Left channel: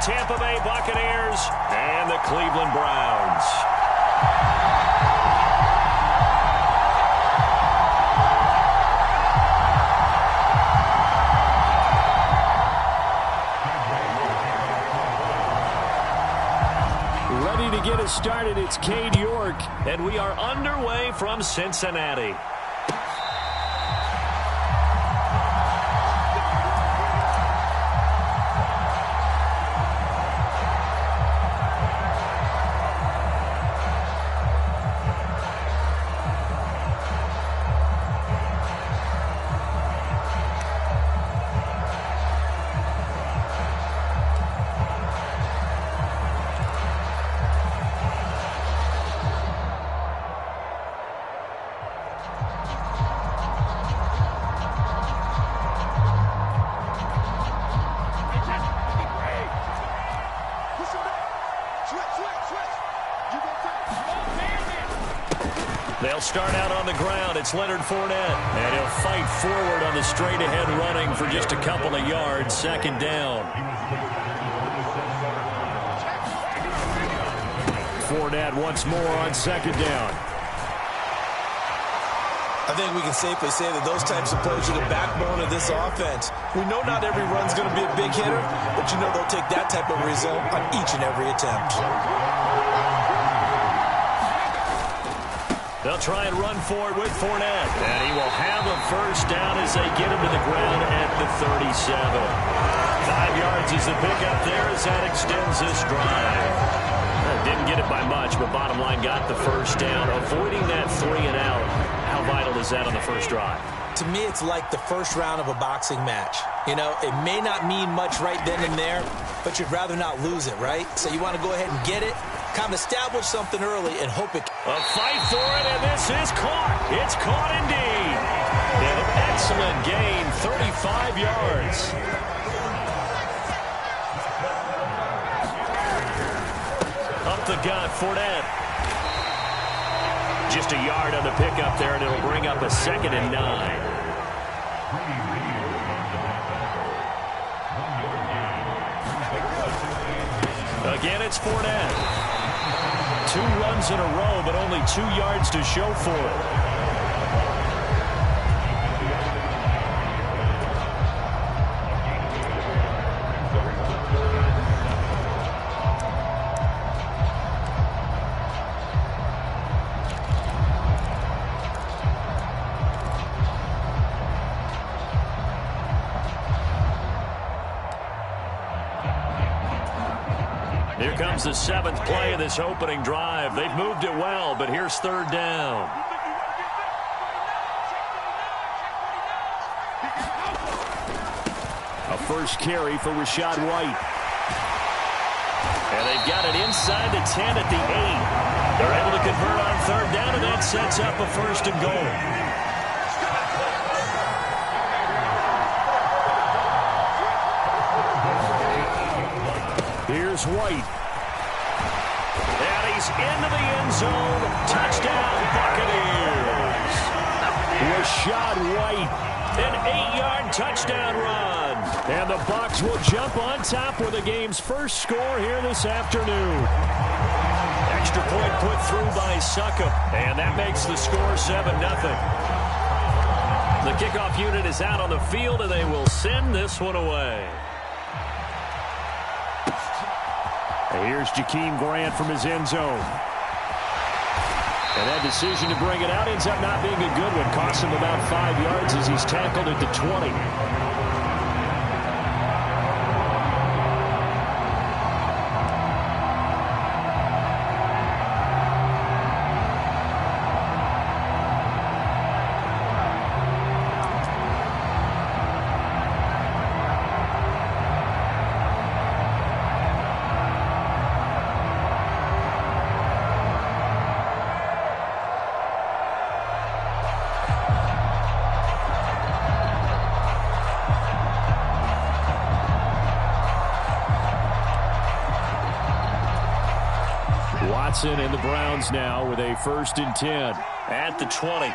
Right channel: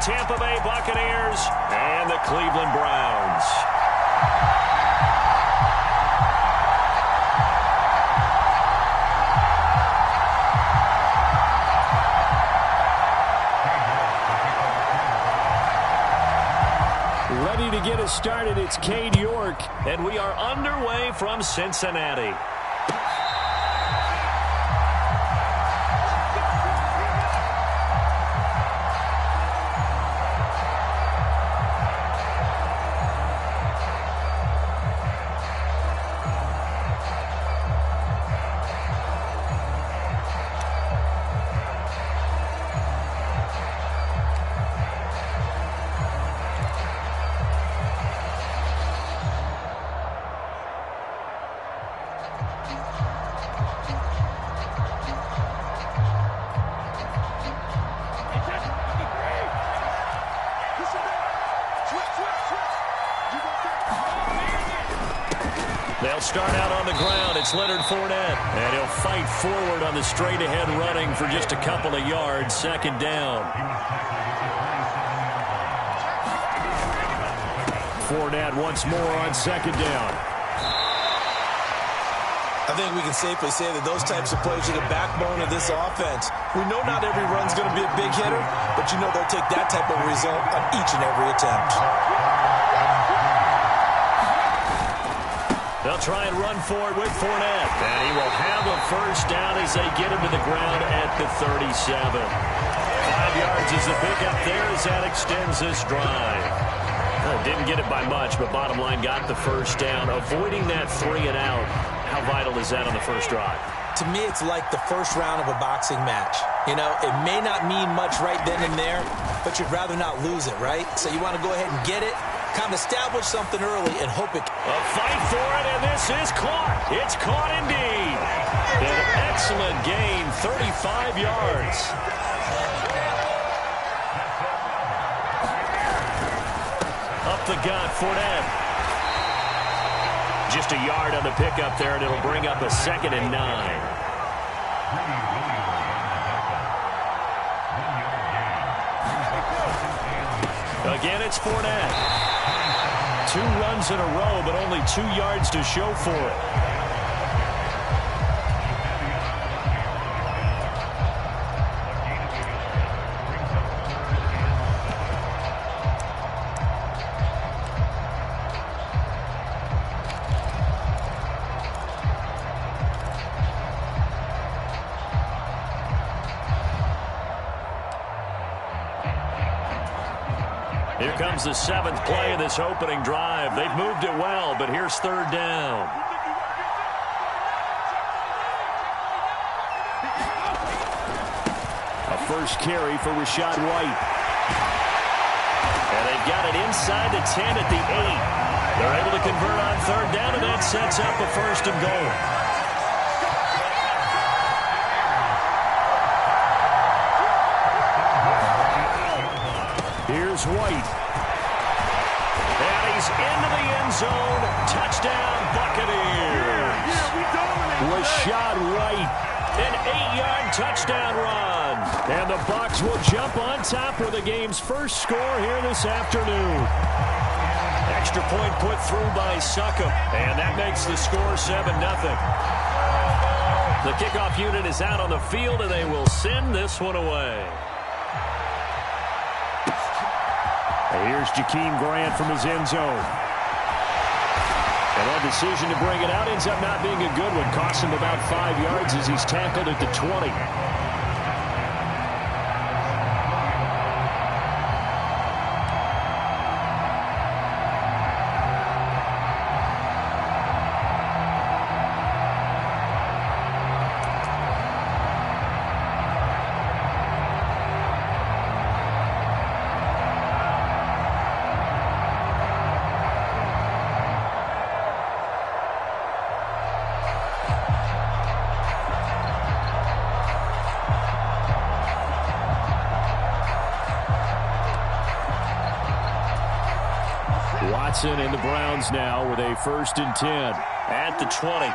Tampa Bay Buccaneers and the Cleveland Browns. Ready to get us started, it's Cade York, and we are underway from Cincinnati. They'll start out on the ground. It's Leonard Fournette. And he'll fight forward on the straight-ahead running for just a couple of yards. Second down. Fournette once more on second down. I think we can safely say that those types of plays are the backbone of this offense. We know not every run's going to be a big hitter, but you know they'll take that type of result on each and every attempt. They'll try and run for it with Fournette. And he will have a first down as they get him to the ground at the 37. 5 yards is the pickup there as that extends this drive. Didn't get it by much, but bottom line got the first down. Avoiding that 3 and out, how vital is that on the first drive? To me, it's like the first round of a boxing match. You know, it may not mean much right then and there, but you'd rather not lose it, right? So you want to go ahead and get it, kind of establish something early and hope it... A fight for it, and this is caught. It's caught indeed. An excellent gain, 35 yards. Up the gut, Fournette. Just a yard on the pickup there, and it'll bring up a 2nd and 9. Again, it's Fournette. 2 runs in a row, but only 2 yards to show for it. Here comes the 7th play of this opening drive. They've moved it well, but here's 3rd down. A first carry for Rachaad White. And they've got it inside the 10 at the 8. They're able to convert on 3rd down, and that sets up a 1st and goal. Here's White. And he's into the end zone. Touchdown, Buccaneers. Rachaad White. An 8-yard touchdown run. And the Bucs will jump on top with the game's first score here this afternoon. Extra point put through by Succop. And that makes the score 7-0. The kickoff unit is out on the field, and they will send this one away. Here's Jakeem Grant from his end zone. And that decision to bring it out ends up not being a good one. Costs him about 5 yards as he's tackled at the 20. Watson and the Browns now with a 1st and 10 at the 20.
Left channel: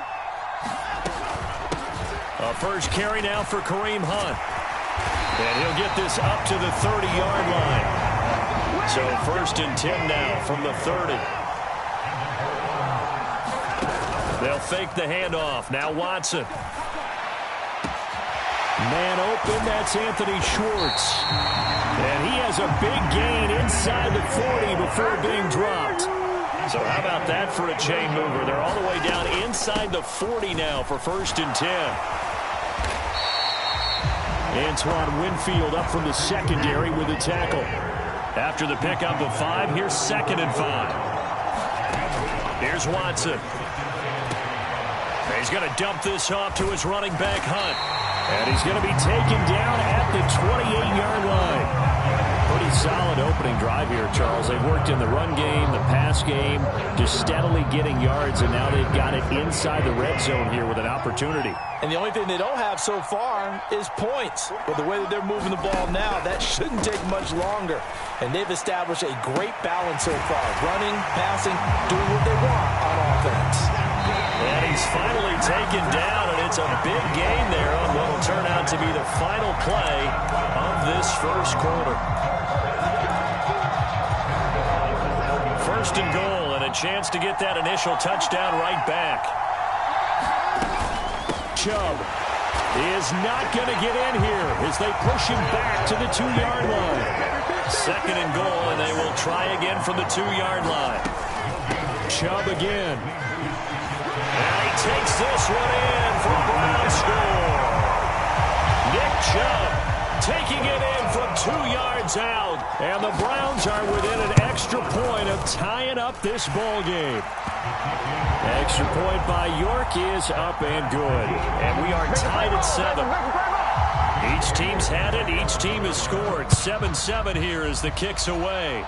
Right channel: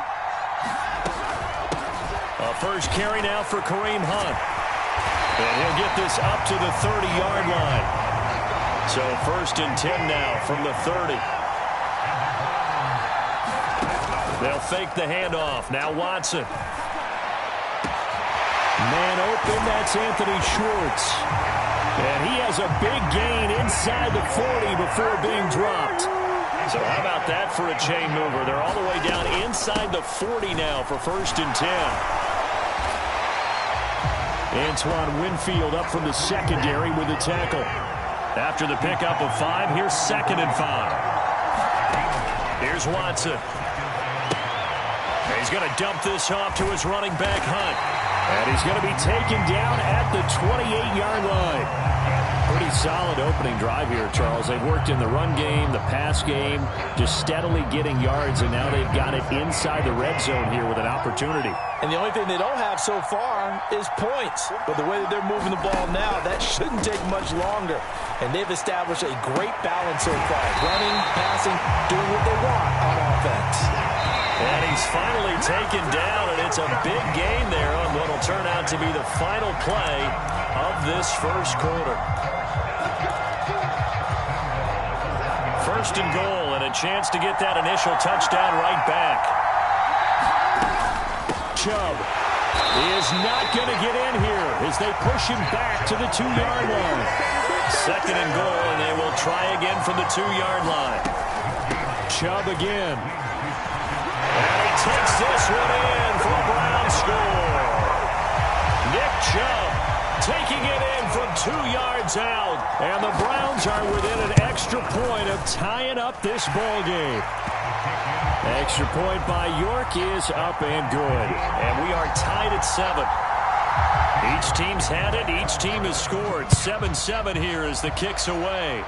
A first carry now for Kareem Hunt. And he'll get this up to the 30-yard line. So 1st and 10 now from the 30. They'll fake the handoff. Now Watson. Man open, that's Anthony Schwartz. And he has a big gain inside the 40 before being dropped. So how about that for a chain mover? They're all the way down inside the 40 now for 1st and 10. Antoine Winfield up from the secondary with the tackle. After the pickup of 5, here's 2nd and 5. Here's Watson. He's going to dump this off to his running back, Hunt. And he's going to be taken down at the 28-yard line. Pretty solid opening drive here, Charles. They've worked in the run game, the pass game, just steadily getting yards, and now they've got it inside the red zone here with an opportunity. And the only thing they don't have so far is points. But the way that they're moving the ball now, that shouldn't take much longer. And they've established a great balance so far. Running, passing, doing what they want on offense. And he's finally taken down, and it's a big gain there on what will turn out to be the final play of this first quarter. 1st and goal, and a chance to get that initial touchdown right back. Chubb is not going to get in here as they push him back to the 2-yard line. 2nd and goal, and they will try again from the 2-yard line. Chubb again. And he takes this one in for a Brown score. Nick Chubb taking it in from 2 yards out. And the Browns are within an extra point of tying up this ball game. Extra point by York is up and good. And we are tied at 7. Each team's had it. Each team has scored. 7-7 here as the kick's away.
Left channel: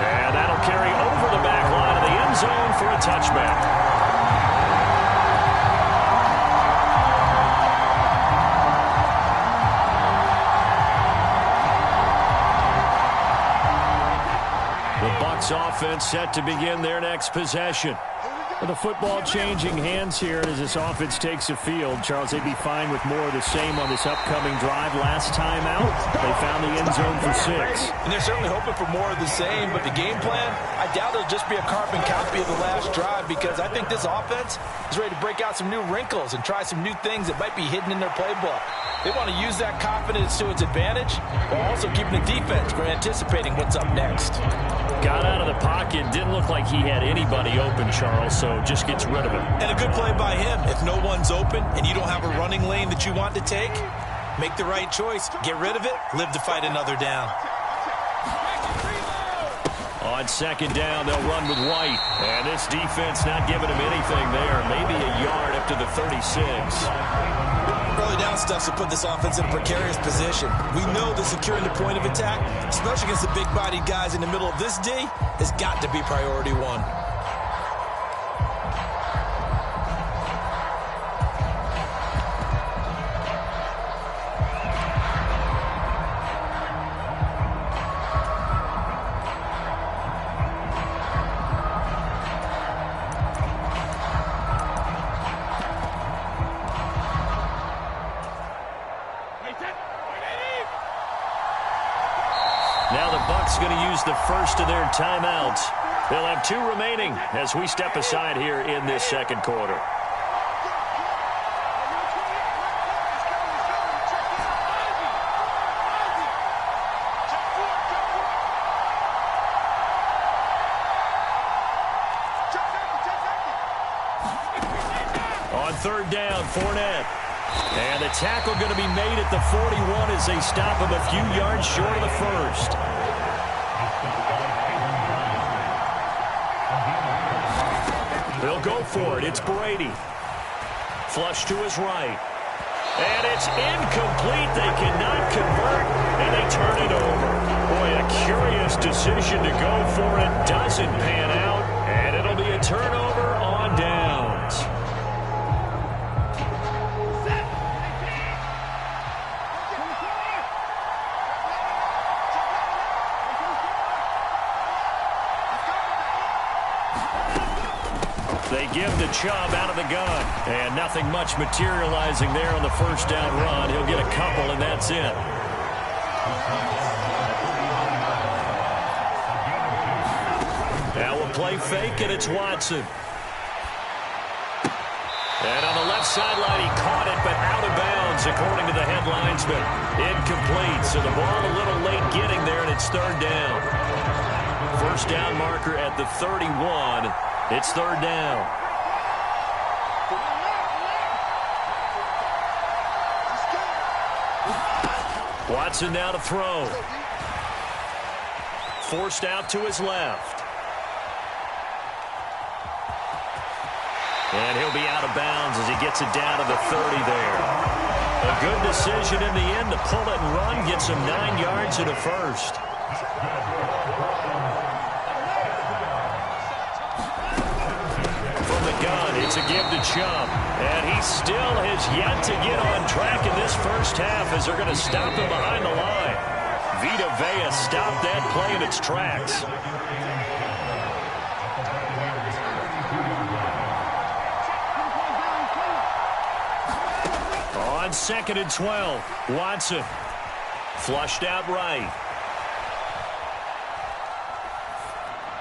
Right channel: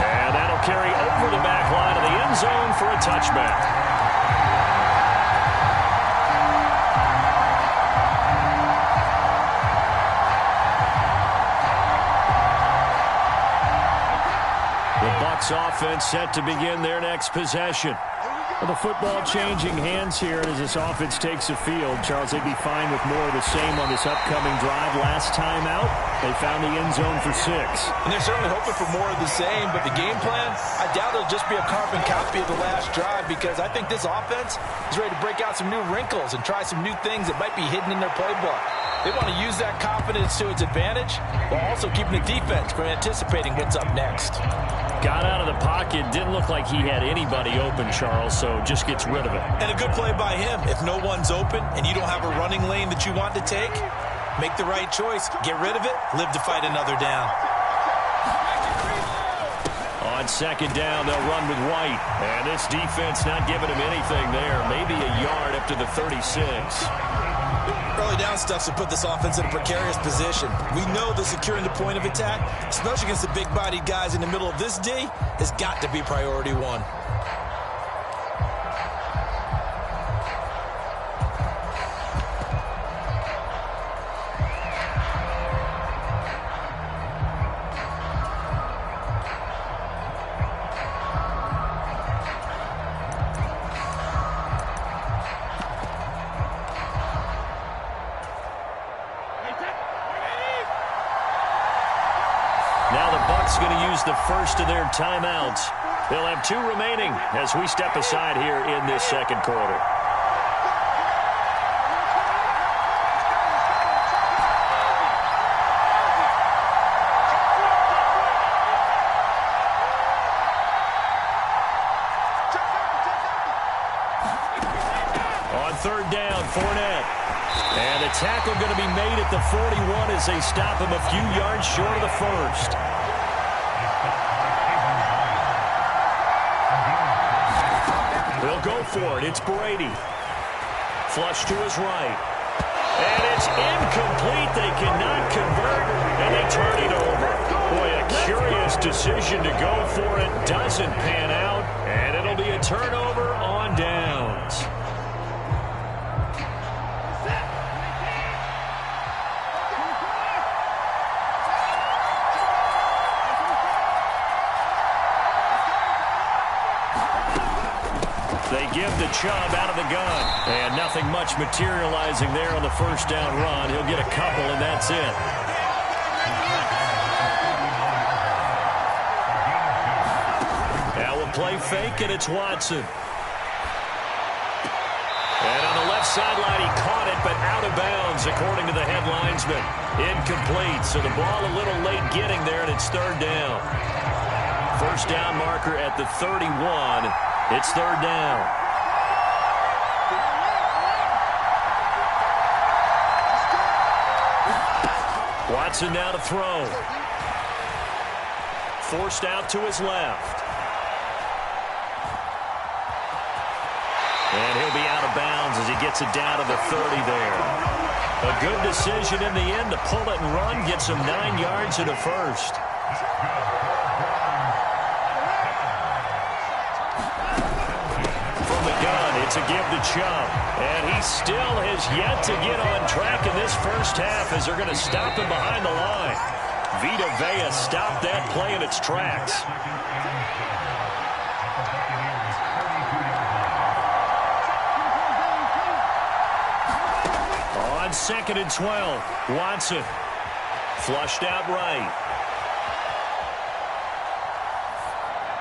And that'll carry over the back line of the end zone for a touchback. The Bucs offense set to begin their next possession. The football changing hands here as this offense takes the field. Charles, they'd be fine with more of the same on this upcoming drive. Last time out, they found the end zone for 6. And they're certainly hoping for more of the same, but the game plan, I doubt it'll just be a carbon copy of the last drive, because I think this offense is ready to break out some new wrinkles and try some new things that might be hidden in their playbook. They want to use that confidence to its advantage while also keeping the defense from anticipating what's up next. Got out of the pocket. Didn't look like he had anybody open, Charles, so just gets rid of it. And a good play by him. If no one's open and you don't have a running lane that you want to take, make the right choice. Get rid of it. Live to fight another down. On 2nd down, they'll run with White. And this defense not giving him anything there. Maybe a yard up to the 36. Early down stuff will put this offense in a precarious position. We know that securing the point of attack, especially against the big-bodied guys in the middle of this D, has got to be priority 1. Now the Bucs going to use the first of their timeouts. They'll have 2 remaining as we step aside here in this second quarter. On 3rd down, Fournette. And the tackle going to be made at the 41 as they stop him a few yards short of the first. They'll go for it. It's Brady. Flush to his right. And it's incomplete. They cannot convert, and they turn it over. Boy, a curious decision to go for it. Doesn't pan out, and it'll be a turnover on downs. They give the Chubb out of the gun. And nothing much materializing there on the 1st down run. He'll get a couple, and that's it. So a play fake, and it's Watson. And on the left sideline, he caught it, but out of bounds, according to the head linesman. Incomplete, so the ball a little late getting there, and it's third down. First down marker at the 31. It's third down. Watson now to throw. Forced out to his left. And he'll be out of bounds as he gets it down to the 30 there. A good decision in the end to pull it and run, get some 9 yards and a first. From the gun, it's a give to Chubb. And he still has yet to get on track in this first half as they're going to stop him behind the line. Vita Vea stopped that play in its tracks. On 2nd and 12, Watson flushed out right.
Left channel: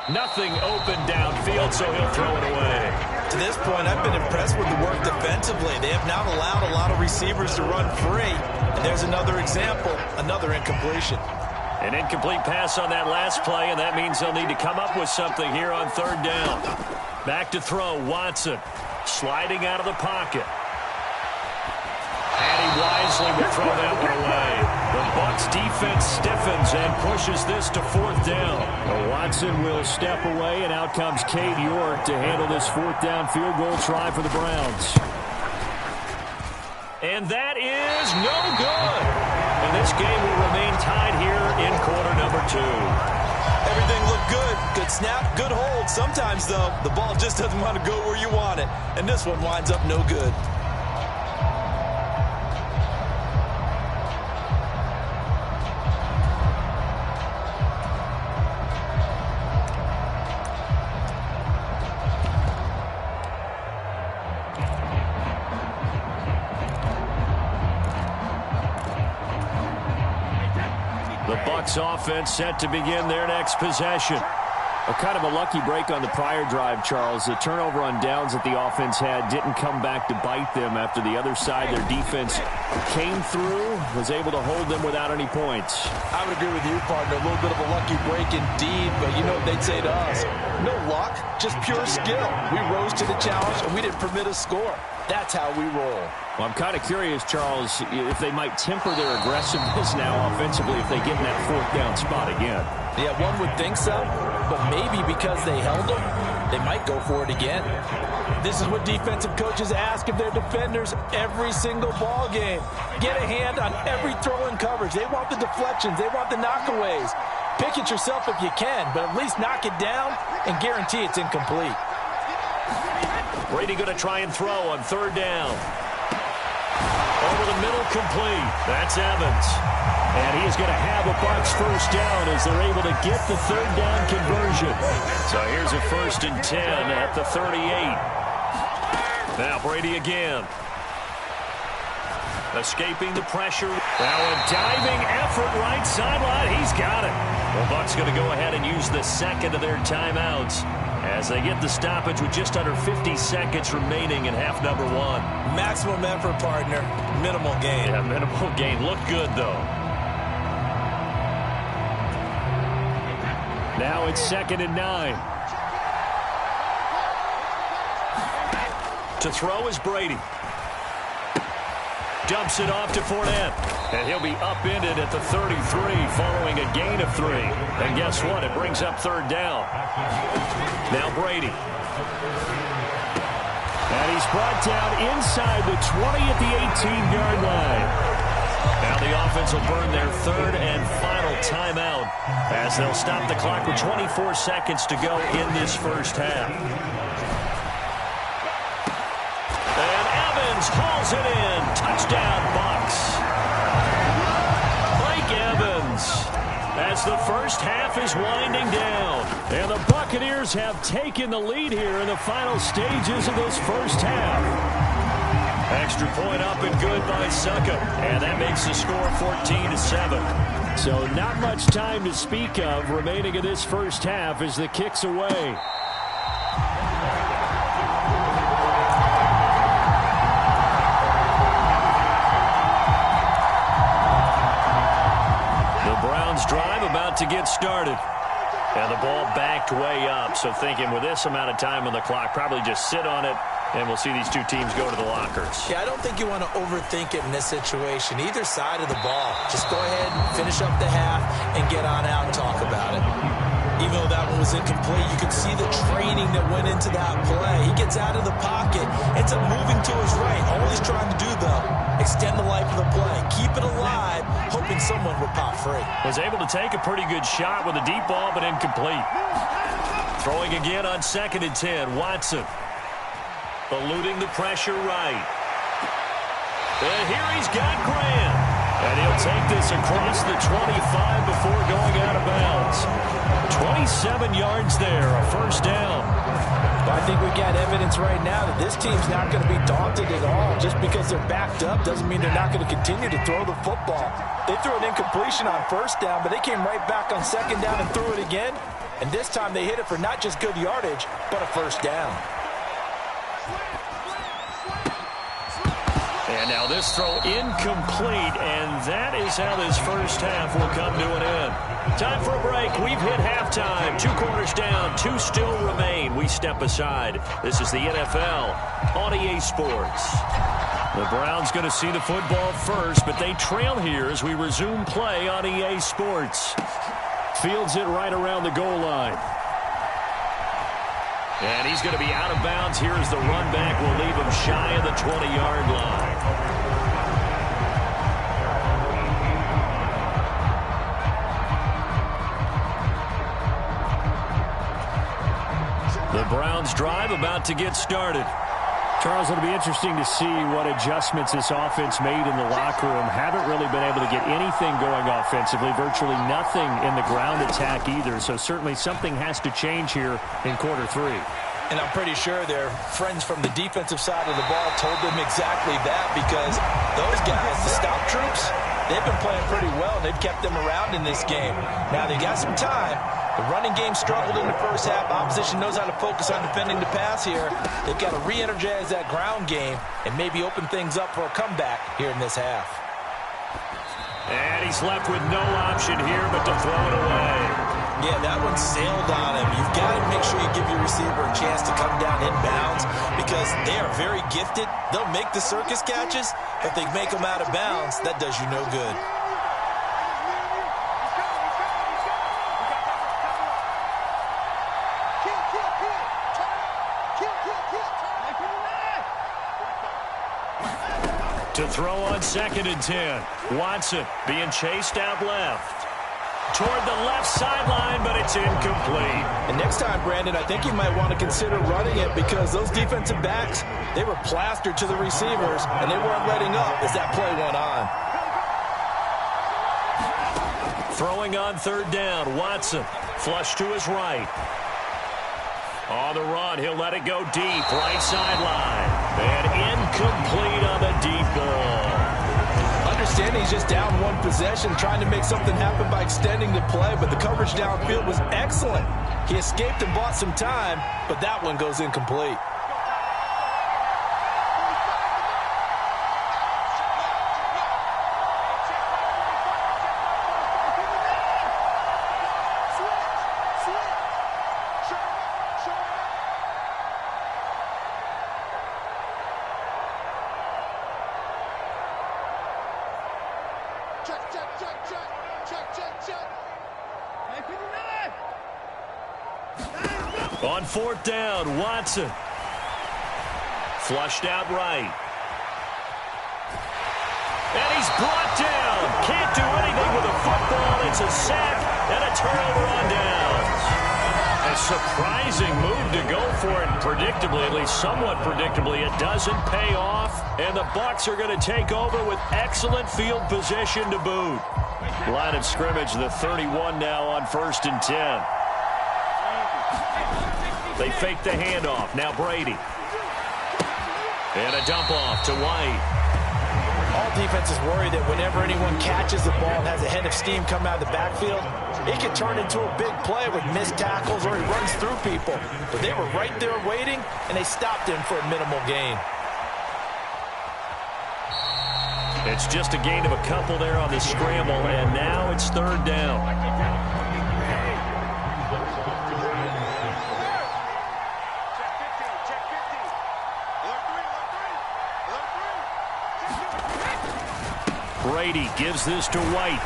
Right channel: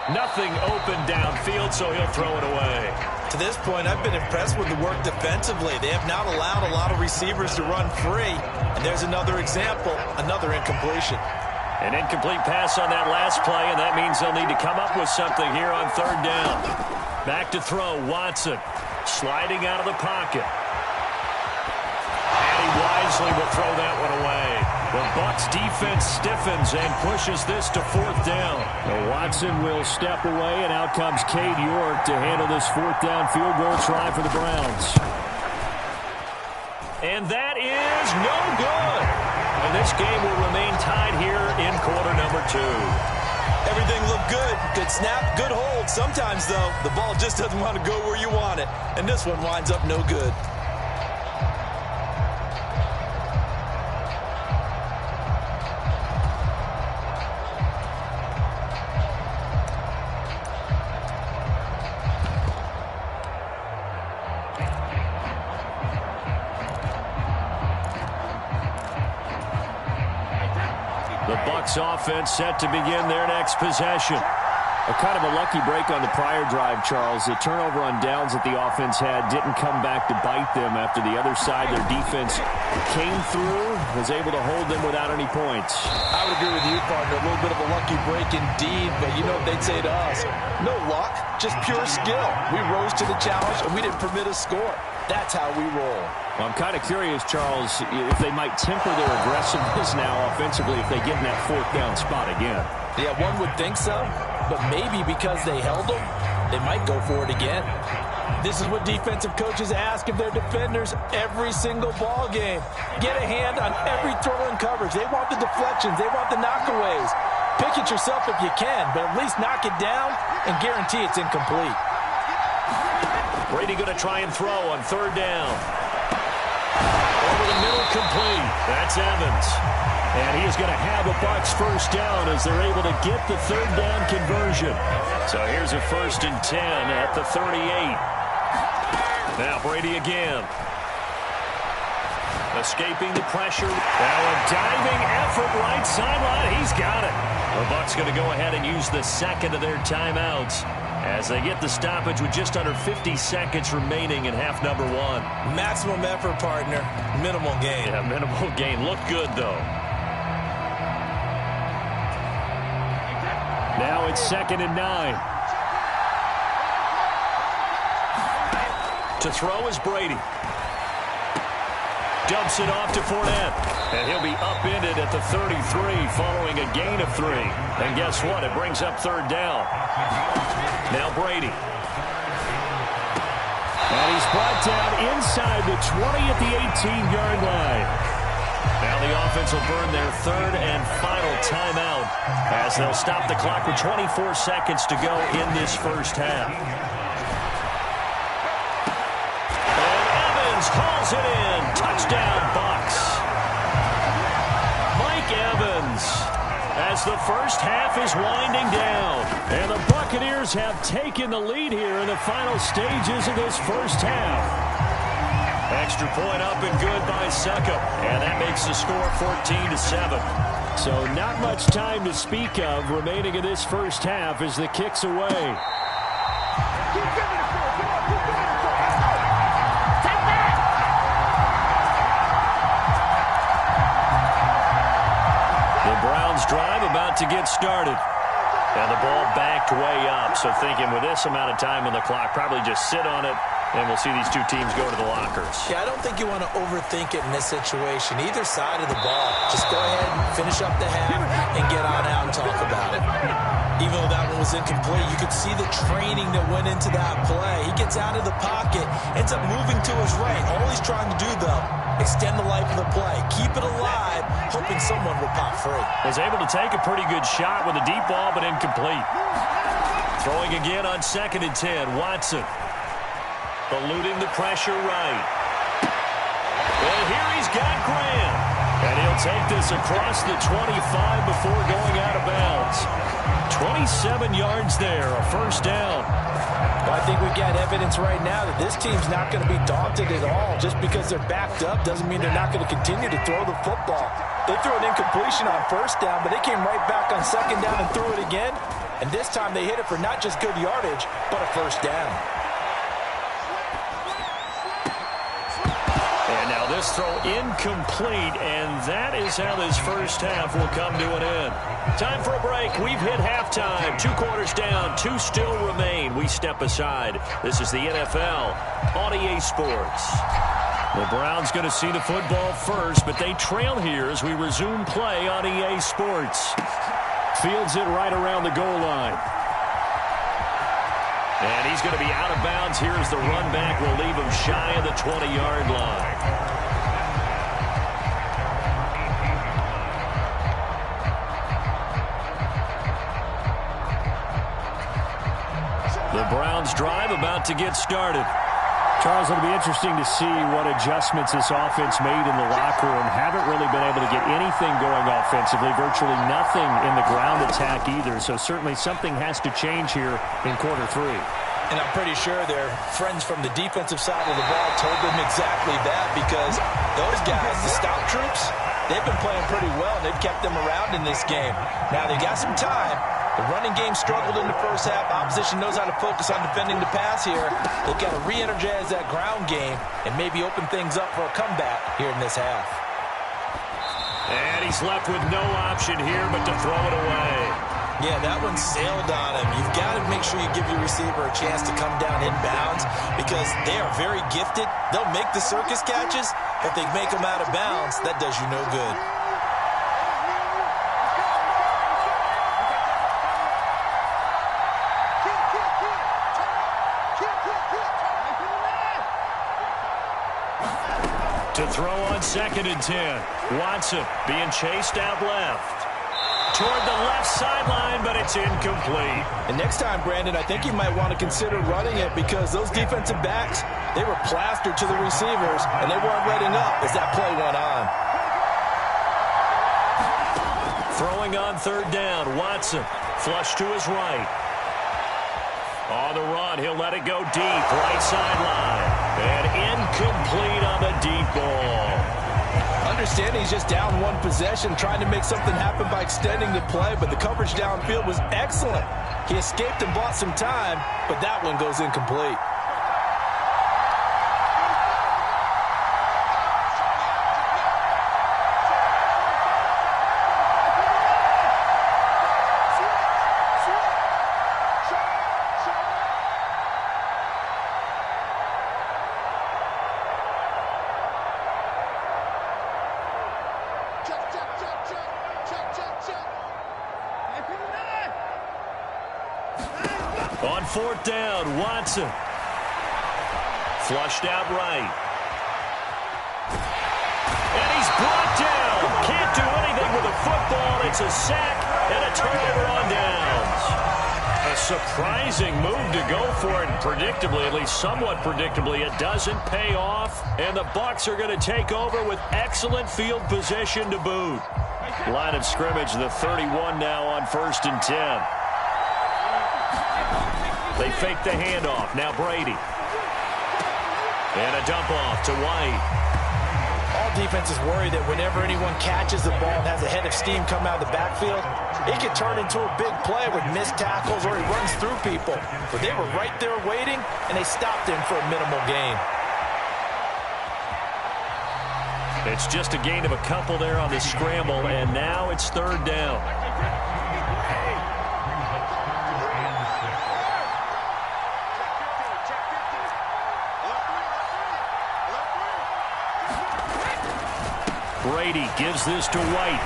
Nothing open downfield, so he'll throw it away. To this point, I've been impressed with the work defensively. They have not allowed a lot of receivers to run free. And there's another example, another incompletion. An incomplete pass on that last play, and that means they'll need to come up with something here on third down. Back to throw, Watson sliding out of the pocket. And he wisely will throw that one away. The Bucs defense stiffens and pushes this to fourth down. Now Watson will step away, and out comes Cade York to handle this fourth down field goal try for the Browns. And that is no good. And this game will remain tied here in quarter number 2. Everything looked good. Good snap, good hold. Sometimes, though, the ball just doesn't want to go where you want it. And this one winds up no good. The Bucs offense set to begin their next possession. A kind of a lucky break on the prior drive, Charles. The turnover on downs that the offense had didn't come back to bite them after the other side. Their defense came through, was able to hold them without any points. I would agree with you, partner. A little bit of a lucky break indeed, but you know what they'd say to us. No luck, just pure skill. We rose to the challenge, and we didn't permit a score. That's how we roll. Well, I'm kind of curious, Charles, if they might temper their aggressiveness now offensively if they get in that fourth down spot again. Yeah, one would think so, but maybe because they held them, they might go for it again. This is what defensive coaches ask of their defenders every single ball game. Get a hand on every throw in coverage. They want the deflections. They want the knockaways. Pick it yourself if you can, but at least knock it down and guarantee it's incomplete. Brady going to try and throw on third down. Over the middle, complete. That's Evans. And he is going to have a Bucs first down as they're able to get the third down conversion. So here's a 1st and 10 at the 38. Now Brady again. Escaping the pressure. Now a diving effort right sideline. He's got it. The Bucs going to go ahead and use the second of their timeouts as they get the stoppage with just under 50 seconds remaining in half number 1. Maximum effort, partner. Minimal gain. Yeah, minimal gain. Looked good, though. Now it's 2nd and 9. To throw is Brady. Dumps it off to Fournette. And he'll be upended at the 33 following a gain of 3. And guess what? It brings up third down. Now Brady. And he's brought down inside the 20 at the 18-yard line. Now the offense will burn their third and final timeout as they'll stop the clock with 24 seconds to go in this first half. And Evans hauls it in. Touchdown, Bucs. Mike Evans as the first half is winding down. And the Buccaneers have taken the lead here in the final stages of this first half. Extra point up and good by Succop. And that makes the score 14-7. So not much time to speak of remaining in this first half as the kick's away. The Browns drive about to get started. And the ball backed way up. So thinking with this amount of time on the clock, probably just sit on it, and we'll see these two teams go to the lockers. Yeah, I don't think you want to overthink it in this situation. Either side of the ball. Just go ahead and finish up the half and get on out and talk about it. Even though that one was incomplete, you could see the training that went into that play. He gets out of the pocket, ends up moving to his right. All he's trying to do, though, extend the life of the play. Keep it alive, hoping someone would pop free. Was able to take a pretty good shot with a deep ball, but incomplete. Throwing again on 2nd and 10. Watson. Eluding the pressure right. And here he's got Graham. And he'll take this across the 25 before going out of bounds. 27 yards there, a first down. Well, I think we've got evidence right now that this team's not going to be daunted at all. Just because they're backed up doesn't mean they're not going to continue to throw the football. They threw an incompletion on first down, but they came right back on 2nd down and threw it again. And this time they hit it for not just good yardage, but a first down. And now this throw incomplete, and that is how this first half will come to an end. Time for a break. We've hit halftime. 2 quarters down, 2 still remain. We step aside. This is the NFL on EA Sports. The Browns going to see the football first, but they trail here as we resume play on EA Sports. Fields it right around the goal line. And he's going to be out of bounds here as the run back will leave him shy of the 20-yard line. The Browns drive about to get started. Charles, it'll be interesting to see what adjustments this offense made in the locker room. Haven't really been able to get anything going offensively, virtually nothing in the ground attack either. So certainly something has to change here in quarter 3. And I'm pretty sure their friends from the defensive side of the ball told them exactly that, because those guys, the stout troops, they've been playing pretty well, and they've kept them around in this game. Now they got some time. The running game struggled in the first half. Opposition knows how to focus on defending the pass here. They've got to re-energize that ground game and maybe open things up for a comeback here in this half. And he's left with no option here but to throw it away. Yeah, that one sailed on him. You've got to make sure you give your receiver a chance to come down inbounds, because they are very gifted. They'll make the circus catches, but they make them out of bounds. That does you no good. To throw on 2nd and 10. Watson being chased out left. Toward the left sideline, but it's incomplete. And next time, Brandon, I think you might want to consider running it, because those defensive backs, they were plastered to the receivers, and they weren't letting up as that play went on. Throwing on 3rd down, Watson. Flush to his right. On the run, he'll let it go deep, right sideline. And incomplete on the deep ball. Understanding he's just down one possession, trying to make something happen by extending the play, but the coverage downfield was excellent. He escaped and bought some time, but that one goes incomplete. On 4th down, Watson. Flushed out right. And he's brought down. Can't do anything with a football. It's a sack and a turnover on downs. A surprising move to go for it, and predictably, at least somewhat predictably, it doesn't pay off. And the Bucs are going to take over with excellent field position to boot. Line of scrimmage, the 31 now on 1st and 10. They fake the handoff. Now Brady. And a dump off to White. All defenses worry that whenever anyone catches the ball and has a head of steam come out of the backfield, it could turn into a big play with missed tackles or he runs through people. But they were right there waiting, and they stopped him for a minimal gain. It's just a gain of a couple there on the scramble, and now it's third down. Brady gives this to White.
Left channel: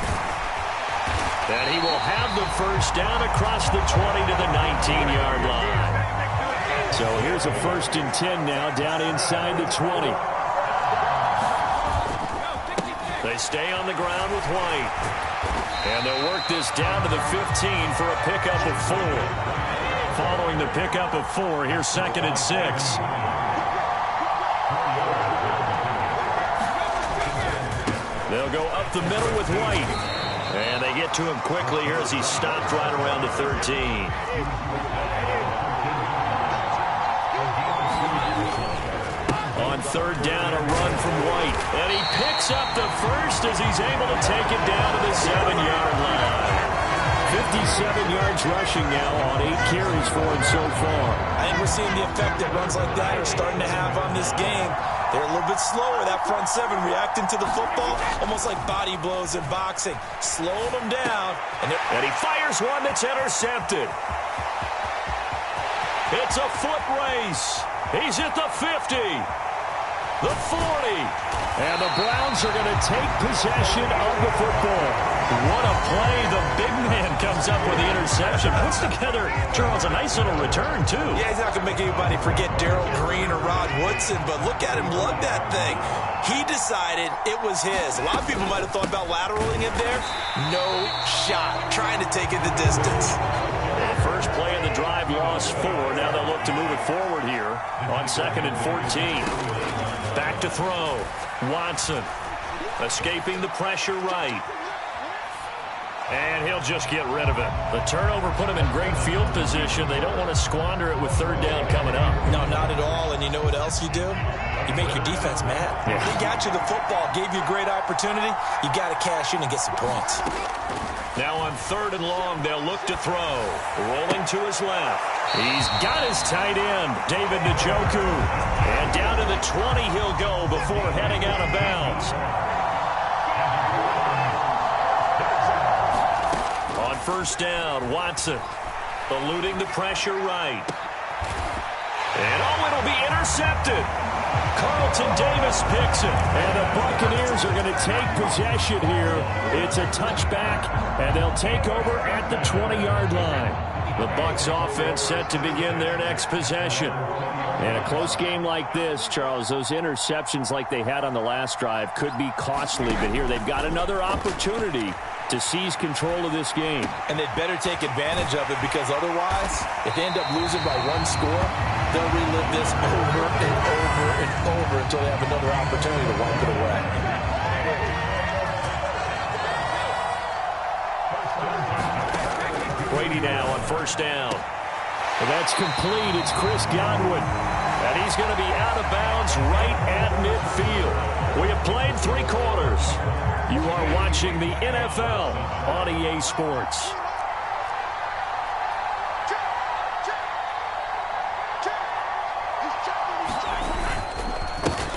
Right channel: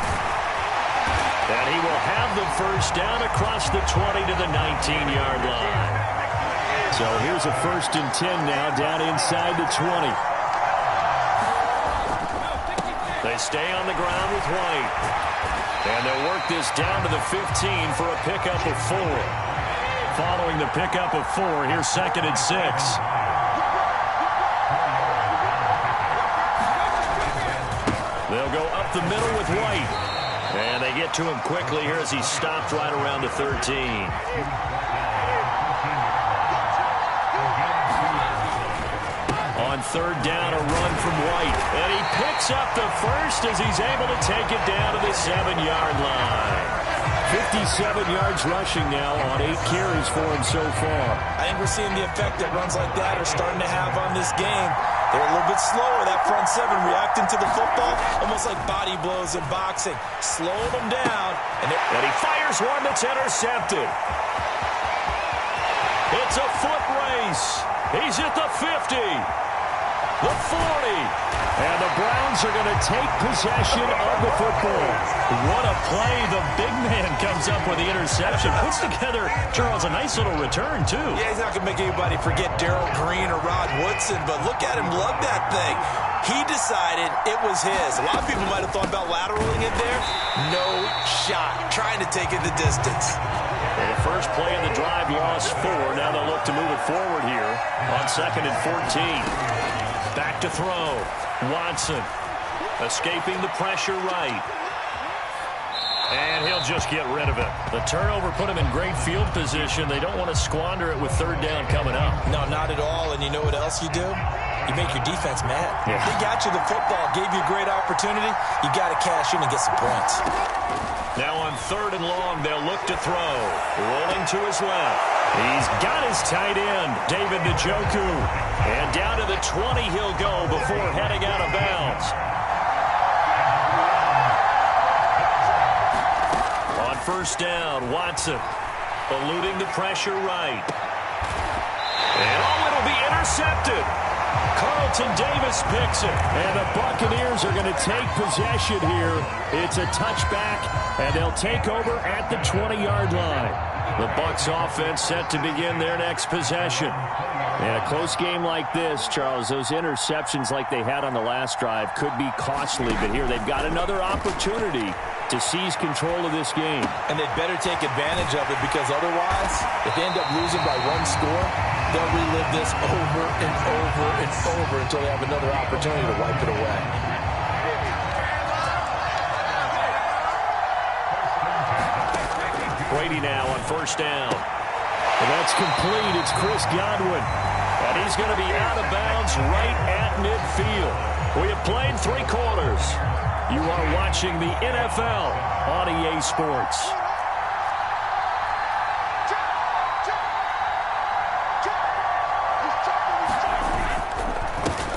And he will have the first down across the 20 to the 19-yard line. So here's a 1st and 10 now down inside the 20. They stay on the ground with White. And they'll work this down to the 15 for a pickup of 4. Following the pickup of 4, here's 2nd and 6. They'll go up the middle with White. And they get to him quickly here as he stopped right around the 13. On 3rd down, a run from White. And he picks up the first as he's able to take it down to the 7-yard line. 57 yards rushing now on 8 carries for him so far. I think we're seeing the effect that runs like that are starting to have on this game. They're a little bit slower, that front 7, reacting to the football, almost like body blows in boxing. Slowing them down. And he fires one that's intercepted. It's a foot race. He's at the 50. The 40. And the Browns are going to take possession of the football. What a play. The big man comes up with the interception. Puts together, Charles, a nice little return, too. Yeah, he's not going to make anybody forget Darrell Green or Rod Woodson, but look at him lug that thing. He decided it was his. A lot of people might have thought about lateraling it there. No shot. Trying to take it the distance. Well, the first play of the drive lost 4. Now they'll look to move it forward here on 2nd and 14. Back to throw. Watson escaping the pressure right. And he'll just get rid of it. The turnover put him in great field position. They don't want to squander it with 3rd down coming up. No, not at all. And you know what else you do? You make your defense mad. Yeah. They got you the football, gave you a great opportunity. You got to cash in and get some points. Now on 3rd and long, they'll look to throw. Rolling to his left. He's got his tight end, David Njoku. And down to the 20 he'll go before heading out of bounds. On 1st down, Watson eluding the pressure right. And it'll be intercepted. Carlton Davis picks it. And the Buccaneers are going to take possession here. It's a touchback, and they'll take over at the 20-yard line. The Bucs offense set to begin their next possession. And a close game like this, Charles, those interceptions like they had on the last drive could be costly. But here they've got another opportunity to seize control of this game. And they'd better take advantage of it, because otherwise, if they end up losing by 1 score, they'll relive this over and over and over until they have another opportunity to wipe it away. Brady now on 1st down. And that's complete. It's Chris Godwin. And he's going to be out of bounds right at midfield. We have played 3 quarters. You are watching the NFL on EA Sports.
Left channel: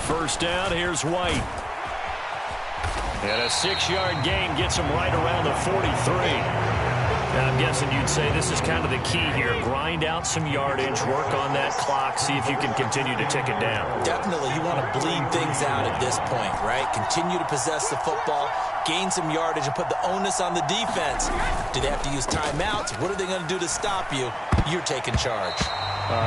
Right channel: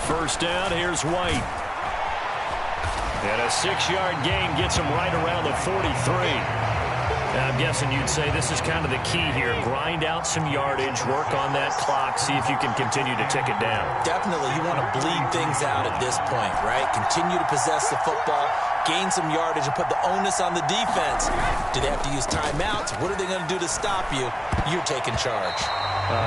First down, here's White. And a 6-yard gain gets him right around the 43. Now, I'm guessing you'd say this is kind of the key here. Grind out some yardage, work on that clock, see if you can continue to tick it down. Definitely. You want to bleed things out at this point, right? Continue to possess the football, gain some yardage, and put the onus on the defense. Do they have to use timeouts? What are they going to do to stop you? You're taking charge.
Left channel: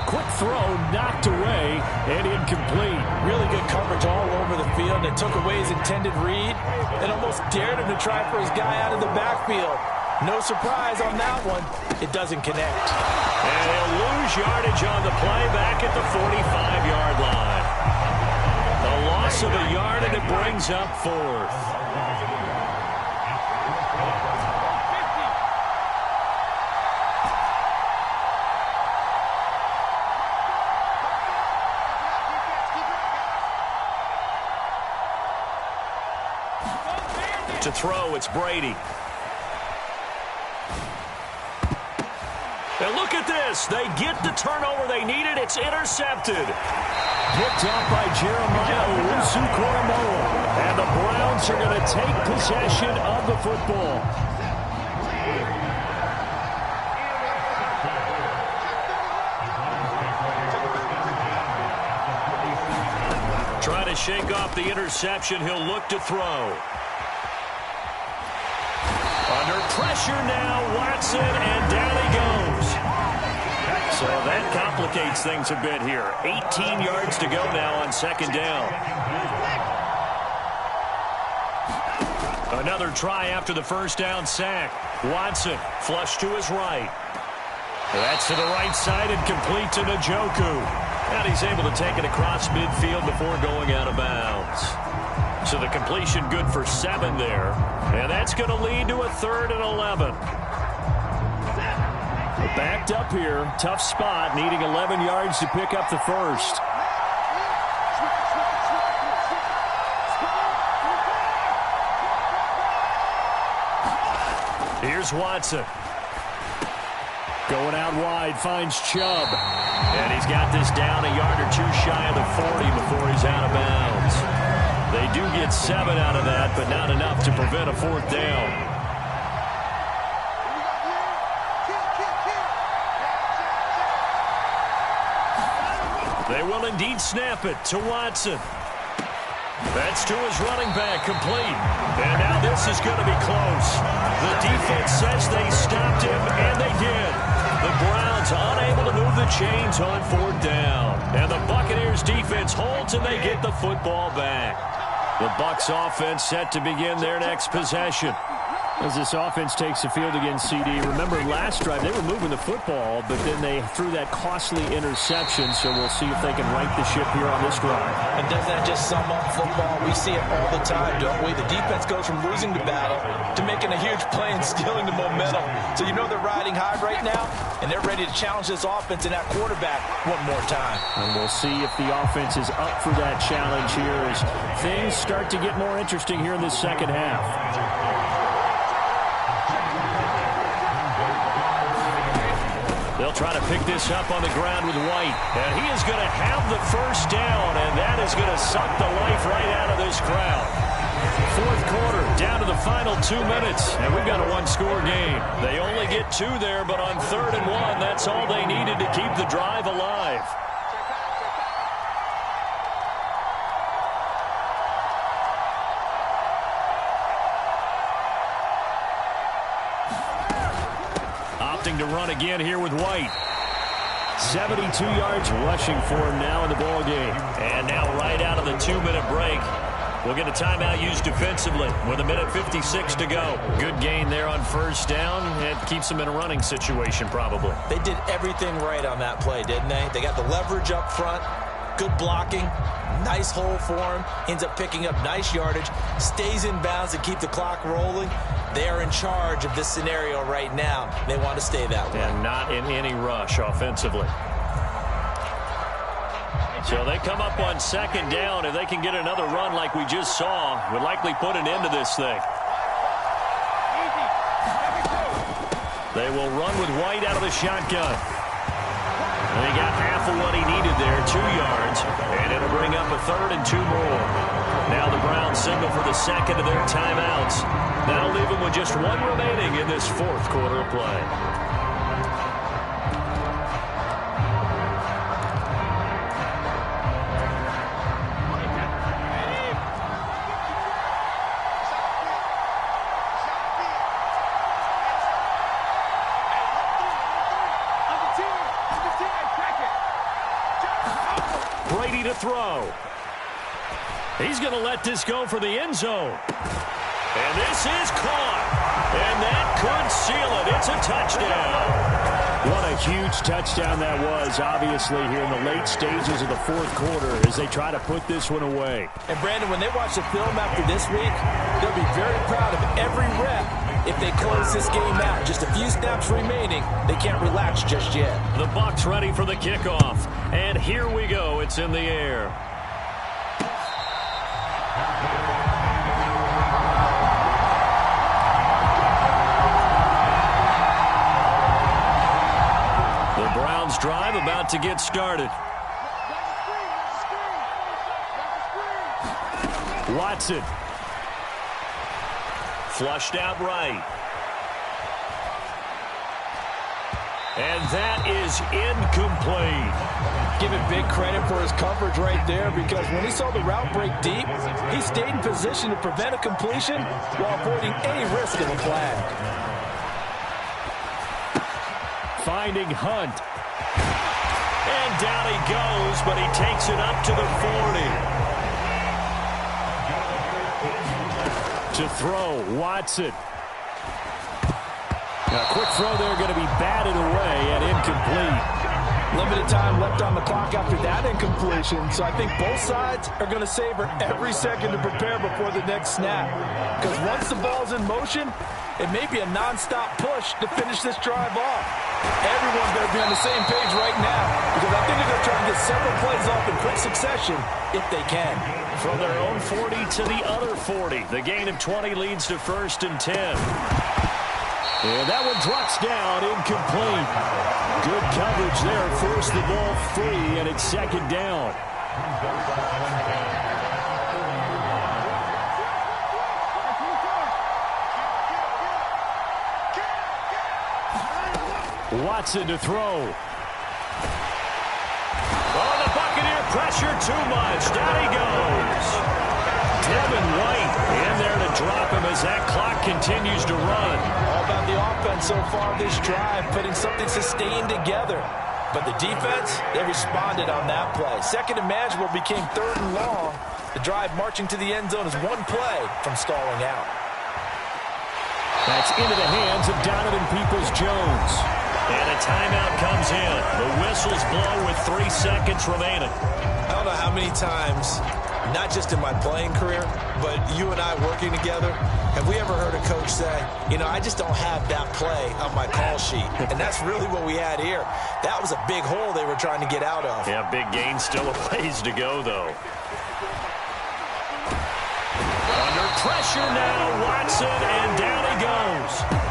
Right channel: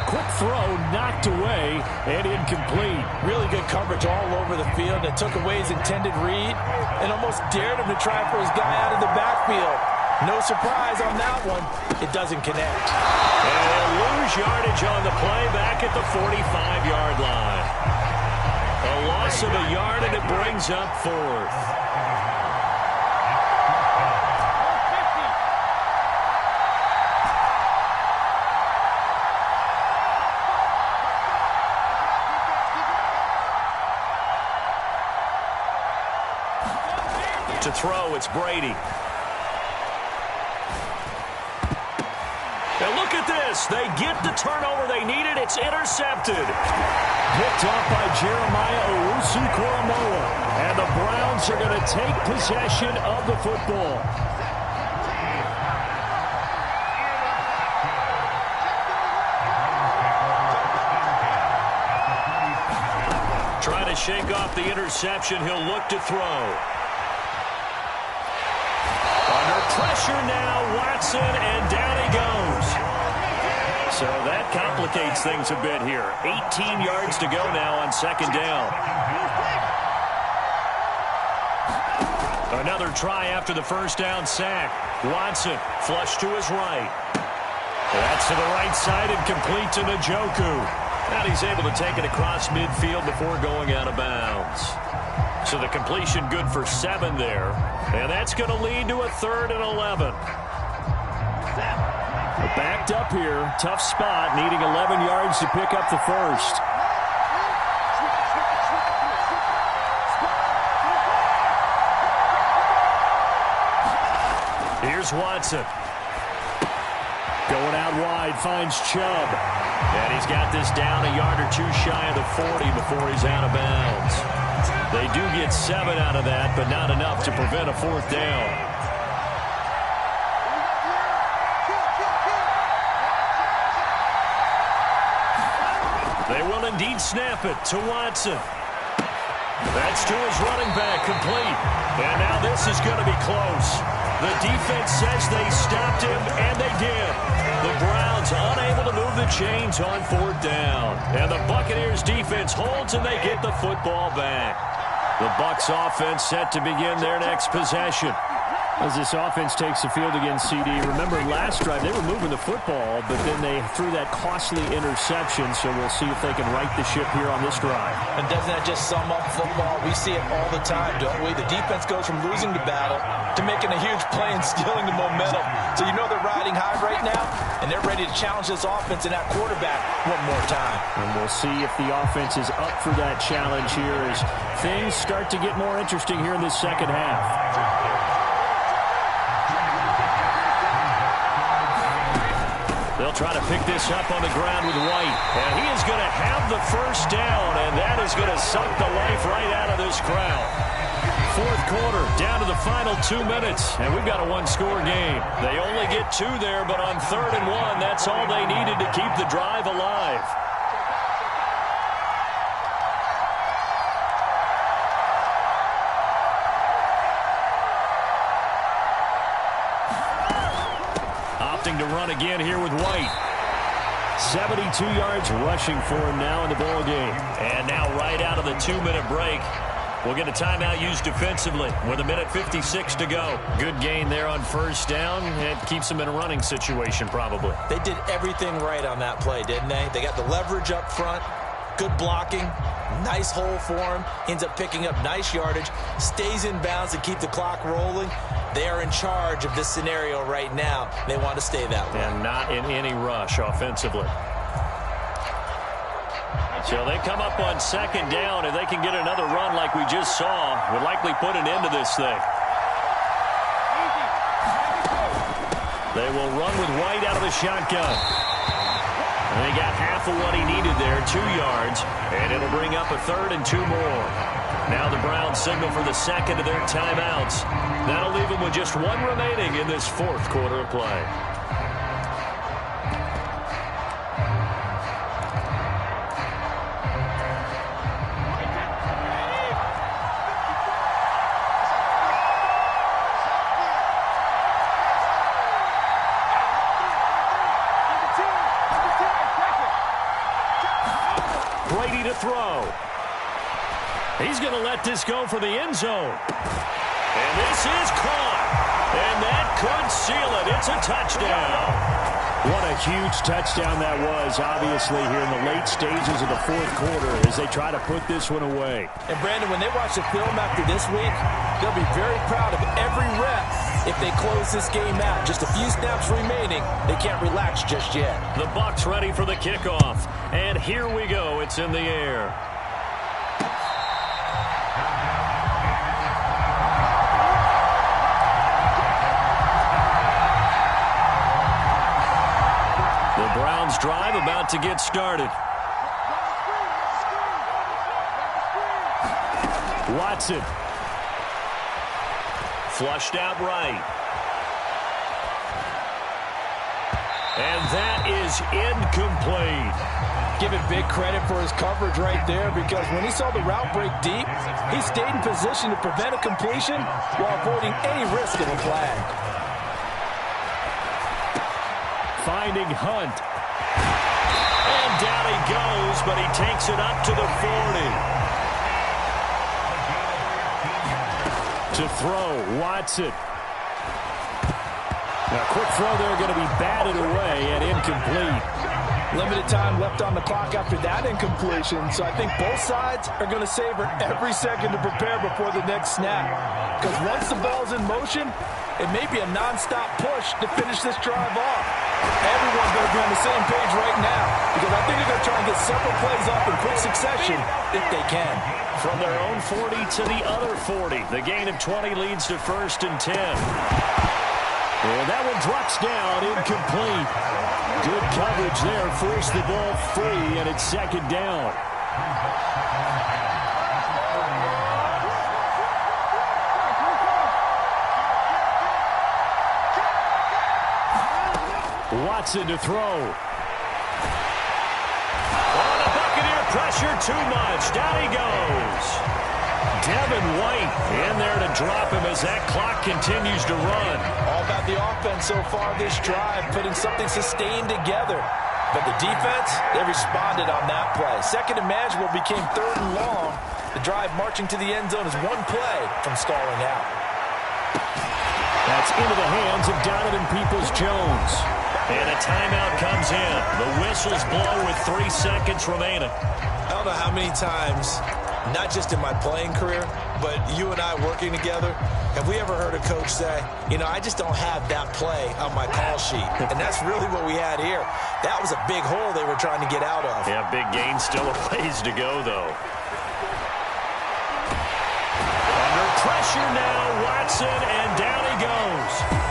Quick throw, knocked away, and incomplete. Really good coverage all over the field. It took away his intended read and almost dared him to try for his guy out of the backfield. No surprise on that one. It doesn't connect. And they'll lose yardage on the play back at the 45-yard line. A loss of a yard, and it brings up 4th. To throw, it's Brady. And look at this. They get the turnover they needed. It's intercepted. Picked off by Jeremiah Owusu-Koramoah. And the Browns are going to take possession of the football. Trying to shake off the interception. He'll look to throw. Under pressure now, Watson, and down he goes. So that complicates things a bit here. 18 yards to go now on second down. Another try after the first down sack. Watson, flush to his right. That's to the right side and complete to Njoku. And he's able to take it across midfield before going out of bounds. So the completion good for 7 there. And that's going to lead to a 3rd and 11. Backed up here. Tough spot. Needing 11 yards to pick up the first. Here's Watson. Going out wide. Finds Chubb. And he's got this down a yard or 2 shy of the 40 before he's out of bounds. They do get 7 out of that, but not enough to prevent a 4th down. They will indeed snap it to Watson. That's to his running back, complete. And now this is going to be close. The defense says they stopped him, and they did. The Browns unable to move the chains on 4th down. And the Buccaneers defense holds, and they get the football back. The Bucs offense set to begin their next possession. As this offense takes the field against CD, remember last drive they were moving the football, but then they threw that costly interception, so we'll see if they can right the ship here on this drive. And doesn't that just sum up football? We see it all the time, don't we? The defense goes from losing the battle to making a huge play and stealing the momentum. So you know they're riding high right now, and they're ready to challenge this offense and that quarterback one more time. And we'll see if the offense is up for that challenge here as things start to get more interesting here in this second half. They'll try to pick this up on the ground with White. And he is going to have the first down, and that is going to suck the life right out of this crowd. 4th quarter, down to the final 2 minutes, and we've got a 1-score game. They only get 2 there, but on 3rd and 1, that's all they needed to keep the drive alive. Opting to run again here with White. 72 yards rushing for him now in the ball game. And now right out of the 2-minute break, we'll get a timeout used defensively with 1:56 to go. Good gain there on first down. It keeps them in a running situation probably. They did everything right on that play, didn't they? They got the leverage up front, good blocking, nice hole for him, ends up picking up nice yardage, stays in bounds to keep the clock rolling. They are in charge of this scenario right now. They want to stay that way. And not in any rush offensively. So they come up on second down. If they can get another run like we just saw, would likely put an end to this thing. They will run with White out of the shotgun. And they got half of what he needed there, 2 yards. And it'll bring up a 3rd and 2 more. Now the Browns signal for the second of their timeouts. That'll leave them with just 1 remaining in this 4th quarter of play. Brady to throw. He's going to let this go for the end zone. And this is caught. And that could seal it. It's a touchdown. What a huge touchdown that was, obviously, here in the late stages of the 4th quarter as they try to put this one away. And, Brandon, when they watch the film after this week, they'll be very proud of every rep if they close this game out. Just a few snaps remaining. They can't relax just yet. The Bucs ready for the kickoff. And here we go. It's in the air. Browns drive about to get started. Watson. Flushed out right. And that is incomplete. Give it big credit for his coverage right there, because when he saw the route break deep, he stayed in position to prevent a completion while avoiding any risk of a flag. Finding Hunt. And down he goes, but he takes it up to the 40. To throw, Watson. A quick throw there, going to be batted away and incomplete. Limited time left on the clock after that incompletion, so I think both sides are going to savor every second to prepare before the next snap. Because once the ball's in motion, it may be a non-stop push to finish this drive off. Everyone better be on the same page right now, because I think they're going to try and get several plays off in quick succession if they can. From their own 40 to the other 40, the gain of 20 leads to 1st and 10. And that one drops down, incomplete. Good coverage there, forced the ball free, and it's 2nd down. Watson to throw. On the Buccaneer pressure, too much. Down he goes. Devin White in there to drop him as that clock continues to run. All about the offense so far this drive, putting something sustained together. But the defense, they responded on that play. 2nd and manageable became 3rd and long. The drive marching to the end zone is one play from stalling out. That's into the hands of Donovan Peoples-Jones. And a timeout comes in. The whistles blow with 3 seconds remaining. I don't know how many times, not just in my playing career, but you and I working together, have we ever heard a coach say, you know, I just don't have that play on my call sheet? And that's really what we had here. That was a big hole they were trying to get out of. Yeah, big gain, still a ways to go, though. Under pressure now, Watson, and down he goes.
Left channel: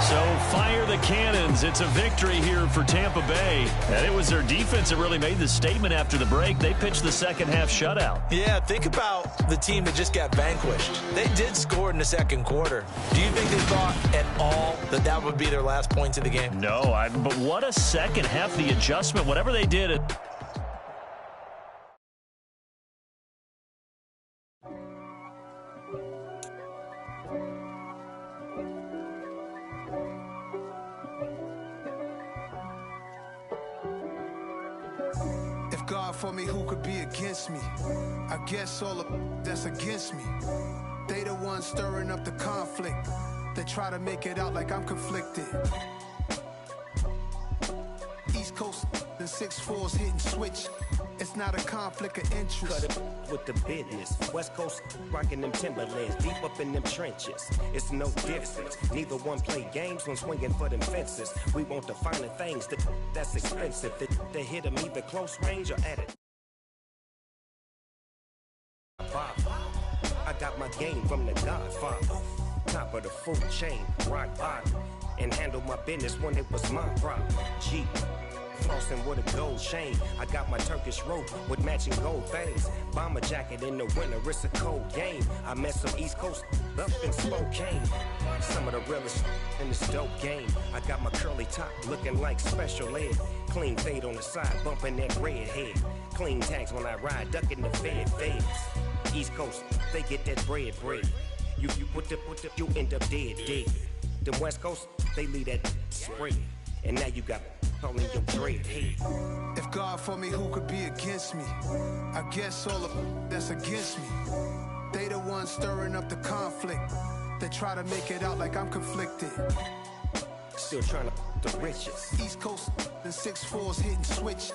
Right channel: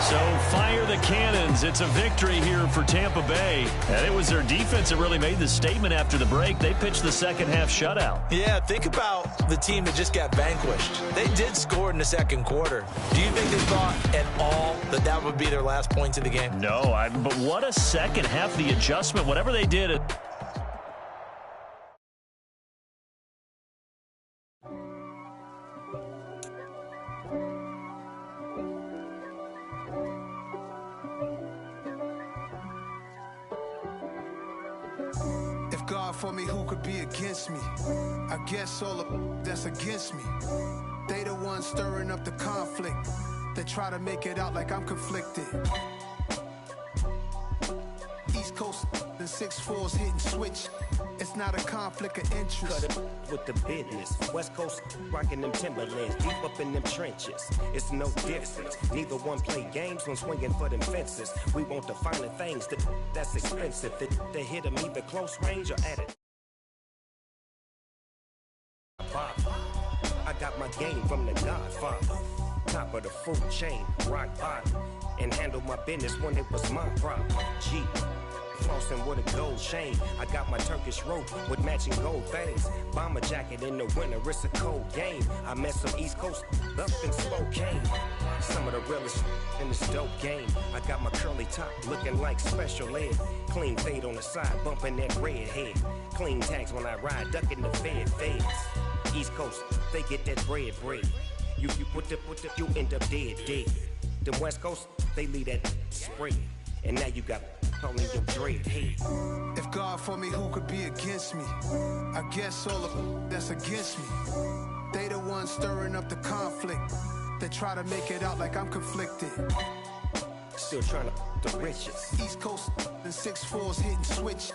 So fire the cannons. It's a victory here for Tampa Bay. And it was their defense that really made the statement after the break. They pitched the second half shutout. Yeah, think about the team that just got vanquished. They did score in the 2nd quarter. Do you think they thought at all that that would be their last points of the game? No, but what a second half, the adjustment, whatever they did. God for me, who could be against me? I guess all of that's against me. They the ones stirring up the conflict. They try to make it out like I'm conflicted. East Coast and 6'4's hitting switch. It's not a conflict of interest. Cut it with the business. West Coast rocking them Timberlands, deep up in them trenches. It's no difference. Neither one play games when swinging for them fences. We want the finer things that's expensive. They hit them either close range or at it. I got my game from the Godfather. Top of the food chain, rock bottom. And handle my business when it was my problem. Jeep. Flossing with a gold chain. I got my Turkish rope with matching gold things. Bomber jacket in the winter, it's a cold game. I met some East Coast up in Spokane. Some of the realest in this dope game. I got my curly top looking like special ed. Clean fade on the side, bumping that red head. Clean tags when I ride, ducking the feds. East Coast, they get that bread. You you end up dead. Them West Coast, they leave that spread. And now you got calling your dread head. If God for me, who could be against me? I guess all of that's against me. They the ones stirring up the conflict. They try to make it out like I'm conflicted. Still trying to the riches. East Coast and 6'4's hitting switch.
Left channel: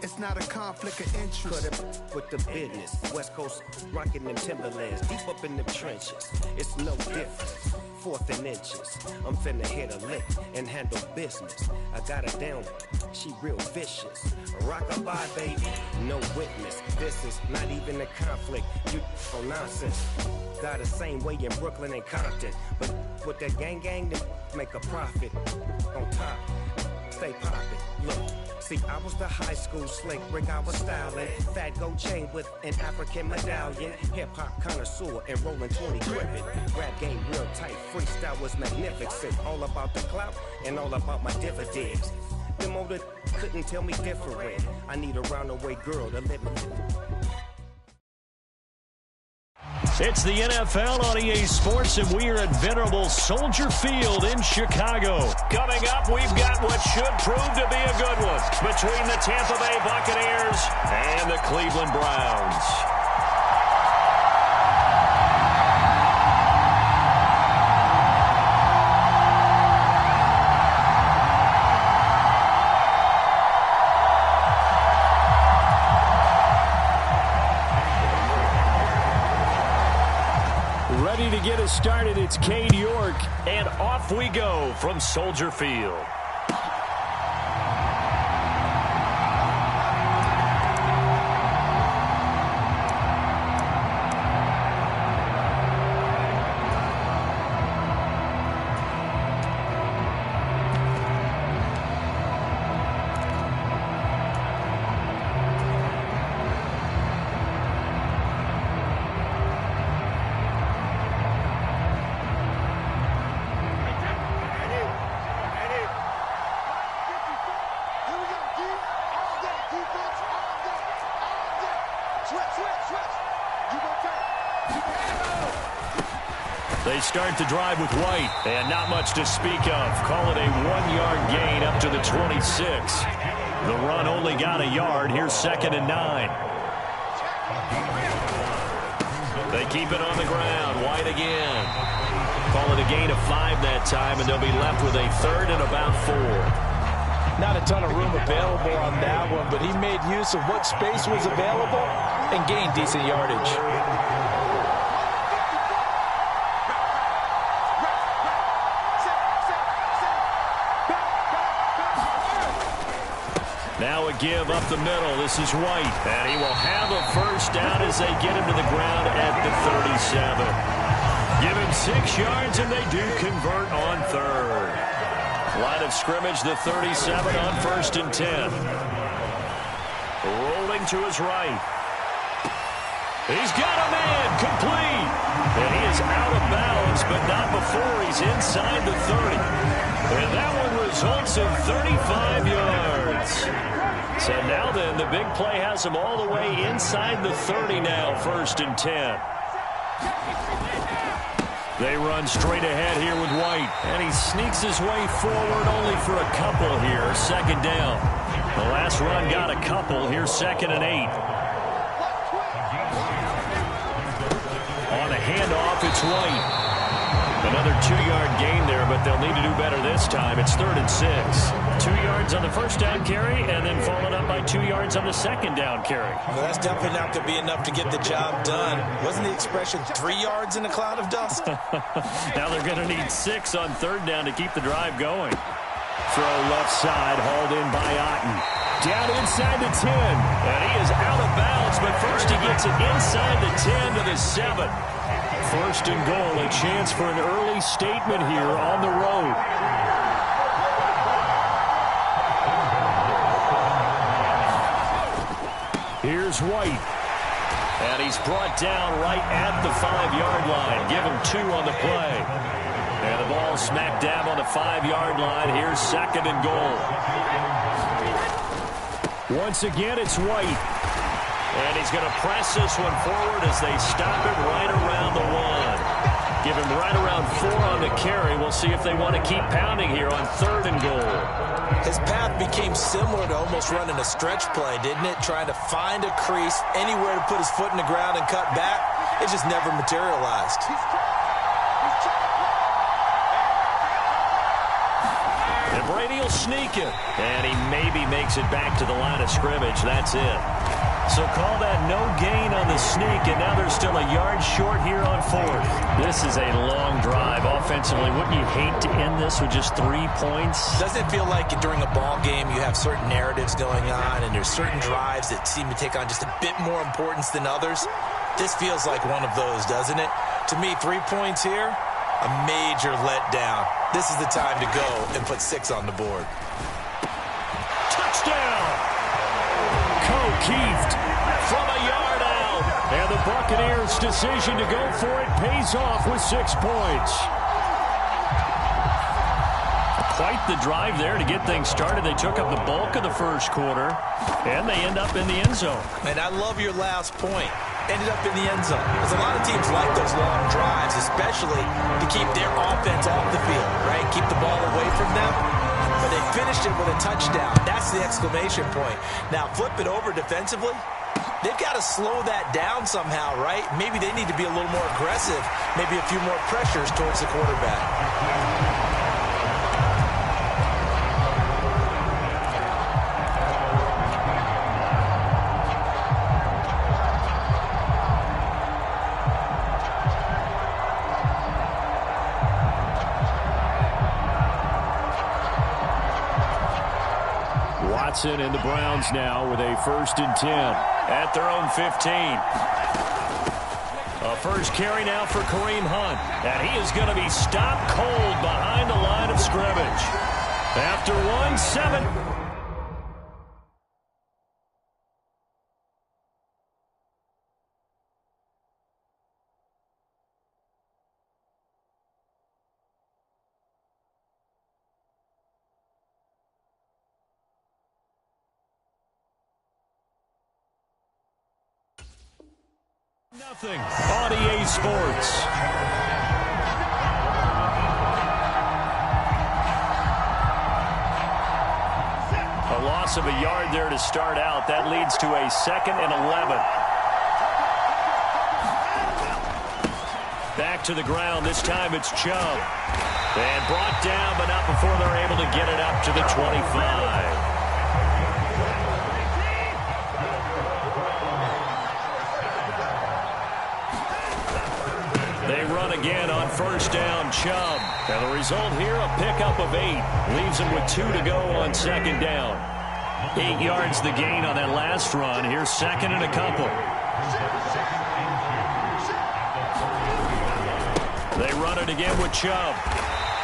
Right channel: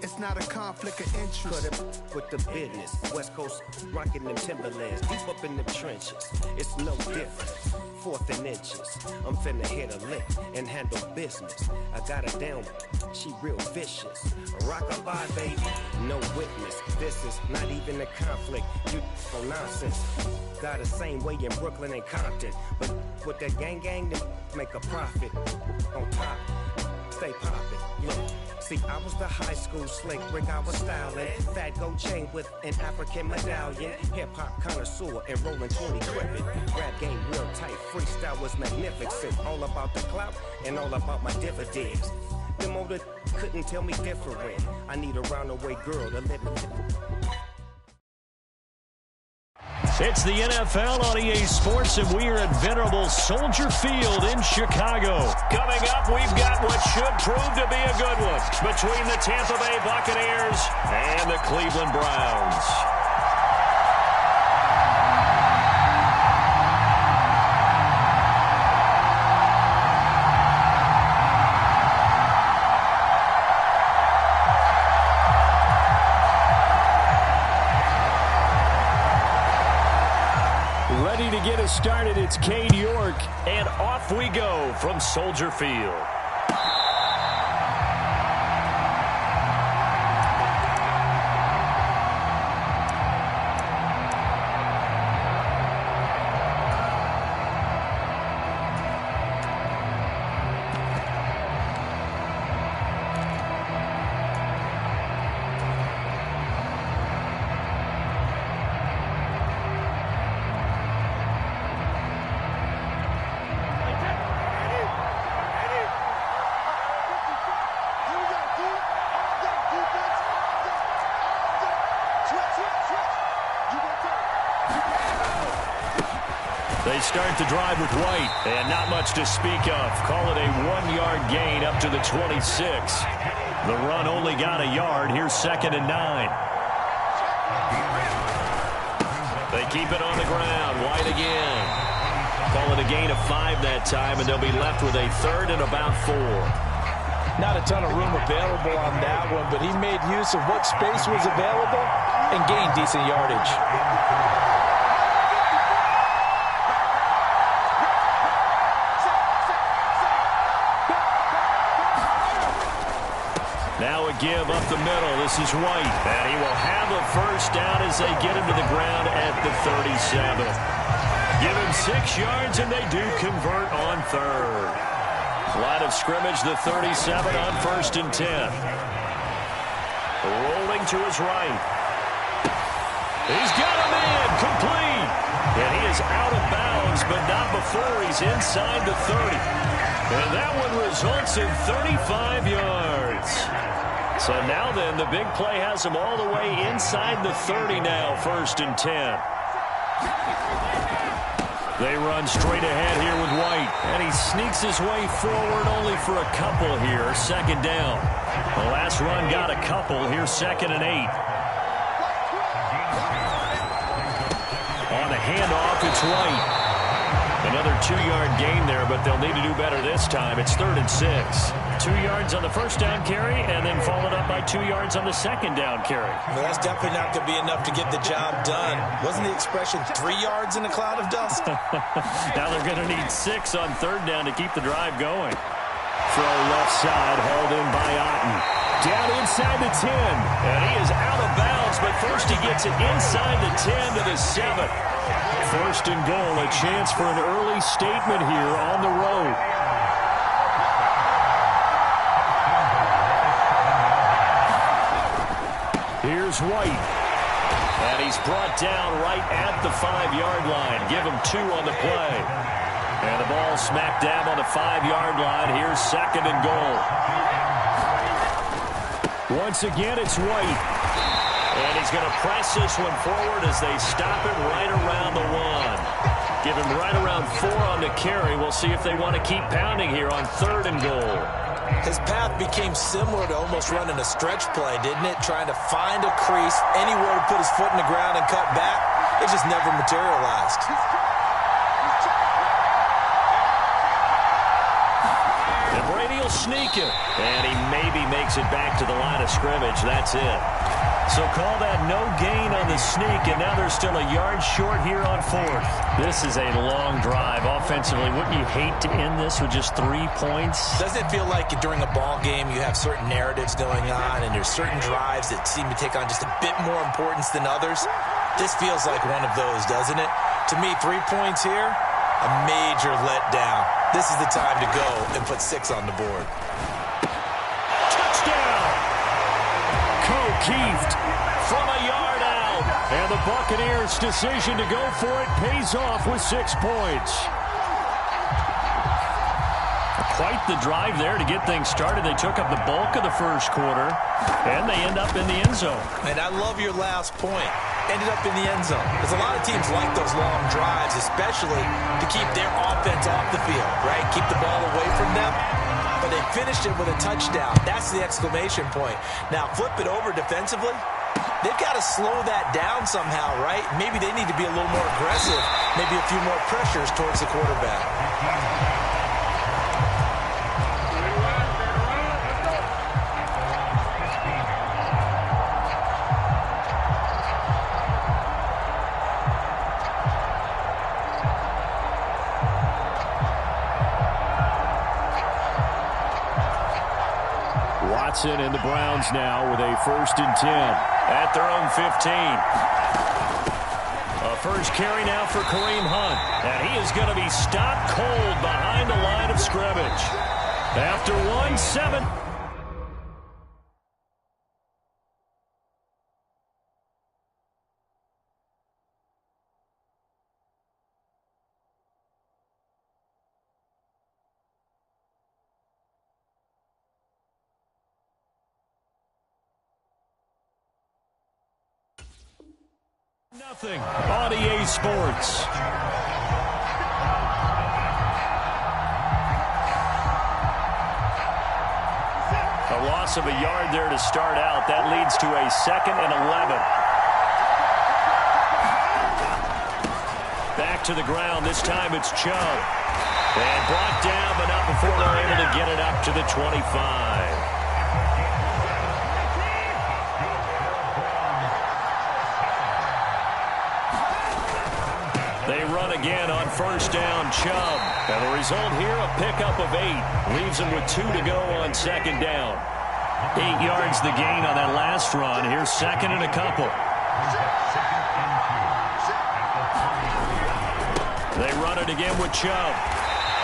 It's not a conflict of interest. Cut it with the business. West Coast rocking them Timberlands, deep up in them trenches. It's no difference. 4th and inches. I'm finna hit a lick and handle business. I got her down, she real vicious. Rockabye, baby, no witness. This is not even a conflict. You on nonsense. Got the same way in Brooklyn and Compton. But with that gang, they make a profit on top. stay poppin'. Look, see, I was the high school slick Rick, I was styling. Fat gold chain with an African medallion. Hip-hop connoisseur and rolling 20 gripping. Rap game real tight, freestyle was magnificent. All about the clout and all about my dividends. Them older couldn't tell me different. I need a roundaway girl to let me. It's the NFL on EA Sports, and we are at venerable Soldier Field in Chicago. Coming up, we've got what should prove to be a good one between the Tampa Bay Buccaneers and the Cleveland Browns. Ready to get us started, it's Cade York, and off we go from Soldier Field. They start the drive with White, and not much to speak of. Call it a 1-yard gain up to the 26. The run only got a yard. Here's 2nd and 9. They keep it on the ground. White again. Call it a gain of 5 that time, and they'll be left with a 3rd and about 4. Not a ton of room available on that one, but he made use of what space was available and gained decent yardage. Now a give up the middle. This is White, and he will have a first down as they get him to the ground at the 37. Give him 6 yards, and they do convert on 3rd. Line of scrimmage, the 37 on 1st and 10. Rolling to his right. He's got a man, complete. And he is out of bounds, but not before he's inside the 30. And that one results in 35 yards. So now then, the big play has him all the way inside the 30 now, 1st and 10. They run straight ahead here with White, and he sneaks his way forward only for a couple here, 2nd down. The last run got a couple. Here's 2nd and 8. On a handoff, it's White. Another 2-yard gain there, but they'll need to do better this time. It's 3rd and 6. 2 yards on the first down carry, and then followed up by 2 yards on the 2nd down carry. Well, that's definitely not going to be enough to get the job done. Wasn't the expression 3 yards in a cloud of dust? Now they're going to need 6 on 3rd down to keep the drive going. Throw left side, hauled in by Otten. Down inside the 10, and he is out of bounds, but first he gets it inside the 10 to the 7. 1st and goal, a chance for an early statement here on the road. Here's White. And he's brought down right at the 5-yard line. Give him 2 on the play. And the ball smack dab on the 5-yard line. Here's 2nd and goal. Once again, it's White. And he's going to press this one forward as they stop it right around the 1. Give him right around 4 on the carry. We'll see if they want to keep pounding here on 3rd and goal. His path became similar to almost running a stretch play, didn't it? Trying to find a crease, anywhere to put his foot in the ground and cut back. It just never materialized. And Brady will sneak it. And he maybe makes it back to the line of scrimmage. That's it. So call that no gain on the sneak, and now they're still a yard short here on 4th. This is a long drive offensively. Wouldn't you hate to end this with just 3 points? Doesn't it feel like during a ball game you have certain narratives going on, and there's certain drives that seem to take on just a bit more importance than others? This feels like one of those, doesn't it? To me, 3 points here, a major letdown. This is the time to go and put 6 on the board. touchdown. O'Keefe from a yard out. And the Buccaneers' decision to go for it pays off with 6 points. Quite the drive there to get things started. They took up the bulk of the first quarter, and they end up in the end zone. And I love your last point. Ended up in the end zone. Because a lot of teams like those long drives, especially to keep their offense off the field, right? Keep the ball away from them. But they finished it with a touchdown. That's the exclamation point. Now, flip it over defensively. They've got to slow that down somehow, right? Maybe they need to be a little more aggressive. Maybe a few more pressures towards the quarterback. Watson and the Browns now with a 1st and 10 at their own 15. A first carry now for Kareem Hunt, and he is going to be stopped cold behind the line of scrimmage. After 1-7. Nothing on EA Sports. A loss of a yard there to start out. That leads to a 2nd and 11. Back to the ground. This time it's Chubb. And brought down, but not before they're able to get it up to the 25. They run again on 1st down, Chubb. And the result here, a pickup of 8. Leaves them with 2 to go on 2nd down. 8 yards the gain on that last run. Here's 2nd and a couple. They run it again with Chubb.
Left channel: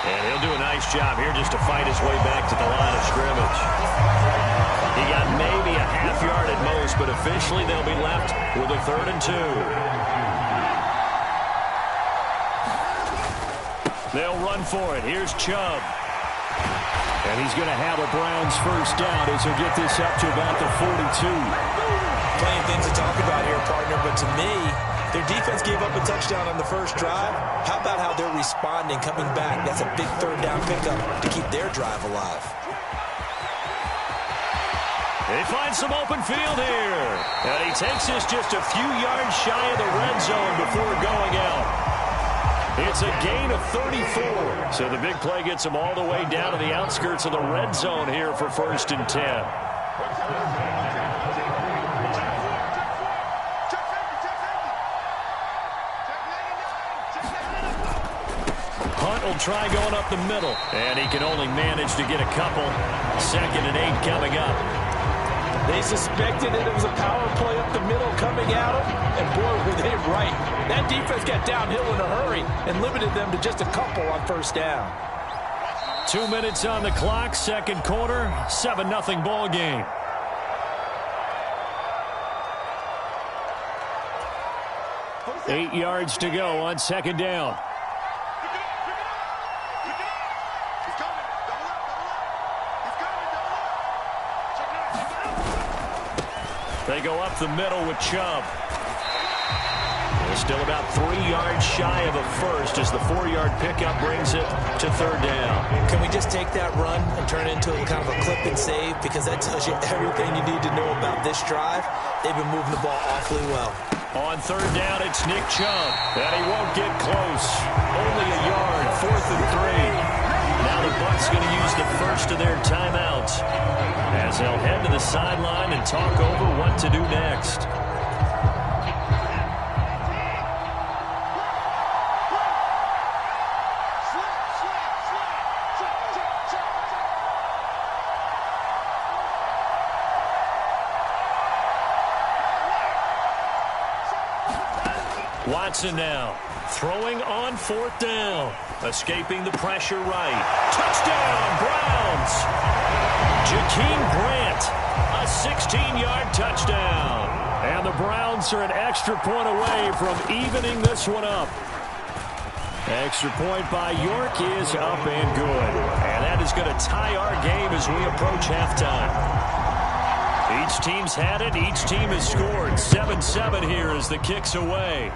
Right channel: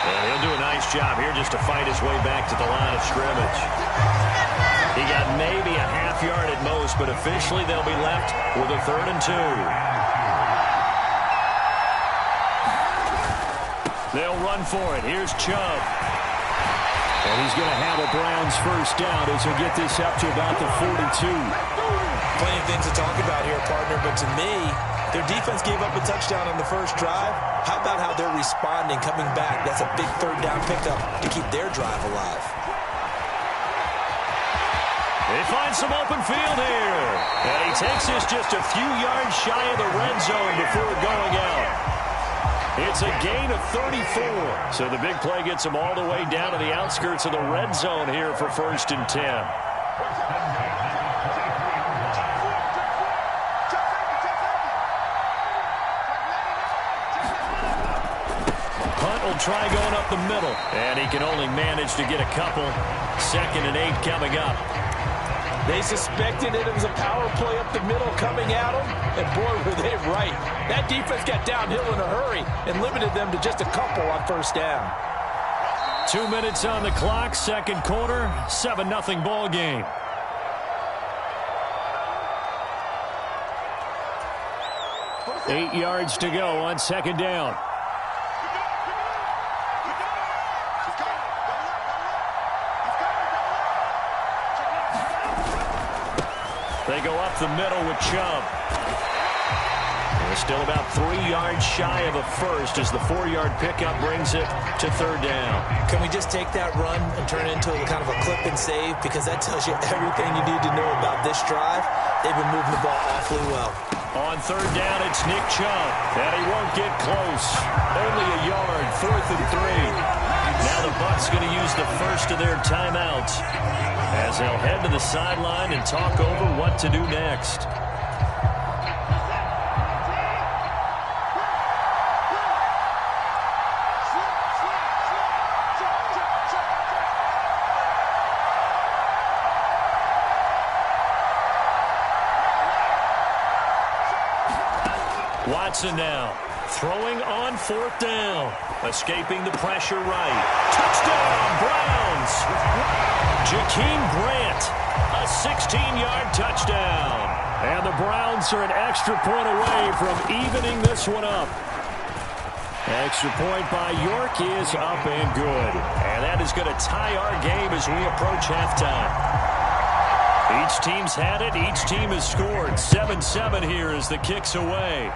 And he'll do a nice job here just to fight his way back to the line of scrimmage. He got maybe a half yard at most, but officially they'll be left with a 3rd and 2. They'll run for it. Here's Chubb. And he's going to have a Browns 1st down as he'll get this up to about the 42. Plenty of things to talk about here, partner, but to me, their defense gave up a touchdown on the first drive. How about how they're responding, coming back? That's a big 3rd down pickup to keep their drive alive. They find some open field here. And he takes this just a few yards shy of the red zone before going out. It's a gain of 34. So the big play gets them all the way down to the outskirts of the red zone here for 1st and 10. Hunt will try going up the middle. And he can only manage to get a couple. 2nd and 8 coming up. They suspected that it was a power play up the middle coming at them, and boy, were they right. That defense got downhill in a hurry and limited them to just a couple on 1st down. 2 minutes on the clock, 2nd quarter, 7-0 ball game. Eight yards to go on 2nd down. They go up the middle with Chubb. They're still about 3 yards shy of a 1st as the 4-yard pickup brings it to 3rd down. Can we just take that run and turn it into kind of a clip and save? Because that tells you everything you need to know about this drive. They've been moving the ball awfully well. On 3rd down, it's Nick Chubb. And he won't get close. Only a yard, 4th and 3. Now the Bucs going to use the first of their timeouts as they'll head to the sideline and talk over what to do next. Watson now throwing on 4th down. Escaping the pressure right. Touchdown, Browns. Jakeem Grant, a 16-yard touchdown. And the Browns are an extra point away from evening this one up. Extra point by York is up and good. And that is going to tie our game as we approach halftime. Each team's had it. Each team has scored. 7-7 here as the kick's away.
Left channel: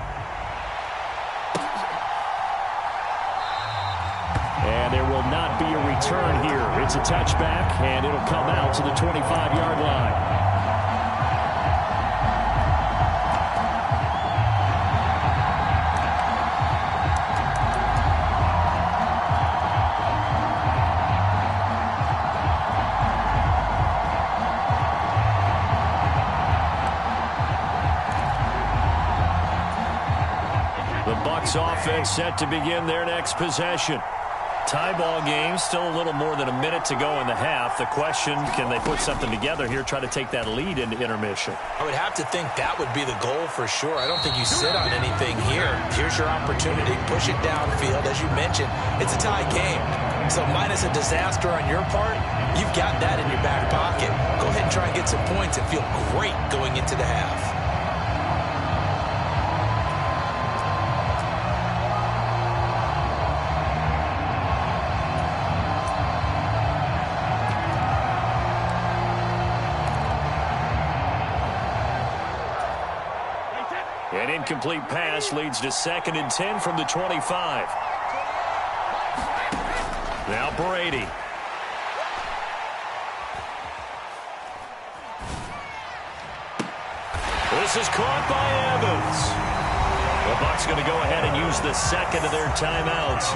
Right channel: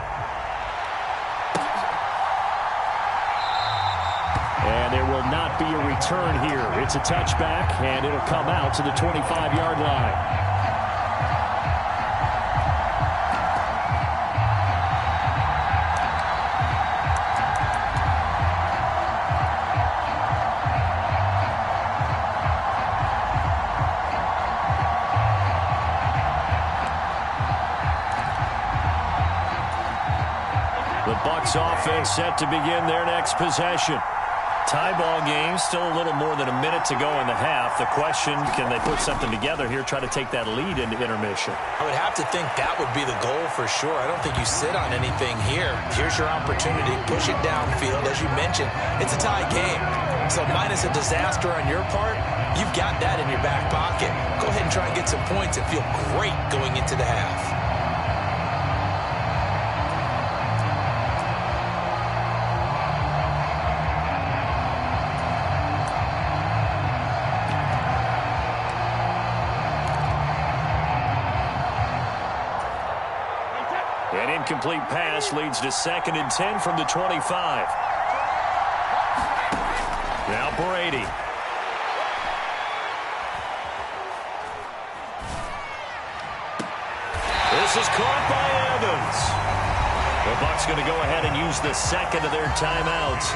And there will not be a return here. It's a touchback, and it'll come out to the 25-yard line. The Bucs offense set to begin their next possession. Tie ball game, still a little more than a minute to go in the half. The question, can they put something together here, try to take that lead into intermission? I would have to think that would be the goal for sure. I don't think you sit on anything here. Here's your opportunity. Push it downfield. As you mentioned, it's a tie game. So minus a disaster on your part, you've got that in your back pocket. Go ahead and try and get some points and feel great going into the half. An incomplete pass leads to 2nd and 10 from the 25. Now Brady. This is caught by Evans. The Bucs going to go ahead and use the second of their timeouts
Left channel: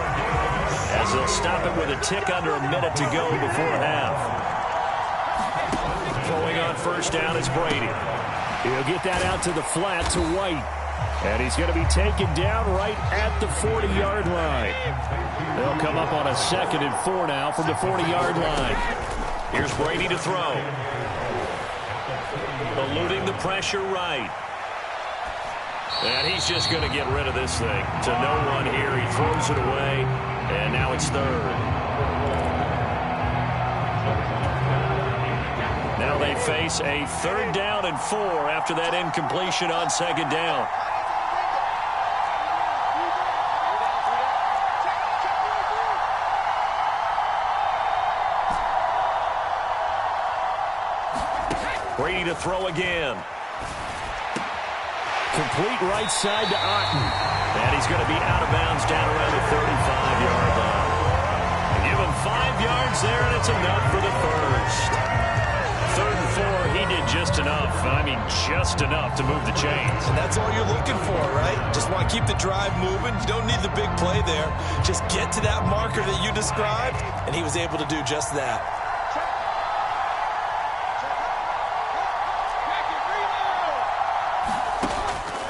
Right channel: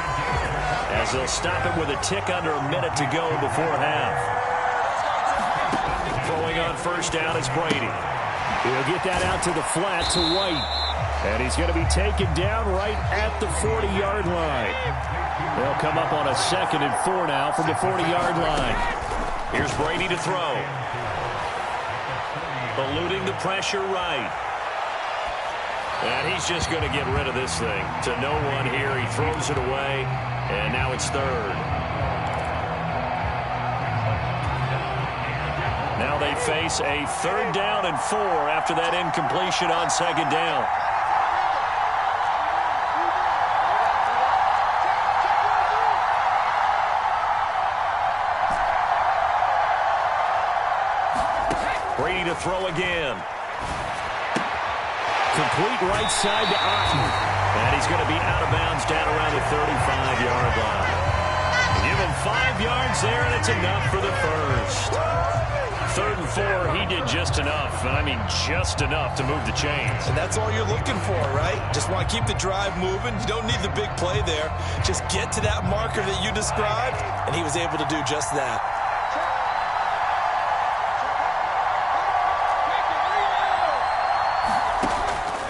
as they'll stop it with a tick under a minute to go before half. Throwing on first down is Brady. He'll get that out to the flat to White. And he's going to be taken down right at the 40-yard line. They'll come up on a 2nd and 4 now from the 40-yard line. Here's Brady to throw. Eluding the pressure right. And he's just going to get rid of this thing. To no one here. He throws it away. And now it's 3rd. Now they face a 3rd down and 4 after that incompletion on 2nd down. Brady to throw again. Complete right side to Otten. And he's going to be out of bounds down around the 35-yard line. And give him 5 yards there, and it's enough for the first. 3rd and 4, he did just enough. I mean, just enough to move the chains. And that's all you're looking for, right? Just want to keep the drive moving. You don't need the big play there. Just get to that marker that you described, and he was able to do just that.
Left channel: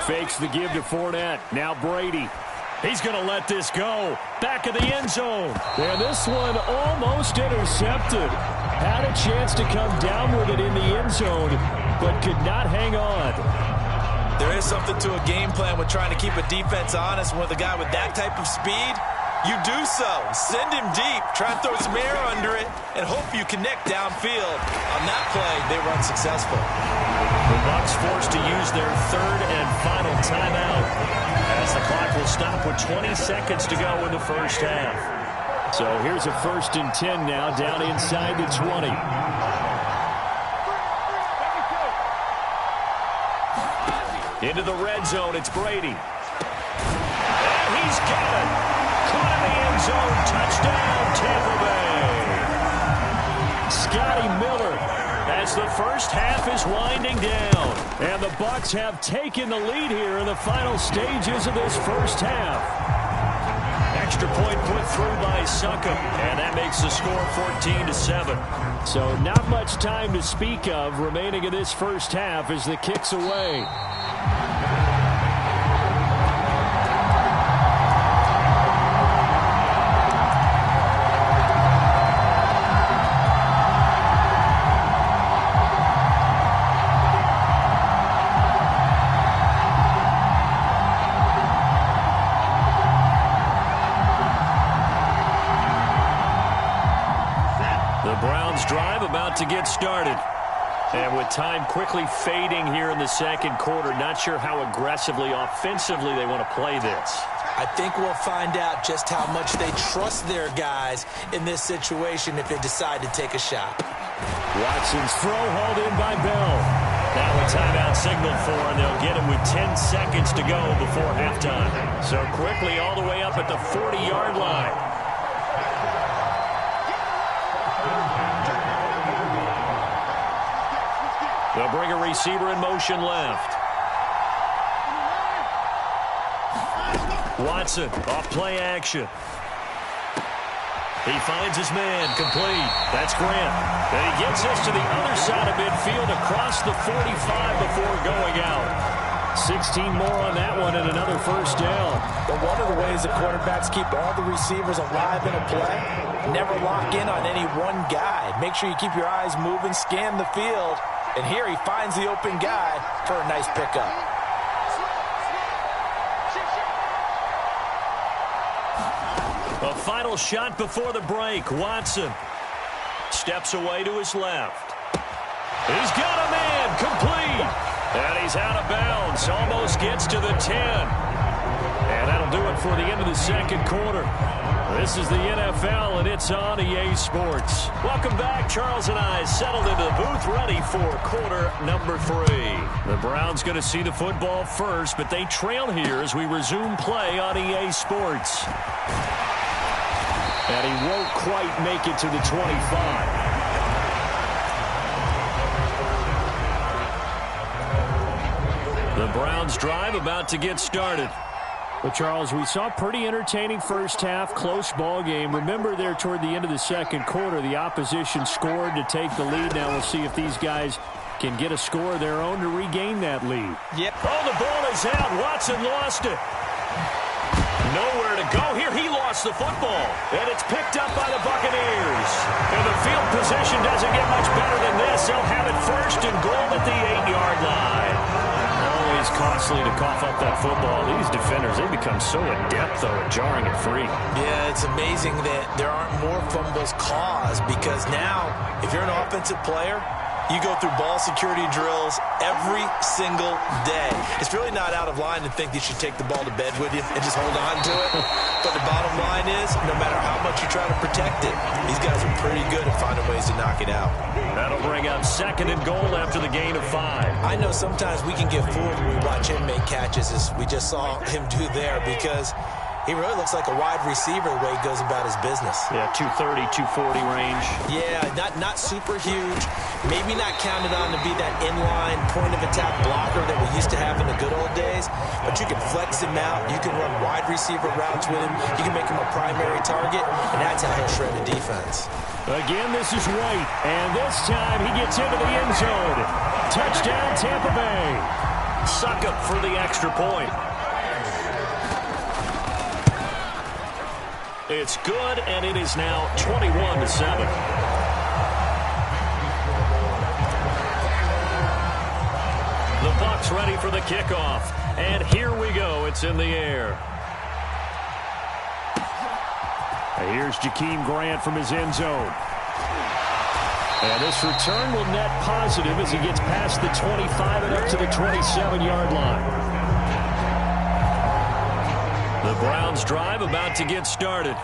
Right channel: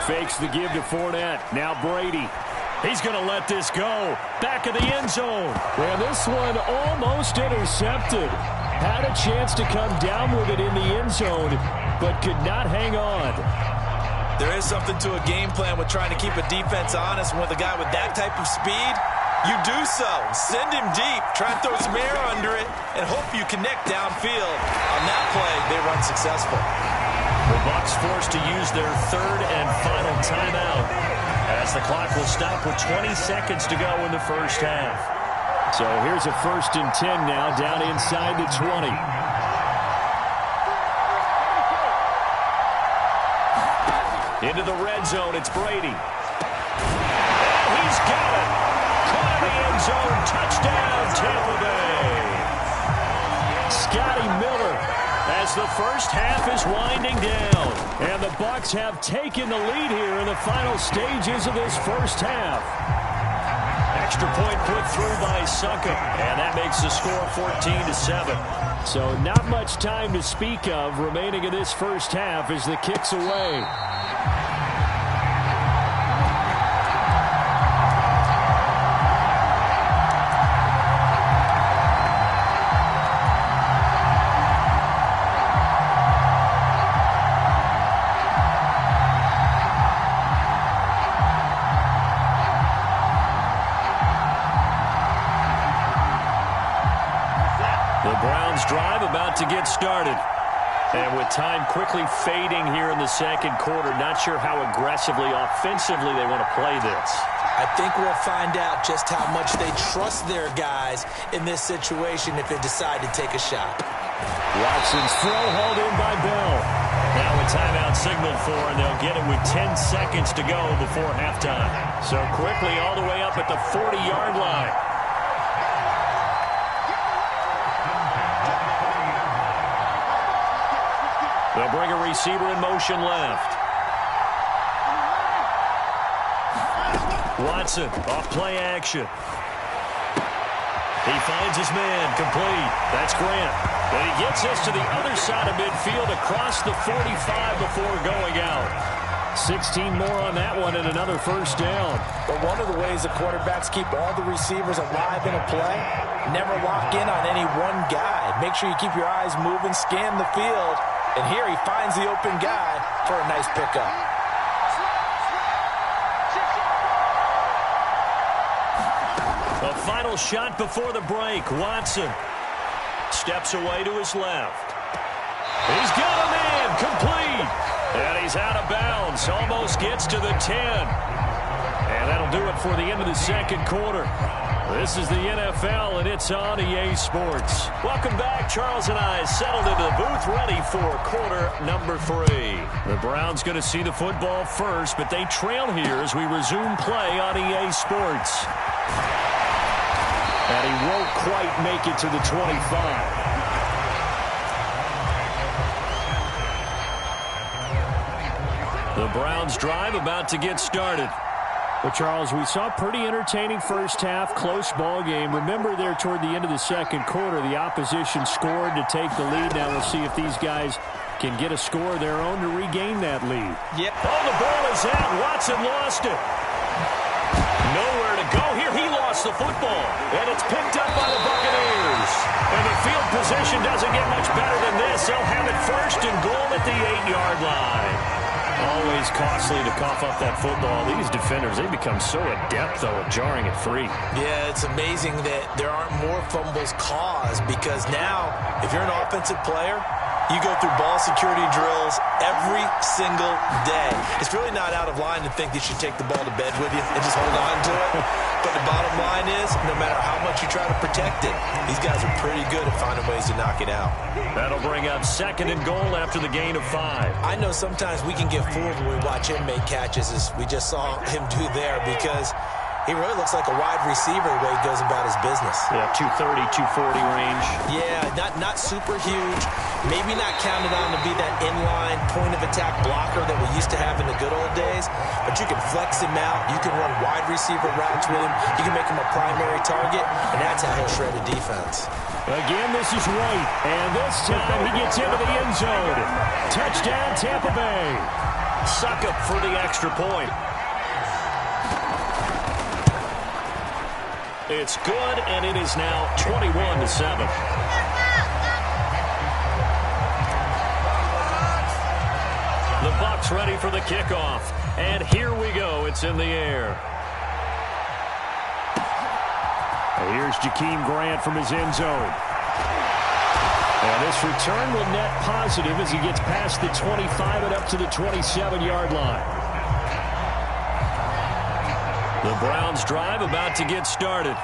Fakes the give to Fournette. Now Brady. He's going to let this go. Back of the end zone. And this one almost intercepted. Had a chance to come down with it in the end zone, but could not hang on. There is something to a game plan with trying to keep a defense honest with a guy with that type of speed. You do so. Send him deep. Try and throw some air under it and hope you connect downfield. On that play, they run successful. The Bucs forced to use their 3rd and final timeout as the clock will stop with 20 seconds to go in the first half. So here's a 1st and 10 now down inside the 20. Into the red zone, it's Brady. And he's got it. Caught in the end zone. Touchdown, Tampa Bay. Scotty Miller as the first half is winding down. And the Bucs have taken the lead here in the final stages of this first half. Extra point put through by Succop, and that makes the score 14-7. So not much time to speak of remaining in this first half as the kick's away. The Browns drive about to get started. And with time quickly fading here in the second quarter, not sure how aggressively, offensively they want to play this. I think we'll find out just how much they trust their guys in this situation if they decide to take a shot. Watson's throw hauled in by Bell. Now a timeout signaled for, and they'll get it with 10 seconds to go before halftime. So quickly all the way up at the 40-yard line. They'll bring a receiver in motion left. Watson off play action. He finds his man, complete. That's Grant. And he gets this to the other side of midfield across the 45 before going out. 16 more on that one and another first down. But one of the ways the quarterbacks keep all the receivers alive in a play, never lock in on any one guy. Make sure you keep your eyes moving, scan the field. And here he finds the open guy for a nice pickup. A final shot before the break. Watson steps away to his left. He's got a man, complete. And he's out of bounds. Almost gets to the 10. And that'll do it for the end of the second quarter. This is the NFL, and it's on EA Sports. Welcome back. Charles and I settled into the booth, ready for quarter number 3. The Browns going to see the football first, but they trail here as we resume play on EA Sports. And he won't quite make it to the 25. The Browns drive about to get started. Well, Charles, we saw a pretty entertaining first half, close ball game. Remember there toward the end of the second quarter, the opposition scored to take the lead. Now we'll see if these guys can get a score of their own to regain that lead. Yep. Oh, the ball is out. Watson lost it. Nowhere to go here. He lost the football. And it's picked up by the Buccaneers. And the field position doesn't get much better than this. They'll have it first and goal at the 8-yard line. Always costly to cough up that football. These defenders, they become so adept, though, at jarring it free. Yeah, it's amazing that there aren't more fumbles caused because now, if you're an offensive player, you go through ball security drills every single day. It's really not out of line to think that you should take the ball to bed with you and just hold on to it. But the bottom line is, no matter how much you try to protect it, these guys are pretty good at finding ways to knock it out. That'll bring up second and goal after the gain of 5. I know sometimes we can get fooled when we watch him make catches, as we just saw him do there, because he really looks like a wide receiver the way he goes about his business. Yeah, 230, 240 range. Yeah, not super huge. Maybe not counted on to be that inline point-of-attack blocker that we used to have in the good old days. But you can flex him out. You can run wide receiver routes with him. You can make him a primary target, and that's how he'll shred a defense. Again, this is White, and this time he gets into the end zone. Touchdown, Tampa Bay. Suckup for the extra point. It's good, and it is now 21-7. The Bucs ready for the kickoff, and here we go. It's in the air. And here's Jakeem Grant from his end zone. And this return will net positive as he gets past the 25 and up to the 27-yard line. The Browns drive about to get started.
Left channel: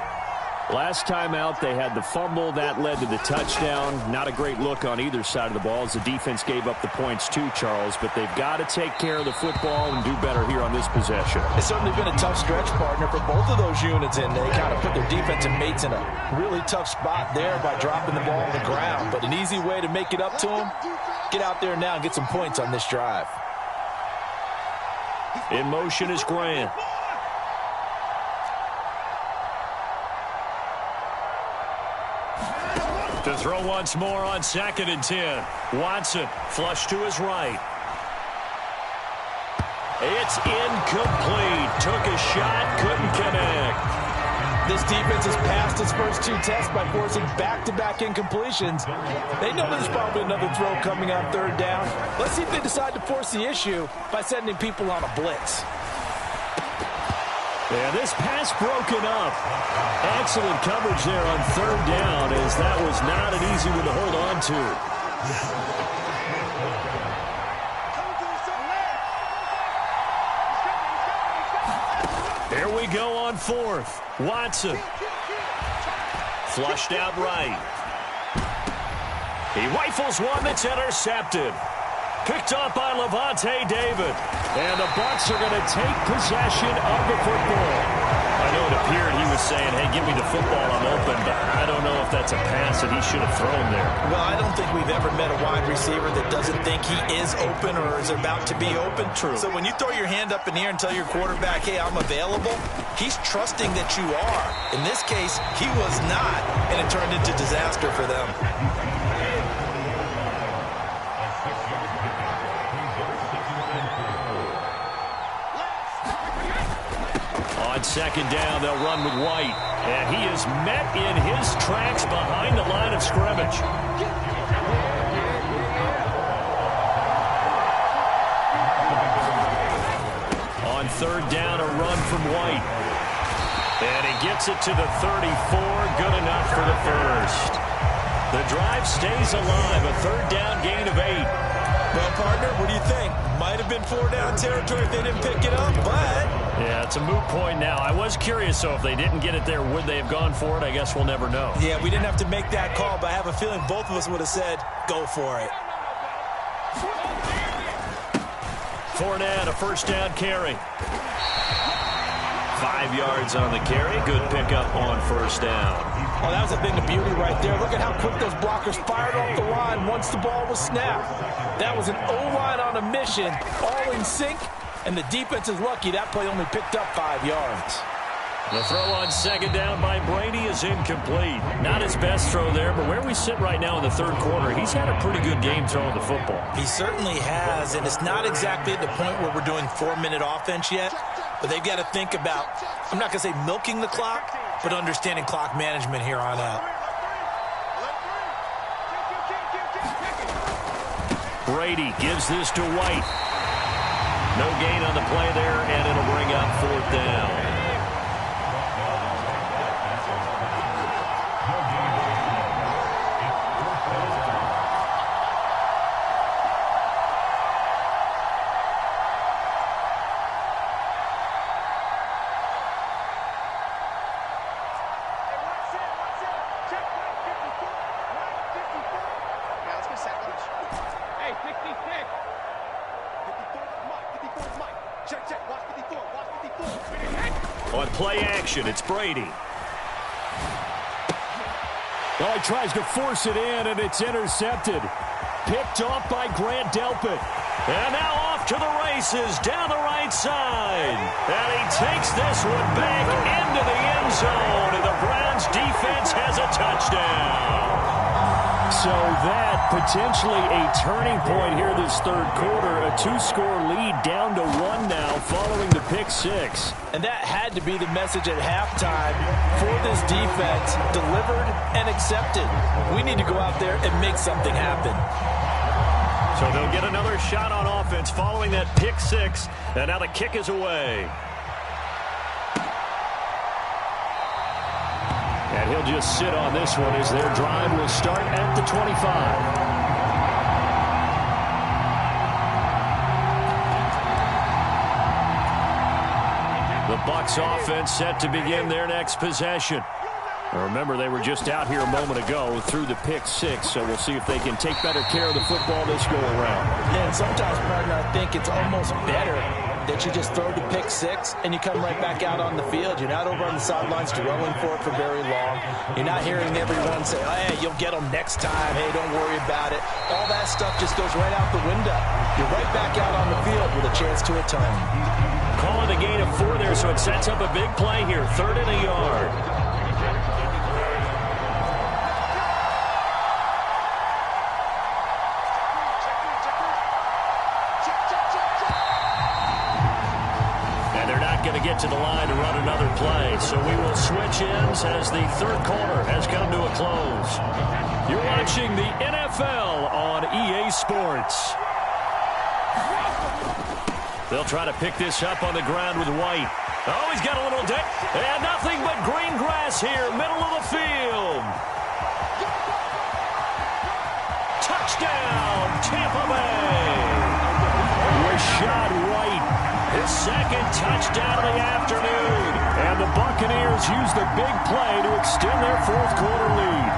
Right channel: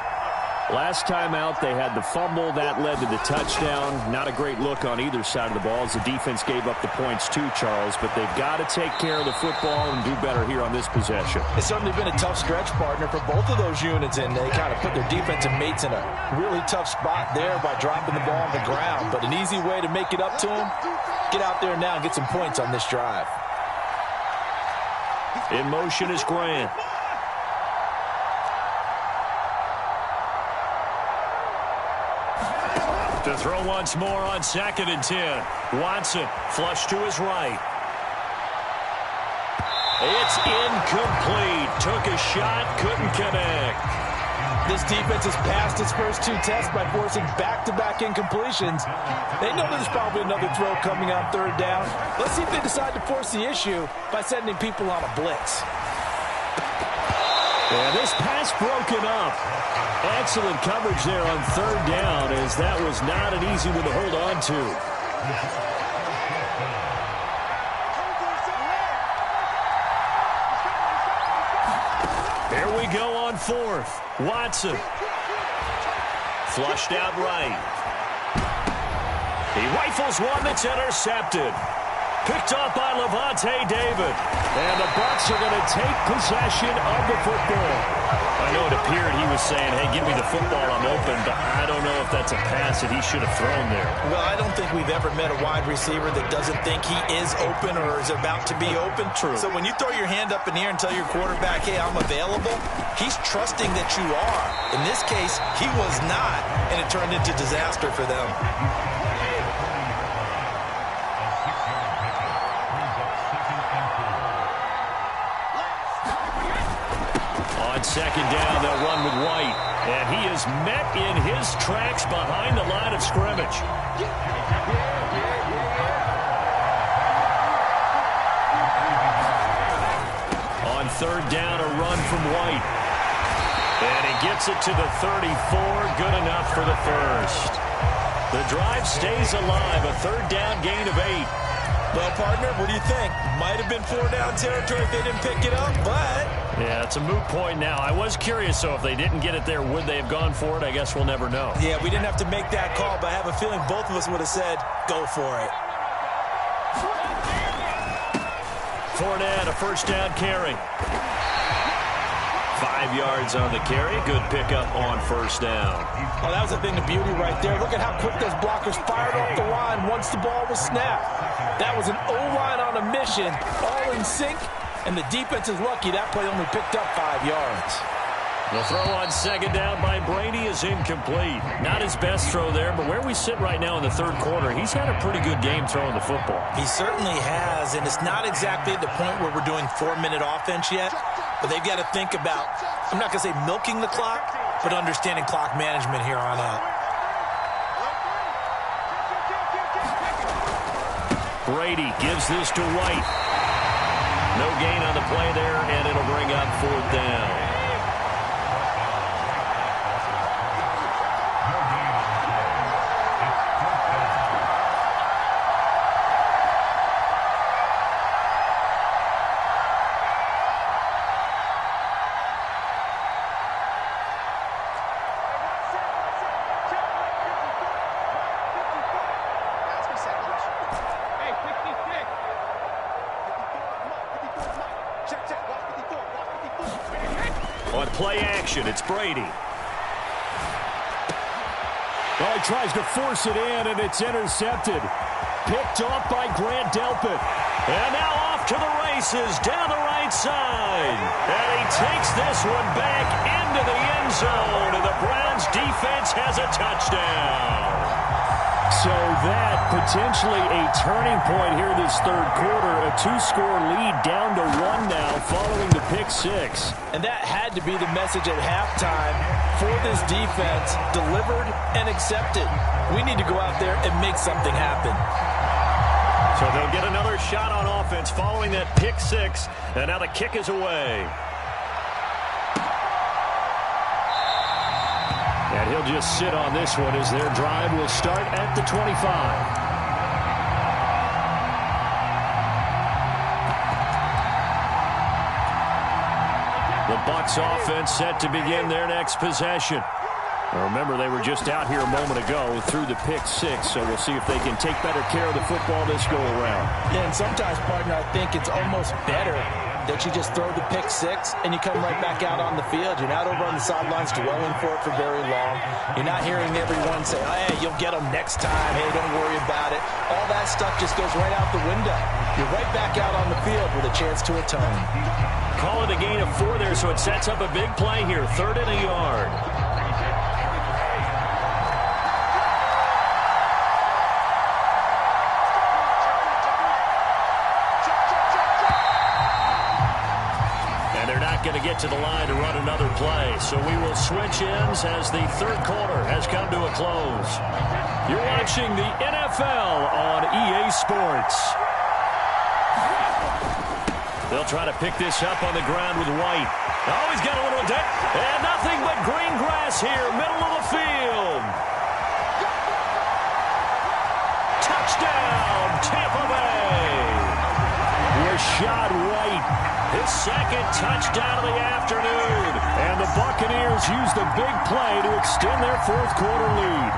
Last time out, they had the fumble. That led to the touchdown. Not a great look on either side of the ball as the defense gave up the points too, Charles. But they've got to take care of the football and do better here on this possession. It's certainly been a tough stretch, partner, for both of those units, and they kind of put their defensive mates in a really tough spot there by dropping the ball on the ground. But an easy way to make it up to them, get out there now and get some points on this drive. In motion is Grant. To throw once more on 2nd and 10. Watson flush to his right. It's incomplete. Took a shot, couldn't connect. This defense has passed its first 2 tests by forcing back-to-back incompletions. They know there's probably another throw coming on 3rd down. Let's see if they decide to force the issue by sending people on a blitz. And this pass broken up. Excellent coverage there on third down, as that was not an easy one to hold on to. Here we go on fourth. Watson. Flushed out right. He rifles one that's intercepted. Picked up by Levante David. And the Bucs are going to take possession of the football. I know it appeared he was saying, hey, give me the football, I'm open, but I don't know if that's a pass that he should have thrown there. Well, I don't think we've ever met a wide receiver that doesn't think he is open or is about to be open. True. So when you throw your hand up in the air and tell your quarterback, hey, I'm available, he's trusting that you are. In this case, he was not, and it turned into disaster for them. On second down, they'll run with White. And he is met in his tracks behind the line of scrimmage. On third down, a run from White. And he gets it to the 34. Good enough for the first. The drive stays alive. A third down gain of 8. Well, partner, what do you think? Might have been 4-down territory if they didn't pick it up, but... Yeah, it's a moot point now. I was curious, so if they didn't get it there, would they have gone for it? I guess we'll never know. Yeah, we didn't have to make that call, but I have a feeling both of us would have said, go for it. Fournette, a first down carry. 5 yards on the carry. Good pickup on first down. Oh, that was a thing of beauty right there. Look at how quick those blockers fired off the line once the ball was snapped. That was an O-line on a mission, all in sync, and the defense is lucky that play only picked up 5 yards. The throw on second down by Brady is incomplete. Not his best throw there, but where we sit right now in the third quarter, he's had a pretty good game throwing the football. He certainly has, and it's not exactly at the point where we're doing 4-minute offense yet, but they've got to think about, I'm not going to say milking the clock, but understanding clock management here on out. Brady gives this to White. No gain on the play there, and it'll bring up fourth down. On play action, it's Brady. Oh, he tries to force it in, and it's intercepted. Picked off by Grant Delpit. And now off to the races down the right side. And he takes this one back into the end zone, and the Browns defense has a touchdown. So that potentially a turning point here this third quarter. A 2-score lead down to 1 now following the pick 6. And that had to be the message at halftime for this defense. Delivered and accepted. We need to go out there and make something happen. So they'll get another shot on offense following that pick 6. And now the kick is away. And he'll just sit on this one as their drive will start at the 25. The Bucs offense set to begin their next possession. Now remember, they were just out here a moment ago through the pick 6, so we'll see if they can take better care of the football this go around. Yeah, and sometimes, partner, I think it's almost better that you just throw the pick 6 and you come right back out on the field. You're not over on the sidelines dwelling for it for very long. You're not hearing everyone say, oh, hey, you'll get them next time. Hey, don't worry about it. All that stuff just goes right out the window. You're right back out on the field with a chance to atone. Call it a gain of 4 there, so it sets up a big play here. 3rd and a yard. Going to get to the line to run another play. So we will switch ends as the third quarter has come to a close. You're watching the NFL on EA Sports. They'll try to pick this up on the ground with White. Oh, he's got a little dip. And nothing but green grass here, middle of the field. Touchdown, Tampa Bay. Rashad White, his second touchdown of the afternoon. And the Buccaneers use the big play to extend their fourth quarter lead.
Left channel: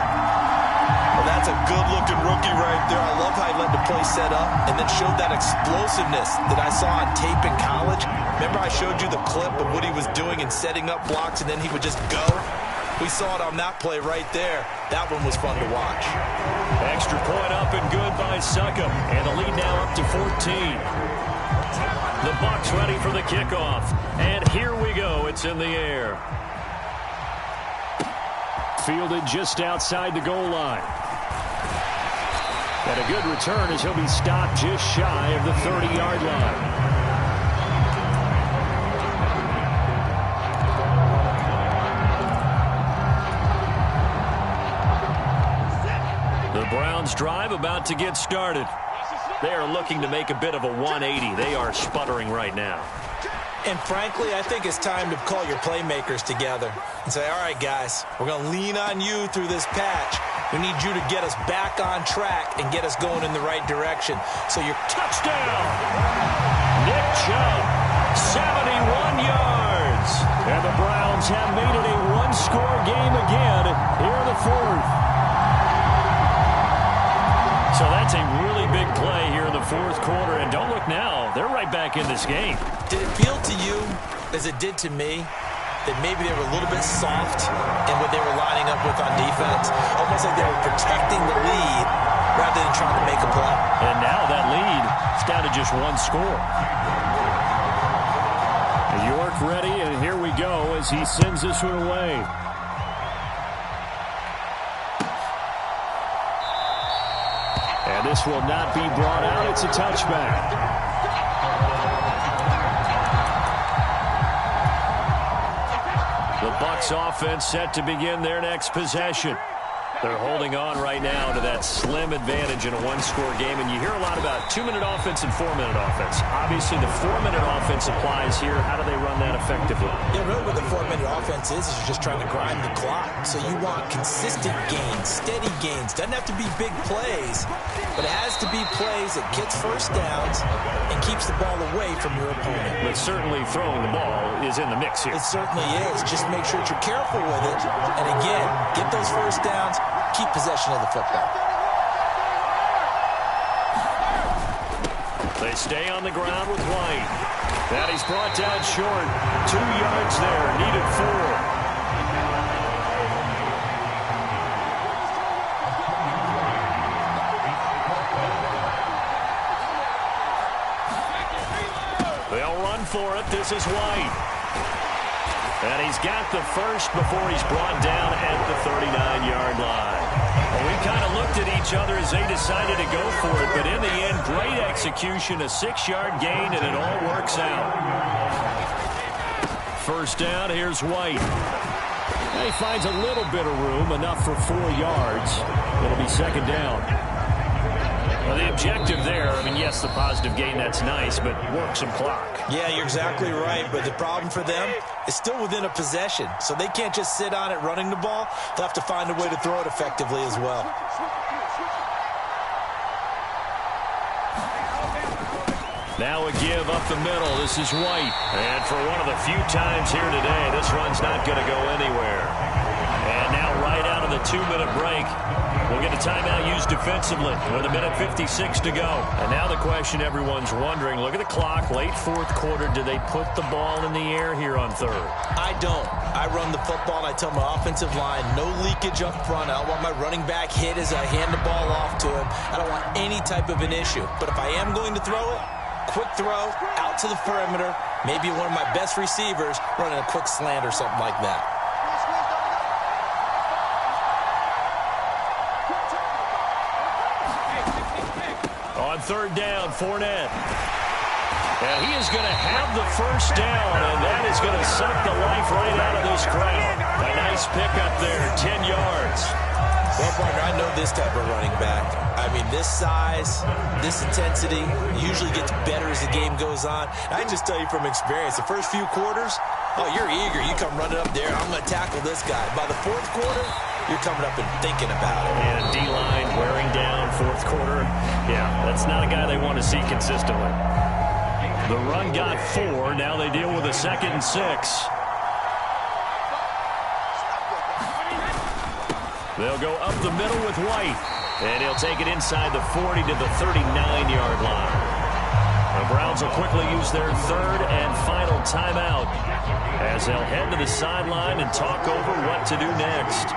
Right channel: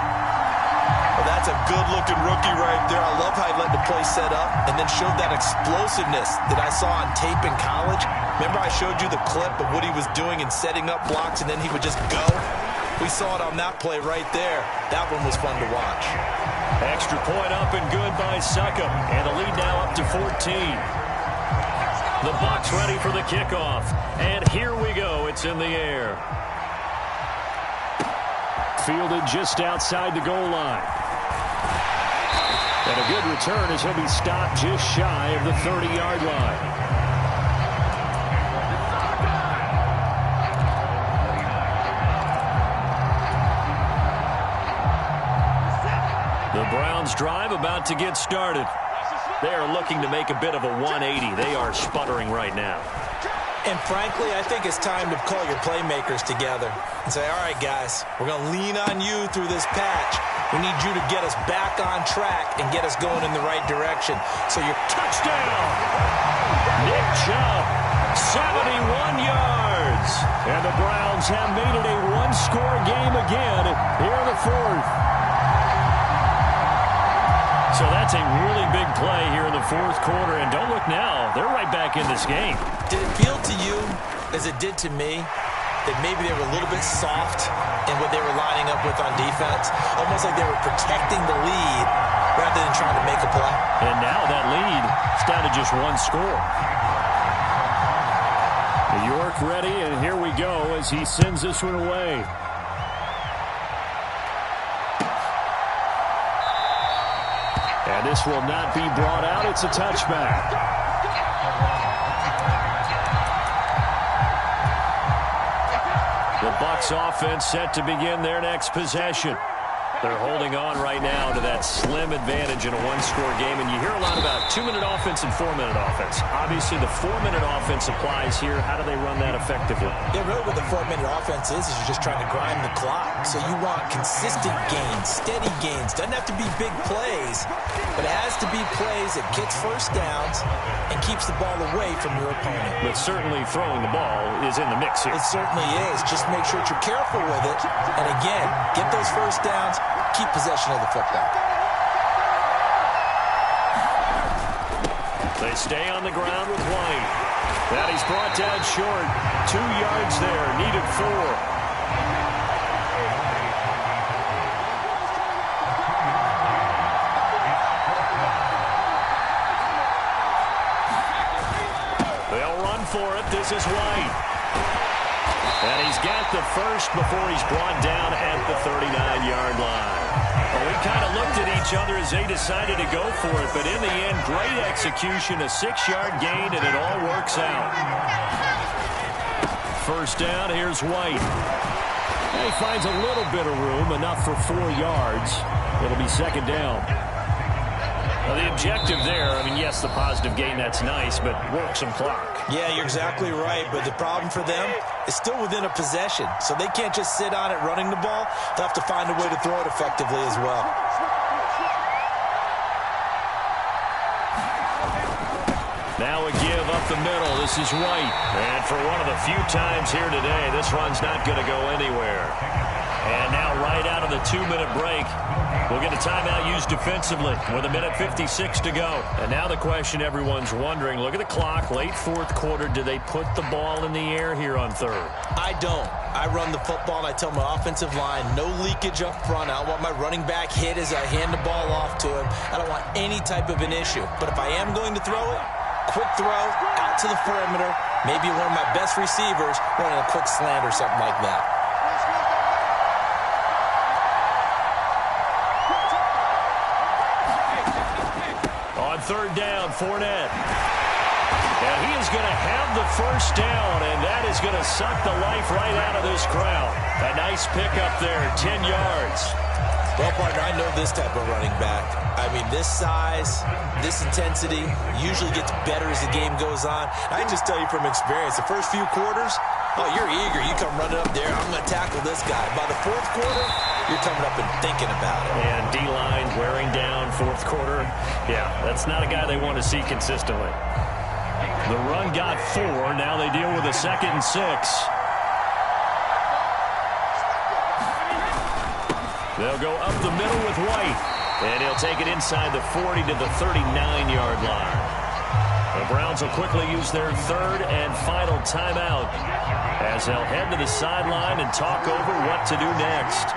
Well, that's a good-looking rookie right there. I love how he let the play set up and then showed that explosiveness that I saw on tape in college. Remember I showed you the clip of what he was doing and setting up blocks, and then he would just go? We saw it on that play right there. That one was fun to watch. Extra point up and good by Succop. And the lead now up to 14. The Bucs ready for the kickoff. And here we go. It's in the air. Fielded just outside the goal line. And a good return as he'll be stopped just shy of the 30-yard line. The Browns drive about to get started. They are looking to make a bit of a 180. They are sputtering right now. And frankly, I think it's time to call your playmakers together and say, all right, guys, we're going to lean on you through this patch. We need you to get us back on track and get us going in the right direction. So your touchdown! Nick Chubb, 71 yards. And the Browns have made it a one-score game again here in the fourth. So that's a really big play here in the fourth quarter. And don't look now, they're right back in this game. Did it feel to you, as it did to me, that maybe they were a little bit soft in what they were lining up with on defense? Almost like they were protecting the lead rather than trying to make a play. And now that lead is down to just one score. York ready, and here we go as he sends this one away. And this will not be brought out. It's a touchback. The Bucs offense set to begin their next possession. They're holding on right now to that slim advantage in a one-score game. And you hear a lot about 2-minute offense and 4-minute offense. Obviously, the 4-minute offense applies here. How do they run that effectively? Yeah, really what the 4-minute offense is you're just trying to grind the clock. So you want consistent gains, steady gains. Doesn't have to be big plays, but it has to be plays that gets first downs and keeps the ball away from your opponent. But certainly throwing the ball is in the mix here. It certainly is. Just make sure that you're careful with it. And again, get those first downs. Keep possession of the football. They stay on the ground with White. That he's brought down short. 2 yards there. Needed 4. They'll run for it. This is White. And he's got the first before he's brought down at the 39-yard line. Well, we kind of looked at each other as they decided to go for it, but in the end, great execution, a 6-yard gain, and it all works out. First down, here's White. And he finds a little bit of room, enough for 4 yards. It'll be second down. Well, the objective there, I mean, yes, the positive gain, that's nice, but work some clock. Yeah, you're exactly right, but the problem for them is still within a possession, so they can't just sit on it running the ball. They'll have to find a way to throw it effectively as well. Now a give up the middle. This is White. And for one of the few times here today, this run's not going to go anywhere. And now right out of the 2-minute break, we'll get a timeout used defensively with 1:56 to go. And now the question everyone's wondering, look at the clock, late fourth quarter, do they put the ball in the air here on third? I don't. I run the football and I tell my offensive line, no leakage up front. I don't want my running back hit as I hand the ball off to him. I don't want any type of an issue. But if I am going to throw it, quick throw, out to the perimeter, maybe one of my best receivers running a quick slant or something like that. On third down, Fournette. And he is going to have the first down, and that is going to suck the life right out of this crowd. A nice pickup there, 10 yards. Well, partner, I know this type of running back. I mean, this size, this intensity usually gets better as the game goes on. I can just tell you from experience, the first few quarters, oh, you're eager. You come running up there, I'm going to tackle this guy. By the fourth quarter, you're coming up and thinking about it. And D-line wearing down fourth quarter. Yeah, that's not a guy they want to see consistently. The run got 4. Now they deal with a 2nd and 6. They'll go up the middle with White. And he'll take it inside the 40 to the 39-yard line. The Browns will quickly use their 3rd and final timeout as they'll head to the sideline and talk over what to do next.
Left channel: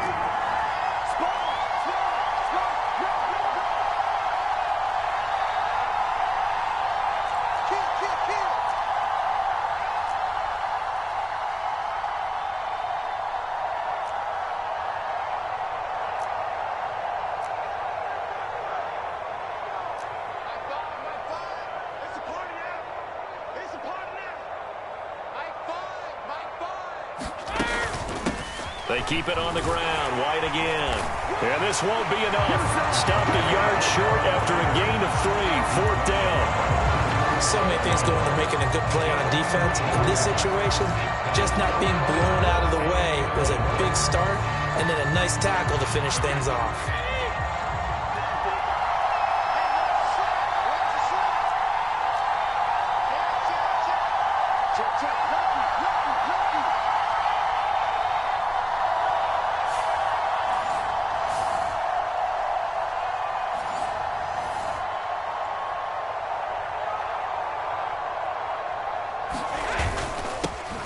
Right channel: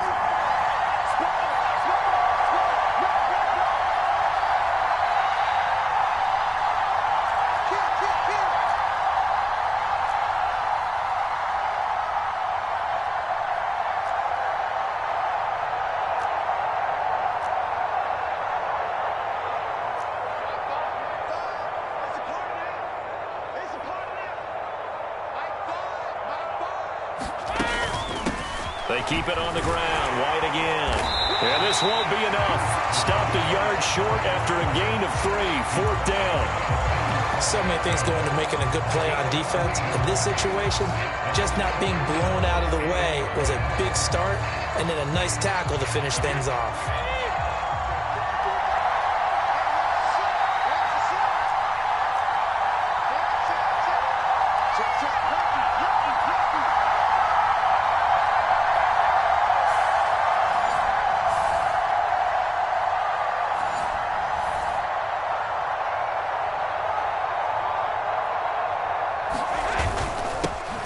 They keep it on the ground. White again. And this won't be enough. Stopped a yard short after a gain of 3. 4th down. So many things go into making a good play on defense. In this situation, just not being blown out of the way was a big start, and then a nice tackle to finish things off.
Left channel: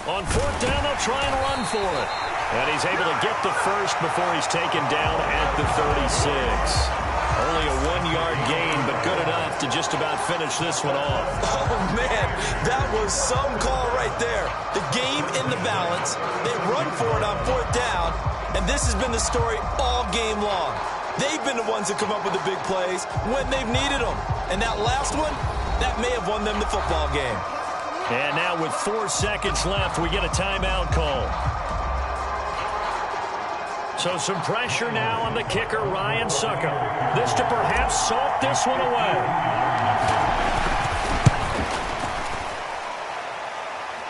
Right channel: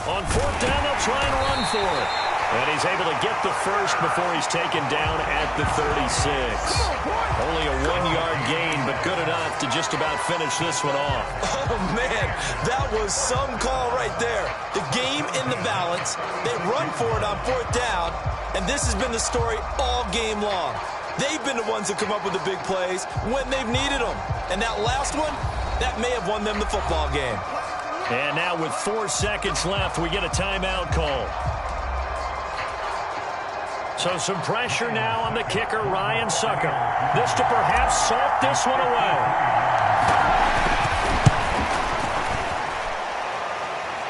On 4th down, they'll try and run for it. And he's able to get the first before he's taken down at the 36. Only a 1-yard gain, but good enough to just about finish this one off. Oh, man, that was some call right there. The game in the balance. They run for it on 4th down, and this has been the story all game long. They've been the ones that come up with the big plays when they've needed them. And that last one, that may have won them the football game. And now with 4 seconds left, we get a timeout call. So some pressure now on the kicker, Ryan Succop. This to perhaps salt this one away.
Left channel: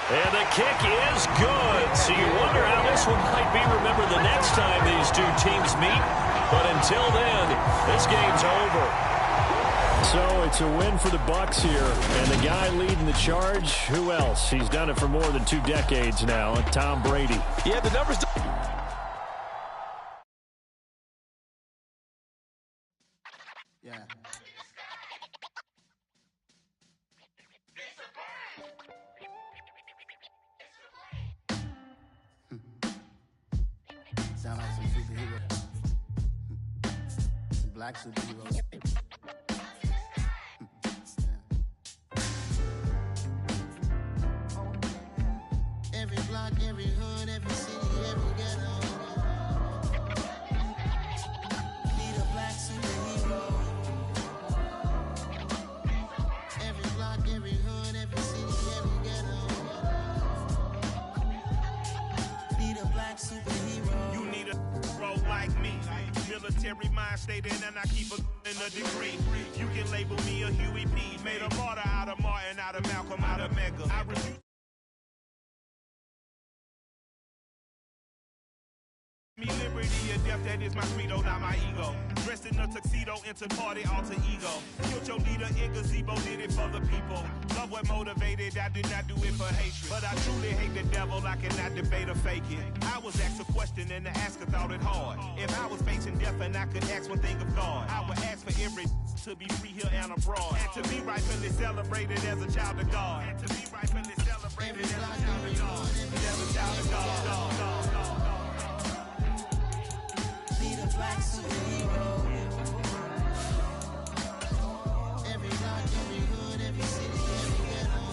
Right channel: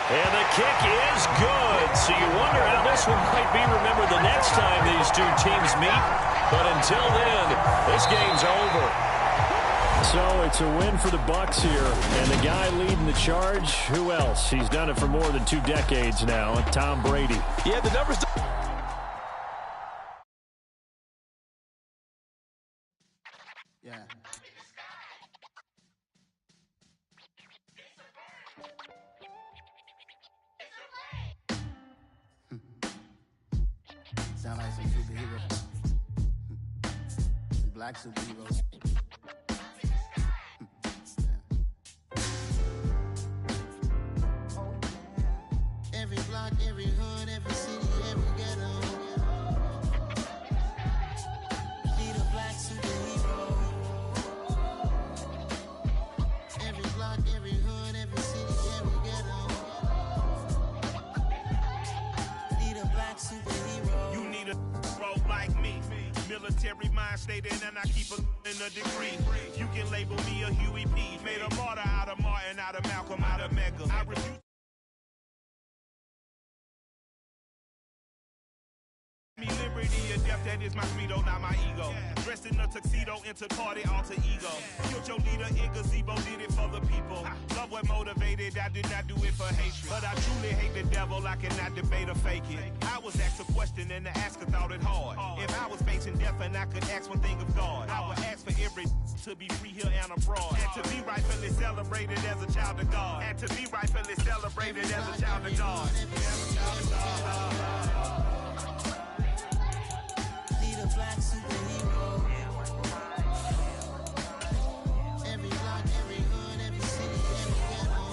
And the kick is good. So you wonder how this one might be remembered the next time these two teams meet. But until then, this game's over. So it's a win for the Bucs here, and the guy leading the charge, who else? He's done it for more than 2 decades now, Tom Brady. Yeah, the numbers. Yeah. Sound like some superheroes. Some black superheroes. Every block, every hood, every city, every ghetto. Need a black superhero. Every block, every hood, every city, every ghetto. Need a black superhero. You need a hero like me. Military mind stated, and I keep in a degree. You can label me a Huey P. Made a martyr out of Martin, out of Malcolm, out of Mega. I refuse. Me liberty or death, that is my credo, not my ego. Dressed in a tuxedo, into party, alter ego. Killed your leader in gazebo, did it for the people. Love what motivated, I did not do it for hatred. But I truly hate the devil, I cannot debate or fake it. I was asked a question and the asker thought it hard. If I was facing death and I could ask one thing of God, I would ask for every to be free here and abroad. And to be rightfully celebrated as a child of God. And to be rightfully celebrated as a child of God. Need a black superhero. Every block, every hood, every city, every ghetto.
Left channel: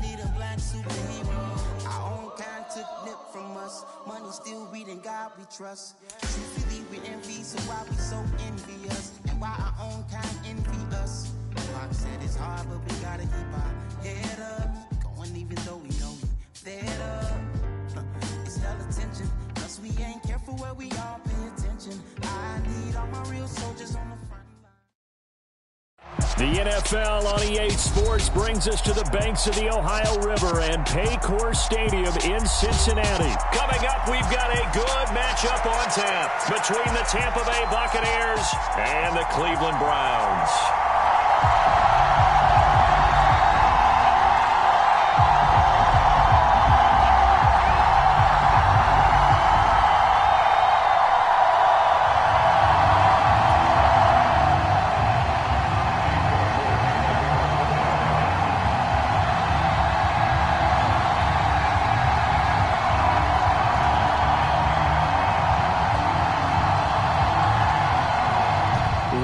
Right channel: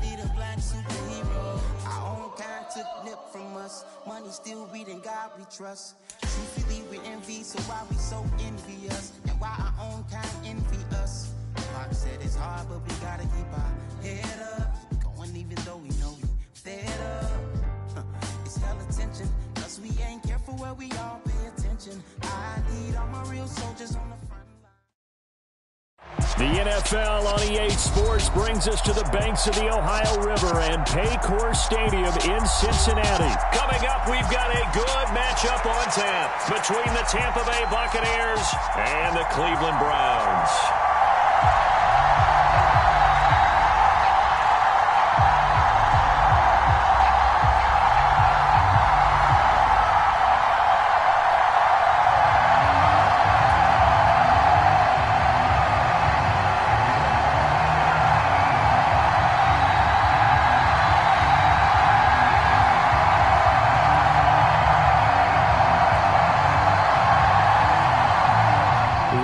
Need a black superhero. Our own kind took nip from us. Money still reading God we trust. Truthfully we envy, so why we so envious? And why our own kind envy us? Pac said it's hard, but we gotta keep our head up. Going even though we know we fed up. It's hella tension, Cause we ain't careful where we all pay attention. I need all my real soldiers on the front line. The NFL on EA Sports brings us to the banks of the Ohio River and Paycor Stadium in Cincinnati. Coming up, we've got a good matchup on tap between the Tampa Bay Buccaneers and the Cleveland Browns.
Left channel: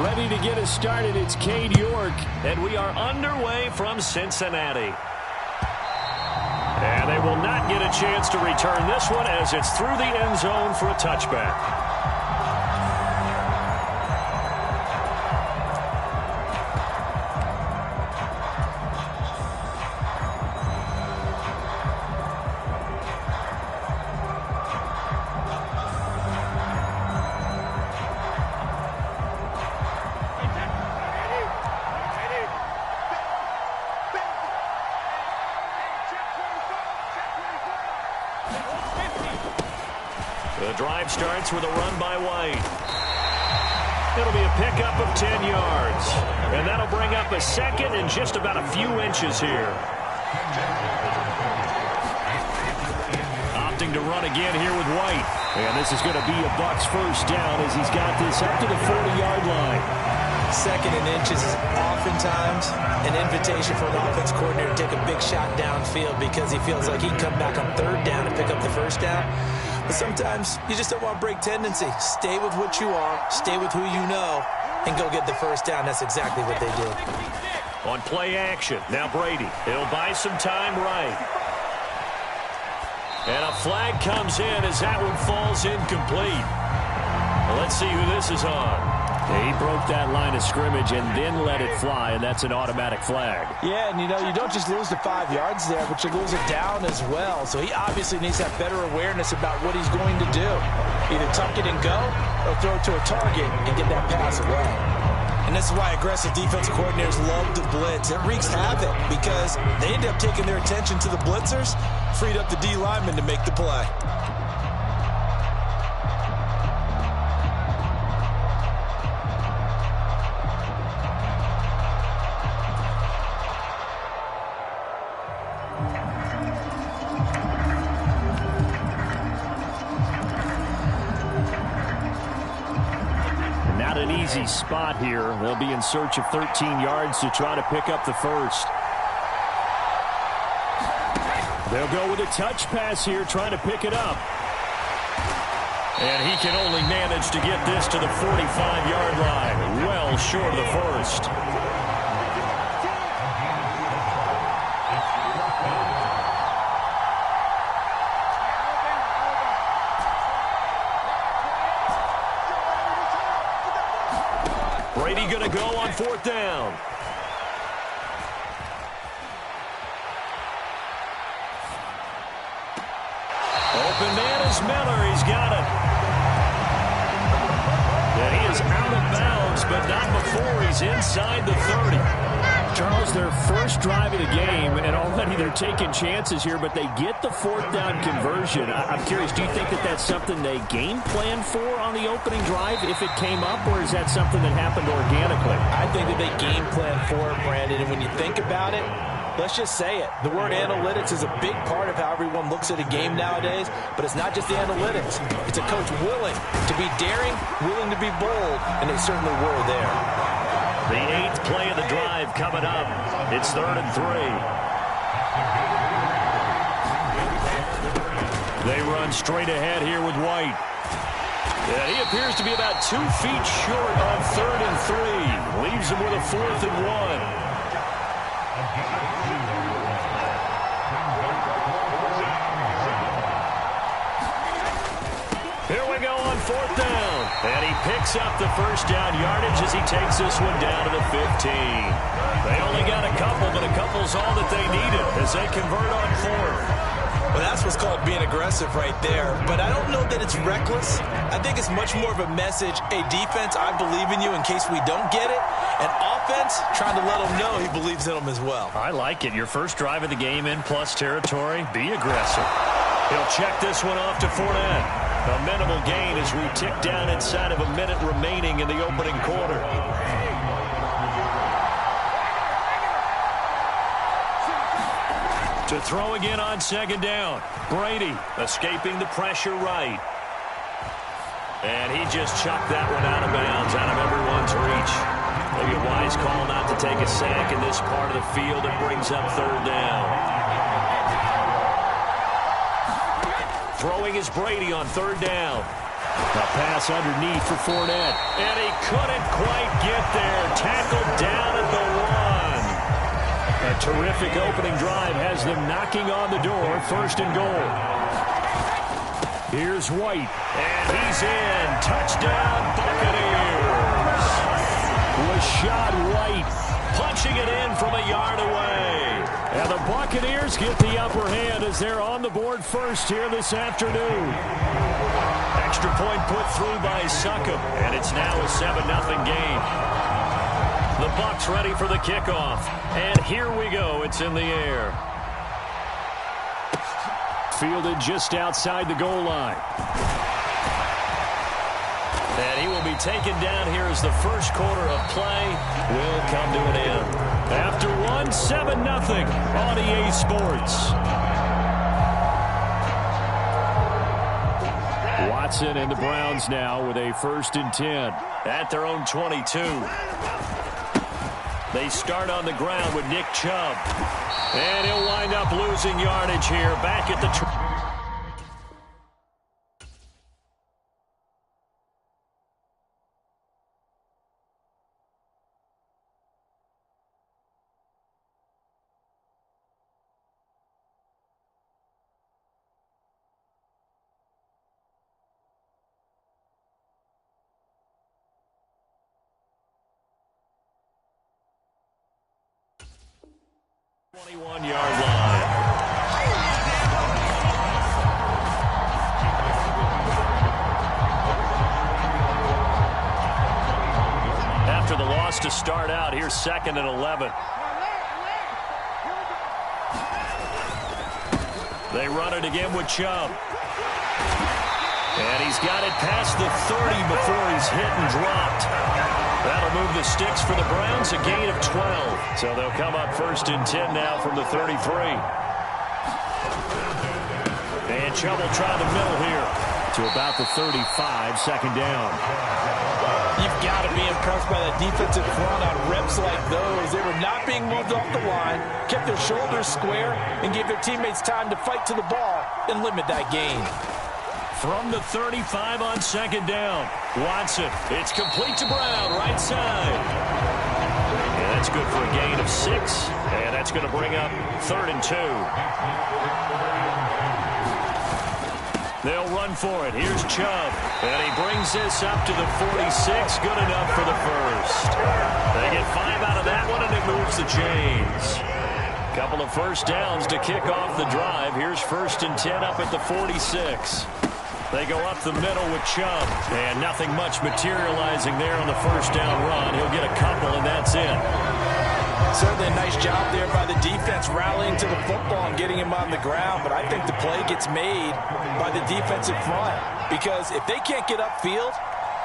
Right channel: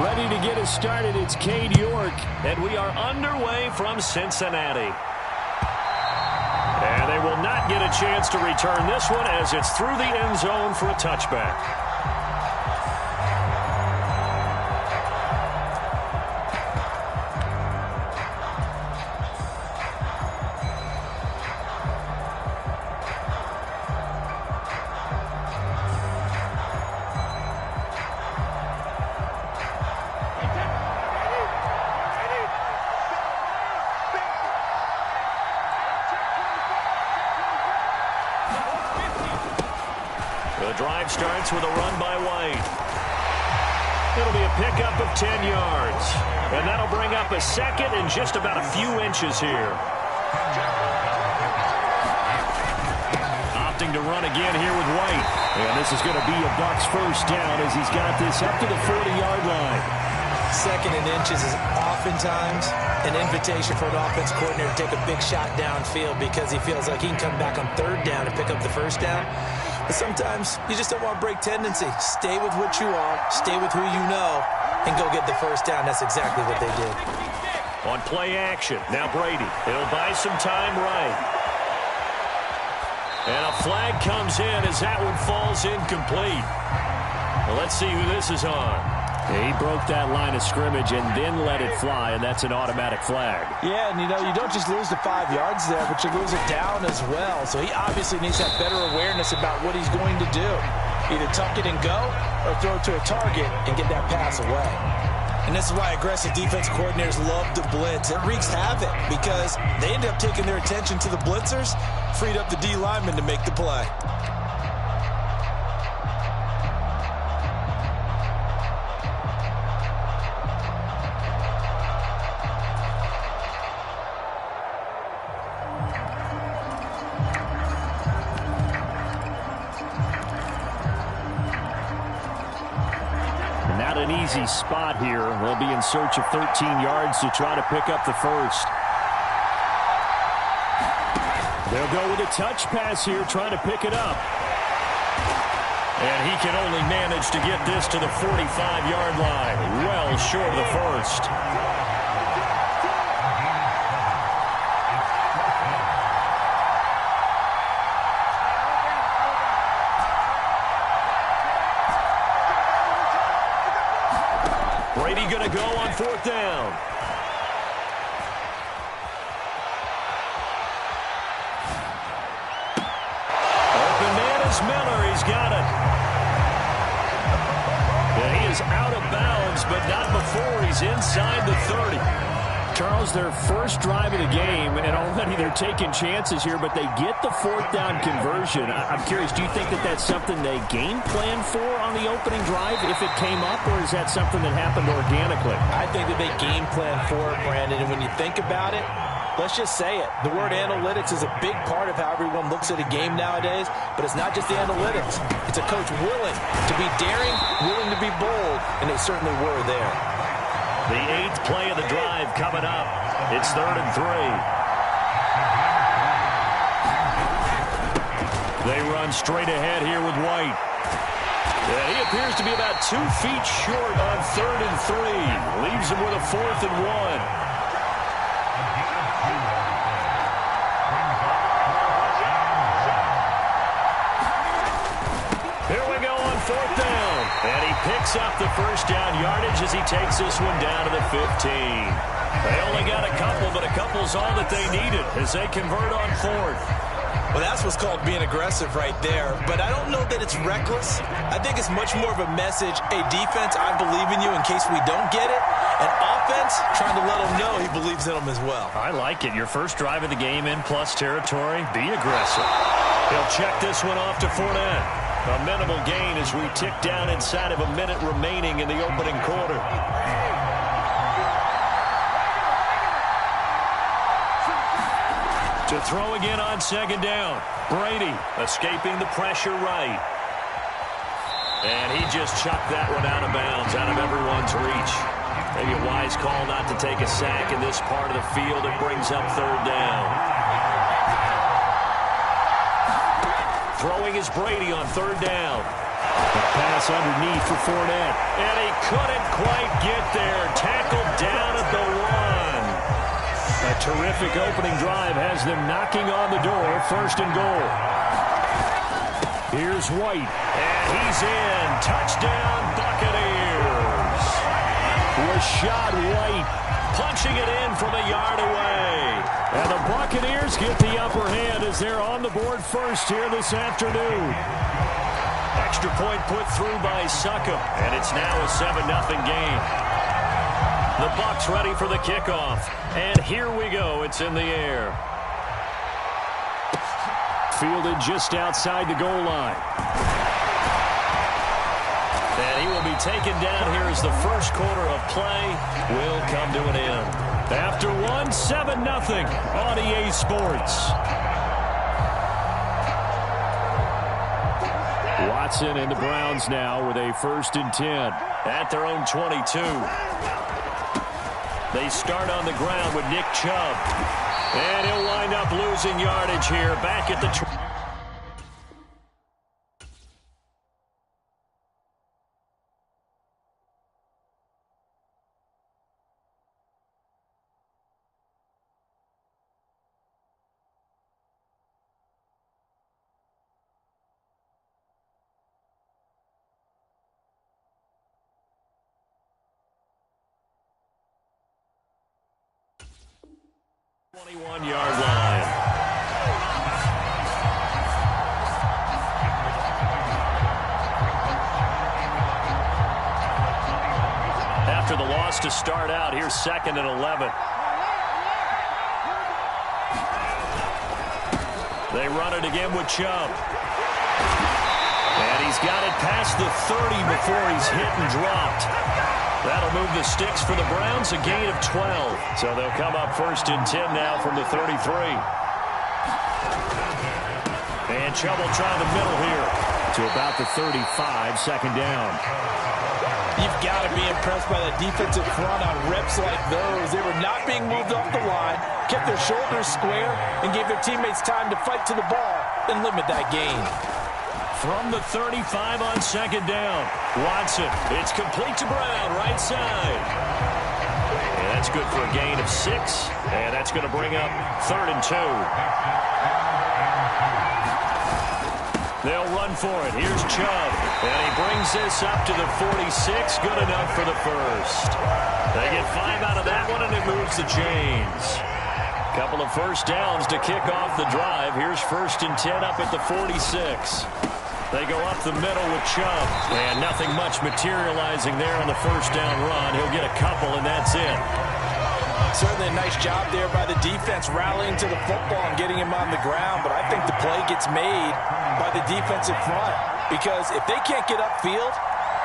Ready to get us started, it's Cade York, and we are underway from Cincinnati. And they will not get a chance to return this one as it's through the end zone for a touchback. The drive starts with a run by White. It'll be a pickup of 10 yards. And that'll bring up a second and just about a few inches here. Opting to run again here with White. And this is going to be a Bucs first down as he's got this up to the 40-yard line. Second and inches is oftentimes an invitation for an offense coordinator to take a big shot downfield because he feels like he can come back on third down and pick up the first down. But sometimes you just don't want to break tendency. Stay with what you are, stay with who you know, and go get the first down. That's exactly what they did. On play action, now Brady. He'll buy some time right. And a flag comes in as that one falls incomplete. Well, let's see who this is on. He broke that line of scrimmage and then let it fly, and that's an automatic flag. Yeah, and you don't just lose the 5 yards there, but you lose it down as well. So he obviously needs to have better awareness about what he's going to do. Either tuck it and go or throw it to a target and get that pass away. And this is why aggressive defense coordinators love to blitz. It wreaks havoc because they end up taking their attention to the blitzers, freed up the D lineman to make the play. Not an easy spot here. They'll be in search of 13 yards to try to pick up the first. They'll go with a touch pass here, trying to pick it up. And he can only manage to get this to the 45-yard line. Well short of the first. Brady going to go on fourth down. Open man is Miller. He's got it. And he is out of bounds, but not before he's inside the 30. Charles, their first drive of the game, and already they're taking chances here, but they get the fourth down conversion. I'm curious, do you think that that's something they game plan for on the opening drive if it came up, or is that something that happened organically? I think that they game plan for it, Brandon, and when you think about it, let's just say it. The word analytics is a big part of how everyone looks at a game nowadays, but it's not just the analytics. It's a coach willing to be daring, willing to be bold, and they certainly were there. The 8th play of the drive coming up. It's 3rd and 3. They run straight ahead here with White. And he appears to be about 2 feet short on 3rd and 3. Leaves him with a 4th and 1. Here we go on 4th down. And he picks up the first down yardage as he takes this one down to the 15. They only got a couple, but a couple's all that they needed as they convert on 4th. Well, that's what's called being aggressive right there. But I don't know that it's reckless. I think it's much more of a message. Hey, defense, I believe in you in case we don't get it. And offense, trying to let them know he believes in them as well. I like it. Your first drive of the game in plus territory. Be aggressive. He'll check this one off to Fournette. A minimal gain as we tick down inside of a minute remaining in the opening quarter. To throw again on second down. Brady escaping the pressure right. And he just chucked that one out of bounds, out of everyone's reach. Maybe a wise call not to take a sack in this part of the field. It brings up third down. Throwing is Brady on third down. A pass underneath for Fournette. And he couldn't quite get there. Tackled down at the 1. A terrific opening drive has them knocking on the door. First and goal. Here's White. And he's in. Touchdown, Buccaneers. Rashad White punching it in from a yard away. And the Buccaneers get the upper hand as they're on the board first here this afternoon. Extra point put through by Succop. And it's now a 7-0 game. The Bucs ready for the kickoff. And here we go. It's in the air. Fielded just outside the goal line. And he will be taken down here as the first quarter of play will come to an end. After one, 7-0 on EA Sports. Watson and the Browns now with a 1st and 10 at their own 22. They start on the ground with Nick Chubb. And he'll wind up losing yardage here. Back at the 21-yard line. After the loss to start out, here's 2nd and 11. They run it again with Chubb. And he's got it past the 30 before he's hit and dropped. That'll move the sticks for the Browns, a gain of 12. So they'll come up 1st and 10 now from the 33. And Chubb will try the middle here to about the 35, 2nd down. You've got to be impressed by that defensive front on reps like those. They were not being moved off the line, kept their shoulders square, and gave their teammates time to fight to the ball and limit that gain. From the 35 on 2nd down. Watson. It's complete to Brown, right side. And that's good for a gain of 6. And that's going to bring up 3rd and 2. They'll run for it. Here's Chubb. And he brings this up to the 46. Good enough for the first. They get 5 out of that one, and it moves the chains. Couple of first downs to kick off the drive. Here's 1st and 10 up at the 46. They go up the middle with Chubb. And nothing much materializing there on the first down run. He'll get a couple, and that's it. Certainly a nice job there by the defense rallying to the football and getting him on the ground. But I think the play gets made by the defensive front. Because if they can't get upfield,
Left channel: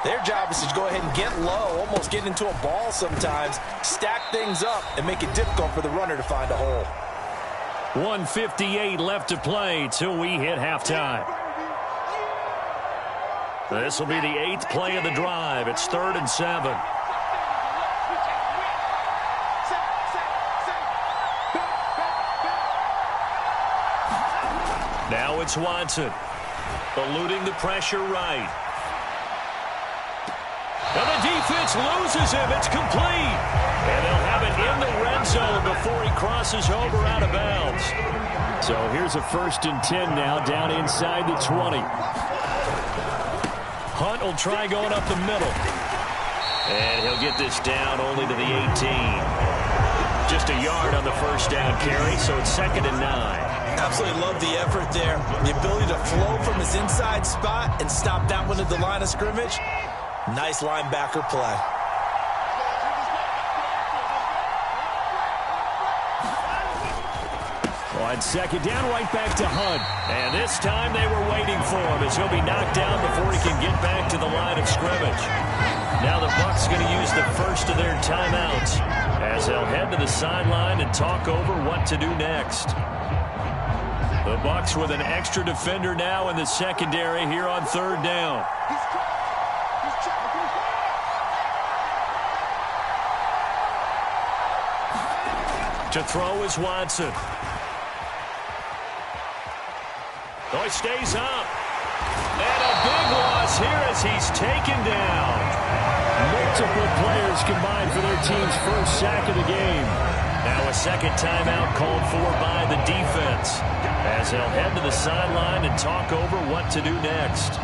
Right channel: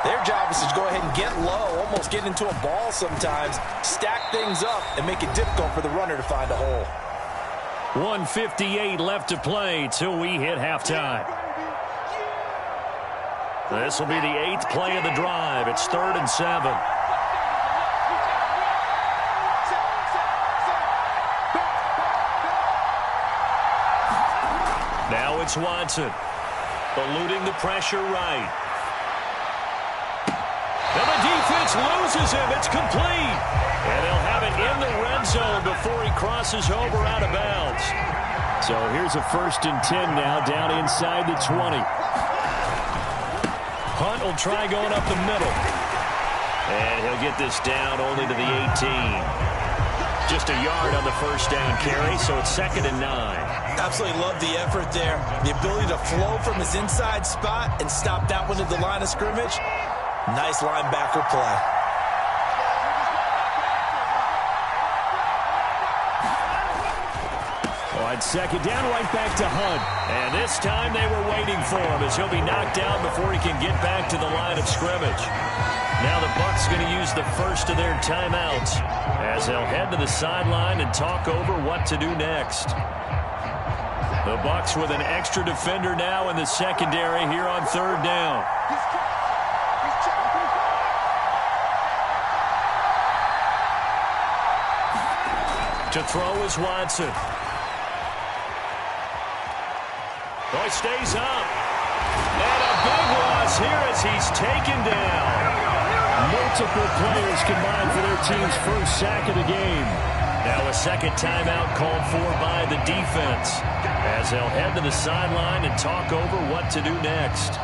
their job is to go ahead and get low, almost get into a ball sometimes, stack things up, and make it difficult for the runner to find a hole. 1:58 left to play till we hit halftime. This will be the 8th play of the drive. It's 3rd and 7. Now it's Watson. Eluding the pressure right. And the defense loses him. It's complete. And they'll have it in the red zone before he crosses over out of bounds. So here's a 1st and 10 now down inside the 20. Hunt will try going up the middle. And he'll get this down only to the 18. Just a yard on the first down carry, so it's 2nd and 9. Absolutely love the effort there. The ability to flow from his inside spot and stop that one at the line of scrimmage. Nice linebacker play. On 2nd down, right back to Hunt. And this time they were waiting for him as he'll be knocked down before he can get back to the line of scrimmage. Now the Bucs going to use the first of their timeouts as they'll head to the sideline and talk over what to do next. The Bucs with an extra defender now in the secondary here on 3rd down. To throw is Watson. Oh, he stays up. And a big loss here as he's taken down. Multiple players combined for their team's first sack of the game. Now a second timeout called for by the defense as they'll head to the sideline and talk over what to do next.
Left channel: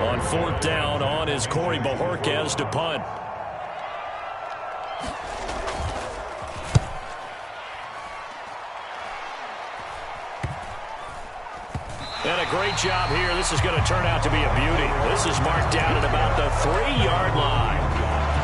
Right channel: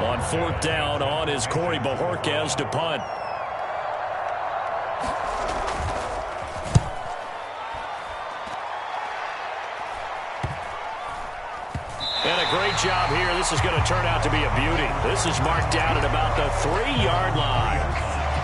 On 4th down, on is Corey Bojorquez to punt. And a great job here. This is going to turn out to be a beauty. This is marked out at about the 3-yard line.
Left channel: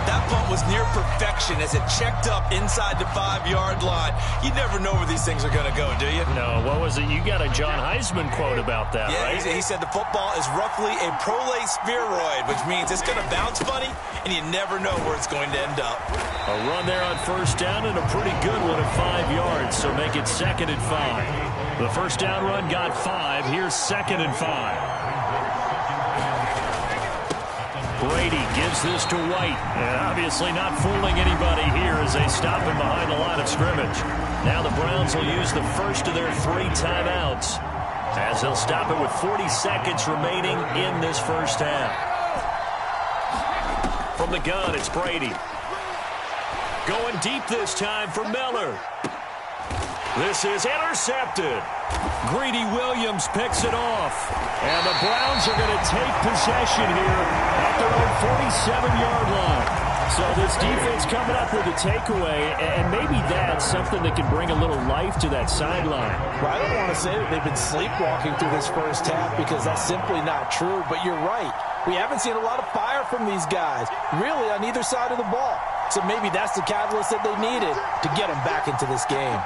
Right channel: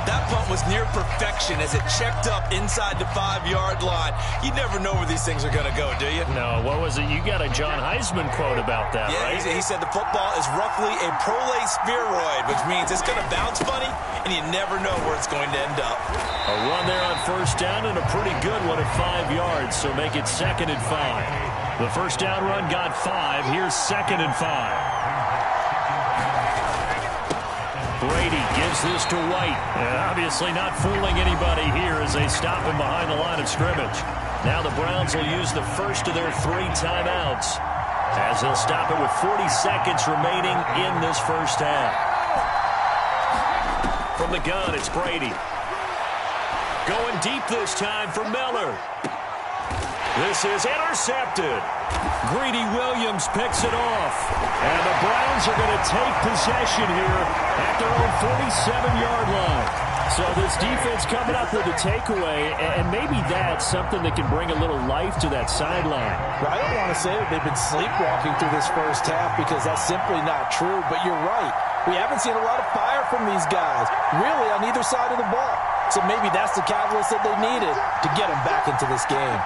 That punt was near perfection as it checked up inside the 5-yard line. You never know where these things are going to go, do you? No, what was it? You got a John Heisman quote about that, yeah, right? He said the football is roughly a prolate spheroid, which means it's going to bounce funny, and you never know where it's going to end up. A run there on 1st down and a pretty good one at 5 yards, so make it 2nd and 5. The first down run got 5. Here's 2nd and 5. Brady gives this to White. And obviously not fooling anybody here as they stop him behind the line of scrimmage. Now the Browns will use the first of their 3 timeouts as they'll stop it with 40 seconds remaining in this first half. From the gun, it's Brady. Going deep this time for Miller. This is intercepted. Greedy Williams picks it off. And the Browns are going to take possession here at their own 47-yard line. So this defense coming up with a takeaway, and maybe that's something that can bring a little life to that sideline. Well, I don't want to say that they've been sleepwalking through this first half because that's simply not true, but you're right. We haven't seen a lot of fire from these guys, really on either side of the ball. So maybe that's the catalyst that they needed to get them back into this game.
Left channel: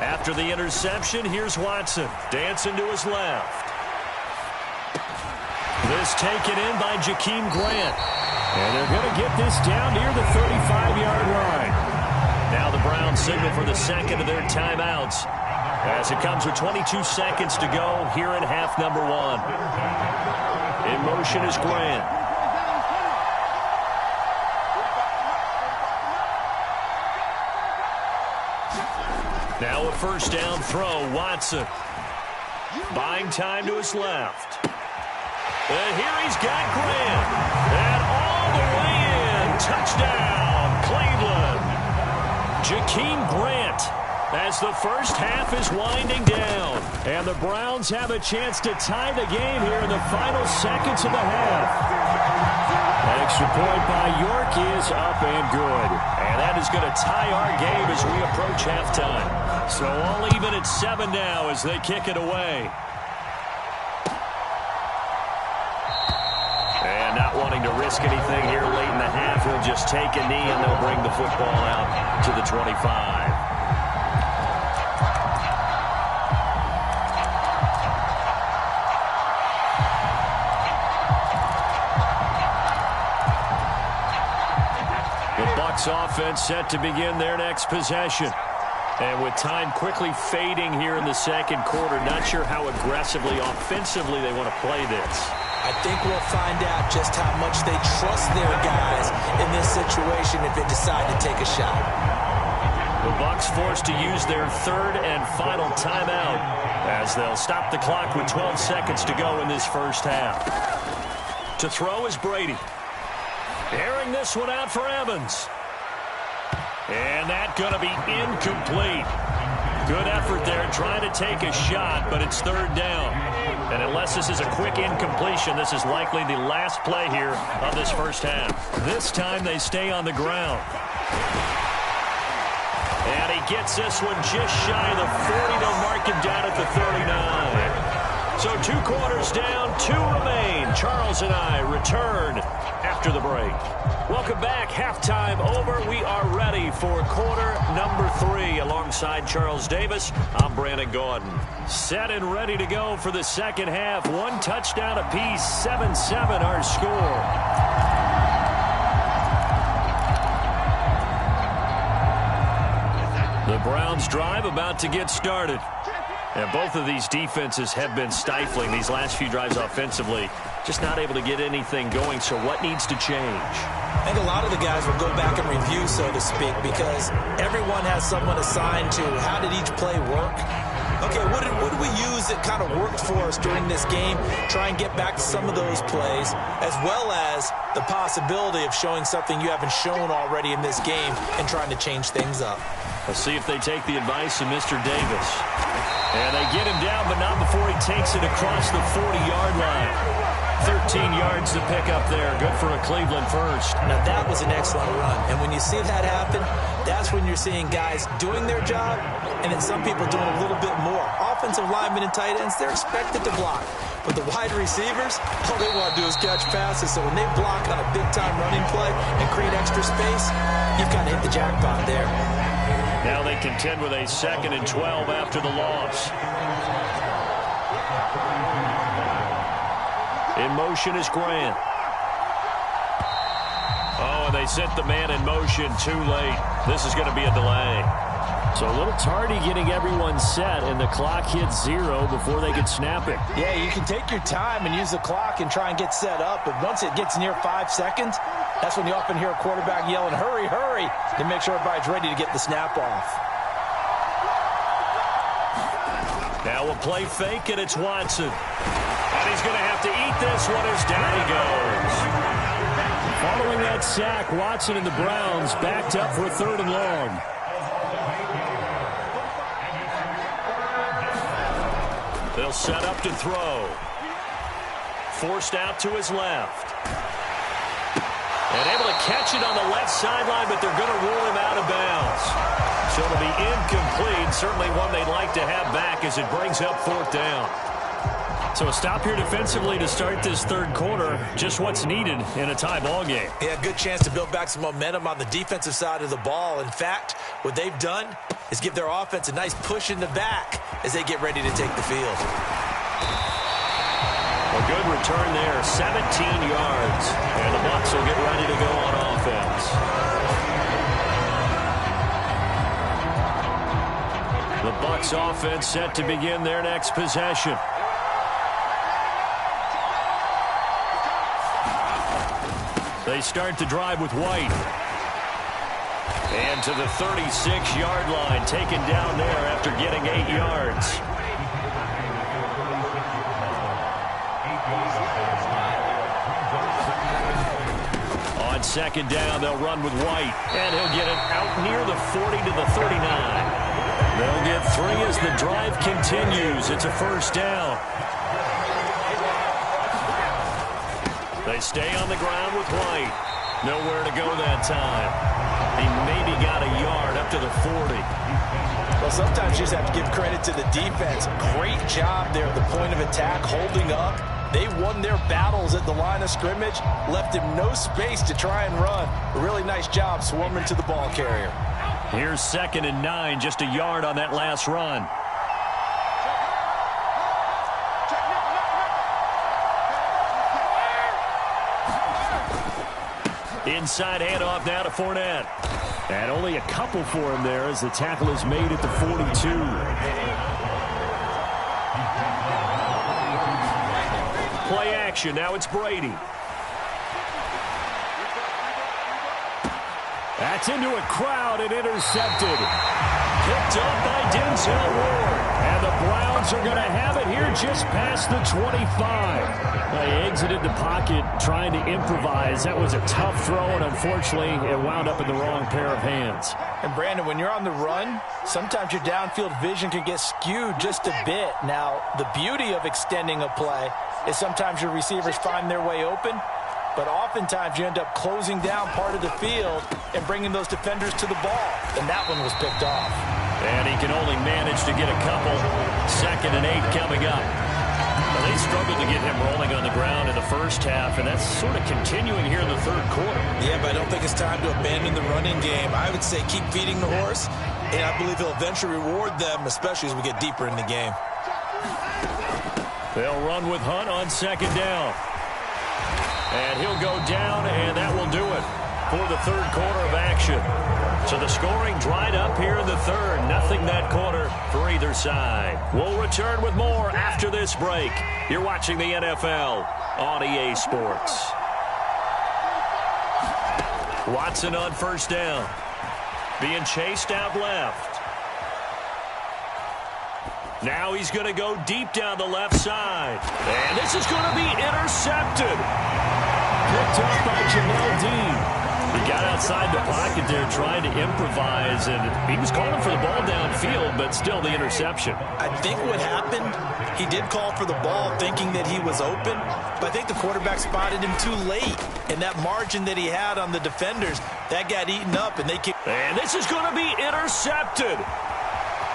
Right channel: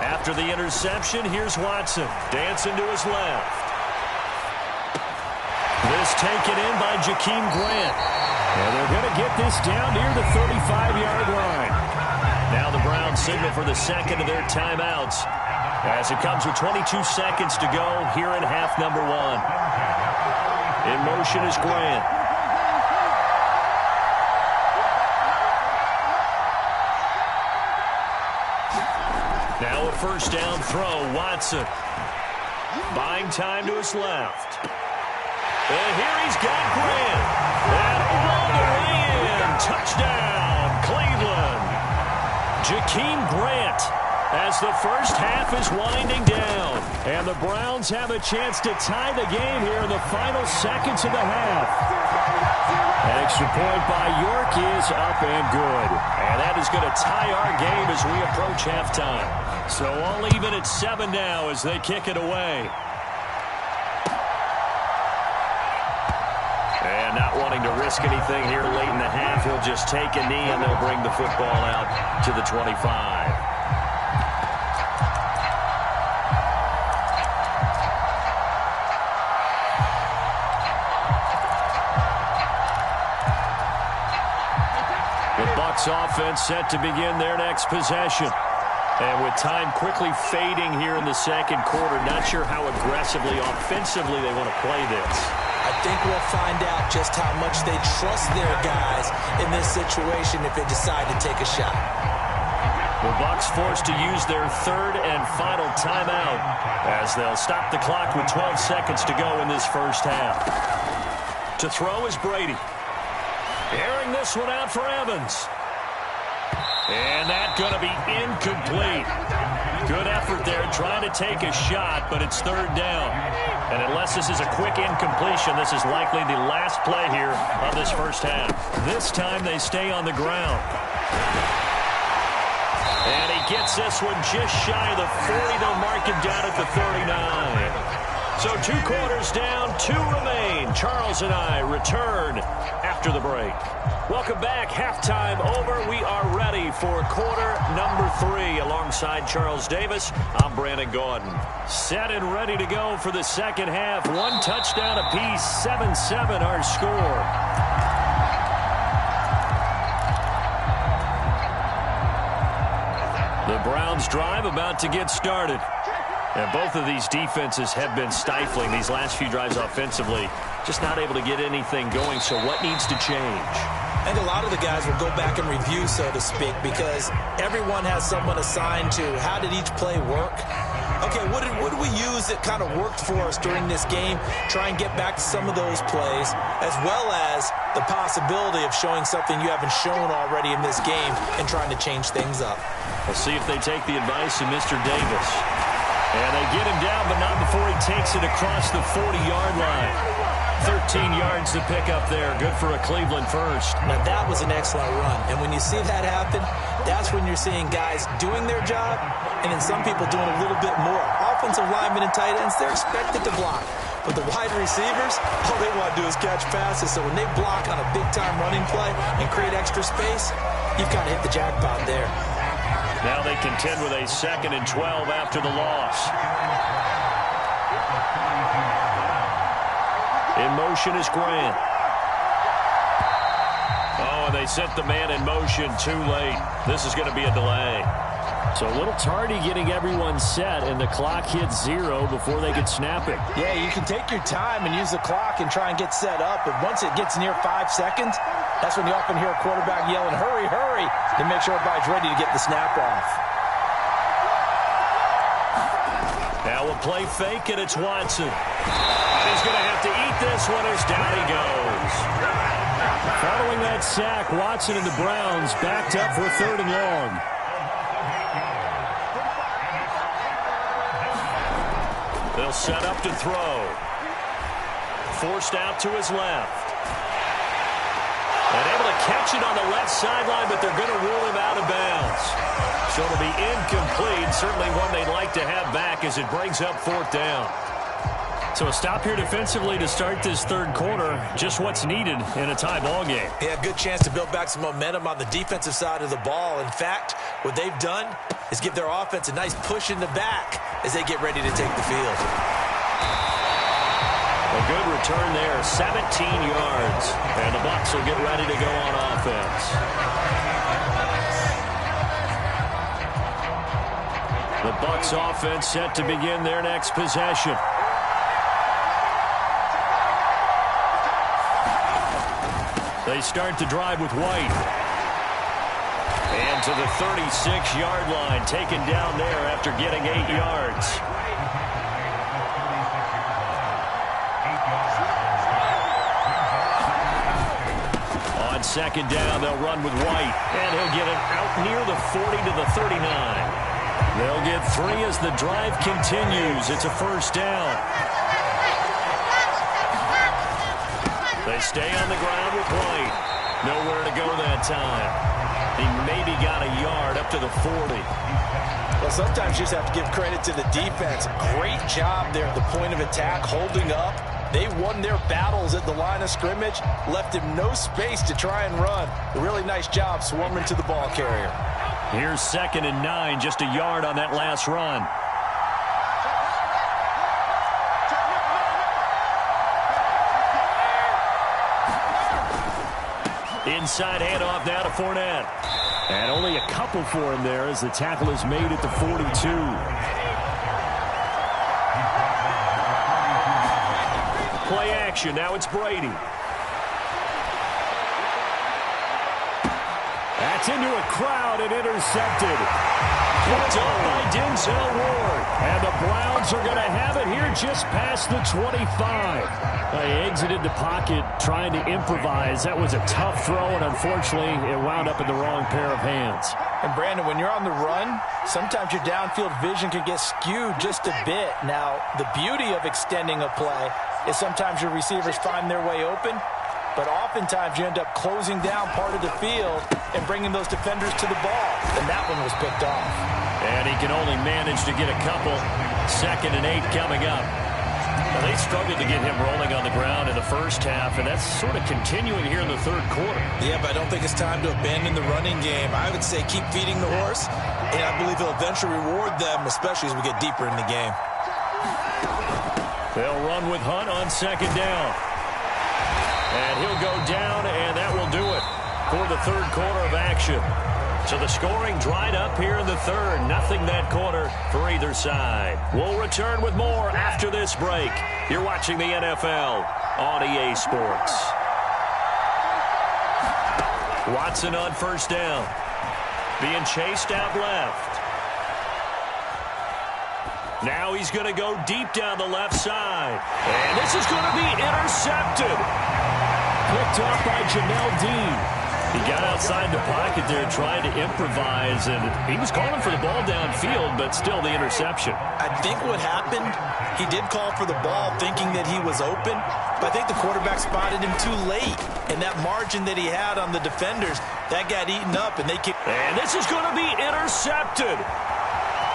After the interception, here's Watson. Dancing to his left. This taken in by Jakeem Grant. And they're going to get this down near the 35-yard line. Now the Browns signal for the second of their timeouts as it comes with 22 seconds to go here in half number 1. In motion is Grant. Now a first down throw, Watson. Buying time to his left. And here he's got Grant. And all the way in. Touchdown, Cleveland. Jakeem Grant as the first half is winding down. And the Browns have a chance to tie the game here in the final seconds of the half. An extra point by York is up and good. And that is going to tie our game as we approach halftime. So all even at 7 now as they kick it away. And not wanting to risk anything here late in the half, he'll just take a knee, and they'll bring the football out to the 25. The Bucs offense set to begin their next possession. And with time quickly fading here in the second quarter, not sure how aggressively, offensively they want to play this. I think we'll find out just how much they trust their guys in this situation if they decide to take a shot. The Bucs forced to use their third and final timeout as they'll stop the clock with 12 seconds to go in this first half. To throw is Brady. Airing this one out for Evans. And that's going to be incomplete. Good effort there trying to take a shot, but it's third down. And unless this is a quick incompletion, this is likely the last play here of this first half. This time they stay on the ground. And he gets this one just shy of the 40. They'll mark him down at the 39. So 2 quarters down, 2 remain. Charles and I return after the break. Welcome back. Halftime over. We are ready for quarter number 3. Alongside Charles Davis, I'm Brandon Gordon. Set and ready to go for the second half. 1 touchdown apiece, 7-7 our score. The Browns drive about to get started. And both of these defenses have been stifling these last few drives offensively. Just not able to get anything going. So what needs to change? I think a lot of the guys will go back and review, so to speak, because everyone has someone assigned to how did each play work. Okay, what did we use that kind of worked for us during this game? Try and get back to some of those plays, as well as the possibility of showing something you haven't shown already in this game and trying to change things up. Let's see if they take the advice of Mr. Davis. And they get him down, but not before he takes it across the 40-yard line. 13 yards to pick up there. Good for a Cleveland first. Now, that was an excellent run. And when you see that happen, that's when you're seeing guys doing their job and then some people doing a little bit more. Offensive linemen and tight ends, they're expected to block. But the wide receivers, all they want to do is catch passes. So when they block on a big-time running play and create extra space, you've kind of hit the jackpot there. Now they contend with a 2nd and 12 after the loss. In motion is Grant. Oh, and they sent the man in motion too late. This is going to be a delay. So a little tardy getting everyone set, and the clock hits 0 before they could snap it. Yeah, you can take your time and use the clock and try and get set up, but once it gets near 5 seconds, that's when you often hear a quarterback yelling, hurry, hurry, to make sure everybody's ready to get the snap off. Now a play fake, and it's Watson. And he's going to have to eat this one as down he goes. Following that sack, Watson and the Browns backed up for a 3rd and long. They'll set up to throw. Forced out to his left. And able to catch it on the left sideline, but they're going to rule him out of bounds. So it'll be incomplete. Certainly one they'd like to have back as it brings up 4th down. So a stop here defensively to start this 3rd quarter. Just what's needed in a tie ball game. Yeah, good chance to build back some momentum on the defensive side of the ball. In fact, what they've done is give their offense a nice push in the back as they get ready to take the field. A good return there, 17 yards. And the Bucs will get ready to go on offense. The Bucs offense set to begin their next possession. They start the drive with White. And to the 36-yard line, taken down there after getting 8 yards. On 2nd down, they'll run with White. And he'll get it out near the 40 to the 39. They'll get 3 as the drive continues. It's a 1st down. They stay on the ground with White. Nowhere to go that time. He maybe got a yard up to the 40. Well, sometimes you just have to give credit to the defense. Great job there at the point of attack, holding up, They won their battles at the line of scrimmage, left him no space to try and run. A really nice job swarming to the ball carrier. Here's 2nd and 9, just a yard on that last run. Inside handoff now to Fournette. And only a couple for him there as the tackle is made at the 42. Play action. Now it's Brady. That's into a crowd and intercepted. Picked up by Denzel Ward. And the Browns are going to have it here just past the 25. They exited the pocket trying to improvise. That was a tough throw, and unfortunately, it wound up in the wrong pair of hands. And, Brandon, when you're on the run, sometimes your downfield vision can get skewed just a bit. Now, the beauty of extending a play is sometimes your receivers find their way open, but oftentimes you end up closing down part of the field and bringing those defenders to the ball. And that one was picked off. And he can only manage to get a couple. 2nd and 8 coming up. Well, they struggled to get him rolling on the ground in the first half, and that's sort of continuing here in the third quarter. Yeah, but I don't think it's time to abandon the running game. I would say keep feeding the horse, and I believe he'll eventually reward them, especially as we get deeper in the game. They'll run with Hunt on 2nd down. And he'll go down, and that will do it for the third quarter of action. So the scoring dried up here in the third. Nothing that quarter for either side. We'll return with more after this break. You're watching the NFL on EA Sports. Watson on 1st down. Being chased out left. Now he's going to go deep down the left side. And this is going to be intercepted. Picked off by Jamel Dean. He got outside the pocket there trying to improvise, and he was calling for the ball downfield, but still the interception. I think what happened, he did call for the ball thinking that he was open, but I think the quarterback spotted him too late, and that margin that he had on the defenders, that got eaten up, and they kicked. And this is going to be intercepted.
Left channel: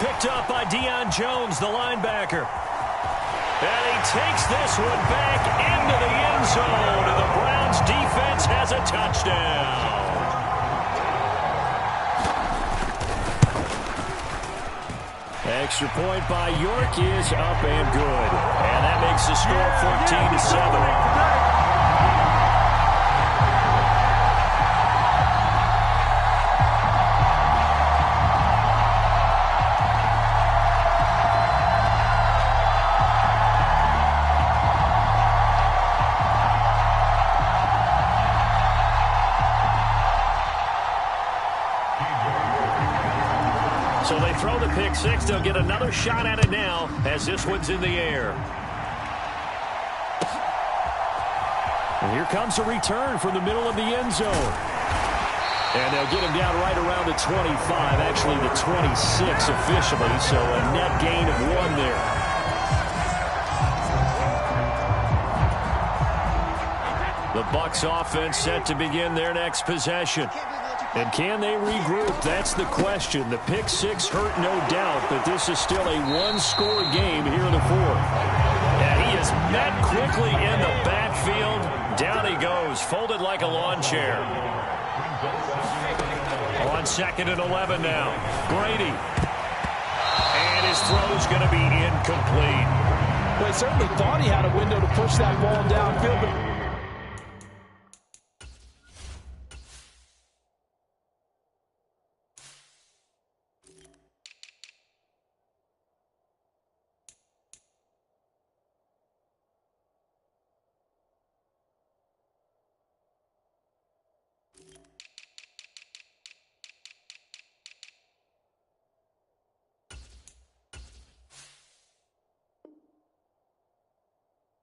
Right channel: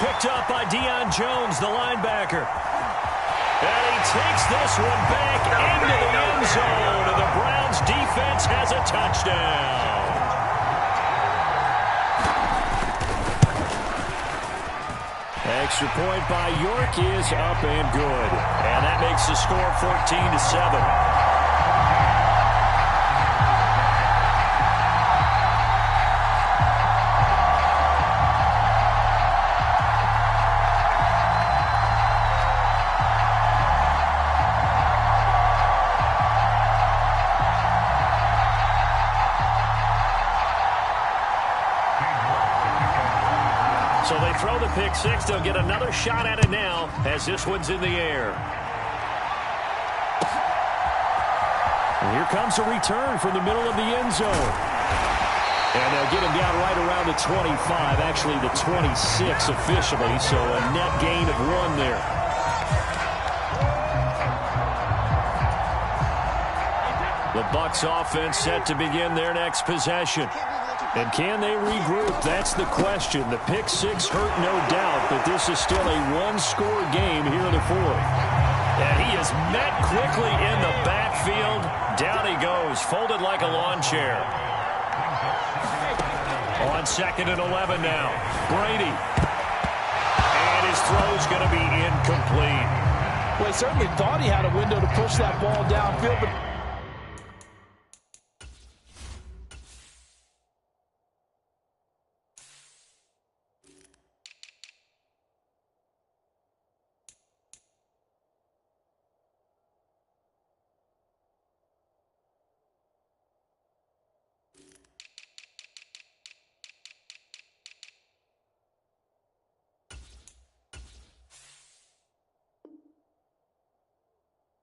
Picked up by Deion Jones, the linebacker. And he takes this one back into the end zone, and the Browns defense has a touchdown. Extra point by York is up and good. And that makes the score 14-7. So they throw the pick six. They'll get another shot at it now as this one's in the air. And here comes a return from the middle of the end zone. And they'll get him down right around the 25, actually the 26 officially, so a net gain of 1 there. The Bucs offense set to begin their next possession. And can they regroup? That's the question. The pick six hurt, no doubt, but this is still a one-score game here in the fourth. And he is met quickly in the backfield. Down he goes, folded like a lawn chair. On 2nd and 11 now. Brady. And his throw's going to be incomplete. Well, he certainly thought he had a window to push that ball downfield, but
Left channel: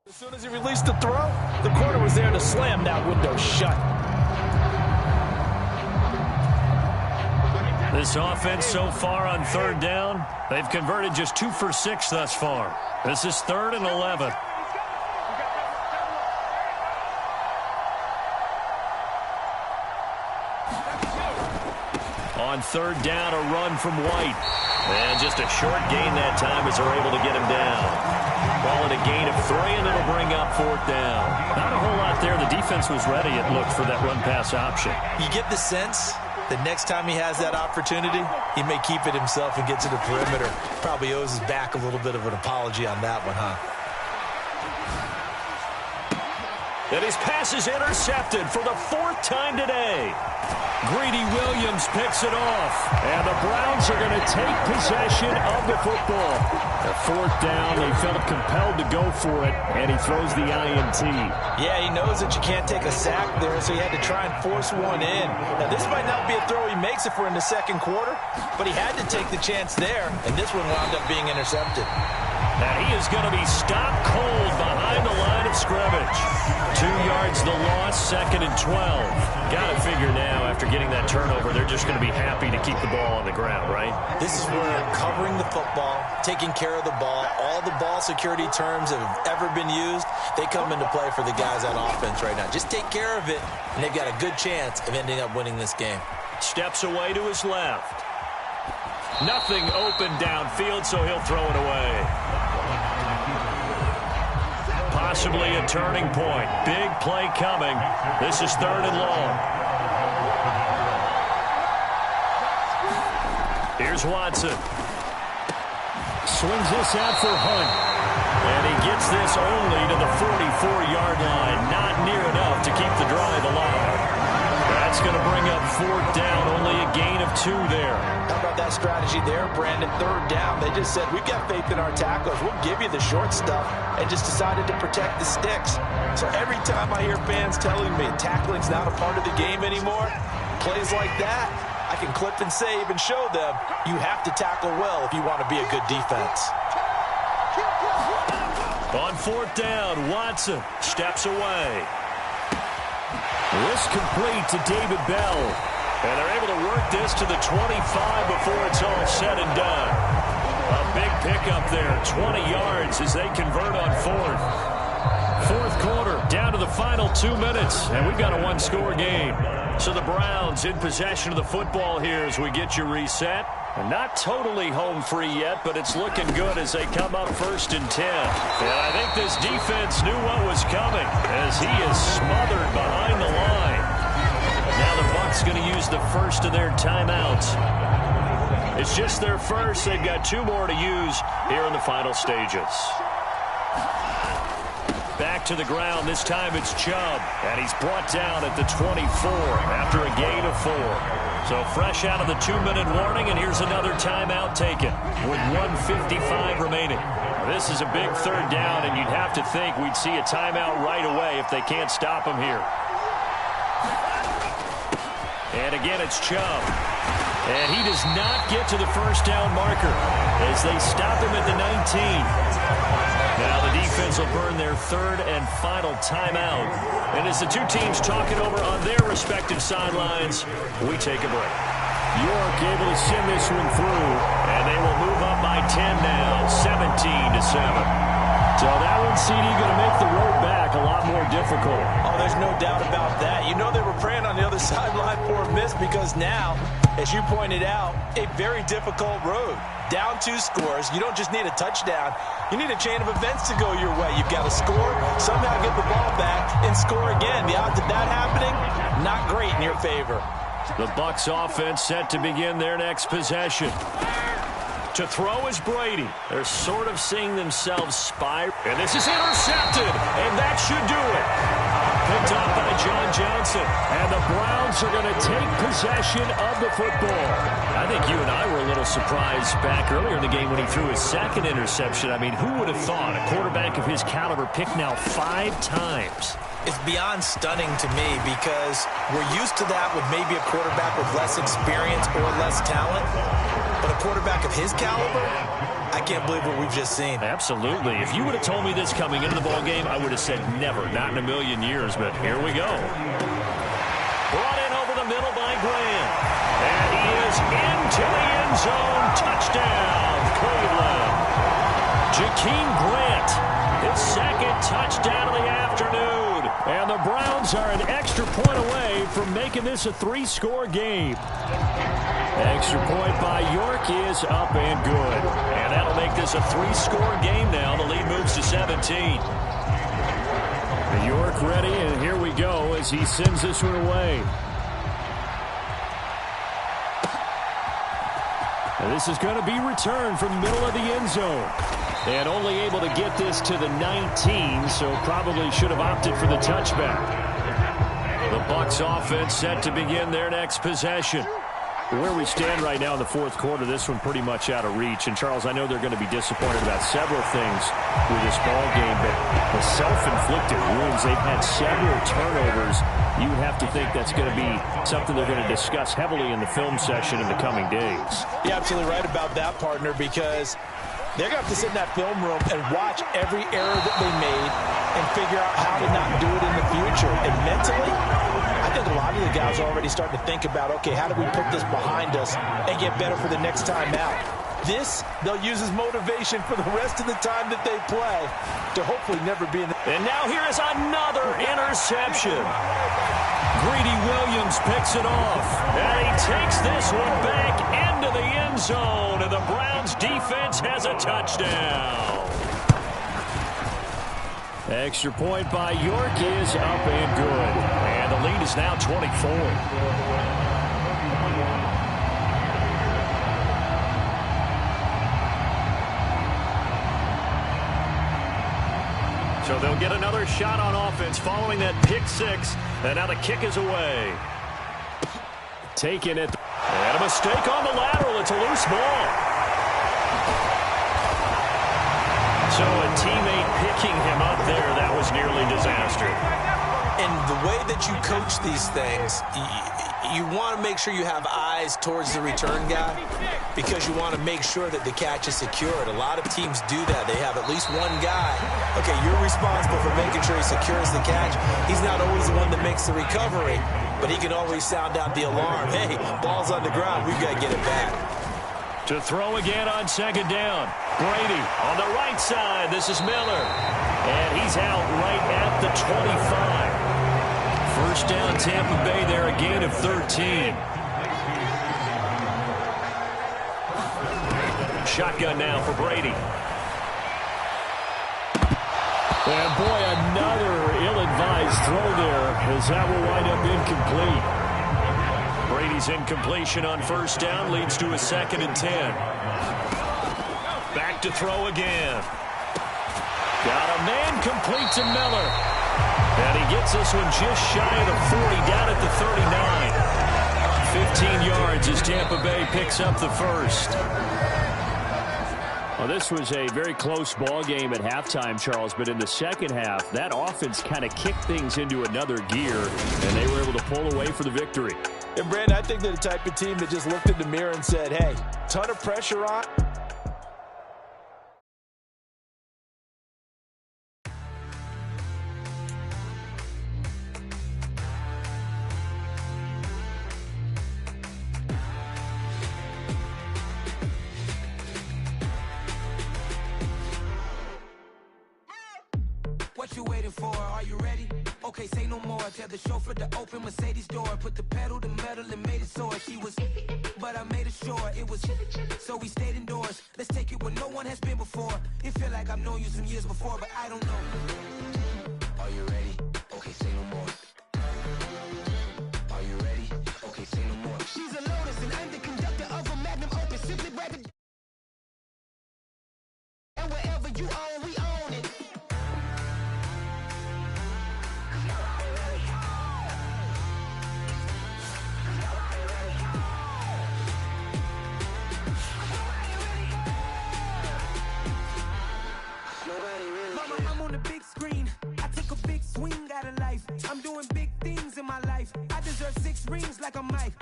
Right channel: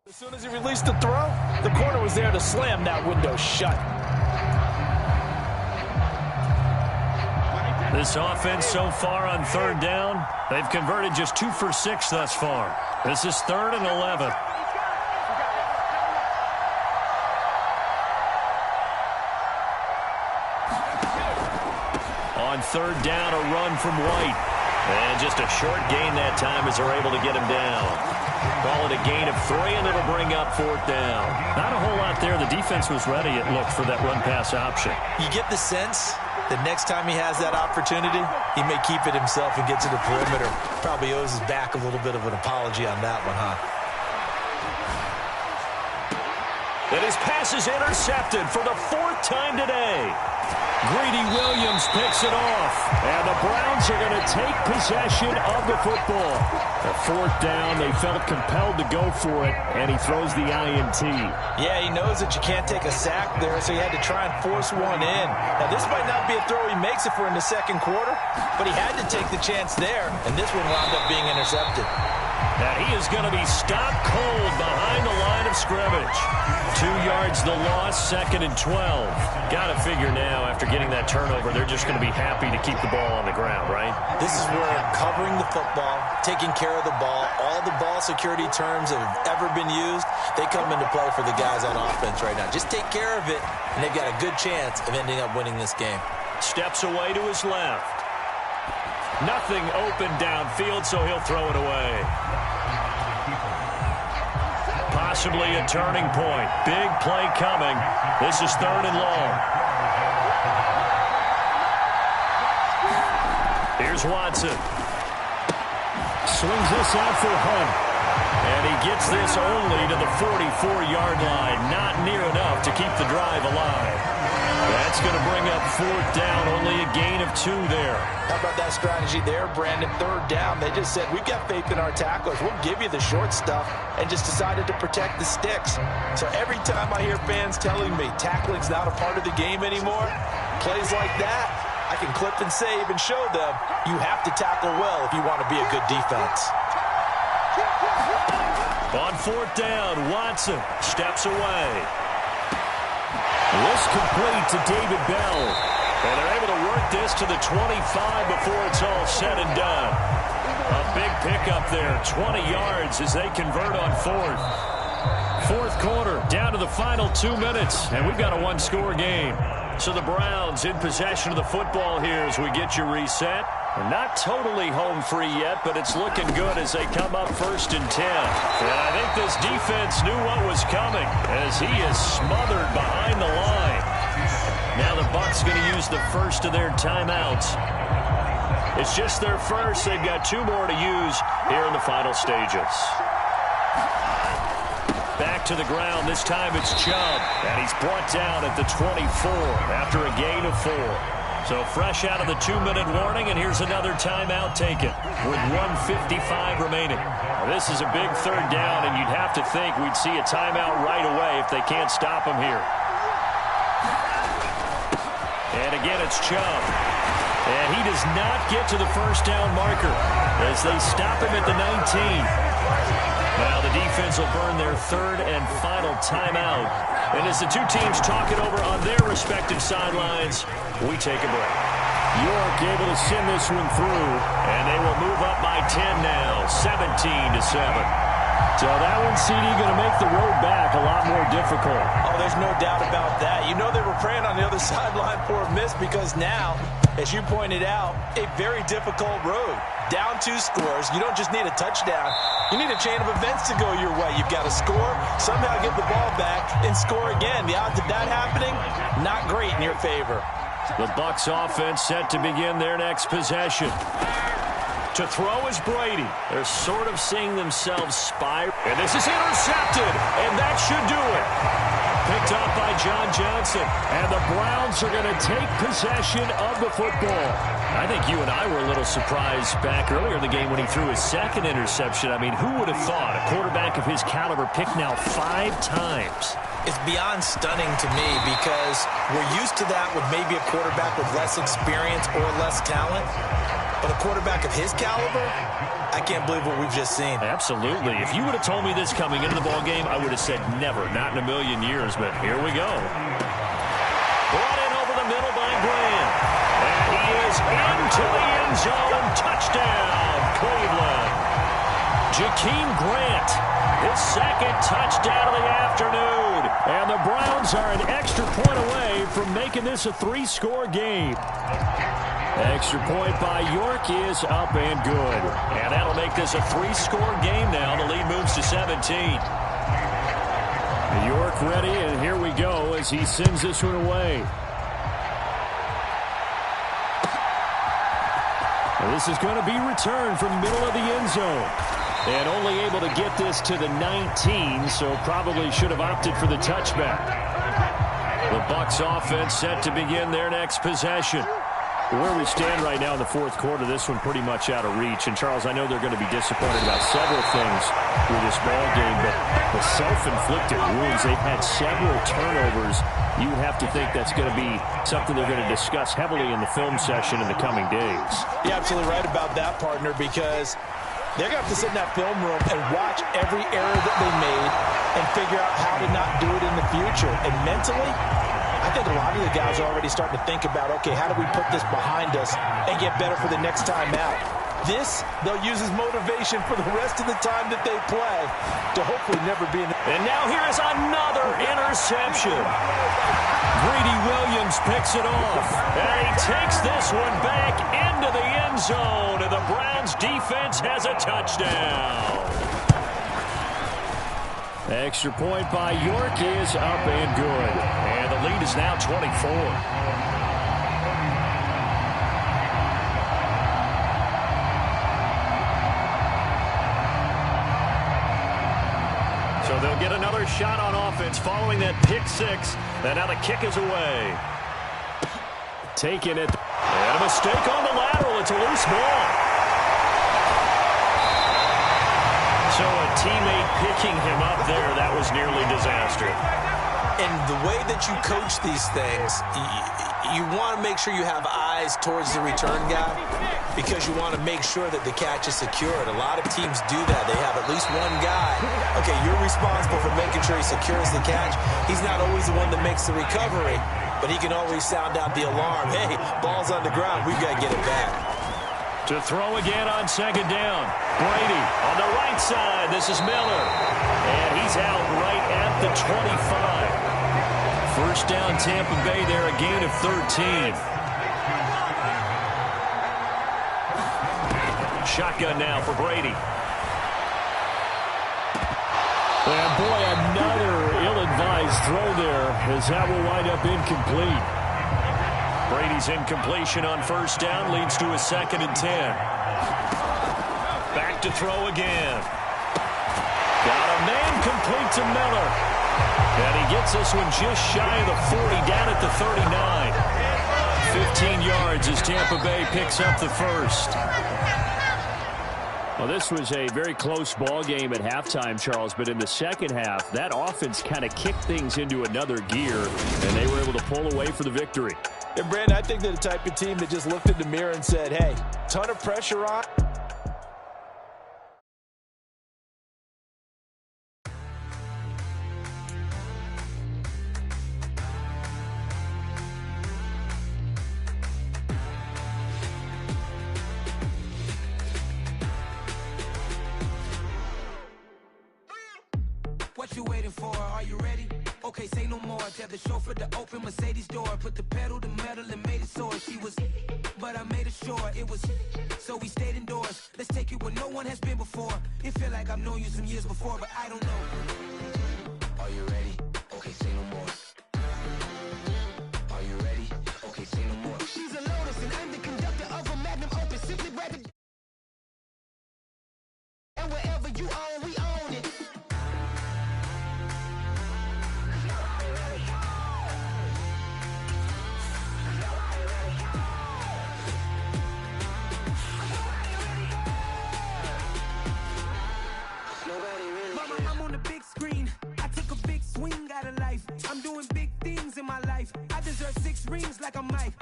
as soon as he released the throw, the corner was there to slam that window shut. This offense so far on 3rd down, they've converted just 2 for 6 thus far. This is 3rd and 11. On 3rd down, a run from White. And just a short gain that time as they're able to get him down. Call it a gain of 3, and it'll bring up 4th down. Not a whole lot there. The defense was ready, it looked, for that run-pass option. You get the sense that next time he has that opportunity, he may keep it himself and get to the perimeter. Probably owes his back a little bit of an apology on that one, huh? And his pass is intercepted for the 4th time today. Greedy Williams picks it off. And the Browns are going to take possession of the football. The 4th down, they felt compelled to go for it, and he throws the INT. Yeah, he knows that you can't take a sack there, so he had to try and force one in. Now, this might not be a throw he makes if we're in the second quarter, but he had to take the chance there, and this one wound up being intercepted. And he is going to be stopped cold behind the line of scrimmage. 2 yards the loss, 2nd and 12. Got to figure now, after getting that turnover, they're just going to be happy to keep the ball on the ground, right? This is where covering the football, taking care of the ball, all the ball security terms that have ever been used, they come into play for the guys on offense right now. Just take care of it, and they've got a good chance of ending up winning this game. Steps away to his left. Nothing open downfield, so he'll throw it away. Possibly a turning point. Big play coming. This is 3rd and long. Here's Watson. Swings this out for Hunt. And he gets this only to the 44-yard line. Not near enough to keep the drive alive. That's going to bring up 4th down. Only a gain of 2 there. How about that strategy there, Brandon? 3rd down. They just said, we've got faith in our tacklers. We'll give you the short stuff, and just decided to protect the sticks. So every time I hear fans telling me tackling's not a part of the game anymore, plays like that, I can clip and save and show them you have to tackle well if you want to be a good defense. On 4th down, Watson steps away. This complete to David Bell. And they're able to work this to the 25 before it's all said and done. A big pickup there, 20 yards as they convert on 4th. 4th quarter, down to the final 2 minutes, and we've got a 1-score game. So the Browns in possession of the football here as we get you reset. And not totally home free yet, but it's looking good as they come up 1st and 10. And I think this defense knew what was coming as he is smothered behind the line. Now the Bucs going to use the first of their timeouts. It's just their first. They've got 2 more to use here in the final stages. Back to the ground. This time it's Chubb. And he's brought down at the 24 after a gain of 4. So fresh out of the 2-minute warning, and here's another timeout taken with 1:55 remaining. Now, this is a big 3rd down, and you'd have to think we'd see a timeout right away if they can't stop him here. And again, it's Chubb. And he does not get to the 1st down marker as they stop him at the 19. Now the defense will burn their 3rd and final timeout. And as the 2 teams talk it over on their respective sidelines, we take a break. York able to send this one through, and they will move up by 10 now, 17-7. So that one, CD, going to make the road back a lot more difficult. Oh, there's no doubt about that. You know they were praying on the other sideline for a miss because now, as you pointed out, a very difficult road. Down 2 scores. You don't just need a touchdown. You need a chain of events to go your way. You've got to score, somehow get the ball back, and score again. The odds of that happening, not great in your favor. The Bucs offense set to begin their next possession. To throw is Brady. They're sort of seeing themselves spiral. And this is intercepted, and that should do it. Picked off by John Johnson. And the Browns are going to take possession of the football. I think you and I were a little surprised back earlier in the game when he threw his 2nd interception. I mean, who would have thought a quarterback of his caliber picked now 5 times? It's beyond stunning to me because we're used to that with maybe a quarterback with less experience or less talent. But a quarterback of his caliber, I can't believe what we've just seen. Absolutely. If you would have told me this coming into the ballgame, I would have said never, not in a million years. But here we go. Brought in over the middle by Grant. And he is into the end zone. Touchdown, Cleveland. Jakeem Grant, his 2nd touchdown of the afternoon. And the Browns are an extra point away from making this a 3-score game. Extra point by York is up and good. And that'll make this a 3-score game now. The lead moves to 17. York ready, and here we go as he sends this one away. And this is going to be returned from the middle of the end zone. And only able to get this to the 19, so probably should have opted for the touchback. The Bucs offense set to begin their next possession. Where we stand right now in the fourth quarter, this one pretty much out of reach. And, Charles, I know they're going to be disappointed about several things with this ball game, but the self-inflicted wounds, they've had several turnovers. You would have to think that's going to be something they're going to discuss heavily in the film session in the coming days. You're absolutely right about that, partner, because they're going to have to sit in that film room and watch every error that they made and figure out how to not do it in the future. And mentally, I think a lot of the guys are already starting to think about, okay, how do we put this behind us and get better for the next time out? This, they'll use as motivation for the rest of the time that they play to hopefully never be in the... And now here is another interception. Greedy Williams picks it off, and he takes this one back into the end zone, and the Browns defense has a touchdown. Extra point by York is up and good, and the lead is now 24. So they'll get another shot on offense following that pick six. And now the kick is away. Taking it. And a mistake on the lateral. It's a loose ball. So a teammate picking him up there, that was nearly disaster. And the way that you coach these things, you want to make sure you have eyes towards the return guy because you want to make sure that the catch is secured. A lot of teams do that. They have at least one guy. Okay, you're responsible for making sure he secures the catch. He's not always the one that makes the recovery, but he can always sound out the alarm. Hey, ball's on the ground. We've got to get it back. To throw again on second down. Brady on the right side. This is Miller. And he's out right at the 25. First down, Tampa Bay there, a gain of 13. Shotgun now for Brady. And boy, another ill-advised throw there, as that will wind up incomplete. Brady's incompletion on first down leads to a 2nd and 10. Back to throw again. Got a man complete to Miller. And he gets this one just shy of the 40, down at the 39. 15 yards as Tampa Bay picks up the first. Well, this was a very close ball game at halftime, Charles, but in the second half, that offense kind of kicked things into another gear, and they were able to pull away for the victory. And, Brandon, I think they're the type of team that just looked in the mirror and said, hey, ton of pressure on. What you waiting for? Are you ready? Okay, say no more. Tell the chauffeur to open Mercedes door. Put the pedal to metal and made it soar. She was, but I made it sure it was. So we stayed indoors. Let's take it where no one has been before. It feel like I've known you some years before, but I don't know. Are you ready? Okay, say no more. Are you ready? Okay, say no more. She's a Lotus and I'm the conductor of a magnum opus. Simply rather. And wherever you own, we own it. Mama, I'm on the big screen. I took a big swing out of life. I'm doing big things in my life. I deserve 6 rings like a Mike.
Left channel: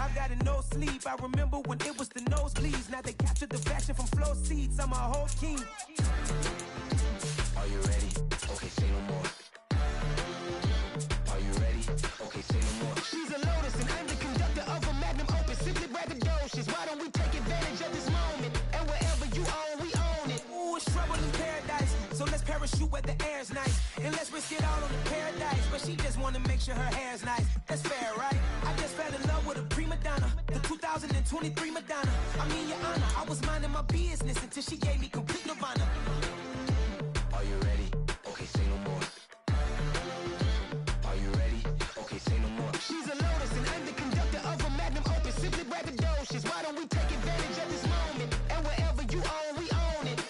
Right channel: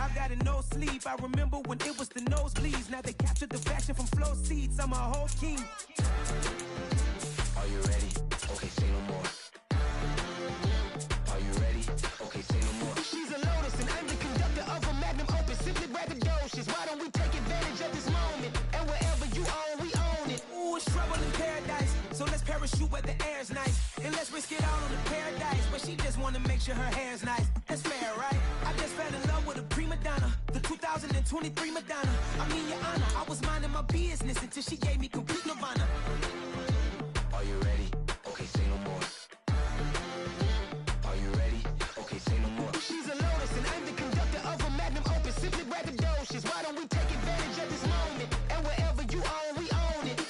I've got no sleep. I remember when it was the nosebleeds. Now they captured the fashion from flow seats. I'm a whole king. Are you ready? Okay, say no more. Are you ready? Okay, say no more. She's a Lotus and I'm the conductor of a magnum opus. Simply braggadocious. Why don't we take advantage of this moment? And wherever you own, we own it. Ooh, it's trouble in paradise. So let's parachute where the air's nice. And let's risk it all on the paradise. But she just wanna make sure her hair's nice. That's fair, right? I just fell in love with a prima donna, the 2023 Madonna. I mean, Your Honor, I was minding my business until she gave me complete nirvana. Are you ready? Okay, say no more. Are you ready? Okay, say no more. She's a lotus and I'm the conductor of a magnum opus. Simply braggadocious. Why don't we take advantage of this moment? And wherever you own, we own it.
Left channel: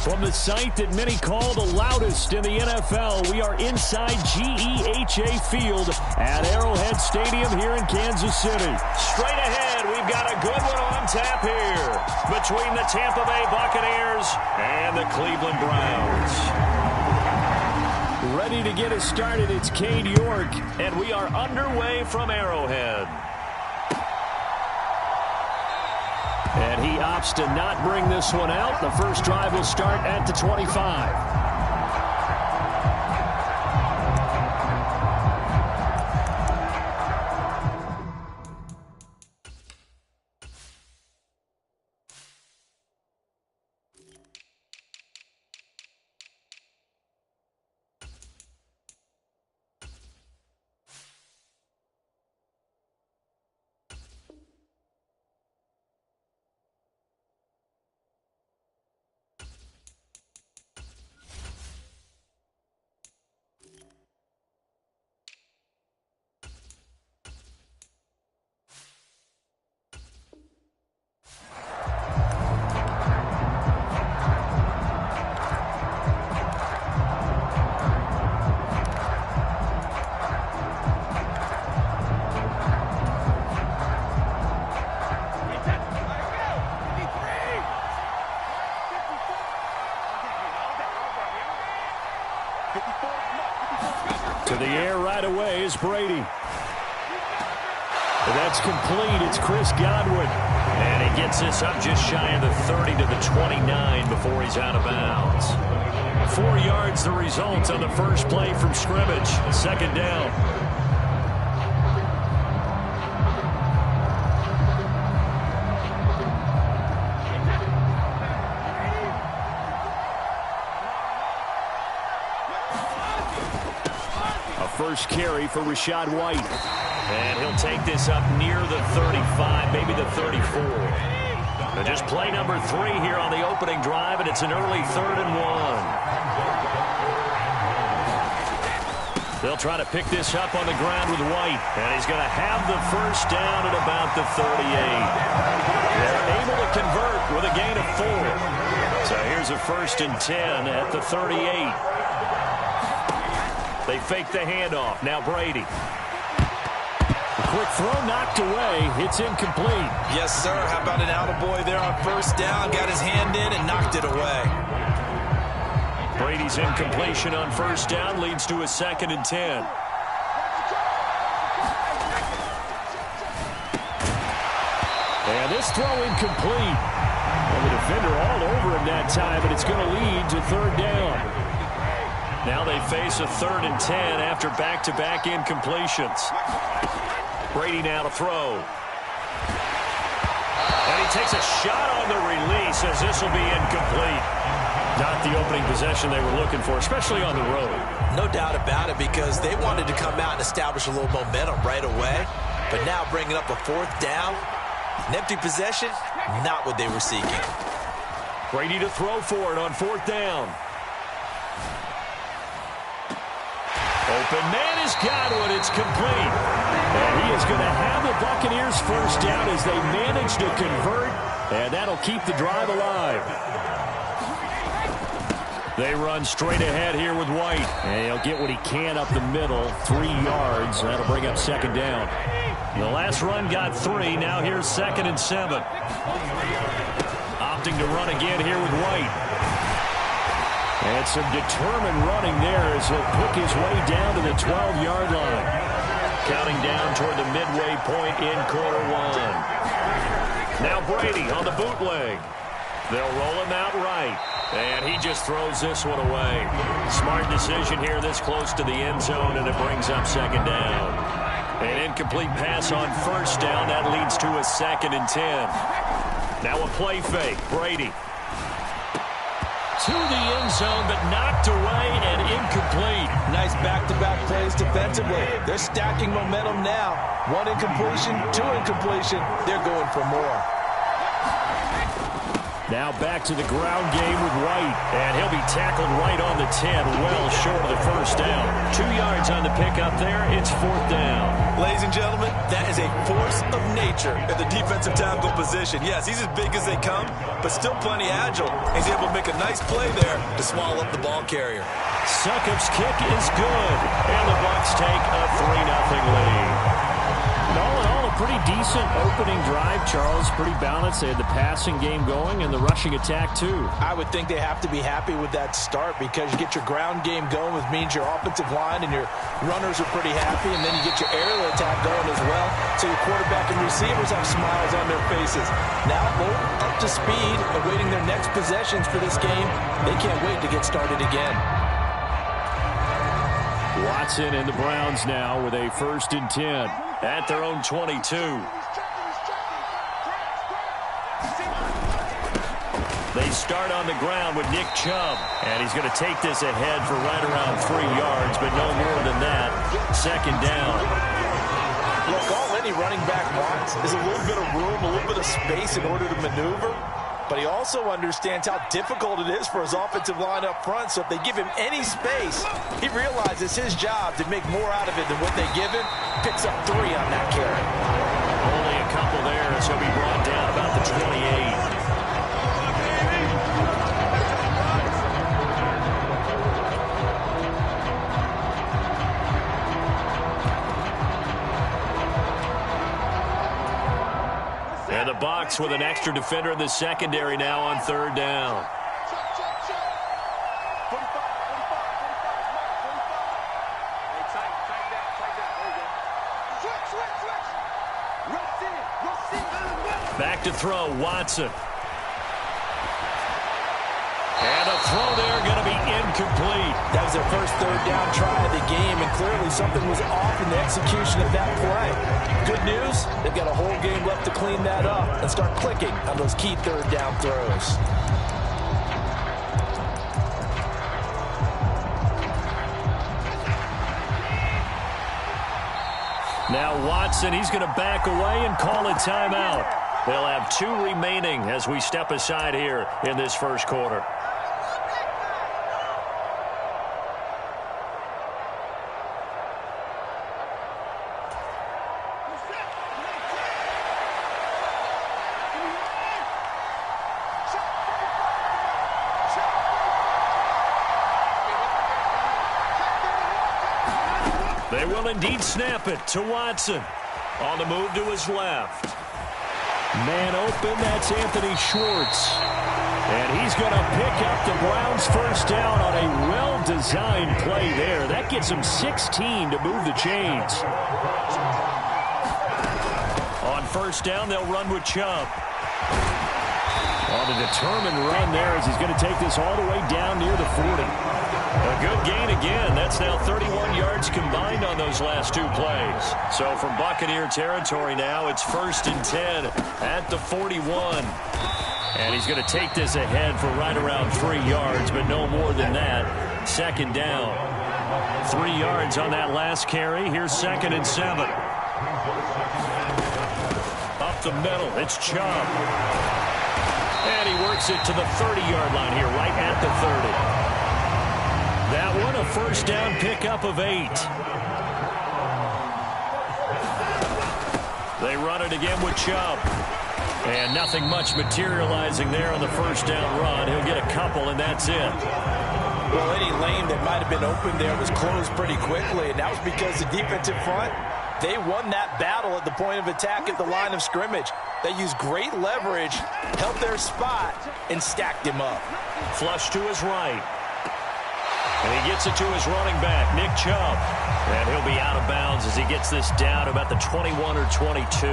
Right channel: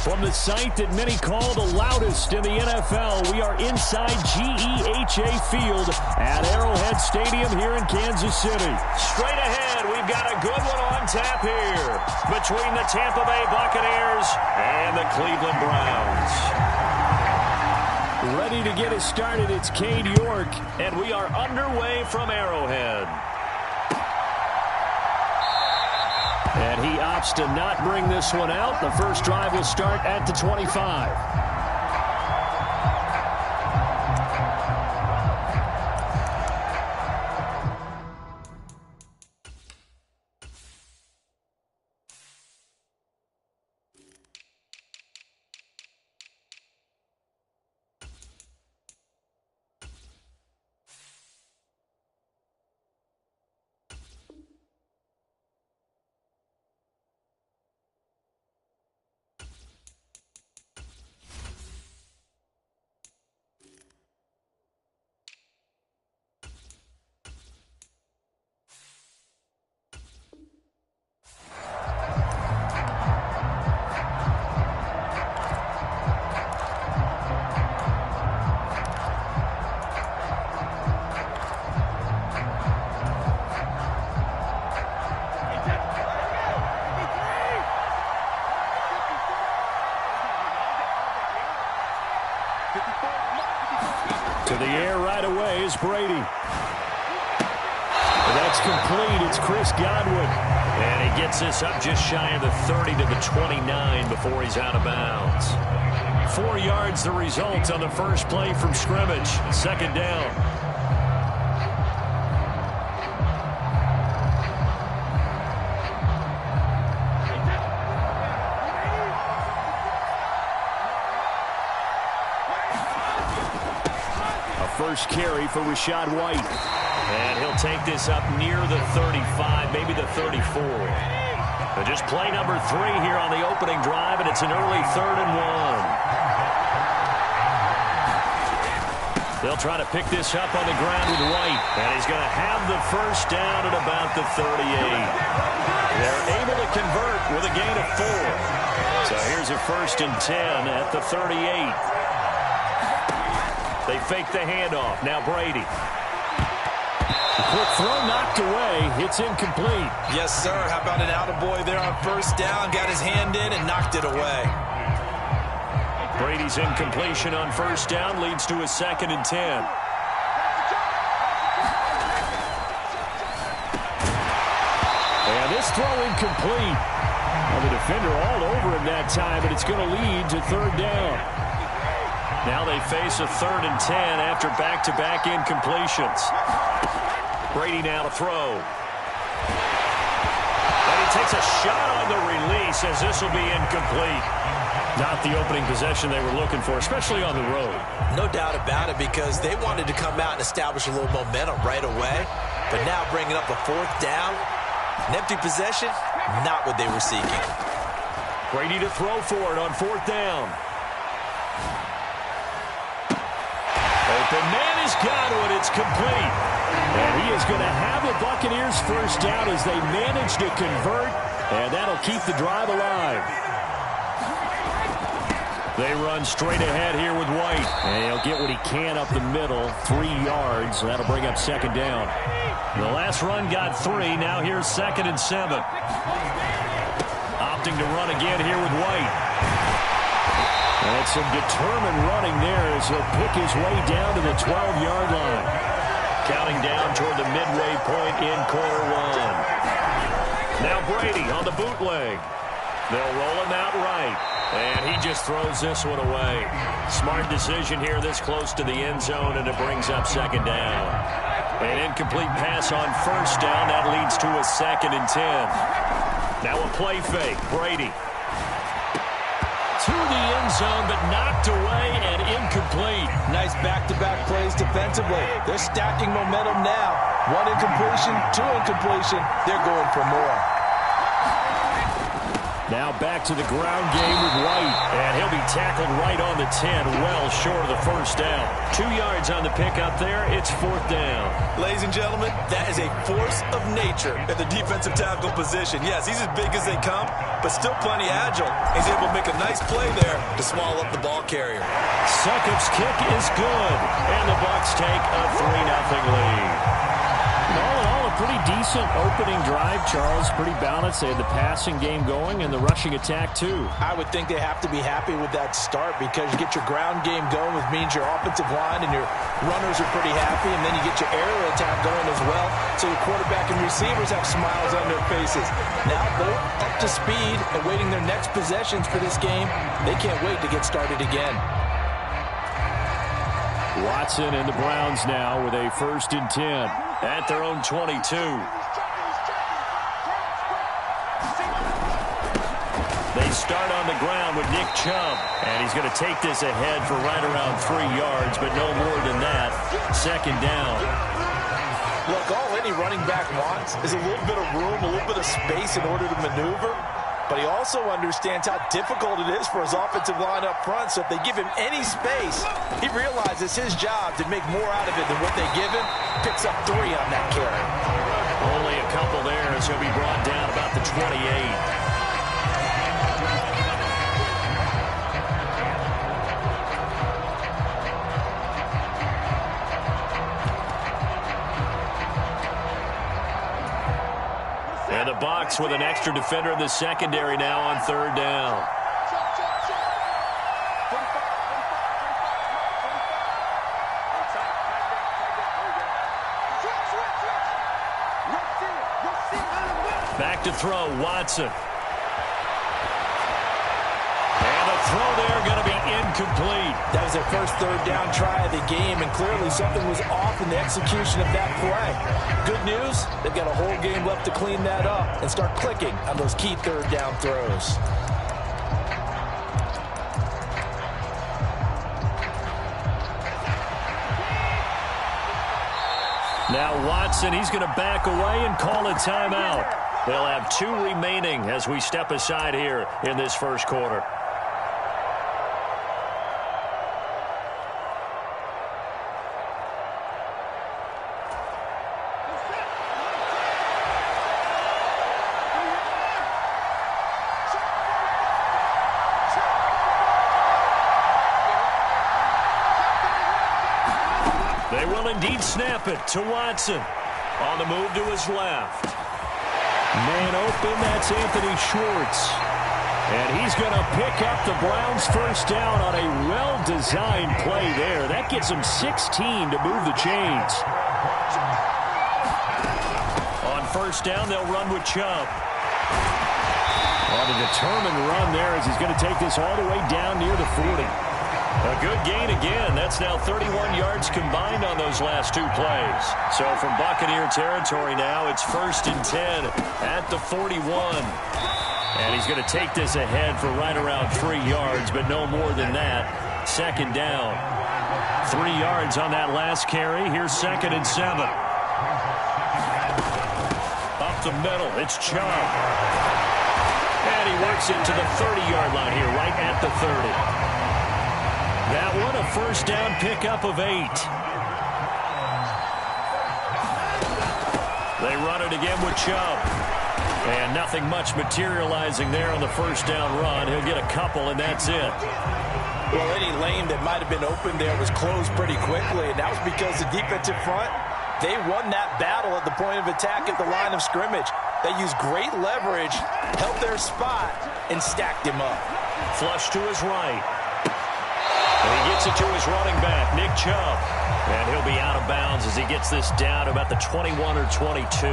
From the site that many call the loudest in the NFL, we are inside GEHA Field at Arrowhead Stadium here in Kansas City. Straight ahead, we've got a good one on tap here between the Tampa Bay Buccaneers and the Cleveland Browns. Ready to get us started, it's Cade York, and we are underway from Arrowhead. And he opts to not bring this one out. The first drive will start at the 25. To the air right away is Brady. That's complete. It's Chris Godwin. And he gets this up just shy of the 30 to the 29 before he's out of bounds. 4 yards the result on the first play from scrimmage. Second down. First carry for Rachaad White. And he'll take this up near the 35, maybe the 34. But just play number 3 here on the opening drive, and it's an early 3rd and 1. They'll try to pick this up on the ground with White, and he's going to have the first down at about the 38. They're able to convert with a gain of 4. So here's a 1st and 10 at the 38. They fake the handoff. Now Brady. A quick throw knocked away. It's incomplete. Yes, sir. How about an attaboy there on first down? Got his hand in and knocked it away. Brady's incompletion on first down leads to a 2nd and 10. And this throw incomplete. Well, the defender all over him that time, but it's going to lead to 3rd down. Now they face a 3rd and 10 after back-to-back incompletions. Brady now to throw. And he takes a shot on the release as this will be incomplete. Not the opening possession they were looking for, especially on the road. No doubt about it, because they wanted to come out and establish a little momentum right away. But now bringing up a 4th down, an empty possession, not what they were seeking. Brady to throw for it on 4th down. Open man is Godwin. It's complete. And he is going to have the Buccaneers first down as they manage to convert. And that'll keep the drive alive. They run straight ahead here with White. And he'll get what he can up the middle. 3 yards. That'll bring up 2nd down. The last run got 3. Now here's 2nd and 7. Opting to run again here with White. And some determined running there as he'll pick his way down to the 12-yard line. Counting down toward the midway point in quarter 1. Now Brady on the bootleg. They'll roll him out right. And he just throws this one away. Smart decision here this close to the end zone, and it brings up 2nd down. An incomplete pass on first down. That leads to a 2nd and 10. Now a play fake. Brady. to the end zone, but knocked away and incomplete. Nice back-to-back plays defensively. They're stacking momentum now. 1 incompletion, 2 incompletion. They're going for more. Now back to the ground game with White. And he'll be tackled right on the 10, well short of the first down. 2 yards on the pickup there. It's 4th down. Ladies and gentlemen, that is a force of nature at the defensive tackle position. Yes, he's as big as they come, but still plenty agile. He's able to make a nice play there to swallow up the ball carrier. Succop's kick is good. And the Bucs take a 3-0 lead. And all in all, a pretty decent opening drive, Charles. Pretty balanced. They had the passing game going and the rushing attack, too. I would think they have to be happy with that start because you get your ground game going, which means your offensive line and your runners are pretty happy, and then you get your aerial attack going as well, so your quarterback and receivers have smiles on their faces. Now both up to speed, awaiting their next possessions for this game. They can't wait to get started again. Watson and the Browns now with a 1st and 10 at their own 22. They start on the ground with Nick Chubb, and he's going to take this ahead for right around 3 yards, but no more than that. 2nd down. Look, all any running back wants is a little bit of room, a little bit of space in order to maneuver. But he also understands how difficult it is for his offensive line up front. So if they give him any space, he realizes his job to make more out of it than what they give him. Picks up 3 on that carry. Only a couple there as he'll be brought down about the 28. And the Bucs with an extra defender in the secondary now on 3rd down. Back to throw, Watson. And a throw there going to be incomplete. That was their first 3rd down try of the game, and clearly something was off in the execution of that play. Good news, they've got a whole game left to clean that up and start clicking on those key 3rd down throws. Now Watson, he's going to back away and call a timeout. They'll have 2 remaining as we step aside here in this first quarter. They will indeed snap it to Watson. On the move to his left. Man open, that's Anthony Schwartz. And he's going to pick up the Browns' first down on a well-designed play there. That gets them 16 to move the chains. On 1st down, they'll run with Chubb. On a determined run there as he's going to take this all the way down near the 40. A good gain again. That's now 31 yards combined on those last 2 plays. So from Buccaneer territory now, it's 1st and 10 at the 41. And he's going to take this ahead for right around 3 yards, but no more than that. 2nd down. 3 yards on that last carry. Here's 2nd and 7. Up the middle, it's Chubb. And he works it to the 30-yard line here, right at the 30. That one, a 1st down pickup of 8. They run it again with Chubb. And nothing much materializing there on the 1st down run. He'll get a couple, and that's it. Well, any lane that might have been open there was closed pretty quickly, and that was because the defensive front, they won that battle at the point of attack at the line of scrimmage. They used great leverage, held their spot, and stacked him up. Flush to his right. And he gets it to his running back, Nick Chubb. And he'll be out of bounds as he gets this down to about the 21 or 22.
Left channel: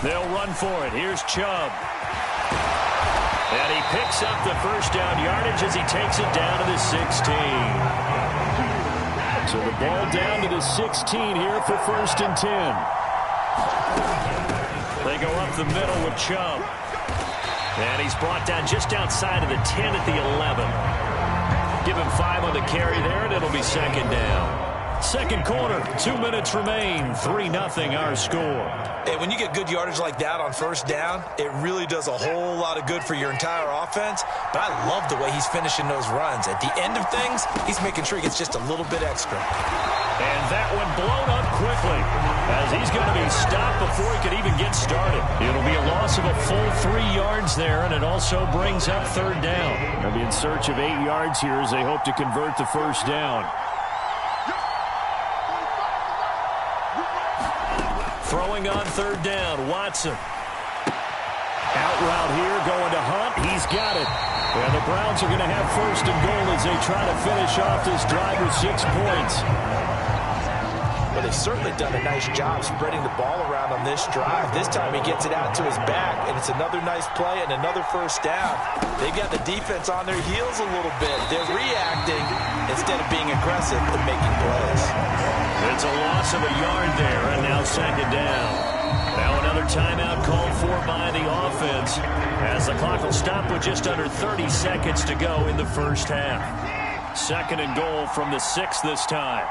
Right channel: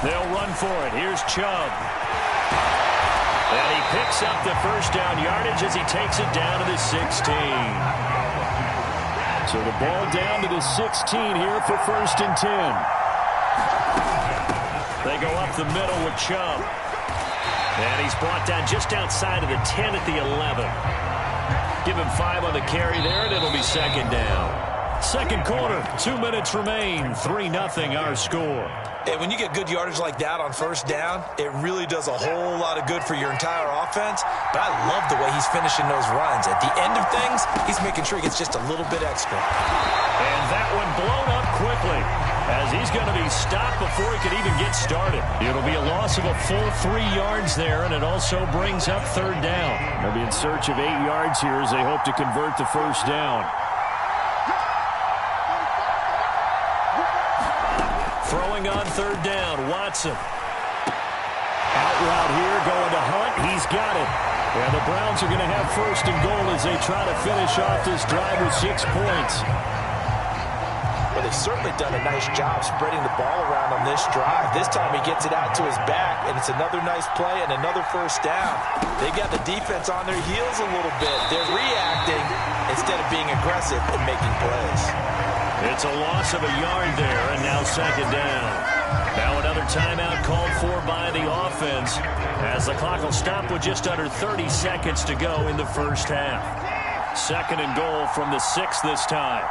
They'll run for it. Here's Chubb. And he picks up the 1st down yardage as he takes it down to the 16. So the ball down to the 16 here for 1st and 10. They go up the middle with Chubb. And he's brought down just outside of the 10 at the 11. Give him 5 on the carry there, and it'll be second down. Second quarter, 2 minutes remain. 3-0 our score. And when you get good yardage like that on first down, it really does a whole lot of good for your entire offense. But I love the way he's finishing those runs. At the end of things, he's making sure he gets just a little bit extra. And that one blown up quickly as he's going to be stopped before he could even get started. It'll be a loss of a full 3 yards there, and it also brings up third down. They'll be in search of 8 yards here as they hope to convert the first down. Throwing on third down, Watson. Out route here, going to Hunt. He's got it. And the Browns are going to have first and goal as they try to finish off this drive with 6 points. Well, they've certainly done a nice job spreading the ball around on this drive. This time he gets it out to his back, and it's another nice play and another first down. They've got the defense on their heels a little bit. They're reacting instead of being aggressive and making plays. It's a loss of a yard there, and now second down. Now another timeout called for by the offense as the clock will stop with just under 30 seconds to go in the first half. Second and goal from the 6 this time.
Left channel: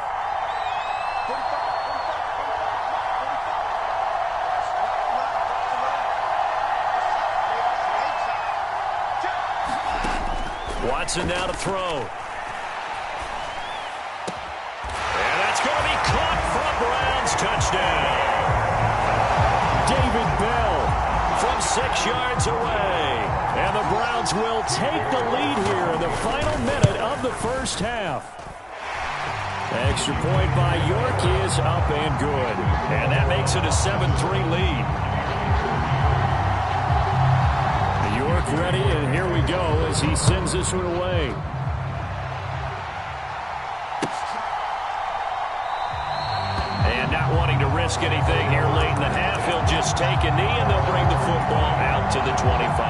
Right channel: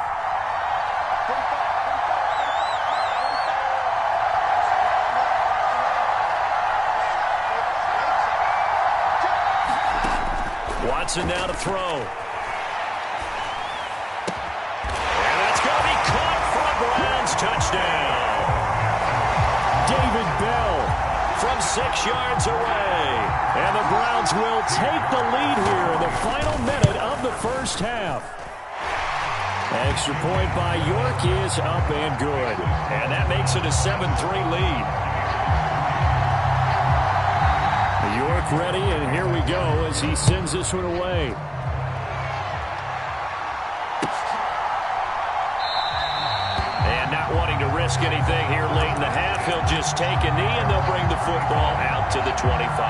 Watson now to throw. And that's going to be caught for a Browns touchdown. David Bell from 6 yards away. And the Browns will take the lead here in the final minute of the first half. Extra point by York is up and good. And that makes it a 7-3 lead. York ready, and here we go as he sends this one away. And not wanting to risk anything here late in the half, he'll just take a knee, and they'll bring the football out to the 25.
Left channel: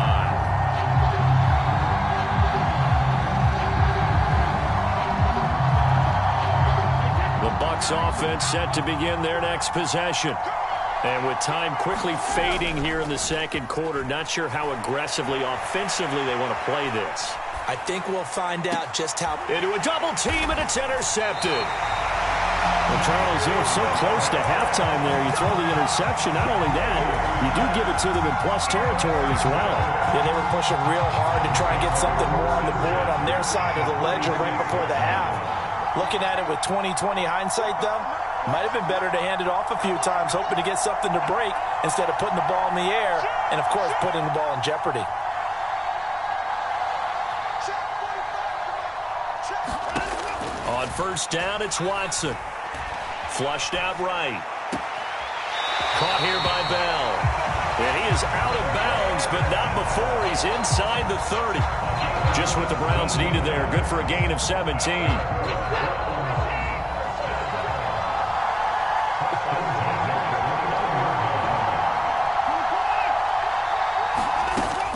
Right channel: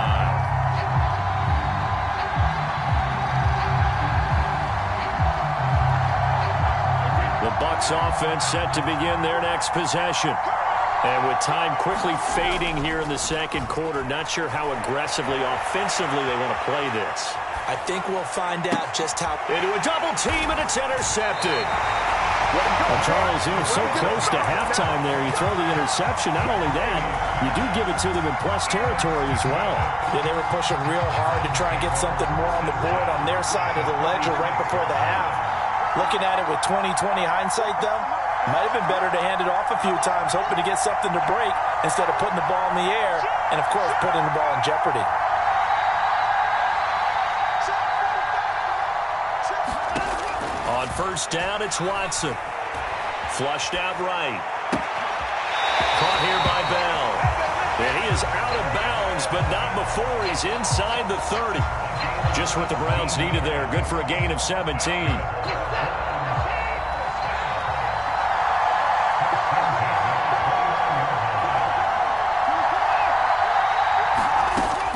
The Bucs offense set to begin their next possession. And with time quickly fading here in the second quarter, not sure how aggressively, offensively they want to play this. I think we'll find out just how. Into a double team, and it's intercepted. Well, Charles, you're so close to halftime there. You throw the interception. Not only that, you do give it to them in plus territory as well. Yeah, they were pushing real hard to try and get something more on the board on their side of the ledger right before the half. Looking at it with 20/20 hindsight, though, might have been better to hand it off a few times, hoping to get something to break instead of putting the ball in the air and, of course, putting the ball in jeopardy. On first down, it's Watson. Flushed out right. Caught here by Bell. And he is out of bounds, but not before he's inside the 30. Just what the Browns needed there. Good for a gain of 17.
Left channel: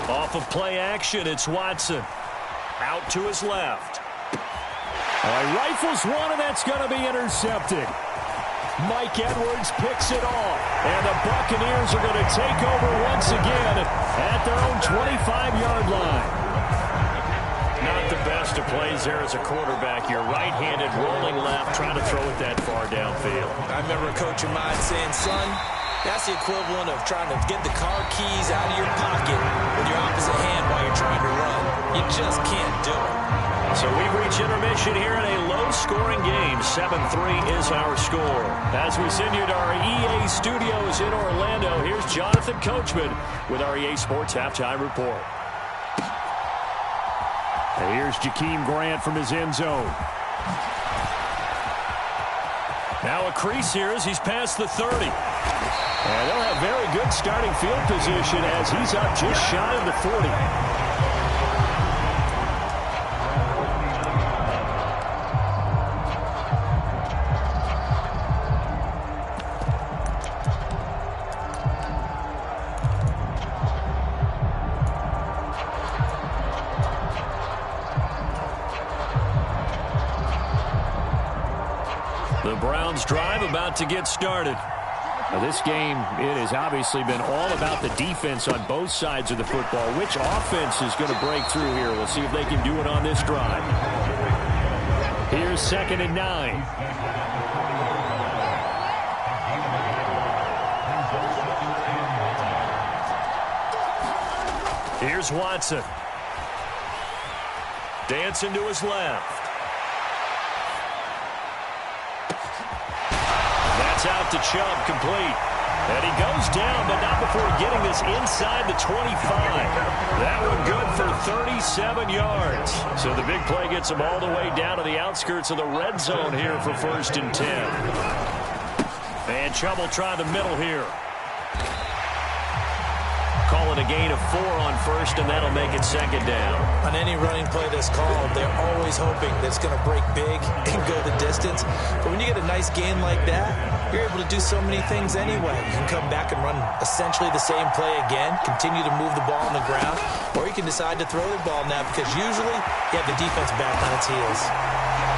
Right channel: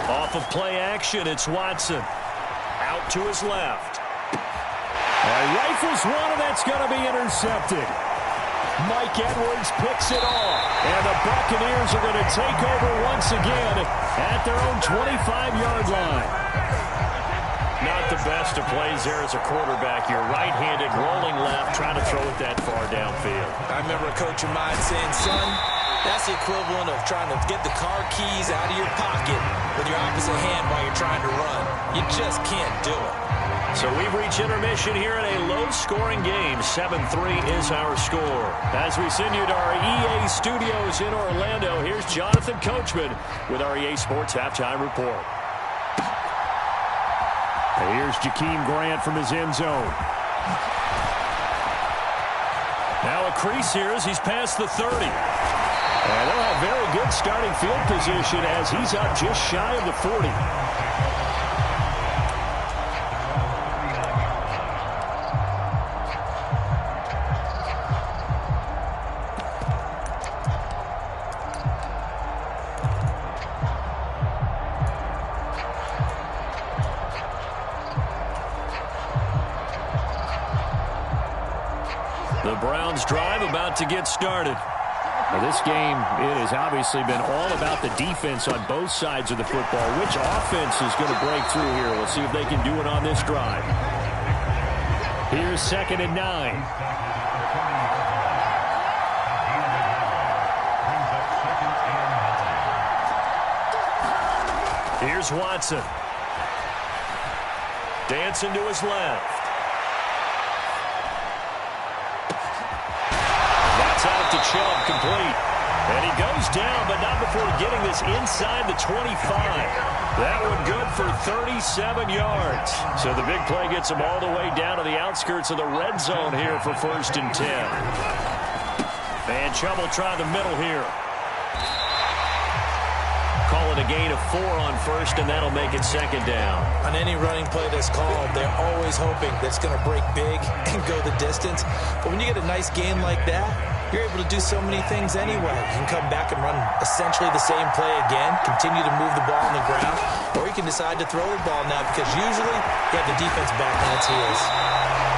Off of play action, it's Watson. Out to his left. All right, rifles one, and that's going to be intercepted. Mike Edwards picks it off. And the Buccaneers are going to take over once again at their own 25-yard line. Not the best of plays there as a quarterback. You're right-handed, rolling left, trying to throw it that far downfield. I remember a coach of mine saying, son, that's the equivalent of trying to get the car keys out of your pocket with your opposite hand while you're trying to run. You just can't do it. So we've reached intermission here in a low-scoring game. 7-3 is our score. As we send you to our EA studios in Orlando, here's Jonathan Coachman with our EA Sports Halftime Report. And here's Jakeem Grant from his end zone. Now a crease here as he's past the 30. And they'll have very good starting field position as he's up just shy of the 40. The Browns drive about to get started. Now, this game, it has obviously been all about the defense on both sides of the football. Which offense is going to break through here? We'll see if they can do it on this drive. Here's 2nd and 9. Here's Watson. Dancing to his left. That's out to Chubb, complete. And he goes down, but not before getting this inside the 25. That one good for 37 yards. So the big play gets him all the way down to the outskirts of the red zone here for 1st and 10. And Chubb will try the middle here. Call it a gain of 4 on 1st, and that'll make it 2nd down. On any running play that's called, they're always hoping that it's going to break big and go the distance. But when you get a nice gain like that, you're able to do so many things anyway. You can come back and run essentially the same play again, continue to move the ball on the ground, or you can decide to throw the ball now because usually you have the defense back on its heels.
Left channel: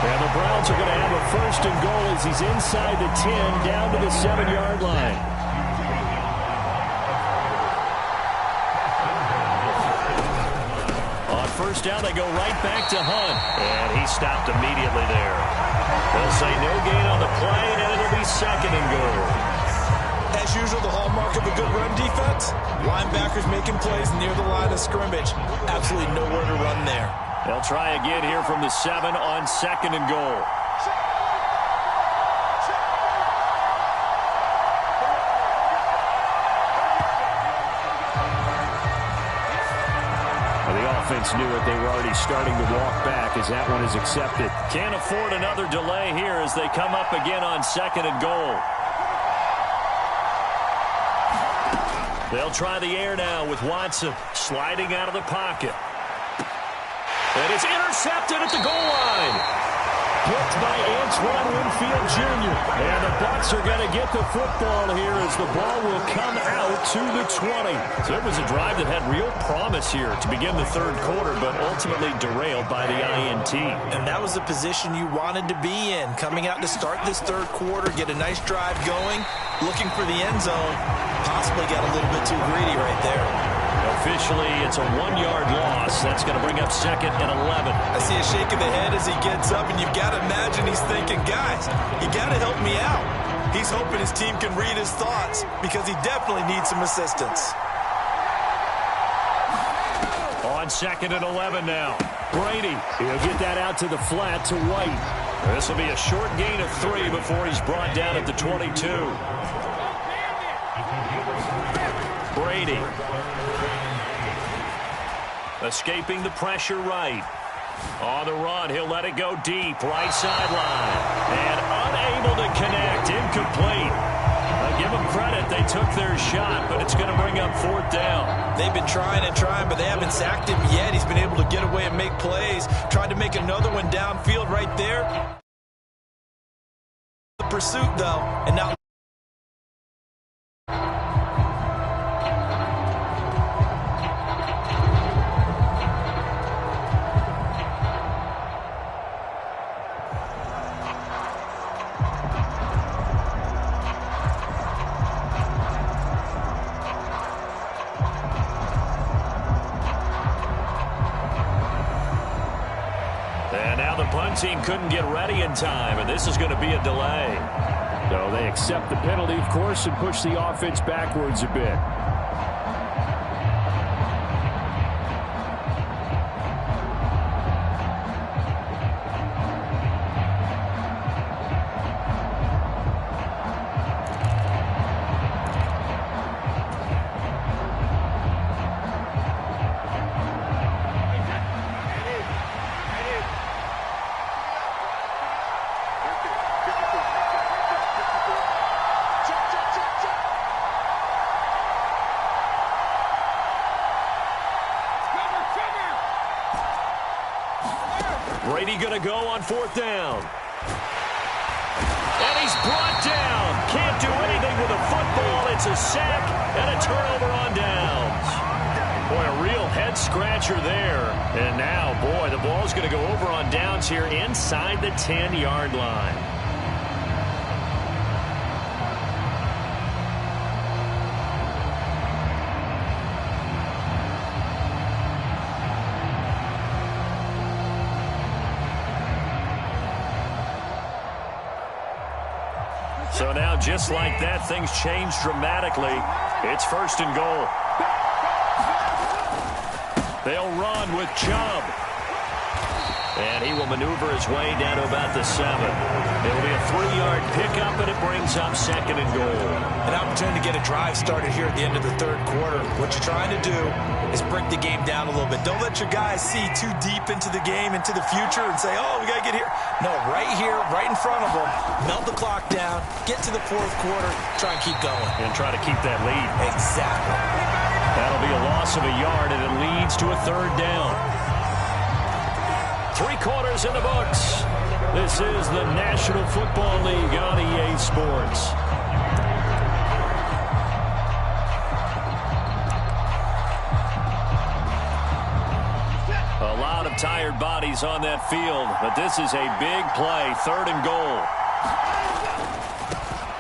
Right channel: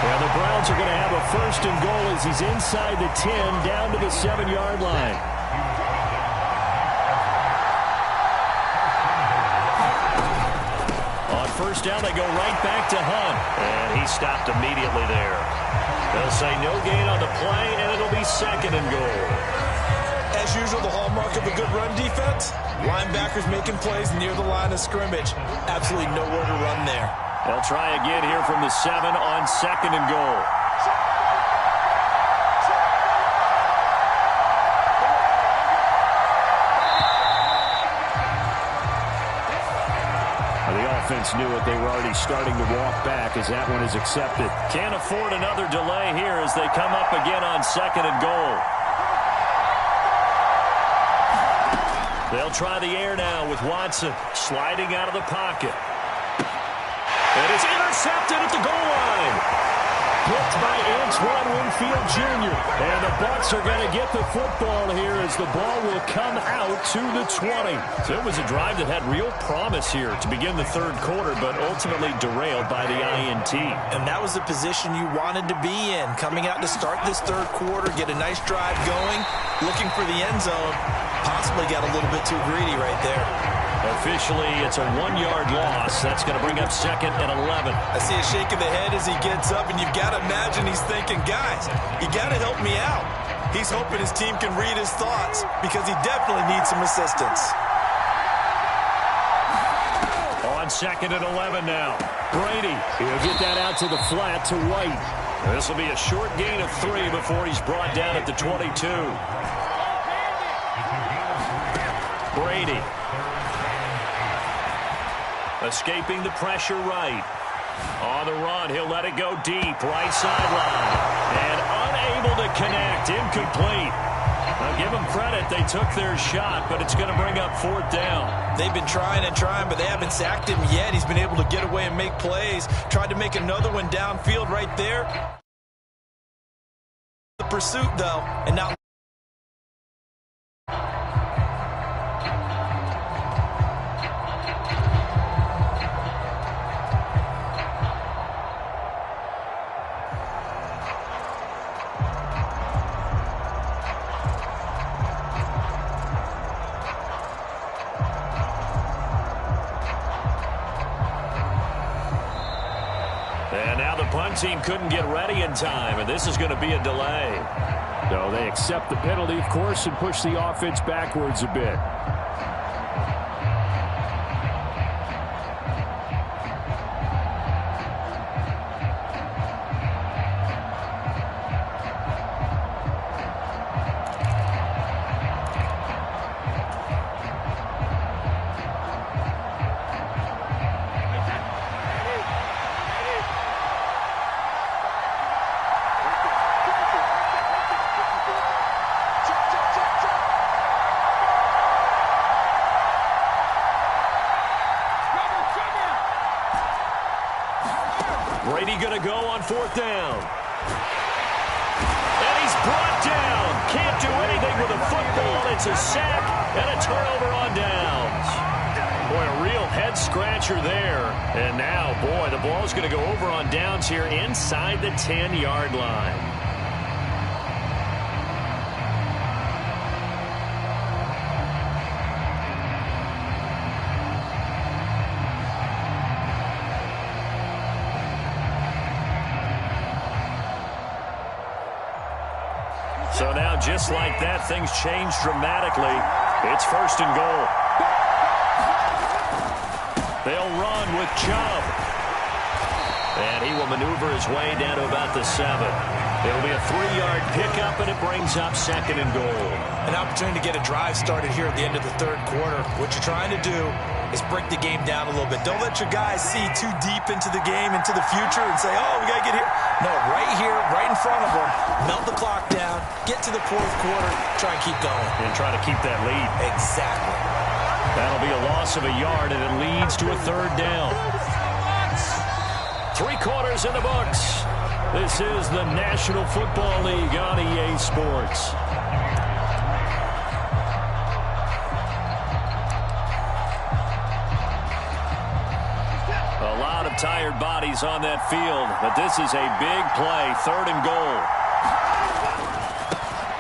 Yeah, the Browns are going to have a 1st and goal as he's inside the 10 down to the 7-yard line. On 1st down, they go right back to Hunt. And he stopped immediately there. They'll say no gain on the play, and it'll be 2nd and goal. As usual, the hallmark of a good run defense, linebackers making plays near the line of scrimmage. Absolutely nowhere to run there. They'll try again here from the 7 on 2nd and goal. The offense knew it. They were already starting to walk back as that one is accepted. Can't afford another delay here as they come up again on 2nd and goal. They'll try the air now with Watson sliding out of the pocket. And it's intercepted at the goal line. Blocked by Antoine Winfield Jr. And the Bucs are going to get the football here as the ball will come out to the 20. So it was a drive that had real promise here to begin the 3rd quarter, but ultimately derailed by the INT. And that was the position you wanted to be in. Coming out to start this 3rd quarter, get a nice drive going, looking for the end zone. Possibly got a little bit too greedy right there. Officially, it's a 1-yard loss. That's going to bring up 2nd and 11. I see a shake of the head as he gets up, and you've got to imagine he's thinking, guys, you got to help me out. He's hoping his team can read his thoughts because he definitely needs some assistance. On 2nd and 11 now. Brady, he'll get that out to the flat to White. This will be a short gain of 3 before he's brought down at the 22. Brady. Escaping the pressure right. On the run, he'll let it go deep, right sideline. And unable to connect, incomplete. Now give them credit, they took their shot, but it's going to bring up 4th down. They've been trying and trying, but they haven't sacked him yet. He's been able to get away and make plays. Tried to make another one downfield right there. The pursuit, though, and now And now the punt team couldn't get ready in time, and this is going to be a delay. So they accept the penalty, of course, and push the offense backwards a bit. Brady going to go on 4th down. And he's brought down. Can't do anything with a football. It's a sack and a turnover on downs. Boy, a real head-scratcher there. And now, boy, the ball's going to go over on downs here inside the 10-yard line. So now, just like that, things change dramatically. It's 1st and goal. They'll run with Chubb. And he will maneuver his way down to about the 7. It'll be a 3-yard pickup, and it brings up 2nd and goal. An opportunity to get a drive started here at the end of the 3rd quarter. What you're trying to do is break the game down a little bit. Don't let your guys see too deep into the game, into the future, and say, oh, we got to get here. No, right here, right in front of them, melt the clock down, get to the 4th quarter, try and keep going. And try to keep that lead. Exactly. That'll be a loss of a yard, and it leads to a 3rd down. 3 quarters in the books. This is the National Football League on EA Sports. A lot of tired bodies on that field, but this is a big play. 3rd and goal.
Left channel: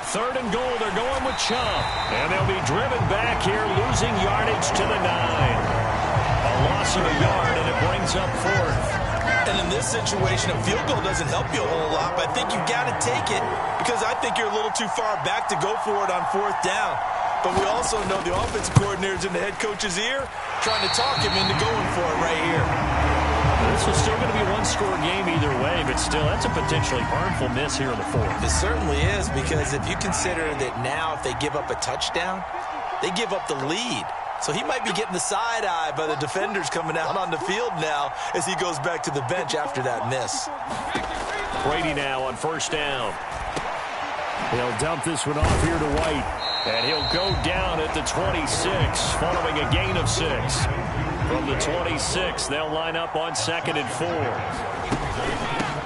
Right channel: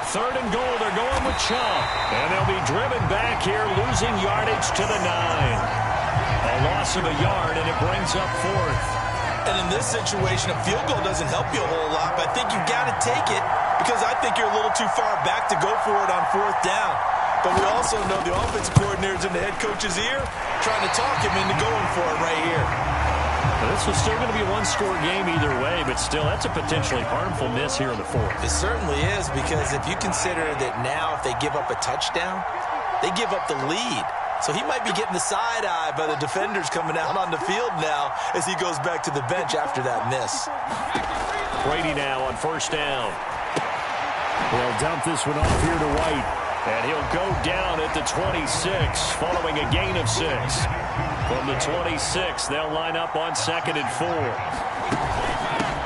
3rd and goal, they're going with Chubb. And they'll be driven back here, losing yardage to the 9. A loss of a yard, and it brings up 4th. And in this situation, a field goal doesn't help you a whole lot, but I think you've got to take it because I think you're a little too far back to go for it on 4th down. But we also know the offensive coordinator's in the head coach's ear trying to talk him into going for it right here. Well, this was still going to be a 1-score game either way, but still, that's a potentially harmful miss here in the 4th. It certainly is, because if you consider that now if they give up a touchdown, they give up the lead. So he might be getting the side-eye by the defenders coming out on the field now as he goes back to the bench after that miss. Brady now on 1st down. He'll dump this one off here to White. And he'll go down at the 26 following a gain of 6. From the 26, they'll line up on 2nd and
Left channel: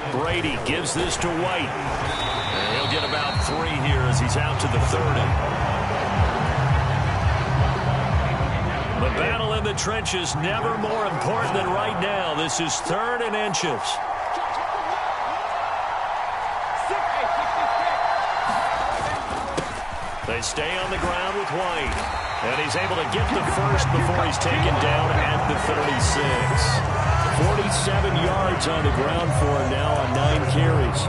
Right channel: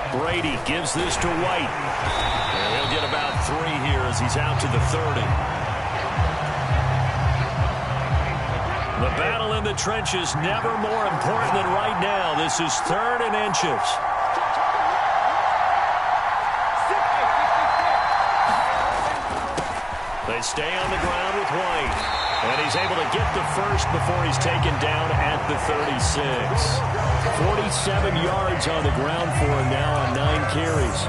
4. Brady gives this to White. And he'll get about 3 here as he's out to the 30. The battle in the trenches never more important than right now. This is 3rd and inches. They stay on the ground with White. And he's able to get the 1st before he's taken down at the 36. 47 yards on the ground for him now on 9 carries.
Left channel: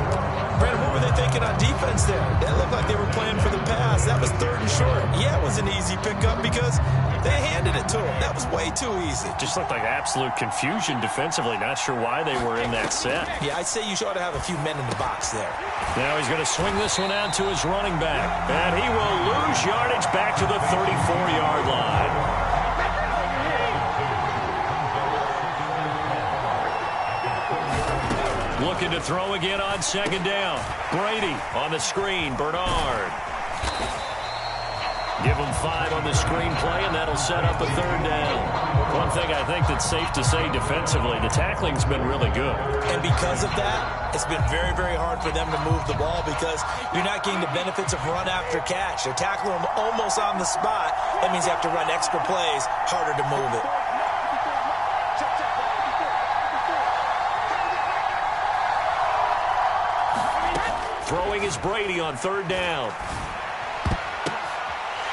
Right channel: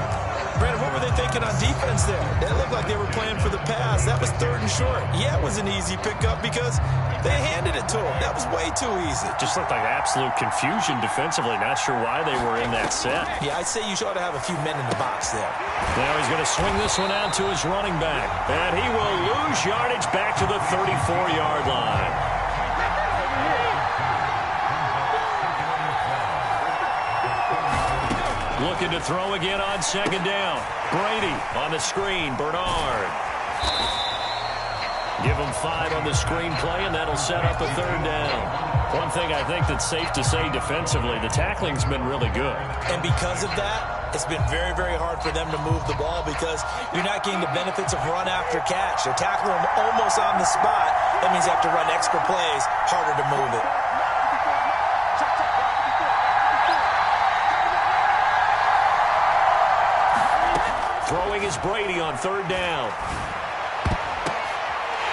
Brandon, what were they thinking on defense there? They looked like they were playing for the pass. That was 3rd and short. Yeah, it was an easy pickup because they handed it to him. That was way too easy. Just looked like absolute confusion defensively. Not sure why they were in that set. Yeah, I'd say you ought to have a few men in the box there. Now he's going to swing this one out to his running back. And he will lose yardage back to the 34-yard line. Looking to throw again on 2nd down. Brady on the screen. Bernard. Give him 5 on the screen play, and that'll set up a 3rd down. One thing I think that's safe to say defensively, the tackling's been really good. And because of that, it's been very, very hard for them to move the ball because you're not getting the benefits of run after catch. They're tackling them almost on the spot. That means you have to run extra plays, harder to move it. Throwing is Brady on 3rd down.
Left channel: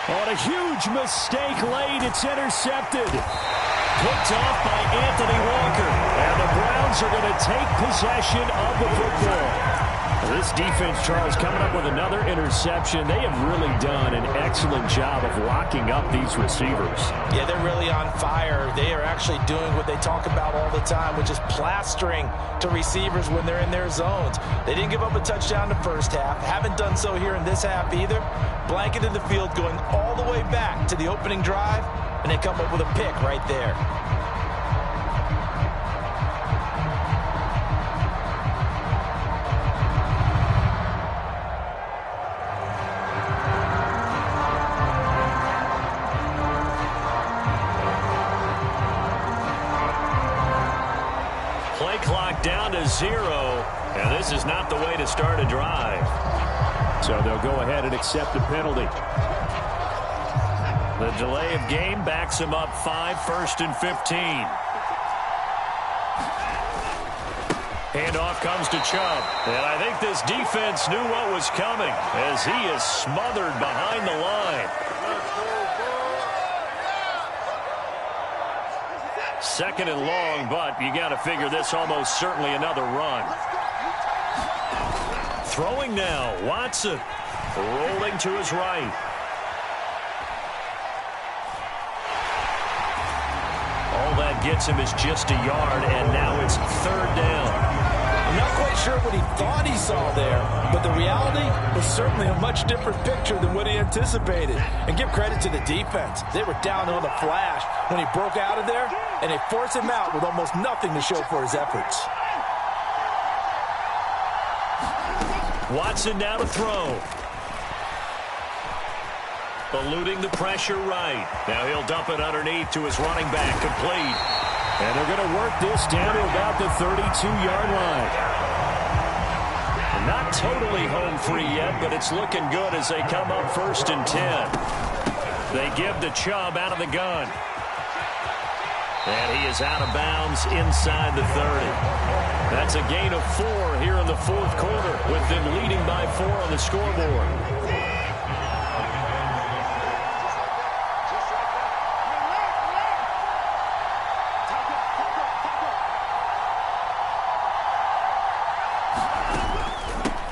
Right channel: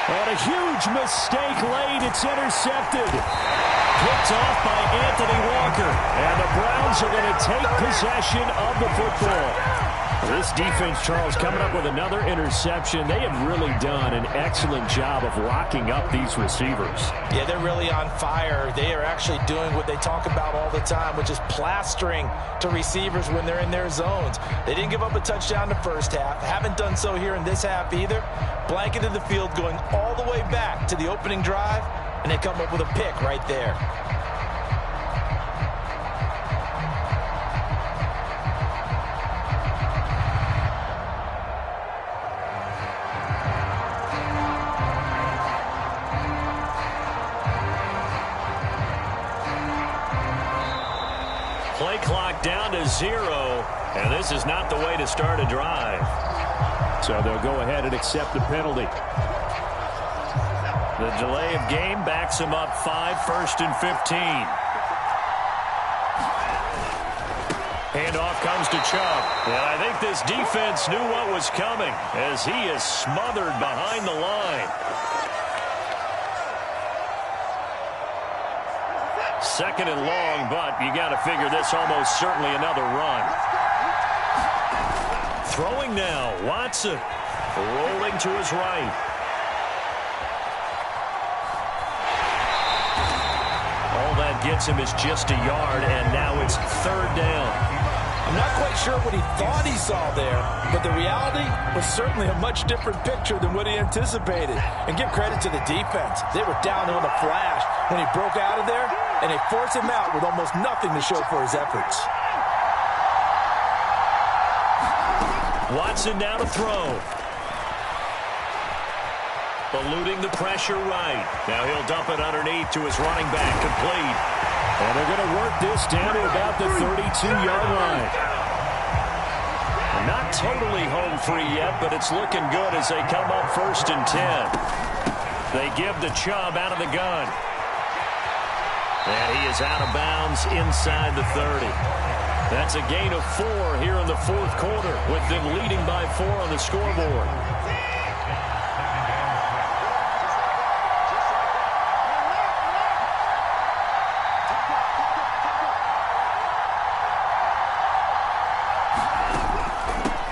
On a huge mistake late, it's intercepted. Picked off by Anthony Walker. And the Browns are going to take possession of the football. This defense, Charles, coming up with another interception. They have really done an excellent job of locking up these receivers. Yeah, they're really on fire. They are actually doing what they talk about all the time, which is plastering to receivers when they're in their zones. They didn't give up a touchdown the first half. Haven't done so here in this half either. Blanketed the field going all the way back to the opening drive, and they come up with a pick right there. Play clock down to 0, and this is not the way to start a drive. So they'll go ahead and accept the penalty. The delay of game backs them up 5, 1st and 15. Handoff comes to Chubb. And I think this defense knew what was coming as he is smothered behind the line. 2nd and long, but you got to figure this almost certainly another run. Throwing now, Watson. Rolling to his right. All that gets him is just a yard, and now it's 3rd down. I'm not quite sure what he thought he saw there, but the reality was certainly a much different picture than what he anticipated. And give credit to the defense. They were down on the flash when he broke out of there, and they forced him out with almost nothing to show for his efforts. Watson now to throw. Eluding the pressure right. Now he'll dump it underneath to his running back. Complete. And they're going to work this down to about the 32-yard line. Not totally home free yet, but it's looking good as they come up 1st and 10. They give the Chubb out of the gun. And he is out of bounds inside the 30. That's a gain of 4 here in the 4th quarter, with them leading by 4 on the scoreboard.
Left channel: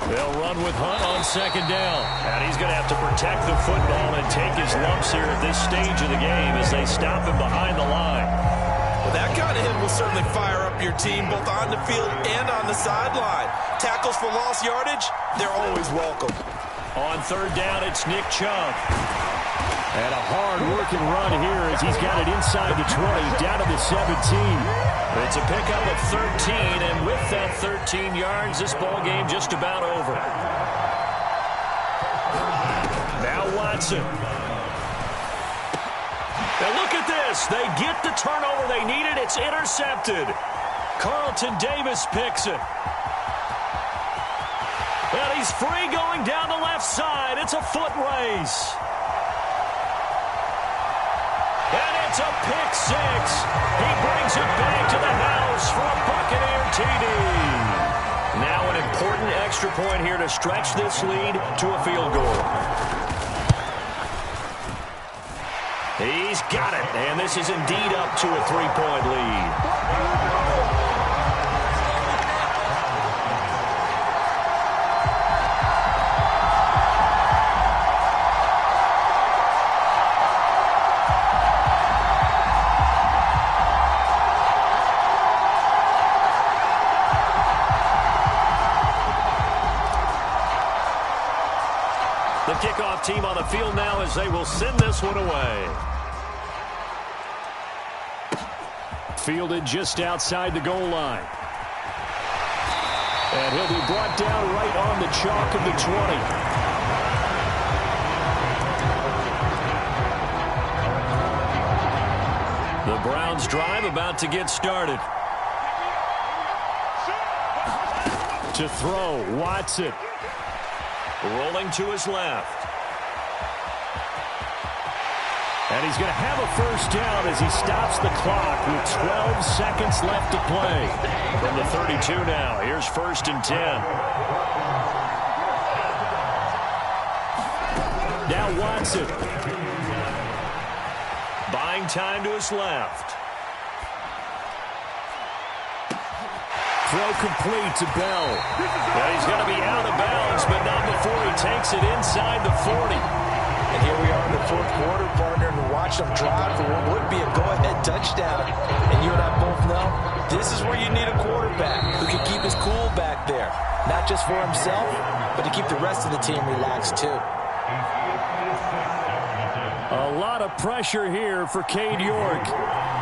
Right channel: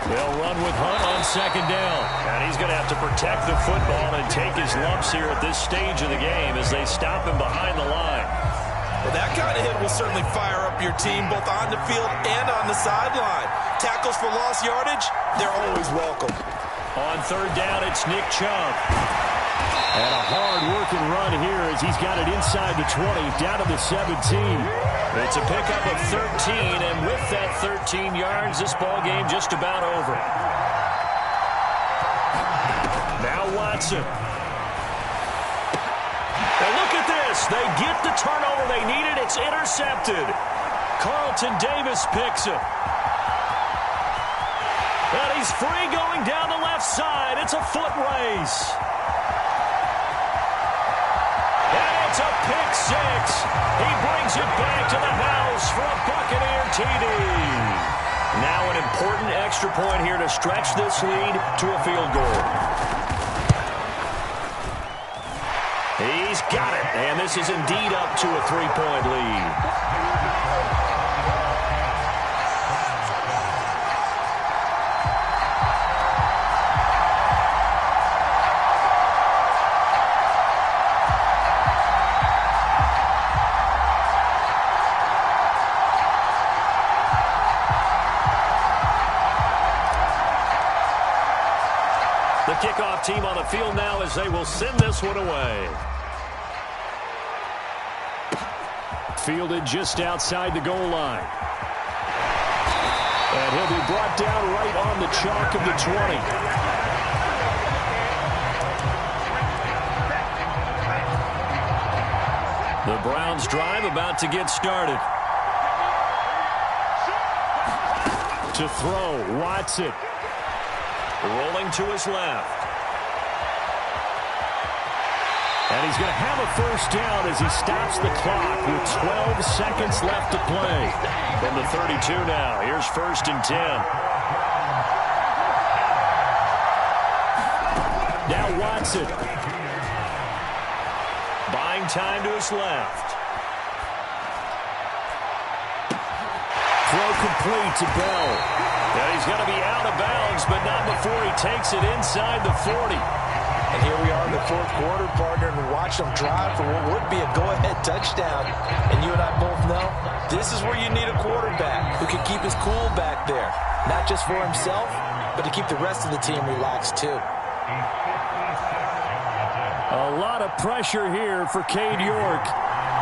They'll run with Hunt on 2nd down. And he's going to have to protect the football and take his lumps here at this stage of the game as they stop him behind the line. Well, that kind of hit will certainly fire up your team both on the field and on the sideline. Tackles for lost yardage, they're always welcome. On 3rd down, it's Nick Chubb. And a hard-working run here as he's got it inside the 20, down to the 17. It's a pickup of 13, and with that 13 yards, this ball game just about over. Now Watson. Now look at this. They get the turnover they needed. It's intercepted. Carlton Davis picks it. And he's free going down the left side. It's a foot race. And it's a pick 6. He brings it back to the house for a Buccaneer TD. Now an important extra point here to stretch this lead to a field goal. He's got it, and this is indeed up to a 3-point lead. The kickoff team on the field now as they will send this one away. Fielded just outside the goal line. And he'll be brought down right on the chalk of the 20. The Browns drive about to get started. To throw, Watson. Rolling to his left. And he's going to have a first down as he stops the clock with 12 seconds left to play. From the 32 now, here's 1st and 10. Now Watson. Buying time to his left. Throw complete to Bell. And he's going to be out of bounds, but not before he takes it inside the 40. And here we are in the 4th quarter, partner, and watch them drive for what would be a go-ahead touchdown. And you and I both know this is where you need a quarterback who can keep his cool back there. Not just for himself, but to keep the rest of the team relaxed too. A lot of pressure here for Cade York.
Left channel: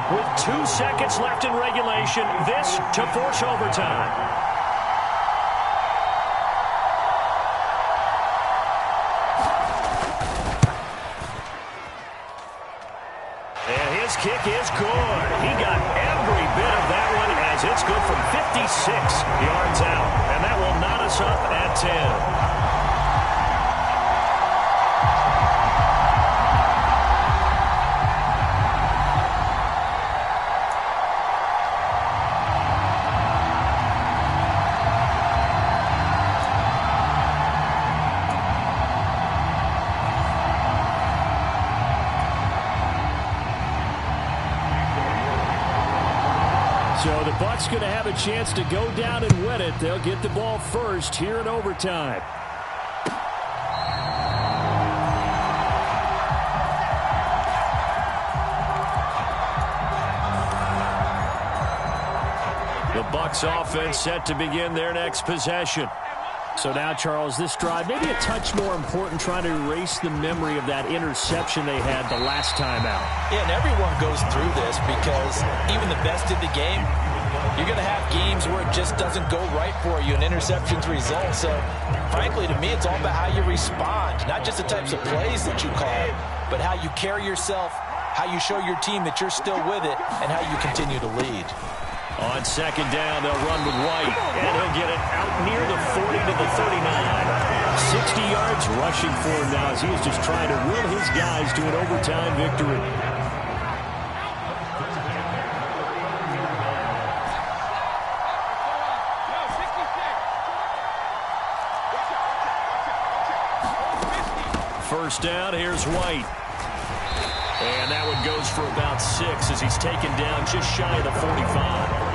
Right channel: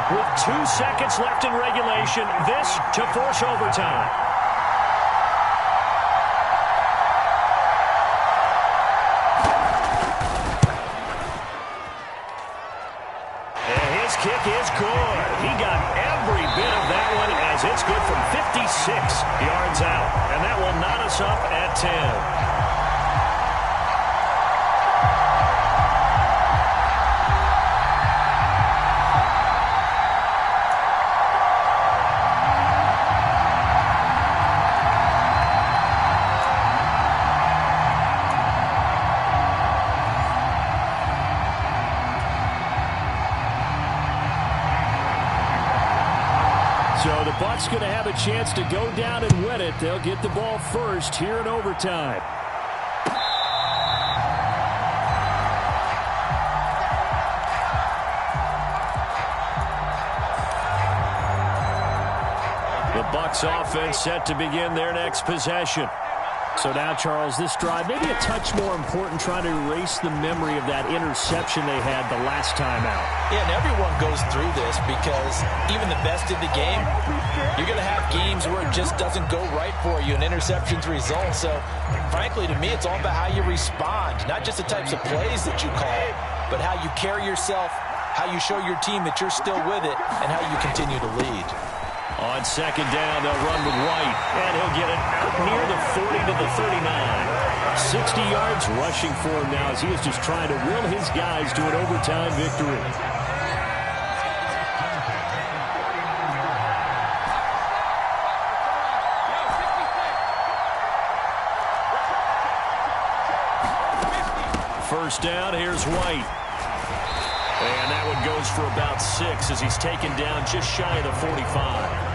With 2 seconds left in regulation, this to force overtime. And his kick is good. He got every bit of that one as it's good from 56 yards out. And that will knot us up at 10. So the Bucs going to have a chance to go down and win it. They'll get the ball first here in overtime. The Bucs offense set to begin their next possession. So now, Charles, this drive maybe a touch more important, trying to erase the memory of that interception they had the last time out. Yeah, and everyone goes through this because even the best in the game, you're going to have games where it just doesn't go right for you and interceptions result. So, frankly, to me, it's all about how you respond, not just the types of plays that you call, but how you carry yourself, how you show your team that you're still with it, and how you continue to lead. On second down, they'll run with White, and he'll get it out near the 40 to the 39. 60 yards rushing for him now as he is just trying to will his guys to an overtime victory. First down, here's White. And that one goes for about 6 as he's taken down just shy of the 45.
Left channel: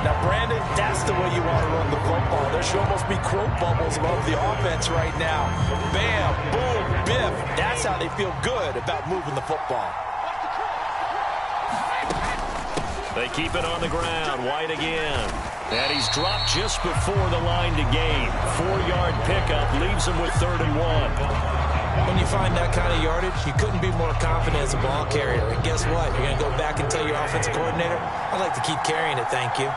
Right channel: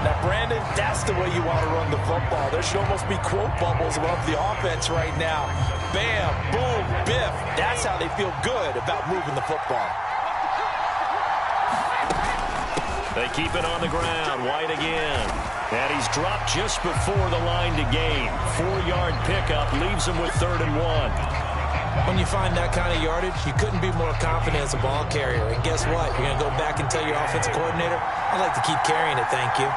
Now, Brandon, that's the way you want to run the football. There should almost be quote bubbles above the offense right now. Bam, boom, biff. That's how they feel good about moving the football. They keep it on the ground. White again. And he's dropped just before the line to gain. 4-yard pickup leaves him with 3rd and 1. When you find that kind of yardage, you couldn't be more confident as a ball carrier. And guess what? You're going to go back and tell your offensive coordinator, I'd like to keep carrying it, thank you.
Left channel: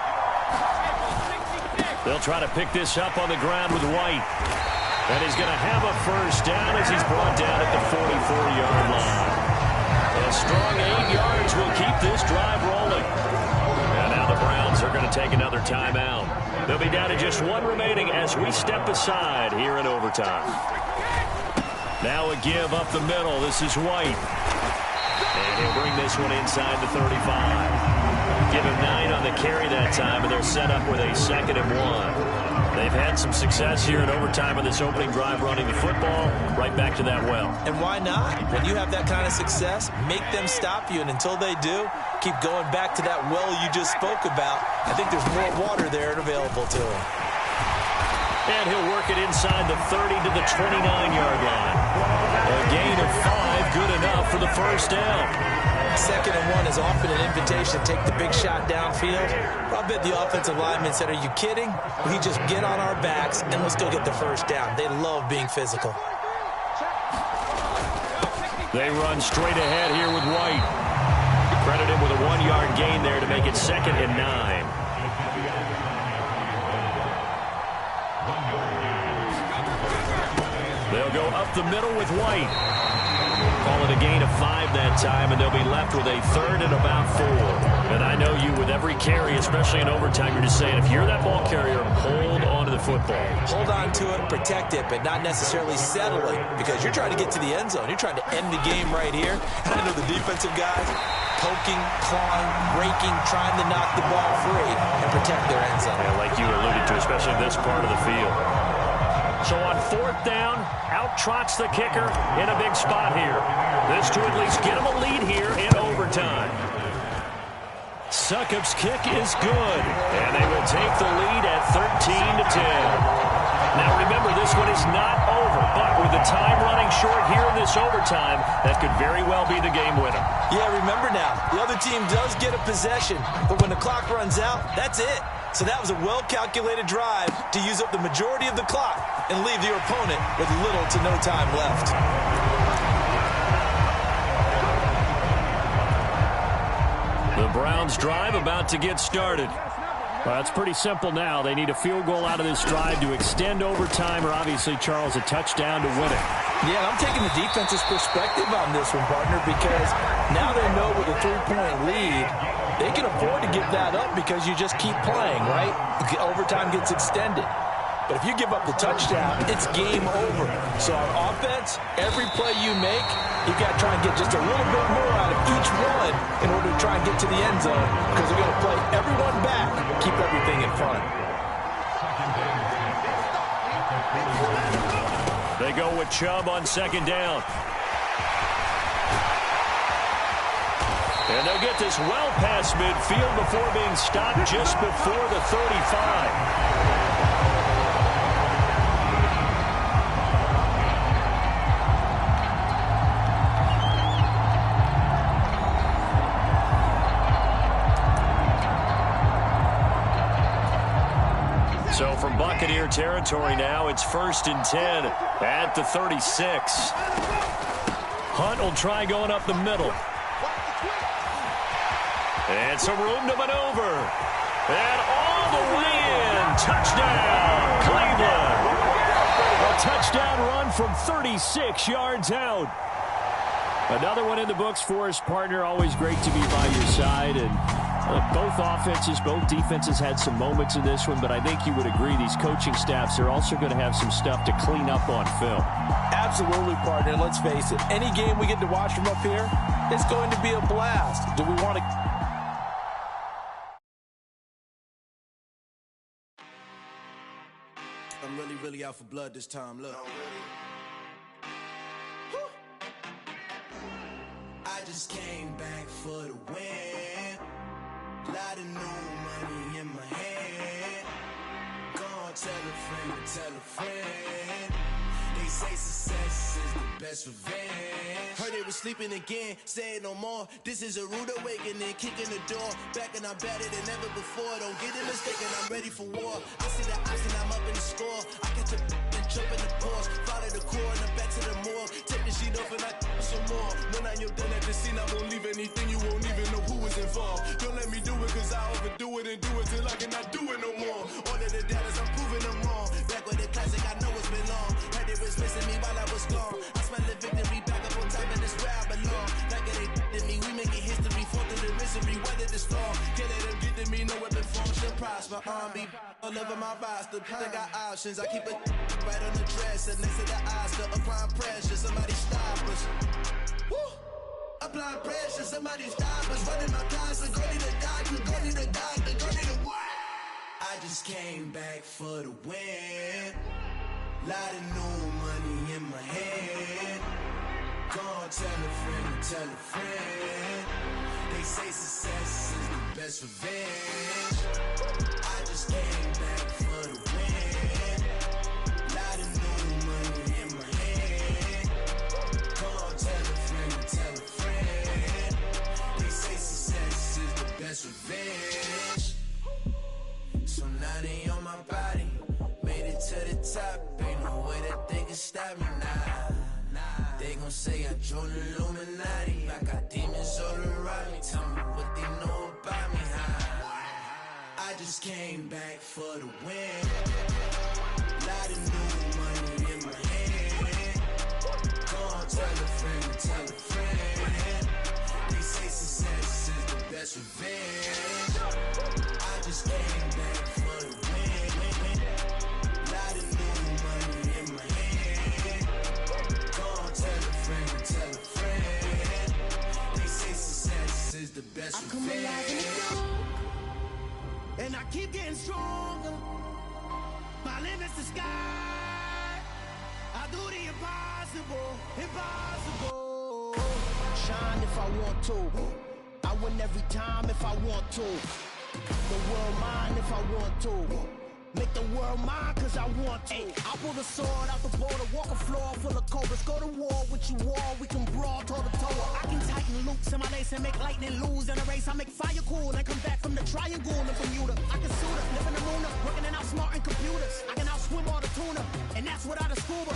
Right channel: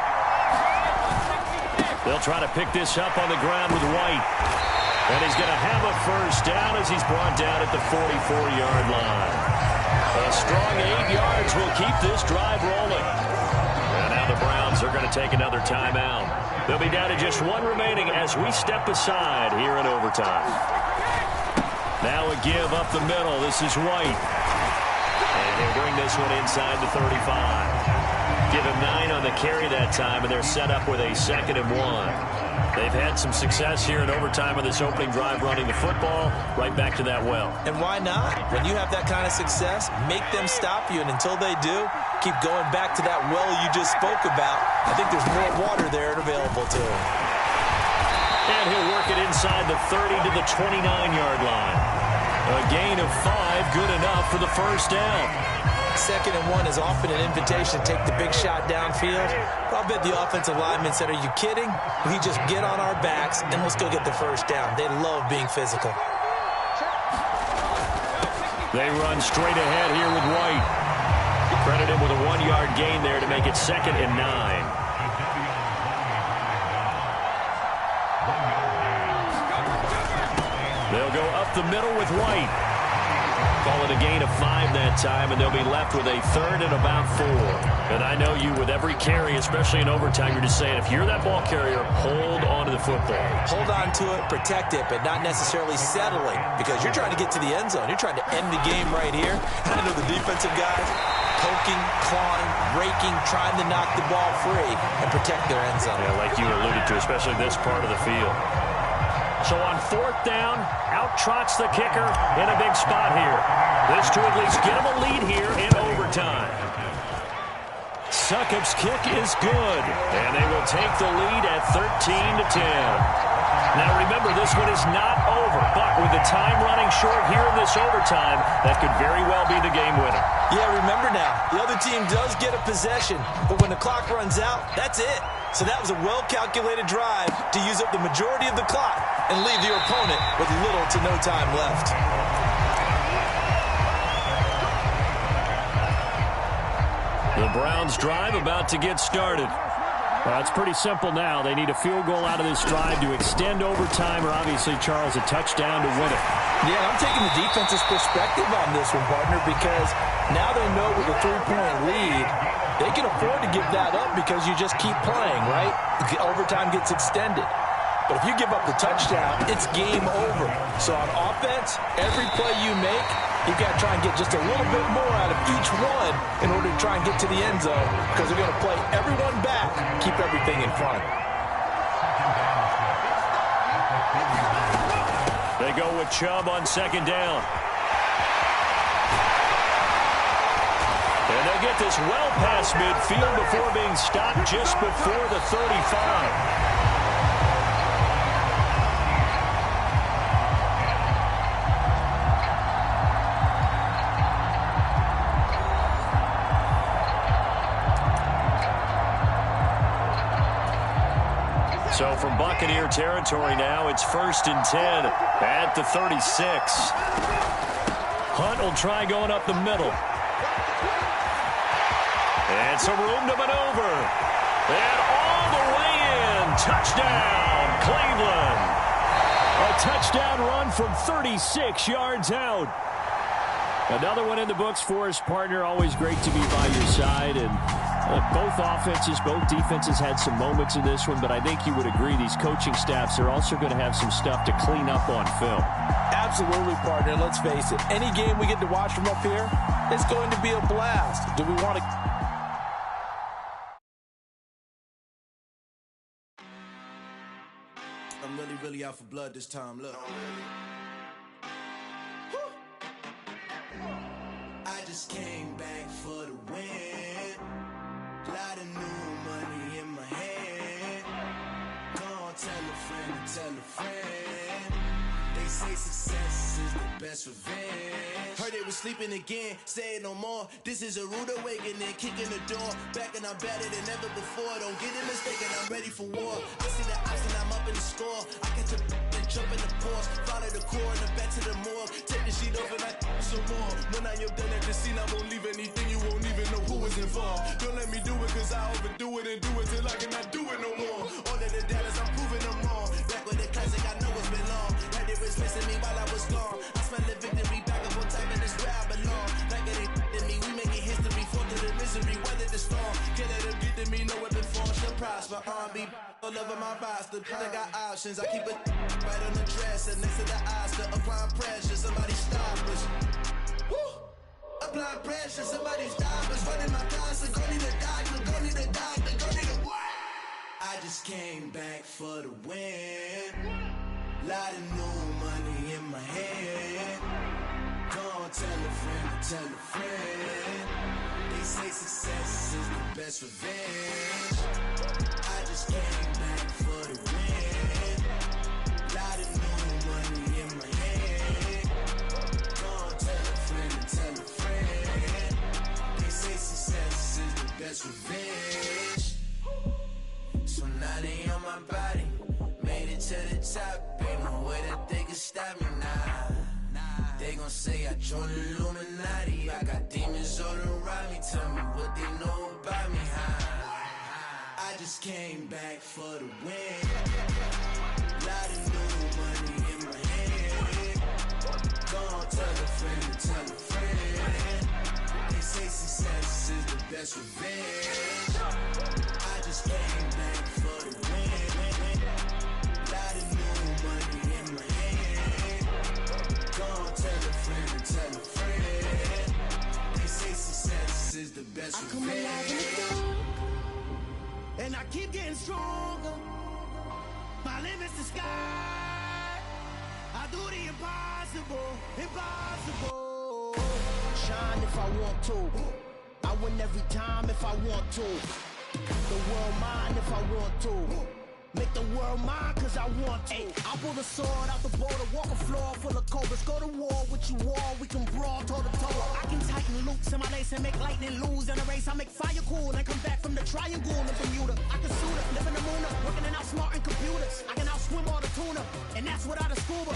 They'll try to pick this up on the ground with White. And he's going to have a first down as he's brought down at the 44-yard line. A strong 8 yards will keep this drive rolling. And now the Browns are going to take another timeout. They'll be down to just 1 remaining as we step aside here in overtime. Now a give up the middle. This is White. And he'll bring this one inside the 35. Give him 9 on the carry that time, and they're set up with a 2nd and 1. They've had some success here in overtime on this opening drive running the football. Right back to that well. And why not? When you have that kind of success, make them stop you, and until they do, keep going back to that well you just spoke about. I think there's more water there and available to him. And he'll work it inside the 30 to the 29-yard line. A gain of 5, good enough for the first down. 2nd and 1 is often an invitation to take the big shot downfield. But I bet the offensive lineman said, are you kidding? We just get on our backs and let's go get the first down. They love being physical. They run straight ahead here with White. Credit him with a 1-yard gain there to make it 2nd and 9. They'll go up the middle with White. Call it a gain of 5 that time, and they'll be left with a 3rd and about 4. And I know you, with every carry, especially in overtime, you're just saying, if you're that ball carrier, hold on to the football. Hold on to it, protect it, but not necessarily settling, because you're trying to get to the end zone. You're trying to end the game right here. And I know the defensive guys poking, clawing, raking, trying to knock the ball free and protect their end zone. Yeah, like you alluded to, especially this part of the field. So on 4th down, out trots the kicker in a big spot here. This to at least get him a lead here in overtime. Succop's kick is good, and they will take the lead at 13-10. Now remember, this one is not over, but with the time running short here in this overtime, that could very well be the game winner. Yeah, remember now, the other team does get a possession, but when the clock runs out, that's it. So that was a well-calculated drive to use up the majority of the clock and leave your opponent with little to no time left. The Browns drive about to get started. Well, it's pretty simple now. They need a field goal out of this drive to extend overtime, or obviously, Charles, a touchdown to win it. Yeah, I'm taking the defense's perspective on this one, partner, because now they know with a 3-point lead, they can afford to give that up because you just keep playing, right? Overtime gets extended. But if you give up the touchdown, it's game over. So on offense, every play you make, you've got to try and get just a little bit more out of each one in order to try and get to the end zone, because they're going to play everyone back, keep everything in front. They go with Chubb on 2nd down. And they'll get this well past midfield before being stopped just before the 35. So from Buccaneer territory now, it's 1st and 10 at the 36. Hunt will try going up the middle. And some room to maneuver. And all the way in. Touchdown, Cleveland. A touchdown run from 36 yards out. Another one in the books for his partner. Always great to be by your side. And both offenses, both defenses had some moments in this one, but I think you would agree these coaching staffs are also going to have some stuff to clean up on film. Absolutely, partner. Let's face it. Any game we get to watch from up here, it's going to be a blast. Do we want to... I'm really out for blood this time, look. I just came back for the win. Lot of new money in my hand. Gonna tell a friend. They say success is the best revenge. Heard they was sleeping again, say it no more. This is a rude awakening, kicking the door. Back and I'm better than ever before. Don't get it mistaken, I'm ready for war. I see the option, I'm up in the score. I catch a and jump in the Porsche. Follow the core and then back to the morgue. Take the sheet off and I some more. When I'm done at the scene, I won't leave anything. You won't even know who was involved. Don't let me do it, cause I overdo it and do it till I cannot do it no more. All of the Dallas, I'm proving them wrong. Back with the classic, I know it's been long. Heard it was missing me while I was gone. I smell the victory, back up on time, and it's where I belong. Like it ain't to me, we making history. Fall through the misery, weather the storm. Can't let them get to me, no weapon form should prosper. R&B all over my roster, I got options. I keep it right on the dresser, next to the Oscar. Applying pressure, somebody stop us. Woo! Applying pressure, somebody stop us. Running my concert, go need a doctor, go need a doctor, go need a what? I just came back for the win. Lot of new money in my hand. Gonna tell a friend. They say success is the best revenge. I just came back for the win. Lot of new money in my hand. Gonna tell a friend. They say success is the best revenge. So now they on my body. Made it to the top. Ain't no way that they can stop me now. They gon' say I joined the Illuminati. I got demons all around me. Tell me what they know about me, huh? I just came back for the win. Lot of new money in my hand. Gonna tell a friend. They say success is the best revenge. I just came back for the win. Lot of new money in my hand. Gonna tell a friend. They say success is the best revenge. I come alive in the dark, and I keep getting stronger. My limit's the sky. I do the impossible. Shine if I want to. I win every time if I want to. The world mine if I want to. Make the world mine cause I want to. I pull the sword out the border, walk a floor full of cobras. Go to war with you all, we can brawl toe to toe. I can tighten loops in my lace and make lightning lose in a race. I make fire cool and come back from the triangle in Bermuda. I can suit up, live in the moon, working and outsmarting computers. I can outswim all the tuna, and that's without a scuba.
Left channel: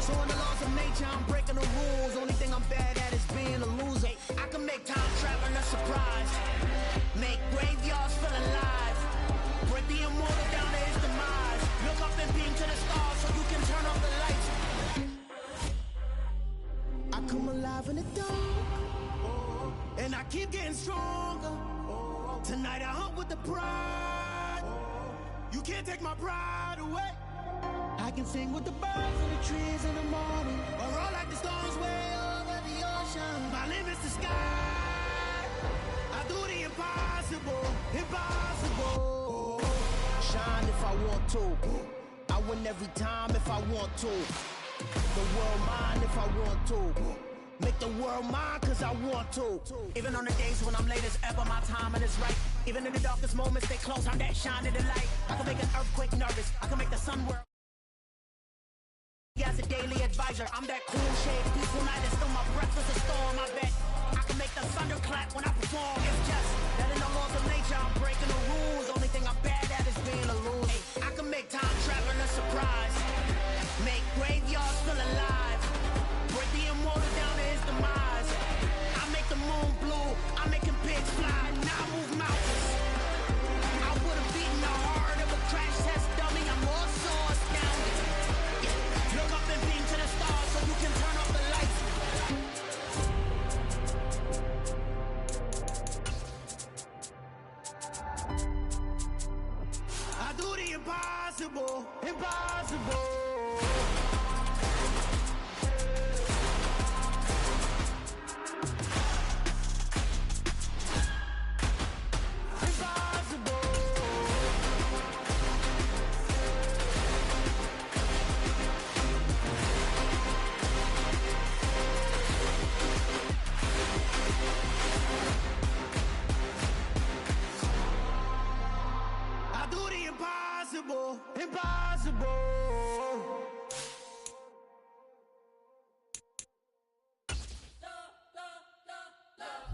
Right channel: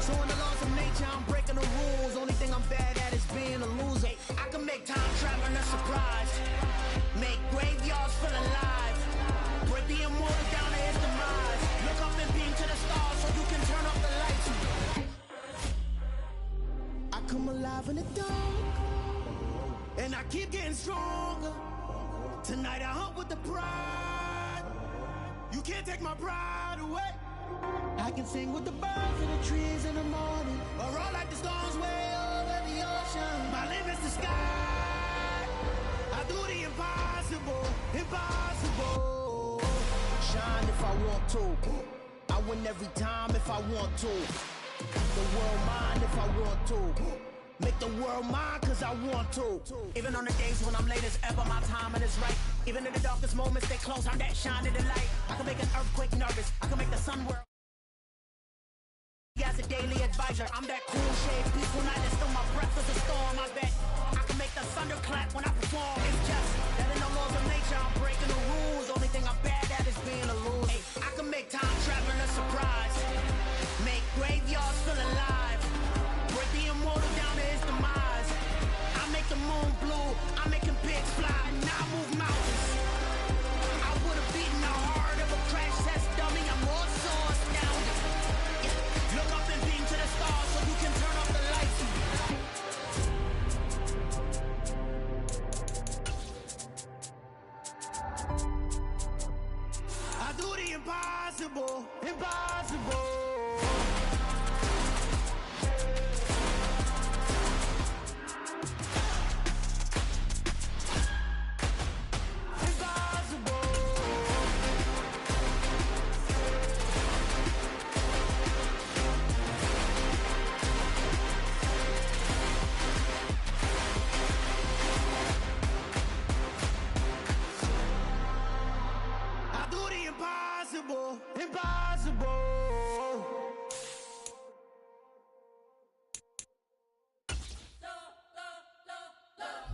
So in the laws of nature, I'm breaking the rules. Only thing I'm bad at is being a loser. I can make time traveling a surprise. Make graveyards feel alive. Break the immortal down to his demise. Look up and beam to the stars so you can turn off the lights. I come alive in the dark, and I keep getting stronger. Tonight I hunt with the pride. You can't take my pride away. I can sing with the birds and the trees in the morning, or roll like the storms way over the ocean. My limit's the sky. I do the impossible. Shine if I want to. I win every time if I want to. The world mine if I want to. Make the world mine cause I want to. Even on the days when I'm late as ever, my timing is right. Even in the darkest moments, stay close, I'm that shine of the light. I can make an earthquake nervous, I can make the sun work. As a daily advisor, I'm that cool shade, peaceful night, and still my breath is a storm, I bet. I can make the thunder clap when I perform. It's just that in the laws of nature, I'm breaking the rules. Only thing I'm bad at is being a loser. I can legs fly, and I move mountains. I would have beaten the heart of a crash test dummy. I'm more so astounded. Yeah. Look up and beam to the stars so you can turn off the lights. I do the impossible, impossible. Impossible, impossible.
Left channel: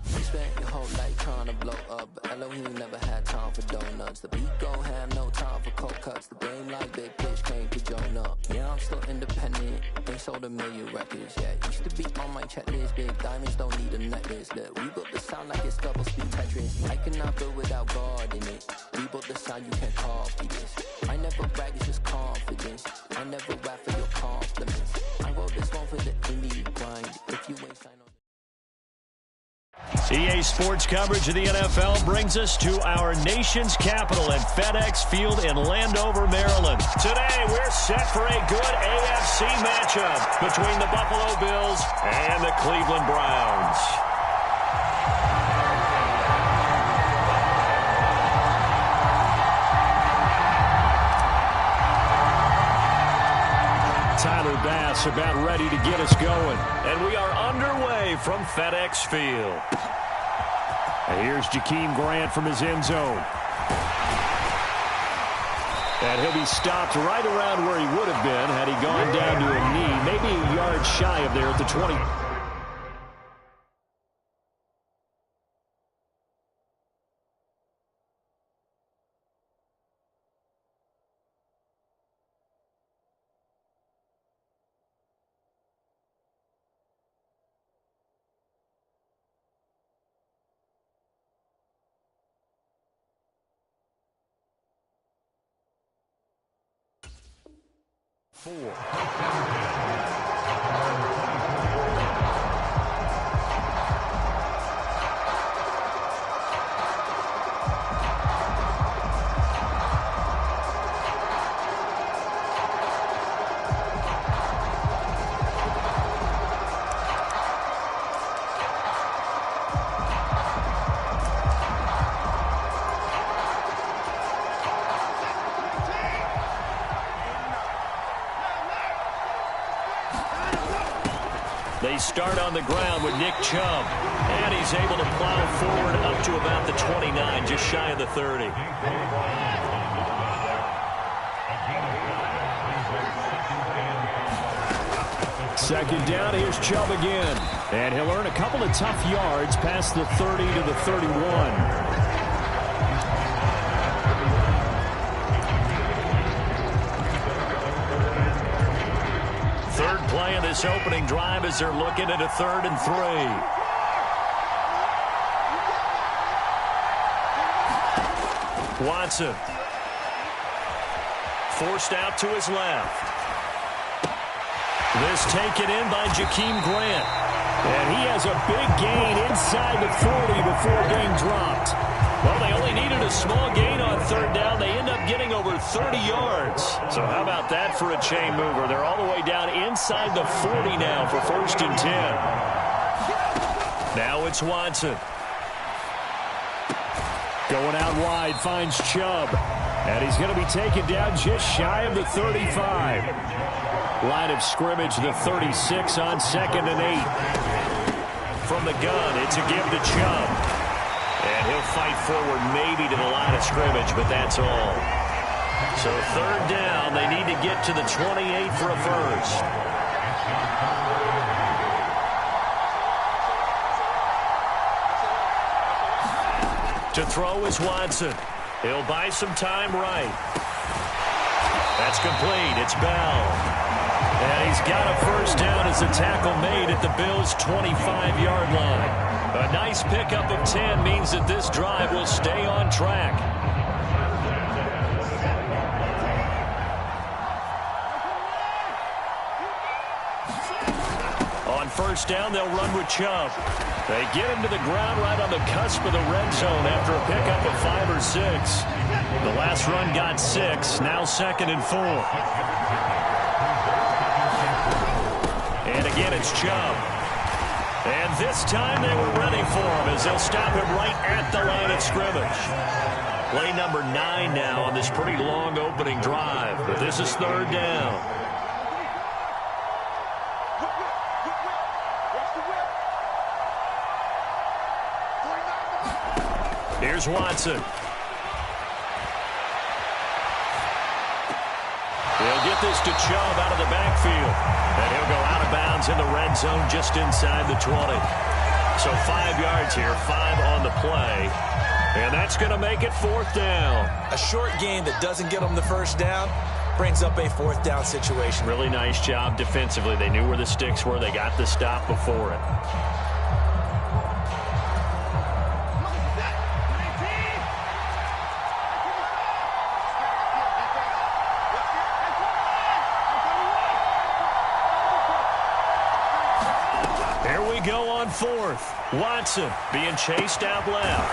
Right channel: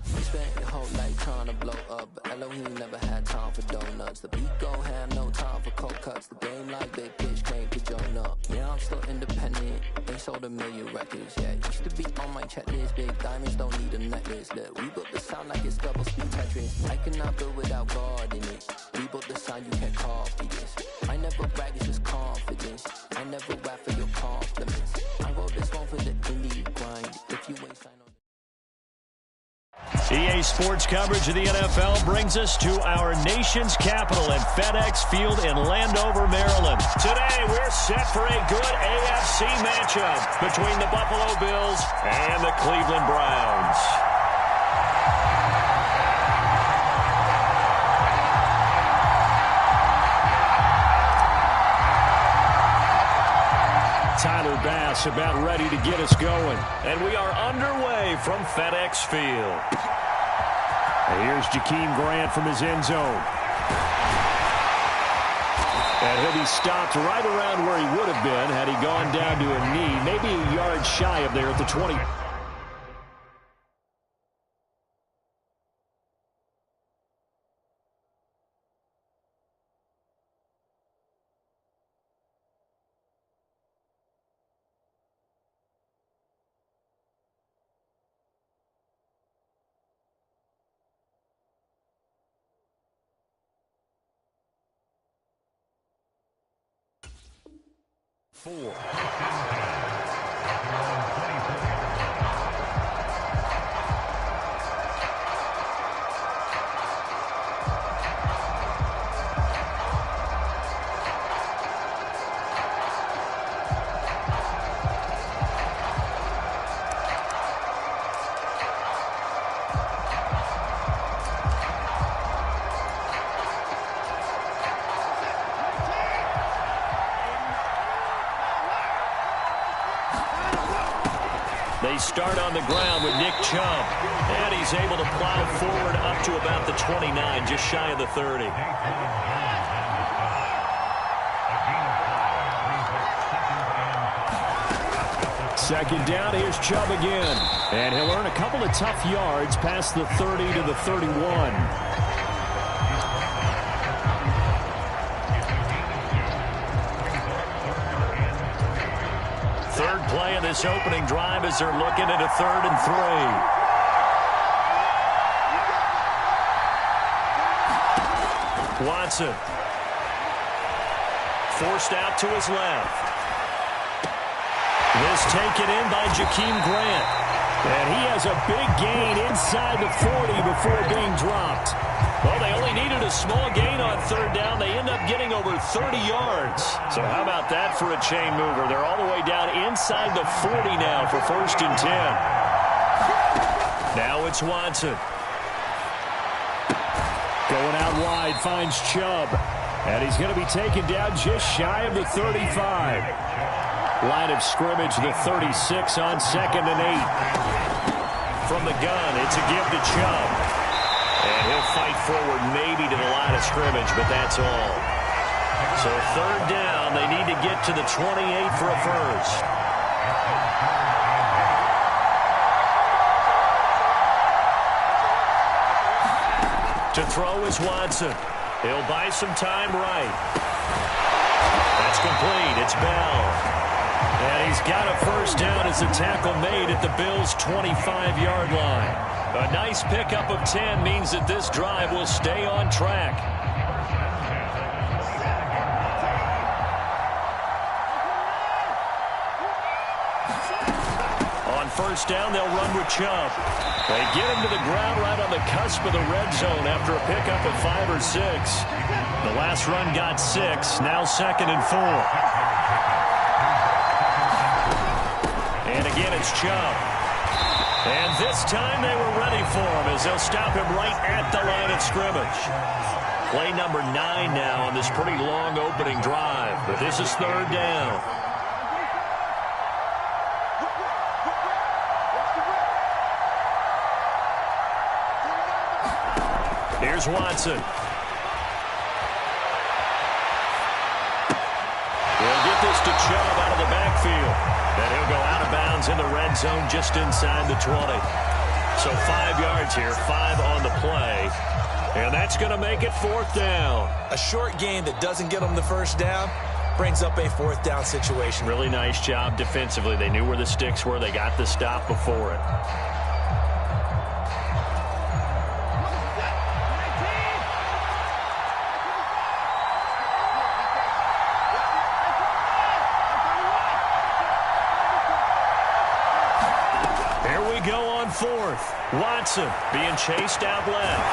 You spent your whole life trying to blow up, but Elohim never had time for donuts. The beat gon' have no time for cold cuts. The game like Big Pitch came to Jonah. Yeah, I'm still independent, ain't sold a million records yet. Used to be on my checklist, big diamonds don't need a necklace. Look, we built the sound like it's double speed Tetris. I cannot build without God in it. We built the sound, you can't copy this. I never brag, it's just confidence. I never rap for your compliments. I wrote this one for the indie grind. If you ain't signed on. EA Sports coverage of the NFL brings us to our nation's capital at FedEx Field in Landover, Maryland. Today, we're set for a good AFC matchup between the Buffalo Bills and the Cleveland Browns. Tyler Bass about ready to get us going. And we are underway from FedEx Field. And here's Jakeem Grant from his end zone. And he'll be stopped right around where he would have been had he gone down to a knee, maybe a yard shy of there at the 20. Four. They start on the ground with Nick Chubb, and he's able to plow forward up to about the 29, just shy of the 30. Second down, here's Chubb again, and he'll earn a couple of tough yards past the 30 to the 31. Third play of this opening drive as they're looking at a 3rd and 3. Watson. Forced out to his left. This taken in by Jakeem Grant. And he has a big gain inside the 40 before being dropped. Well, they only needed a small gain on 3rd down. They end up getting over 30 yards. So how about that for a chain mover? They're all the way down inside the 40 now for 1st and 10. Now it's Watson. Going out wide, finds Chubb. And he's going to be taken down just shy of the 35. Line of scrimmage, the 36 on 2nd and 8. From the gun, it's a give to Chubb. And he'll fight forward maybe to the line of scrimmage, but that's all. So 3rd down, they need to get to the 28 for a first. To throw is Watson. He'll buy some time right. That's complete. It's Bell. And he's got a first down as the tackle made at the Bills' 25-yard line. A nice pickup of 10 means that this drive will stay on track. On first down, they'll run with Chubb. They get him to the ground right on the cusp of the red zone after a pickup of 5 or 6. The last run got 6, now 2nd and 4. And again, it's Chubb. And this time they were ready for him as they'll stop him right at the line of scrimmage. Play number 9 now on this pretty long opening drive, but this is 3rd down. Here's Watson. He'll get this to Chubb out of the backfield. And he'll go out of bounds in the red zone just inside the 20. So 5 yards here, 5 on the play. And that's going to make it 4th down. A short game that doesn't get them the first down brings up a 4th down situation. Really nice job defensively. They knew where the sticks were. They got the stop before it. Go on 4th. Watson being chased out left.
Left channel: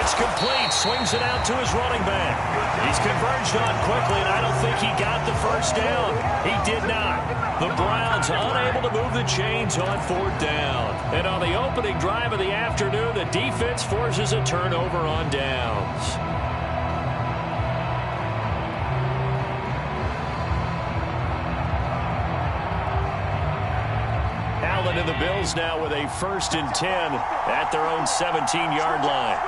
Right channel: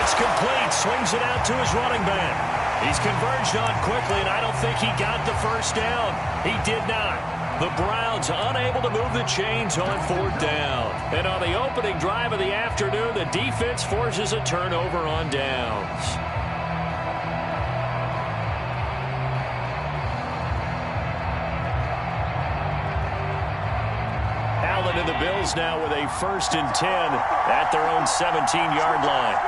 It's complete. Swings it out to his running back. He's converged on quickly, and I don't think he got the first down. He did not. The Browns unable to move the chains on 4th down. And on the opening drive of the afternoon, the defense forces a turnover on downs. Allen and the Bills now with a 1st and 10 at their own 17-yard line.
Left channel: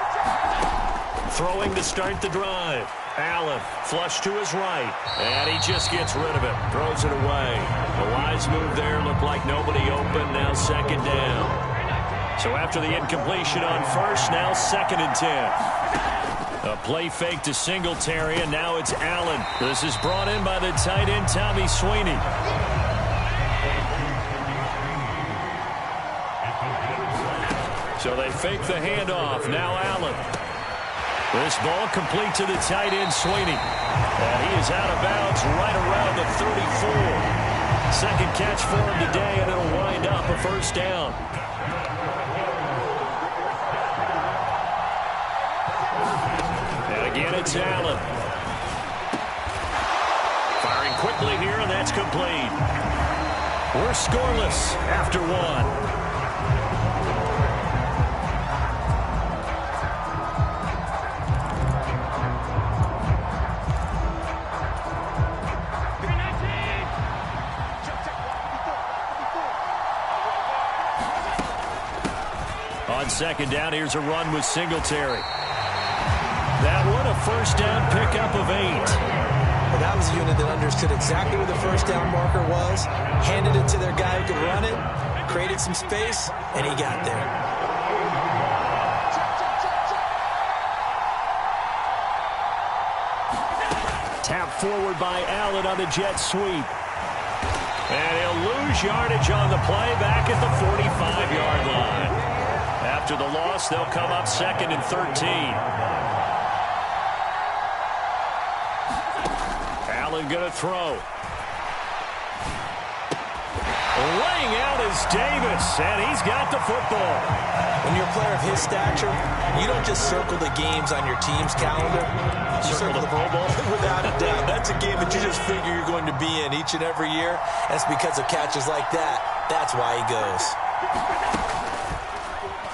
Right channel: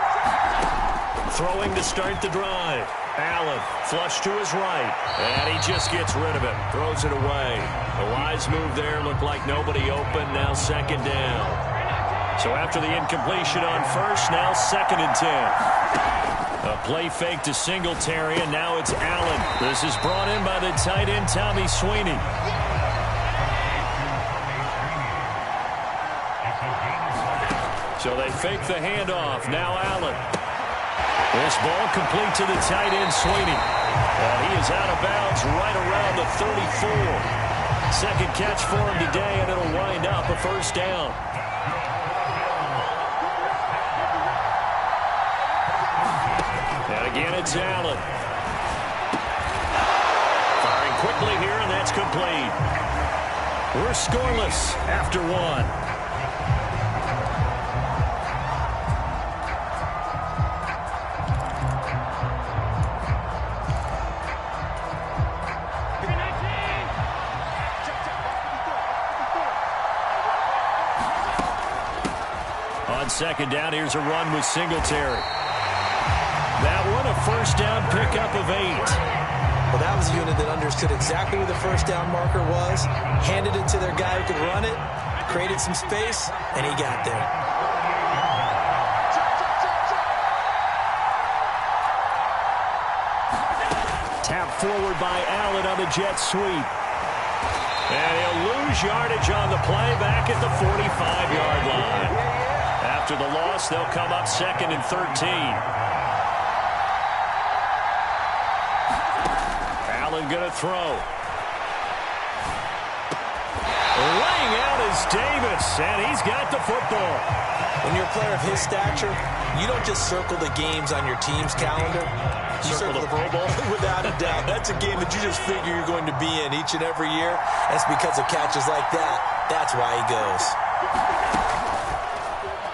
Throwing to start the drive. Allen flush to his right, and he just gets rid of it. Throws it away. A wise move there. Looked like nobody open. Now 2nd down. So after the incompletion on 1st, now 2nd and 10. A play fake to Singletary, and now it's Allen. This is brought in by the tight end, Tommy Sweeney. So they fake the handoff. Now Allen. This ball complete to the tight end, Sweeney. And he is out of bounds right around the 34. 2nd catch for him today, and it'll wind up a 1st down. And again, it's Allen. Firing quickly here, and that's complete. We're scoreless after 1. On 2nd down, here's a run with Singletary. That one, a 1st down pickup of 8. Well, that was a unit that understood exactly where the 1st down marker was, handed it to their guy who could run it, created some space, and he got there. Tap forward by Allen on the jet sweep. And he'll lose yardage on the play back at the 45-yard line. After the loss, they'll come up 2nd and 13. Allen going to throw. Laying out is Davis, and he's got the football. When you're a player of his stature, you don't just circle the games on your team's calendar. You circle the Pro Bowl. Without a doubt. That's a game that you just figure you're going to be in each and every year. That's because of catches like that. That's why he goes.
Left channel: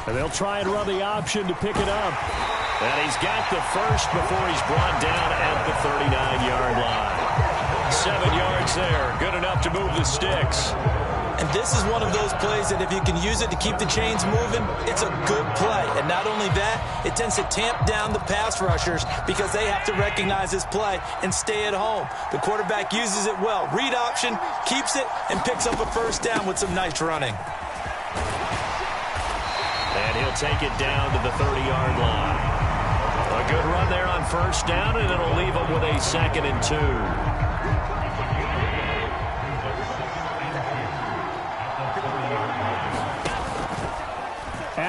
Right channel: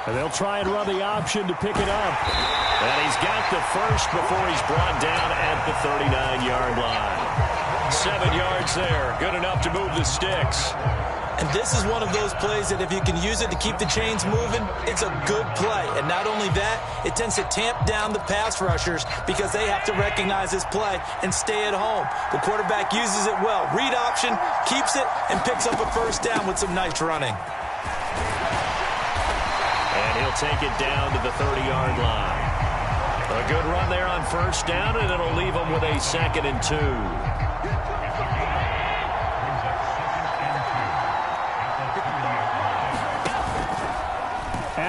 And they'll try and run the option to pick it up. And he's got the first before he's brought down at the 39-yard line. 7 yards there. Good enough to move the sticks. And this is one of those plays that if you can use it to keep the chains moving, it's a good play. And not only that, it tends to tamp down the pass rushers because they have to recognize this play and stay at home. The quarterback uses it well. Read option, keeps it, and picks up a 1st down with some nice running. And he'll take it down to the 30-yard line. A good run there on 1st down, and it'll leave him with a 2nd and 2.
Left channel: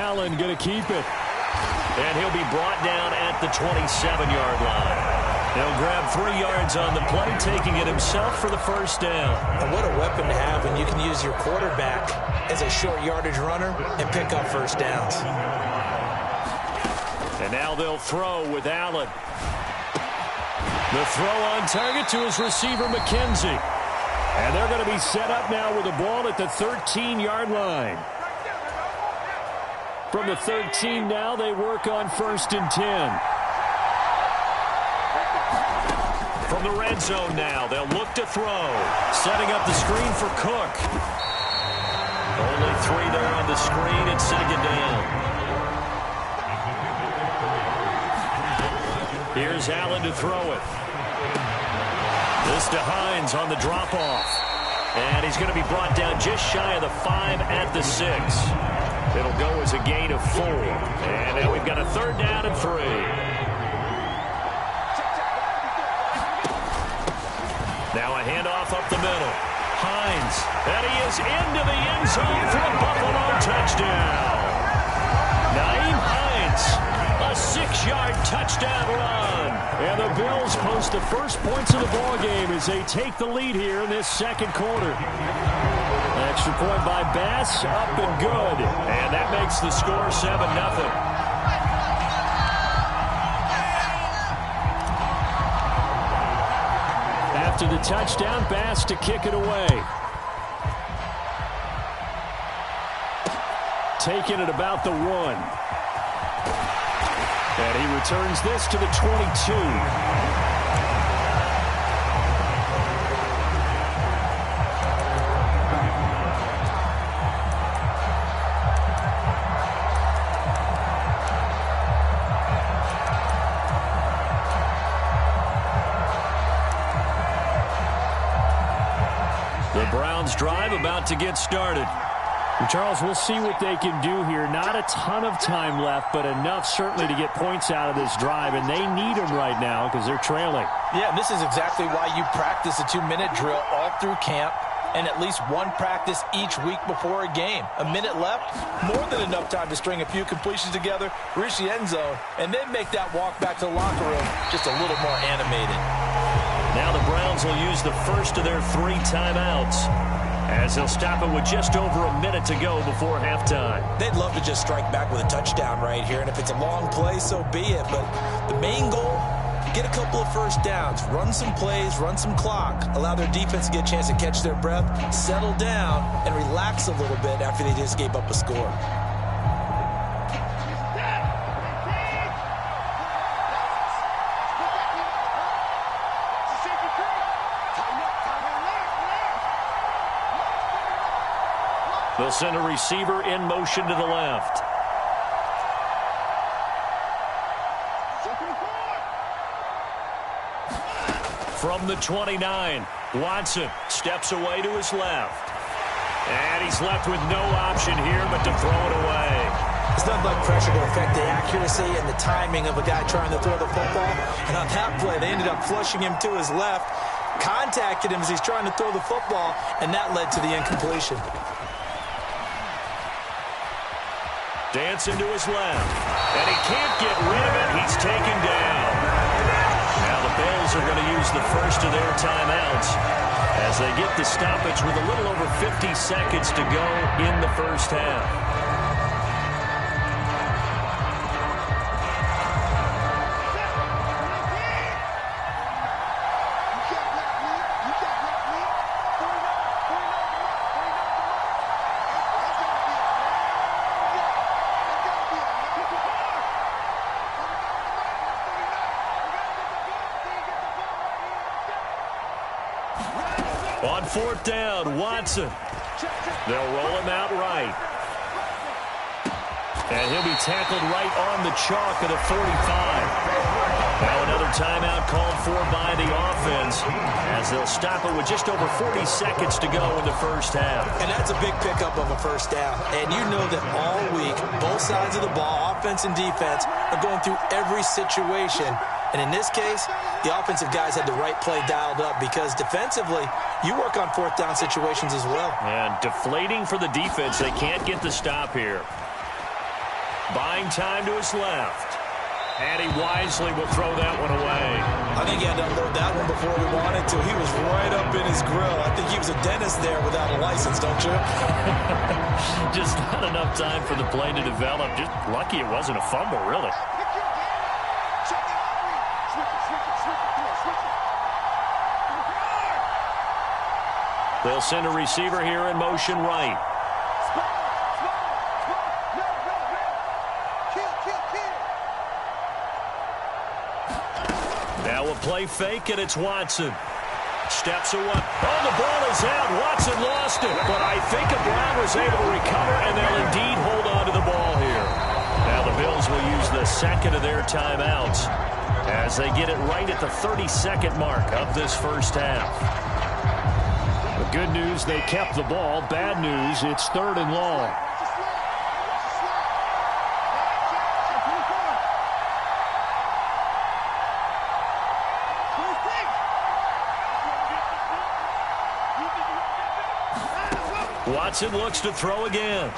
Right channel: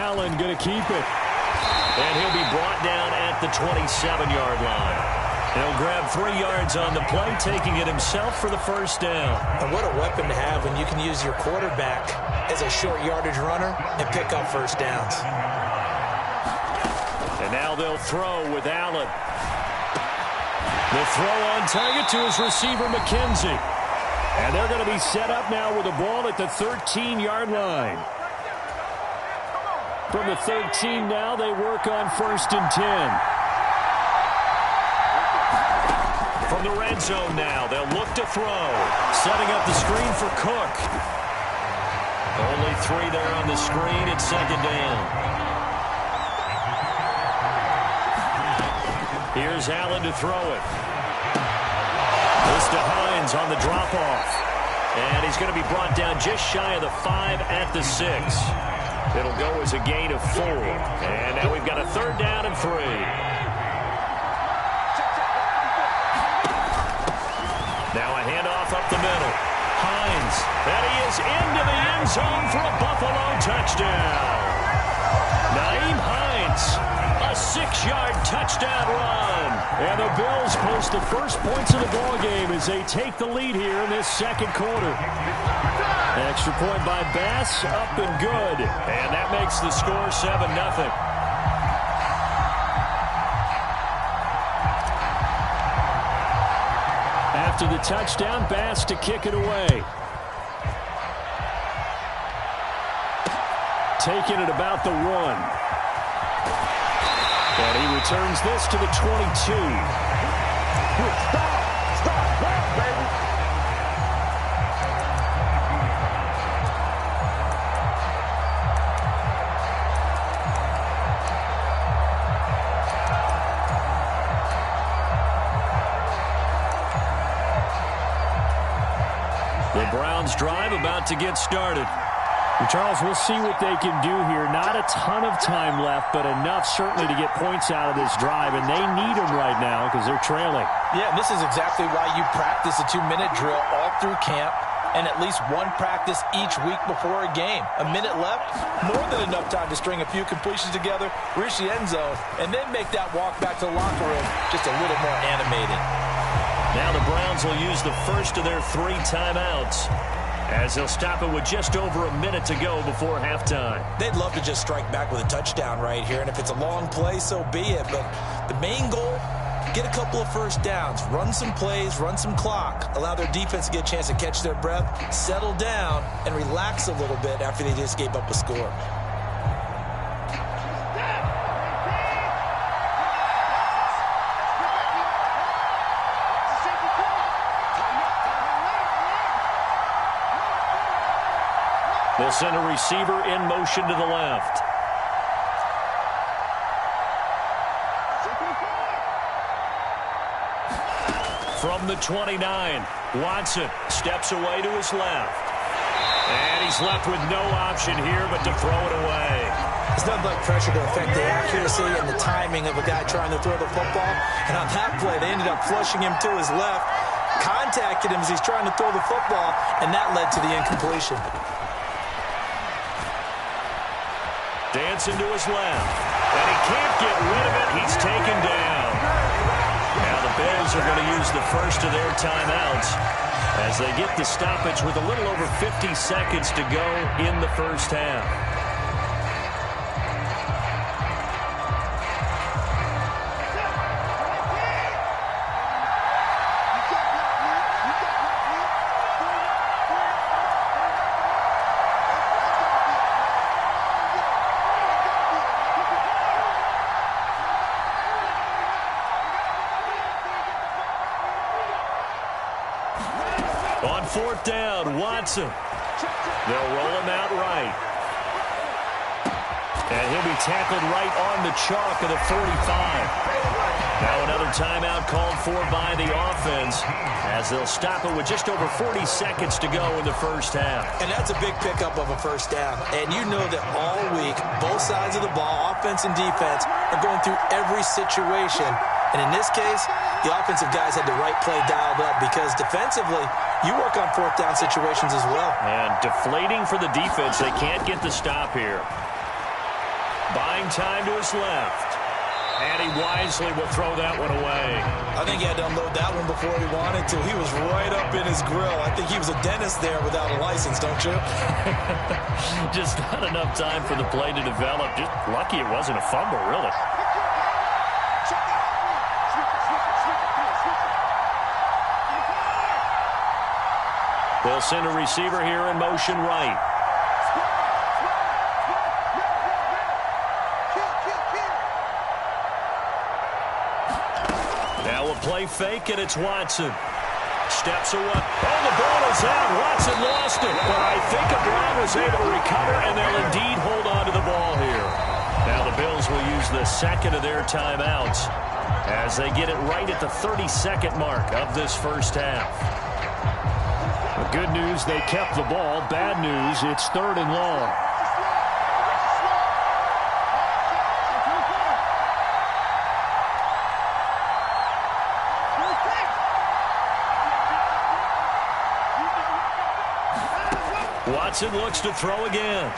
Allen going to keep it. And he'll be brought down at the 27-yard line. He'll grab 3 yards on the play, taking it himself for the first down. And what a weapon to have when you can use your quarterback as a short yardage runner and pick up first downs. And now they'll throw with Allen. The throw on target to his receiver, McKenzie. And they're going to be set up now with the ball at the 13-yard line. From the 13 now, they work on 1st and 10. From the red zone now, they'll look to throw. Setting up the screen for Cook. Only 3 there on the screen at 2nd down. Here's Allen to throw it. This to Hines on the drop-off. And he's going to be brought down just shy of the 5 at the 6. It'll go as a gain of 4. And now we've got a 3rd down and 3. Now a handoff up the middle. Hines. And he is into the end zone for a Buffalo touchdown. Nyheim Hines. A 6-yard touchdown run. And the Bills post the first points of the ballgame as they take the lead here in this 2nd quarter. Extra point by Bass, up and good. And that makes the score 7-0. After the touchdown, Bass to kick it away. Taking it about the 1. And he returns this to the 22. The Browns drive about to get started. Charles, we'll see what they can do here. Not a ton of time left, but enough certainly to get points out of this drive, and they need them right now because they're trailing. Yeah, and this is exactly why you practice a 2-minute drill all through camp and at least one practice each week before a game. A minute left, more than enough time to string a few completions together, reach the end zone, and then make that walk back to the locker room just a little more animated. Now the Browns will use the first of their 3 timeouts, as they'll stop it with just over a minute to go before halftime. They'd love to just strike back with a touchdown right here, and if it's a long play, so be it. But the main goal, get a couple of first downs, run some plays, run some clock, allow their defense to get a chance to catch their breath, settle down, and relax a little bit after they just gave up a score. They'll send a receiver in motion to the left. From the 29, Watson steps away to his left. And he's left with no option here but to throw it away. There's nothing like pressure to affect the accuracy and the timing of a guy trying to throw the football. And on that play, they ended up flushing him to his left, contacted him as he's trying to throw the football, and that led to the incompletion. Dancing to his left. And he can't get rid of it. He's taken down. Now the Bills are going to use the first of their timeouts as they get the stoppage with a little over 50 seconds to go in the first half. On 4th down, Watson. They'll roll him out right. And he'll be tackled right on the chalk of the 45. Now another timeout called for by the offense as they'll stop it with just over 40 seconds to go in the first half. And that's a big pickup of a first down. And you know that all week, both sides of the ball, offense and defense, are going through every situation. And in this case, the offensive guys had the right play dialed up because defensively, you work on 4th down situations as well. And deflating for the defense. They can't get the stop here. Buying time to his left. And he wisely will throw that one away. I think he had to unload that one before he wanted to. He was right up in his grill. I think he was a dentist there without a license, don't you? Just not enough time for the play to develop. Just lucky it wasn't a fumble, really. They'll send a receiver here in motion right. Now a play fake, and it's Watson. Steps away. Oh, the ball is out. Watson lost it. But I think Brown was able to recover, and they'll indeed hold on to the ball here. Now the Bills will use the second of their timeouts as they get it right at the 32nd mark of this first half. The good news, they kept the ball. Bad news, it's 3rd and long. Watson looks to throw again.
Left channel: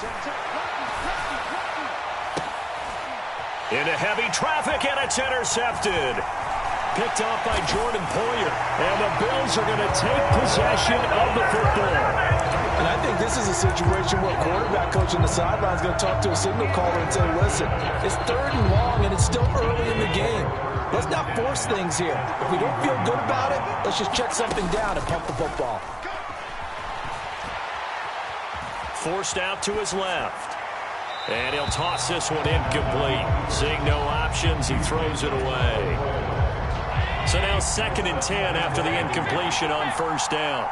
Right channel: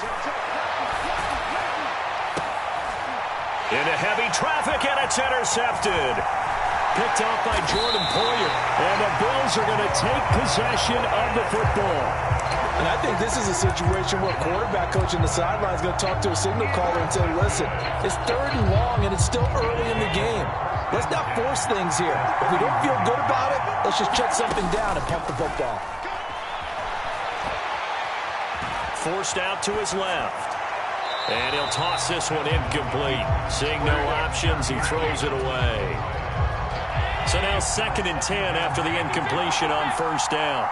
Into heavy traffic, and it's intercepted. Picked off by Jordan Poyer. And the Bills are going to take possession of the football. And I think this is a situation where quarterback coach on the sideline is going to talk to a signal caller and say, listen, it's 3rd and long, and it's still early in the game. Let's not force things here. If we don't feel good about it, let's just check something down and pump the football. Forced out to his left. And he'll toss this one incomplete. Seeing no options, he throws it away. So now 2nd and 10 after the incompletion on 1st down.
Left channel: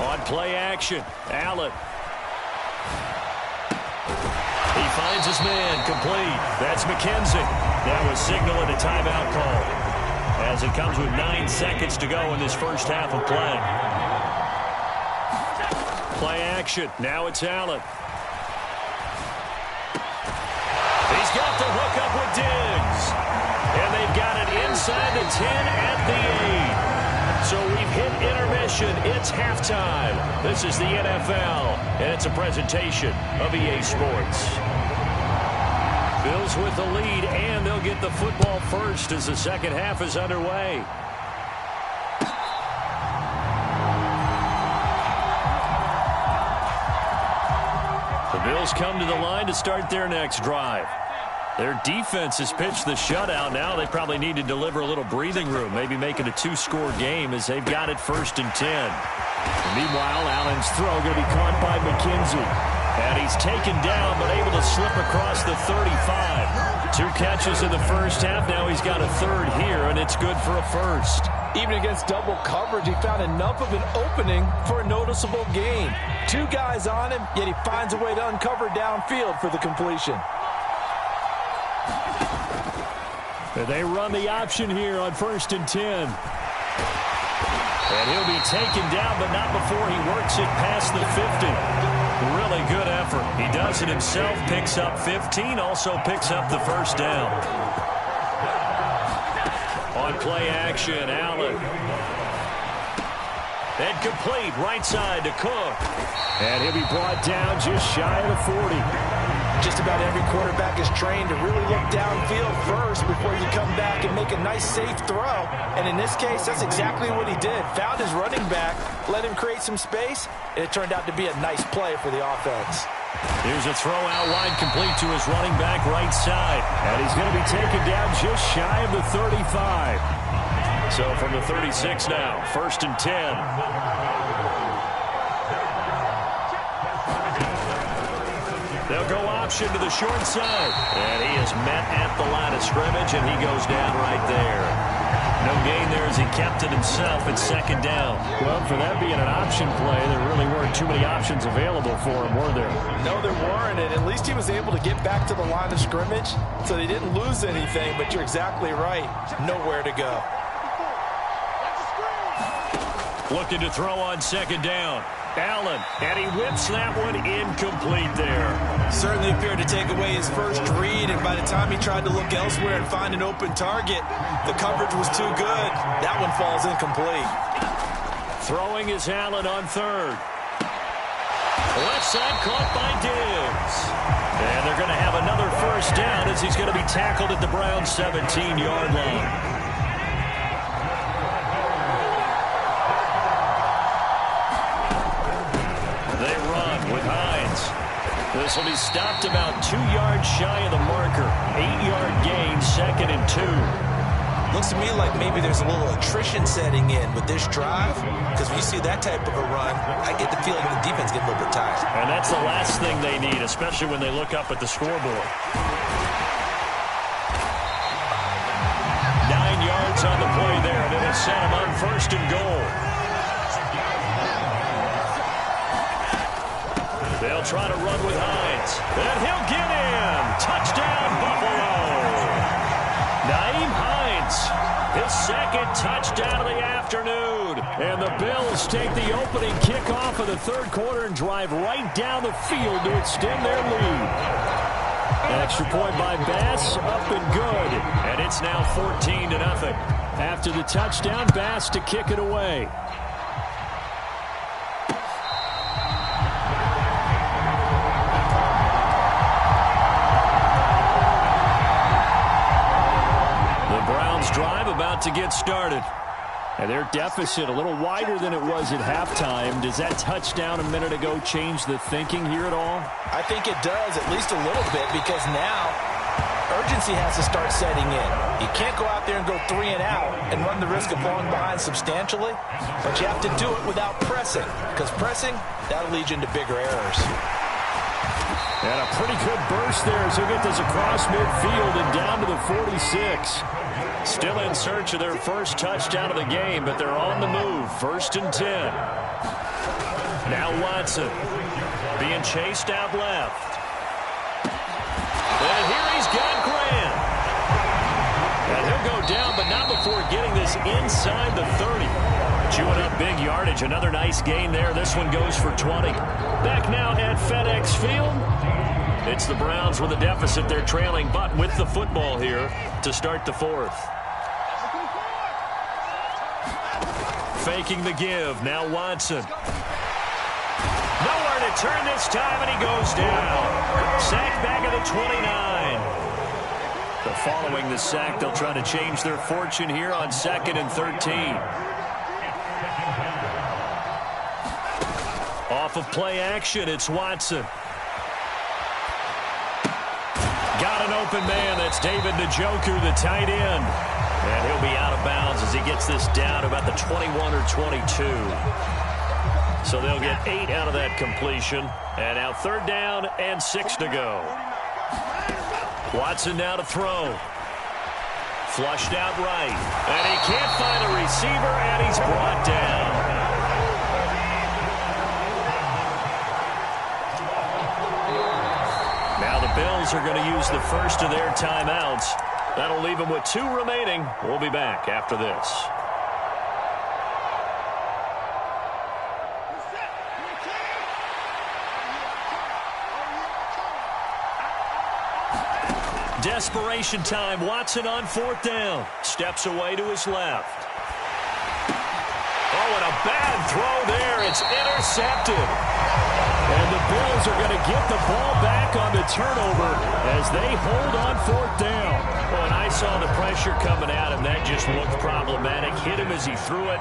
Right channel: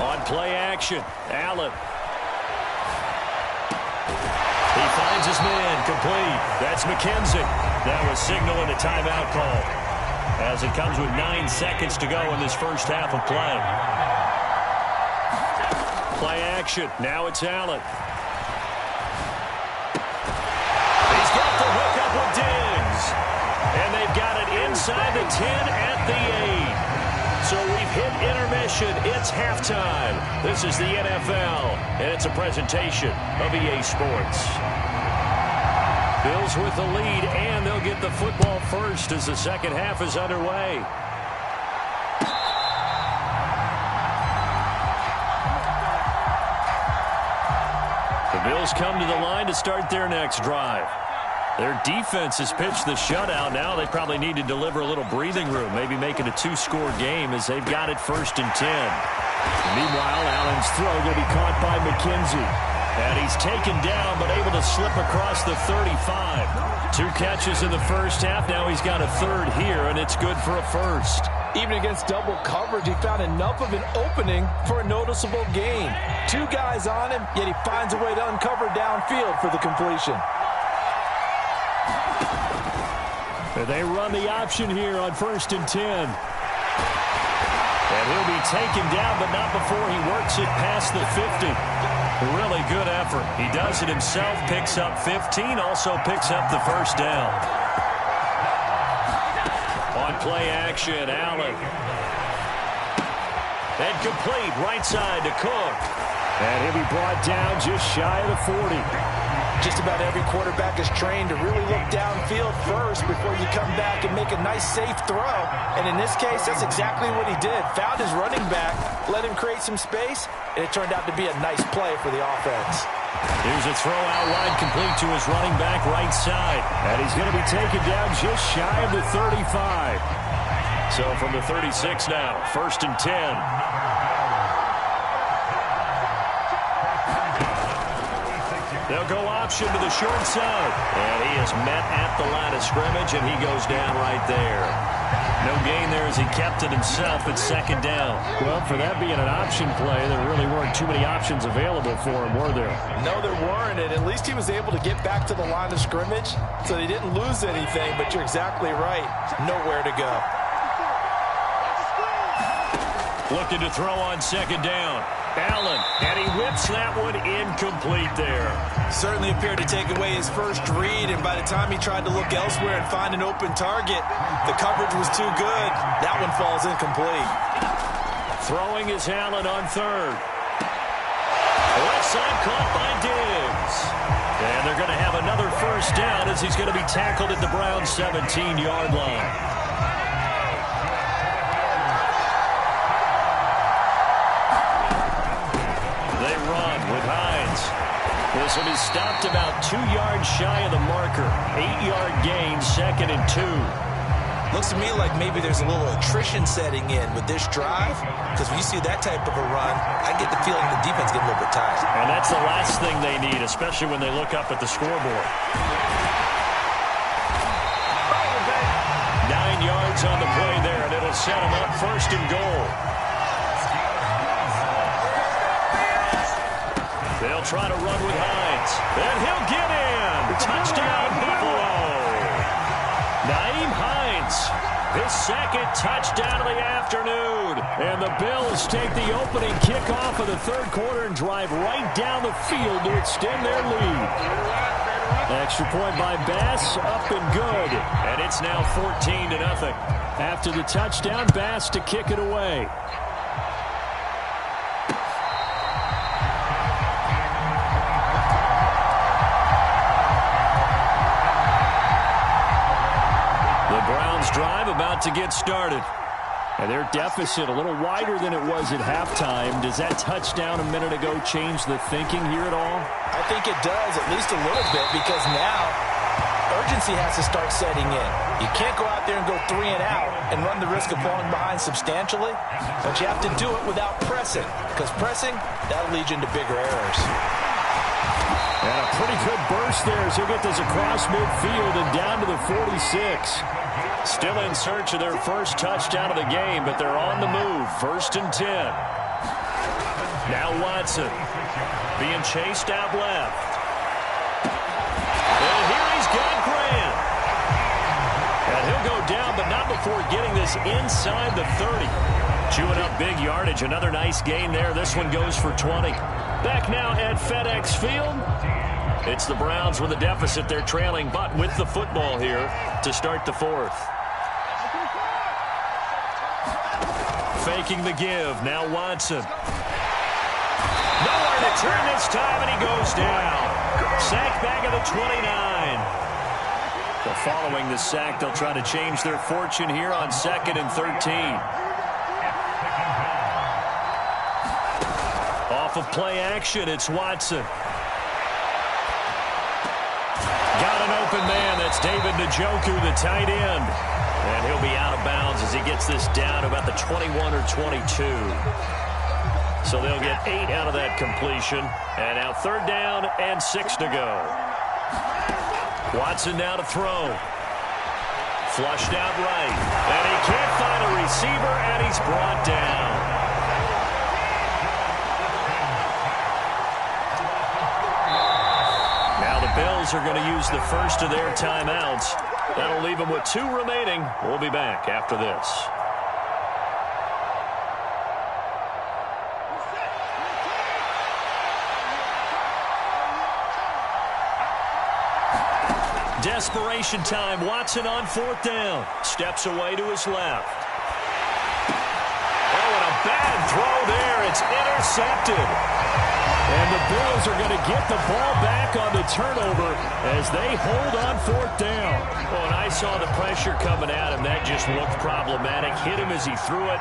On play action, Allen. He finds his man, complete. That's McKenzie. That was signaling a timeout call as it comes with 9 seconds to go in this first half of play. Play action. Now it's Allen. He's got the hook up with Diggs. And they've got it inside the 10 at the 8. So we've hit intermission. It's halftime. This is the NFL, and it's a presentation of EA Sports. Bills with the lead, and they'll get the football first as the second half is underway. The Bills come to the line to start their next drive. Their defense has pitched the shutout. Now they probably need to deliver a little breathing room, maybe make it a 2-score game as they've got it 1st and 10. Meanwhile, Allen's throw going to be caught by McKenzie. And he's taken down, but able to slip across the 35. 2 catches in the first half. Now he's got a 3rd here, and it's good for a 1st. Even against double coverage, he found enough of an opening for a noticeable gain. 2 guys on him, yet he finds a way to uncover downfield for the completion. They run the option here on 1st and 10. And he'll be taken down, but not before he works it past the 50. Really good effort. He does it himself, picks up 15, also picks up the 1st down. On play action, Allen. And complete, right side to Cook. And he'll be brought down just shy of the 40. Just about every quarterback is trained to really look downfield first before you come back and make a nice, safe throw. And in this case, that's exactly what he did. Found his running back, let him create some space, and it turned out to be a nice play for the offense. Here's a throw out wide, complete to his running back right side. And he's going to be taken down just shy of the 35. So from the 36 now, 1st and 10. They'll go option to the short side. And he is met at the line of scrimmage, and he goes down right there. No gain there as he kept it himself at 2nd down. Well, for that being an option play, there really weren't too many options available for him, were there? No, there weren't, and at least he was able to get back to the line of scrimmage, so they didn't lose anything, but you're exactly right. Nowhere to go. Looking to throw on 2nd down. Allen, and he whips that one incomplete there. Certainly appeared to take away his first read, and by the time he tried to look elsewhere and find an open target, the coverage was too good. That one falls incomplete. Throwing is Allen on 3rd. Left side caught by Diggs. And they're going to have another first down as he's going to be tackled at the Browns' 17-yard line. They run with Hines. This will be stopped about 2 yards shy of the marker. 8-yard gain, 2nd and 2. Looks to me like maybe there's a little attrition setting in with this drive, because when you see that type of a run, I get the feeling the defense getting a little bit tired. And that's the last thing they need, especially when they look up at the scoreboard. 9 yards on the play there, and it'll set them up 1st and goal. They'll try to run with Hines. And he'll get in. Touchdown, Buffalo. Naeem Hines, his 2nd touchdown of the afternoon. And the Bills take the opening kickoff of the 3rd quarter and drive right down the field to extend their lead. Extra point by Bass, up and good. And it's now 14-0. After the touchdown, Bass to kick it away. Browns drive about to get started. And their deficit a little wider than it was at halftime. Does that touchdown a minute ago change the thinking here at all? I think it does, at least a little bit, because now urgency has to start setting in. You can't go out there and go 3 and out and run the risk of falling behind substantially, but you have to do it without pressing, because pressing, that'll lead you into bigger errors. And a pretty good burst there as he'll get this across midfield and down to the 46. Still in search of their first touchdown of the game, but they're on the move. 1st and 10. Now Watson being chased out left. And here he's got Grant. And he'll go down, but not before getting this inside the 30. Chewing up big yardage. Another nice gain there. This one goes for 20. Back now at FedEx Field. It's the Browns with a deficit. They're trailing, but with the football here to start the 4th. Faking the give. Now Watson. Nowhere to turn this time, and he goes down. Sack back at the 29. So following the sack, they'll try to change their fortune here on 2nd and 13. Off of play action, it's Watson. Got an open man. That's David Njoku, the tight end. And he'll be out of bounds as he gets this down about the 21 or 22. So they'll get 8 out of that completion. And now 3rd down and 6 to go. Watson now to throw. Flushed out right. And he can't find a receiver, and he's brought down. Now the Bills are going to use the first of their timeouts. That'll leave them with 2 remaining. We'll be back after this. Desperation time. Watson on 4th down. Steps away to his left. Oh, and a bad throw there. It's intercepted. And the Bills are going to get the ball back on the turnover as they hold on 4th down. Oh, and I saw the pressure coming at him. That just looked problematic. Hit him as he threw it,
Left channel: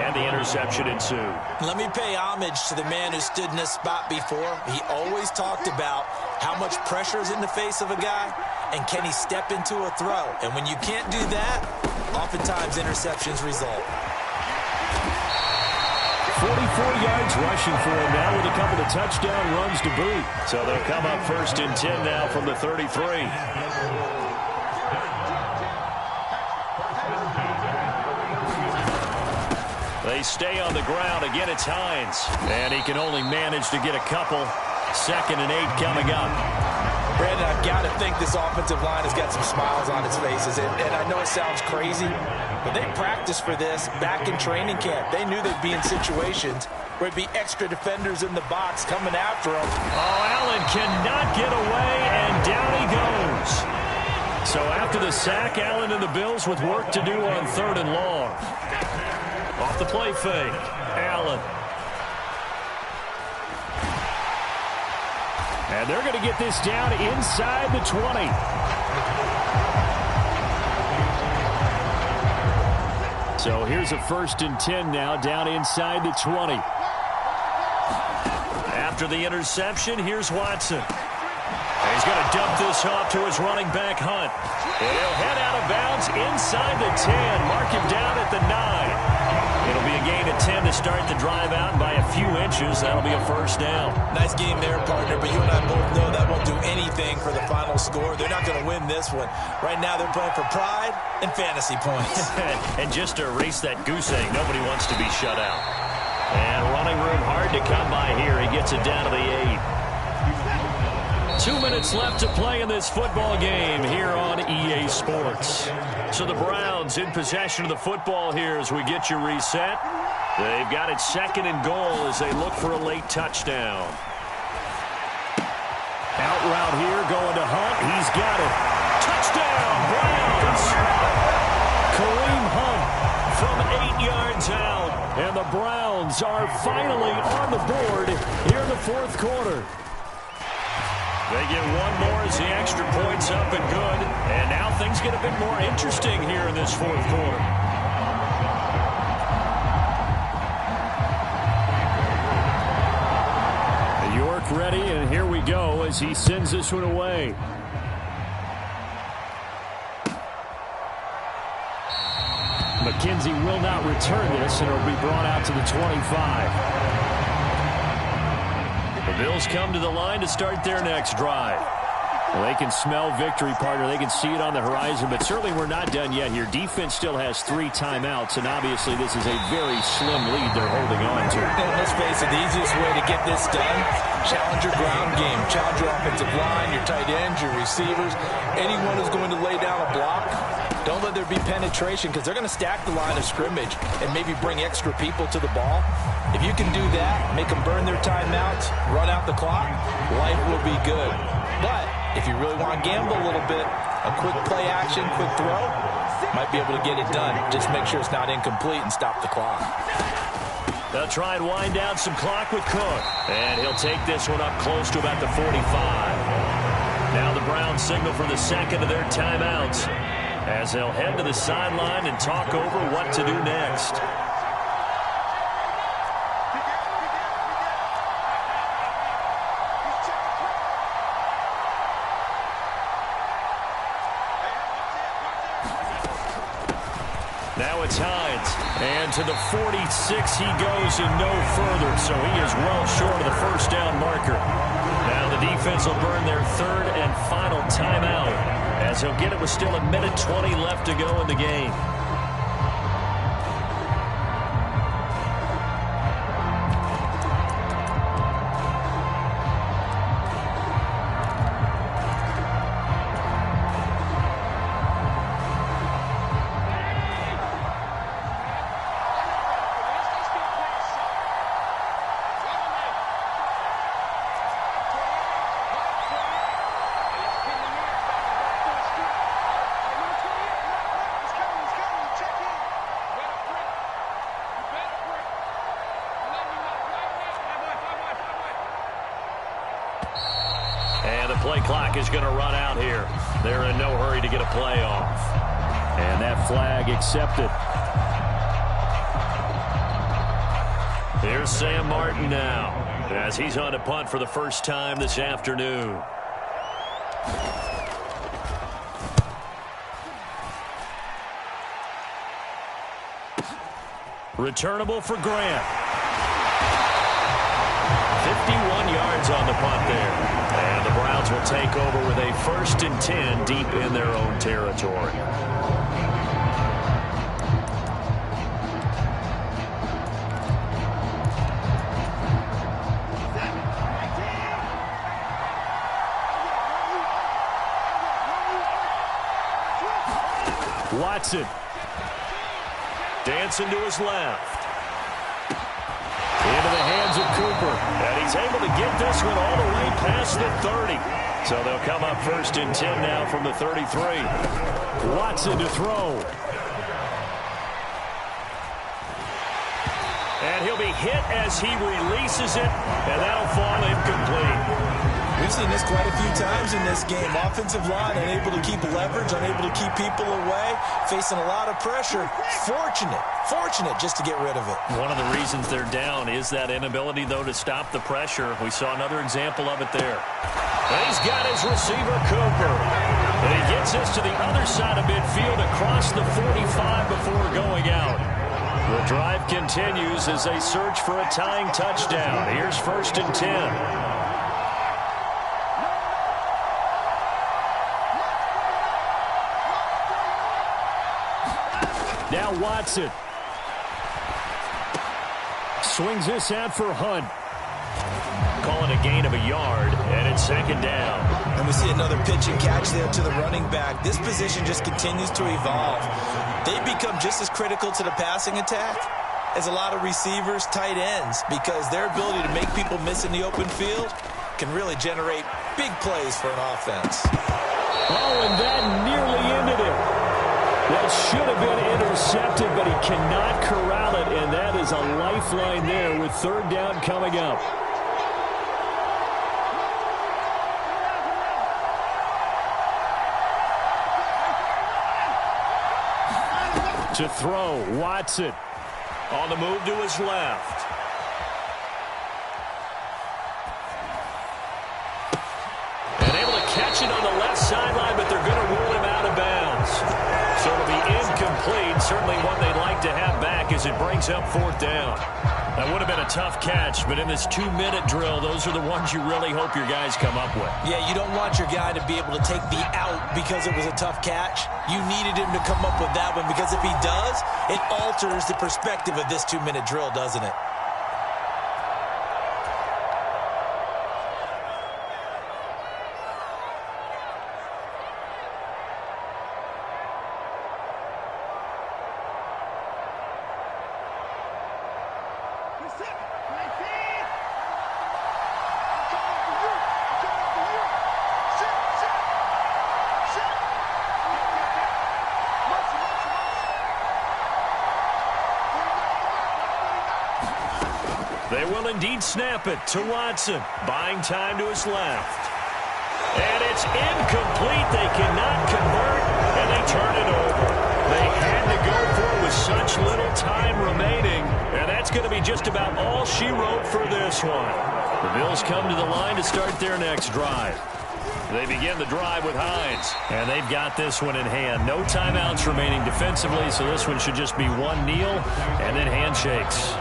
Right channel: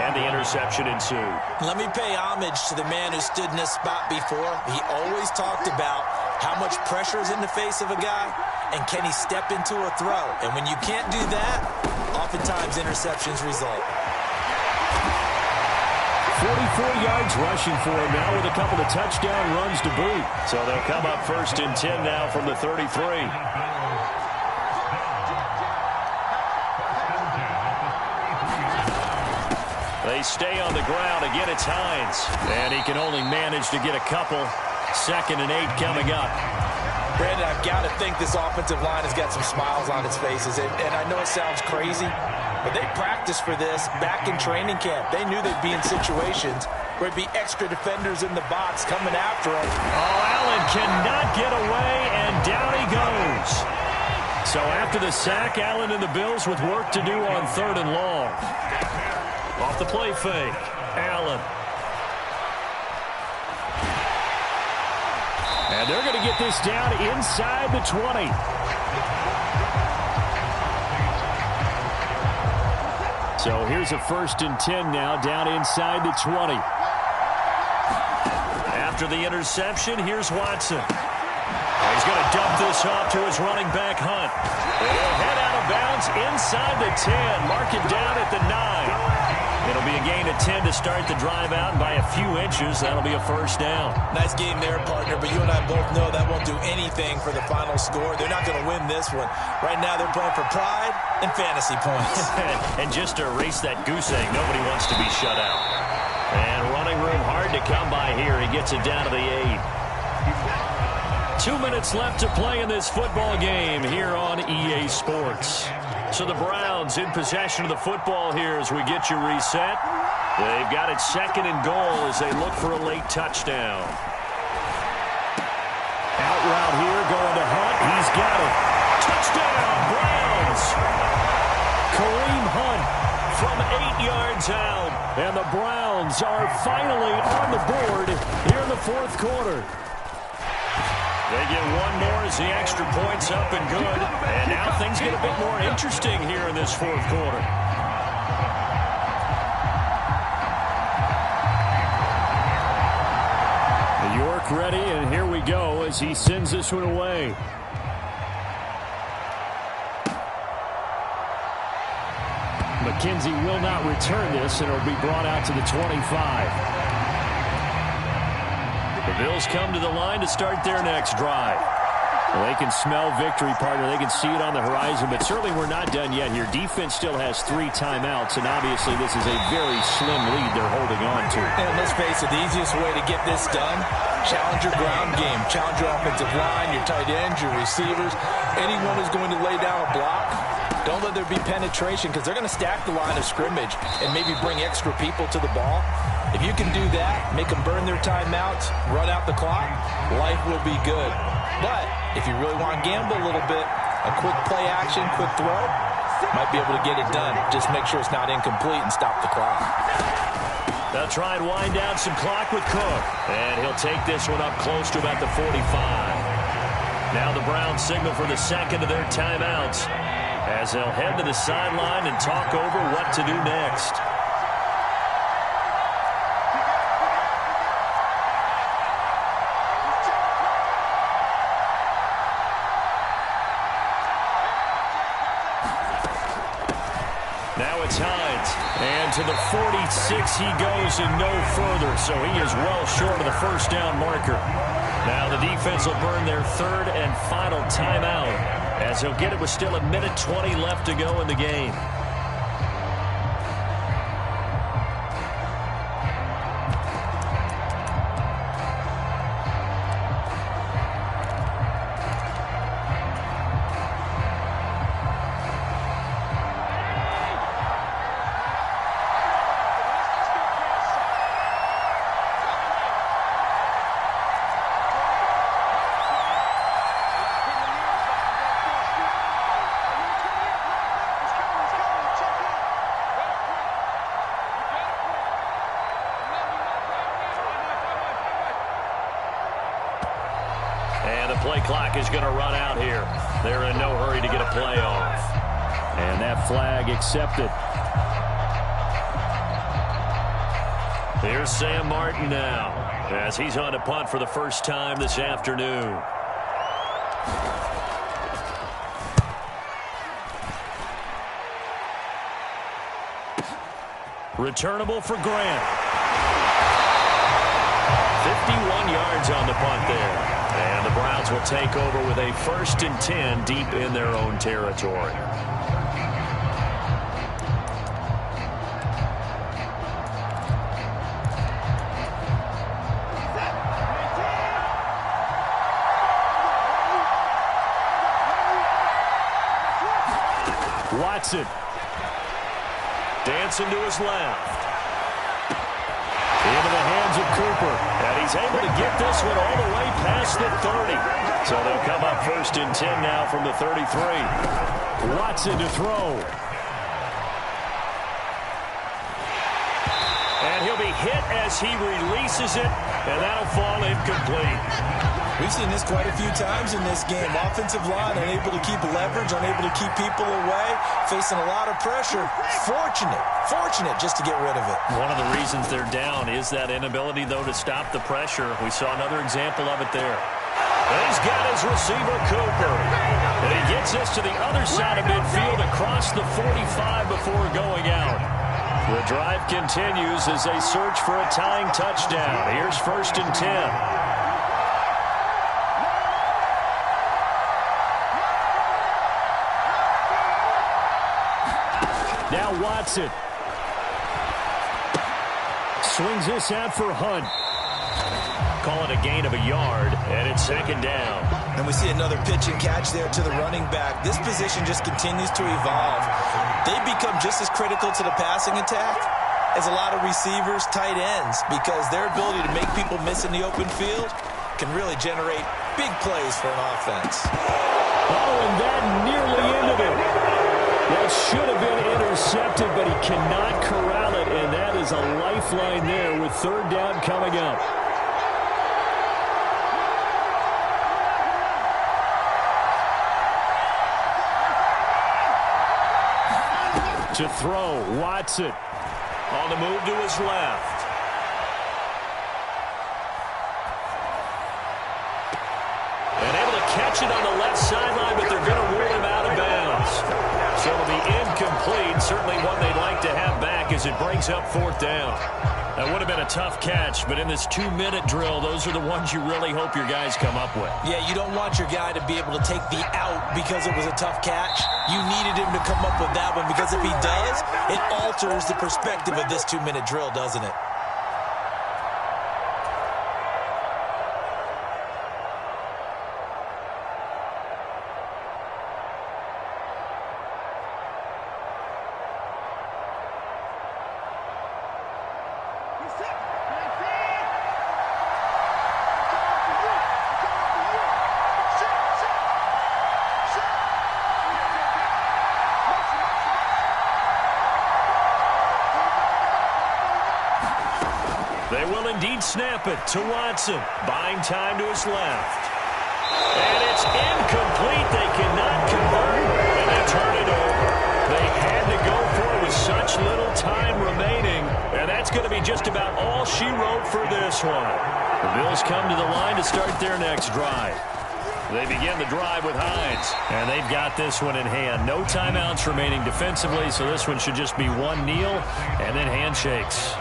and the interception ensued. Let me pay homage to the man who stood in this spot before. He always talked about how much pressure is in the face of a guy, and can he step into a throw. And when you can't do that, oftentimes interceptions result. 44 yards rushing for him now with a couple of touchdown runs to boot. So they'll come up 1st and 10 now from the 33. They stay on the ground. Again, it's Hines. And he can only manage to get a couple. 2nd and 8 coming up. Brandon, I've got to think this offensive line has got some smiles on its faces. And I know it sounds crazy, but they practiced for this back in training camp. They knew they'd be in situations where it'd be extra defenders in the box coming after them. Oh, Allen cannot get away, and down he goes. So after the sack, Allen and the Bills with work to do on 3rd and long. Off the play fake, Allen. And they're going to get this down inside the 20. So here's a 1st and 10 now, down inside the 20. After the interception, here's Watson. And he's going to dump this off to his running back, Hunt. And he'll head out of bounds inside the 10. Mark it down at the 9. It'll be a gain of 10 to start the drive out, and by a few inches, that'll be a 1st down. Nice game there, partner, but you and I both know that won't do anything for the final score. They're not going to win this one. Right now, they're playing for pride and fantasy points. And just to erase that goose egg, nobody wants to be shut out. And running room hard to come by here. He gets it down to the 8. 2 minutes left to play in this football game here on EA Sports. So the Browns in possession of the football here as we get you reset. They've got it 2nd and goal as they look for a late touchdown. Out route here going to Hunt. He's got it. Touchdown, Browns. Kareem Hunt from 8 yards out. And the Browns are finally on the board here in the 4th quarter. They get one more as the extra point's up and good. And now things get a bit more interesting here in this 4th quarter. York ready, and here we go as he sends this one away. McKenzie will not return this, and it'll be brought out to the 25. The Bills come to the line to start their next drive. Well, they can smell victory, partner. They can see it on the horizon, but certainly we're not done yet here. Defense still has 3 timeouts, and obviously this is a very slim lead they're holding on to. And let's face it, the easiest way to get this done, challenge your ground game. Challenge your offensive line, your tight ends, your receivers. Anyone who's going to lay down a block, don't let there be penetration because they're going to stack the line of scrimmage and maybe bring extra people to the ball. If you can do that, make them burn their timeouts, run out the clock, life will be good. But if you really want to gamble a little bit, a quick play action, quick throw, might be able to get it done. Just make sure it's not incomplete and stop the clock. They'll try and wind down some clock with Cook. And he'll take this one up close to about the 45. Now the Browns signal for the 2nd of their timeouts as they'll head to the sideline and talk over what to do next. Now it's Hines, and to the 46 he goes and no further, so he is well short of the 1st down marker. Now the defense will burn their 3rd and final timeout as he'll get it with still 1:20 left to go in the game. And the play clock is going to run out here. They're in no hurry to get a play off. And that flag accepted. Here's Sam Martin now as he's on to punt for the first time this afternoon. Returnable for Grant. 51 yards on the punt there. And the Browns will take over with a 1st and 10 deep in their own territory. Watson. Dancing to his left. Into the hands of Cooper. And he's able to get this one all the way past the 30. So they'll come up 1st and 10 now from the 33. Watson to throw. And he'll be hit as he releases it, and that'll fall incomplete. We've seen this quite a few times in this game. Offensive line unable to keep leverage, unable to keep people away, facing a lot of pressure. Fortunate just to get rid of it. One of the reasons they're down is that inability, though, to stop the pressure. We saw another example of it there. And he's got his receiver, Cooper. And he gets this to the other side of midfield across the 45 before going out. The drive continues as they search for a tying touchdown. Here's 1st and 10. Now Watson. Swings this out for Hunt. Call it a gain of a yard, and it's 2nd down. And we see another pitch and catch there to the running back. This position just continues to evolve. They become just as critical to the passing attack as a lot of receivers, tight ends, because their ability to make people miss in the open field can really generate big plays for an offense. Oh, and that nearly ended it. That should have been intercepted, but he cannot corral it, and that is a lifeline there with 3rd down coming up. To throw, Watson. On the move to his left. And able to catch it on the left sideline, but they're going to rule him out of bounds. So it'll be incomplete. Certainly one they'd like to have back as it brings up 4th down. That would have been a tough catch, but in this 2-minute drill, those are the ones you really hope your guys come up with. Yeah, you don't want your guy to be able to take the out because it was a tough catch. You needed him to come up with that one, because if he does, it alters the perspective of this 2-minute drill, doesn't it? They will indeed snap it to Watson. Buying time to his left. And it's incomplete. They cannot convert, and they turn it over. They had to go for it with such little time remaining, and that's going to be just about all she wrote for this one. The Bills come to the line to start their next drive. They begin the drive with Hines, and they've got this one in hand. No timeouts remaining defensively, so this one should just be one kneel and then handshakes.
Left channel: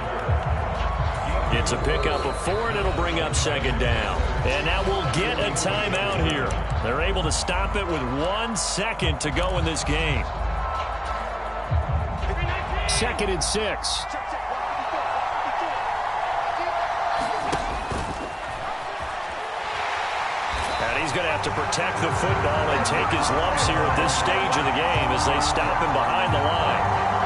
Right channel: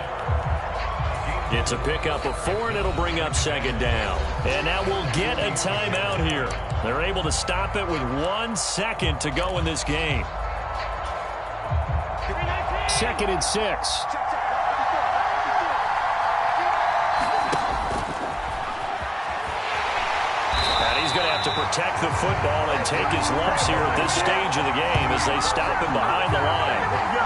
It's a pickup of 4, and it'll bring up 2nd down. And now we'll get a timeout here. They're able to stop it with 1 second to go in this game. 2nd and 6. And he's going to have to protect the football and take his lumps here at this stage of the game as they stop him behind the line.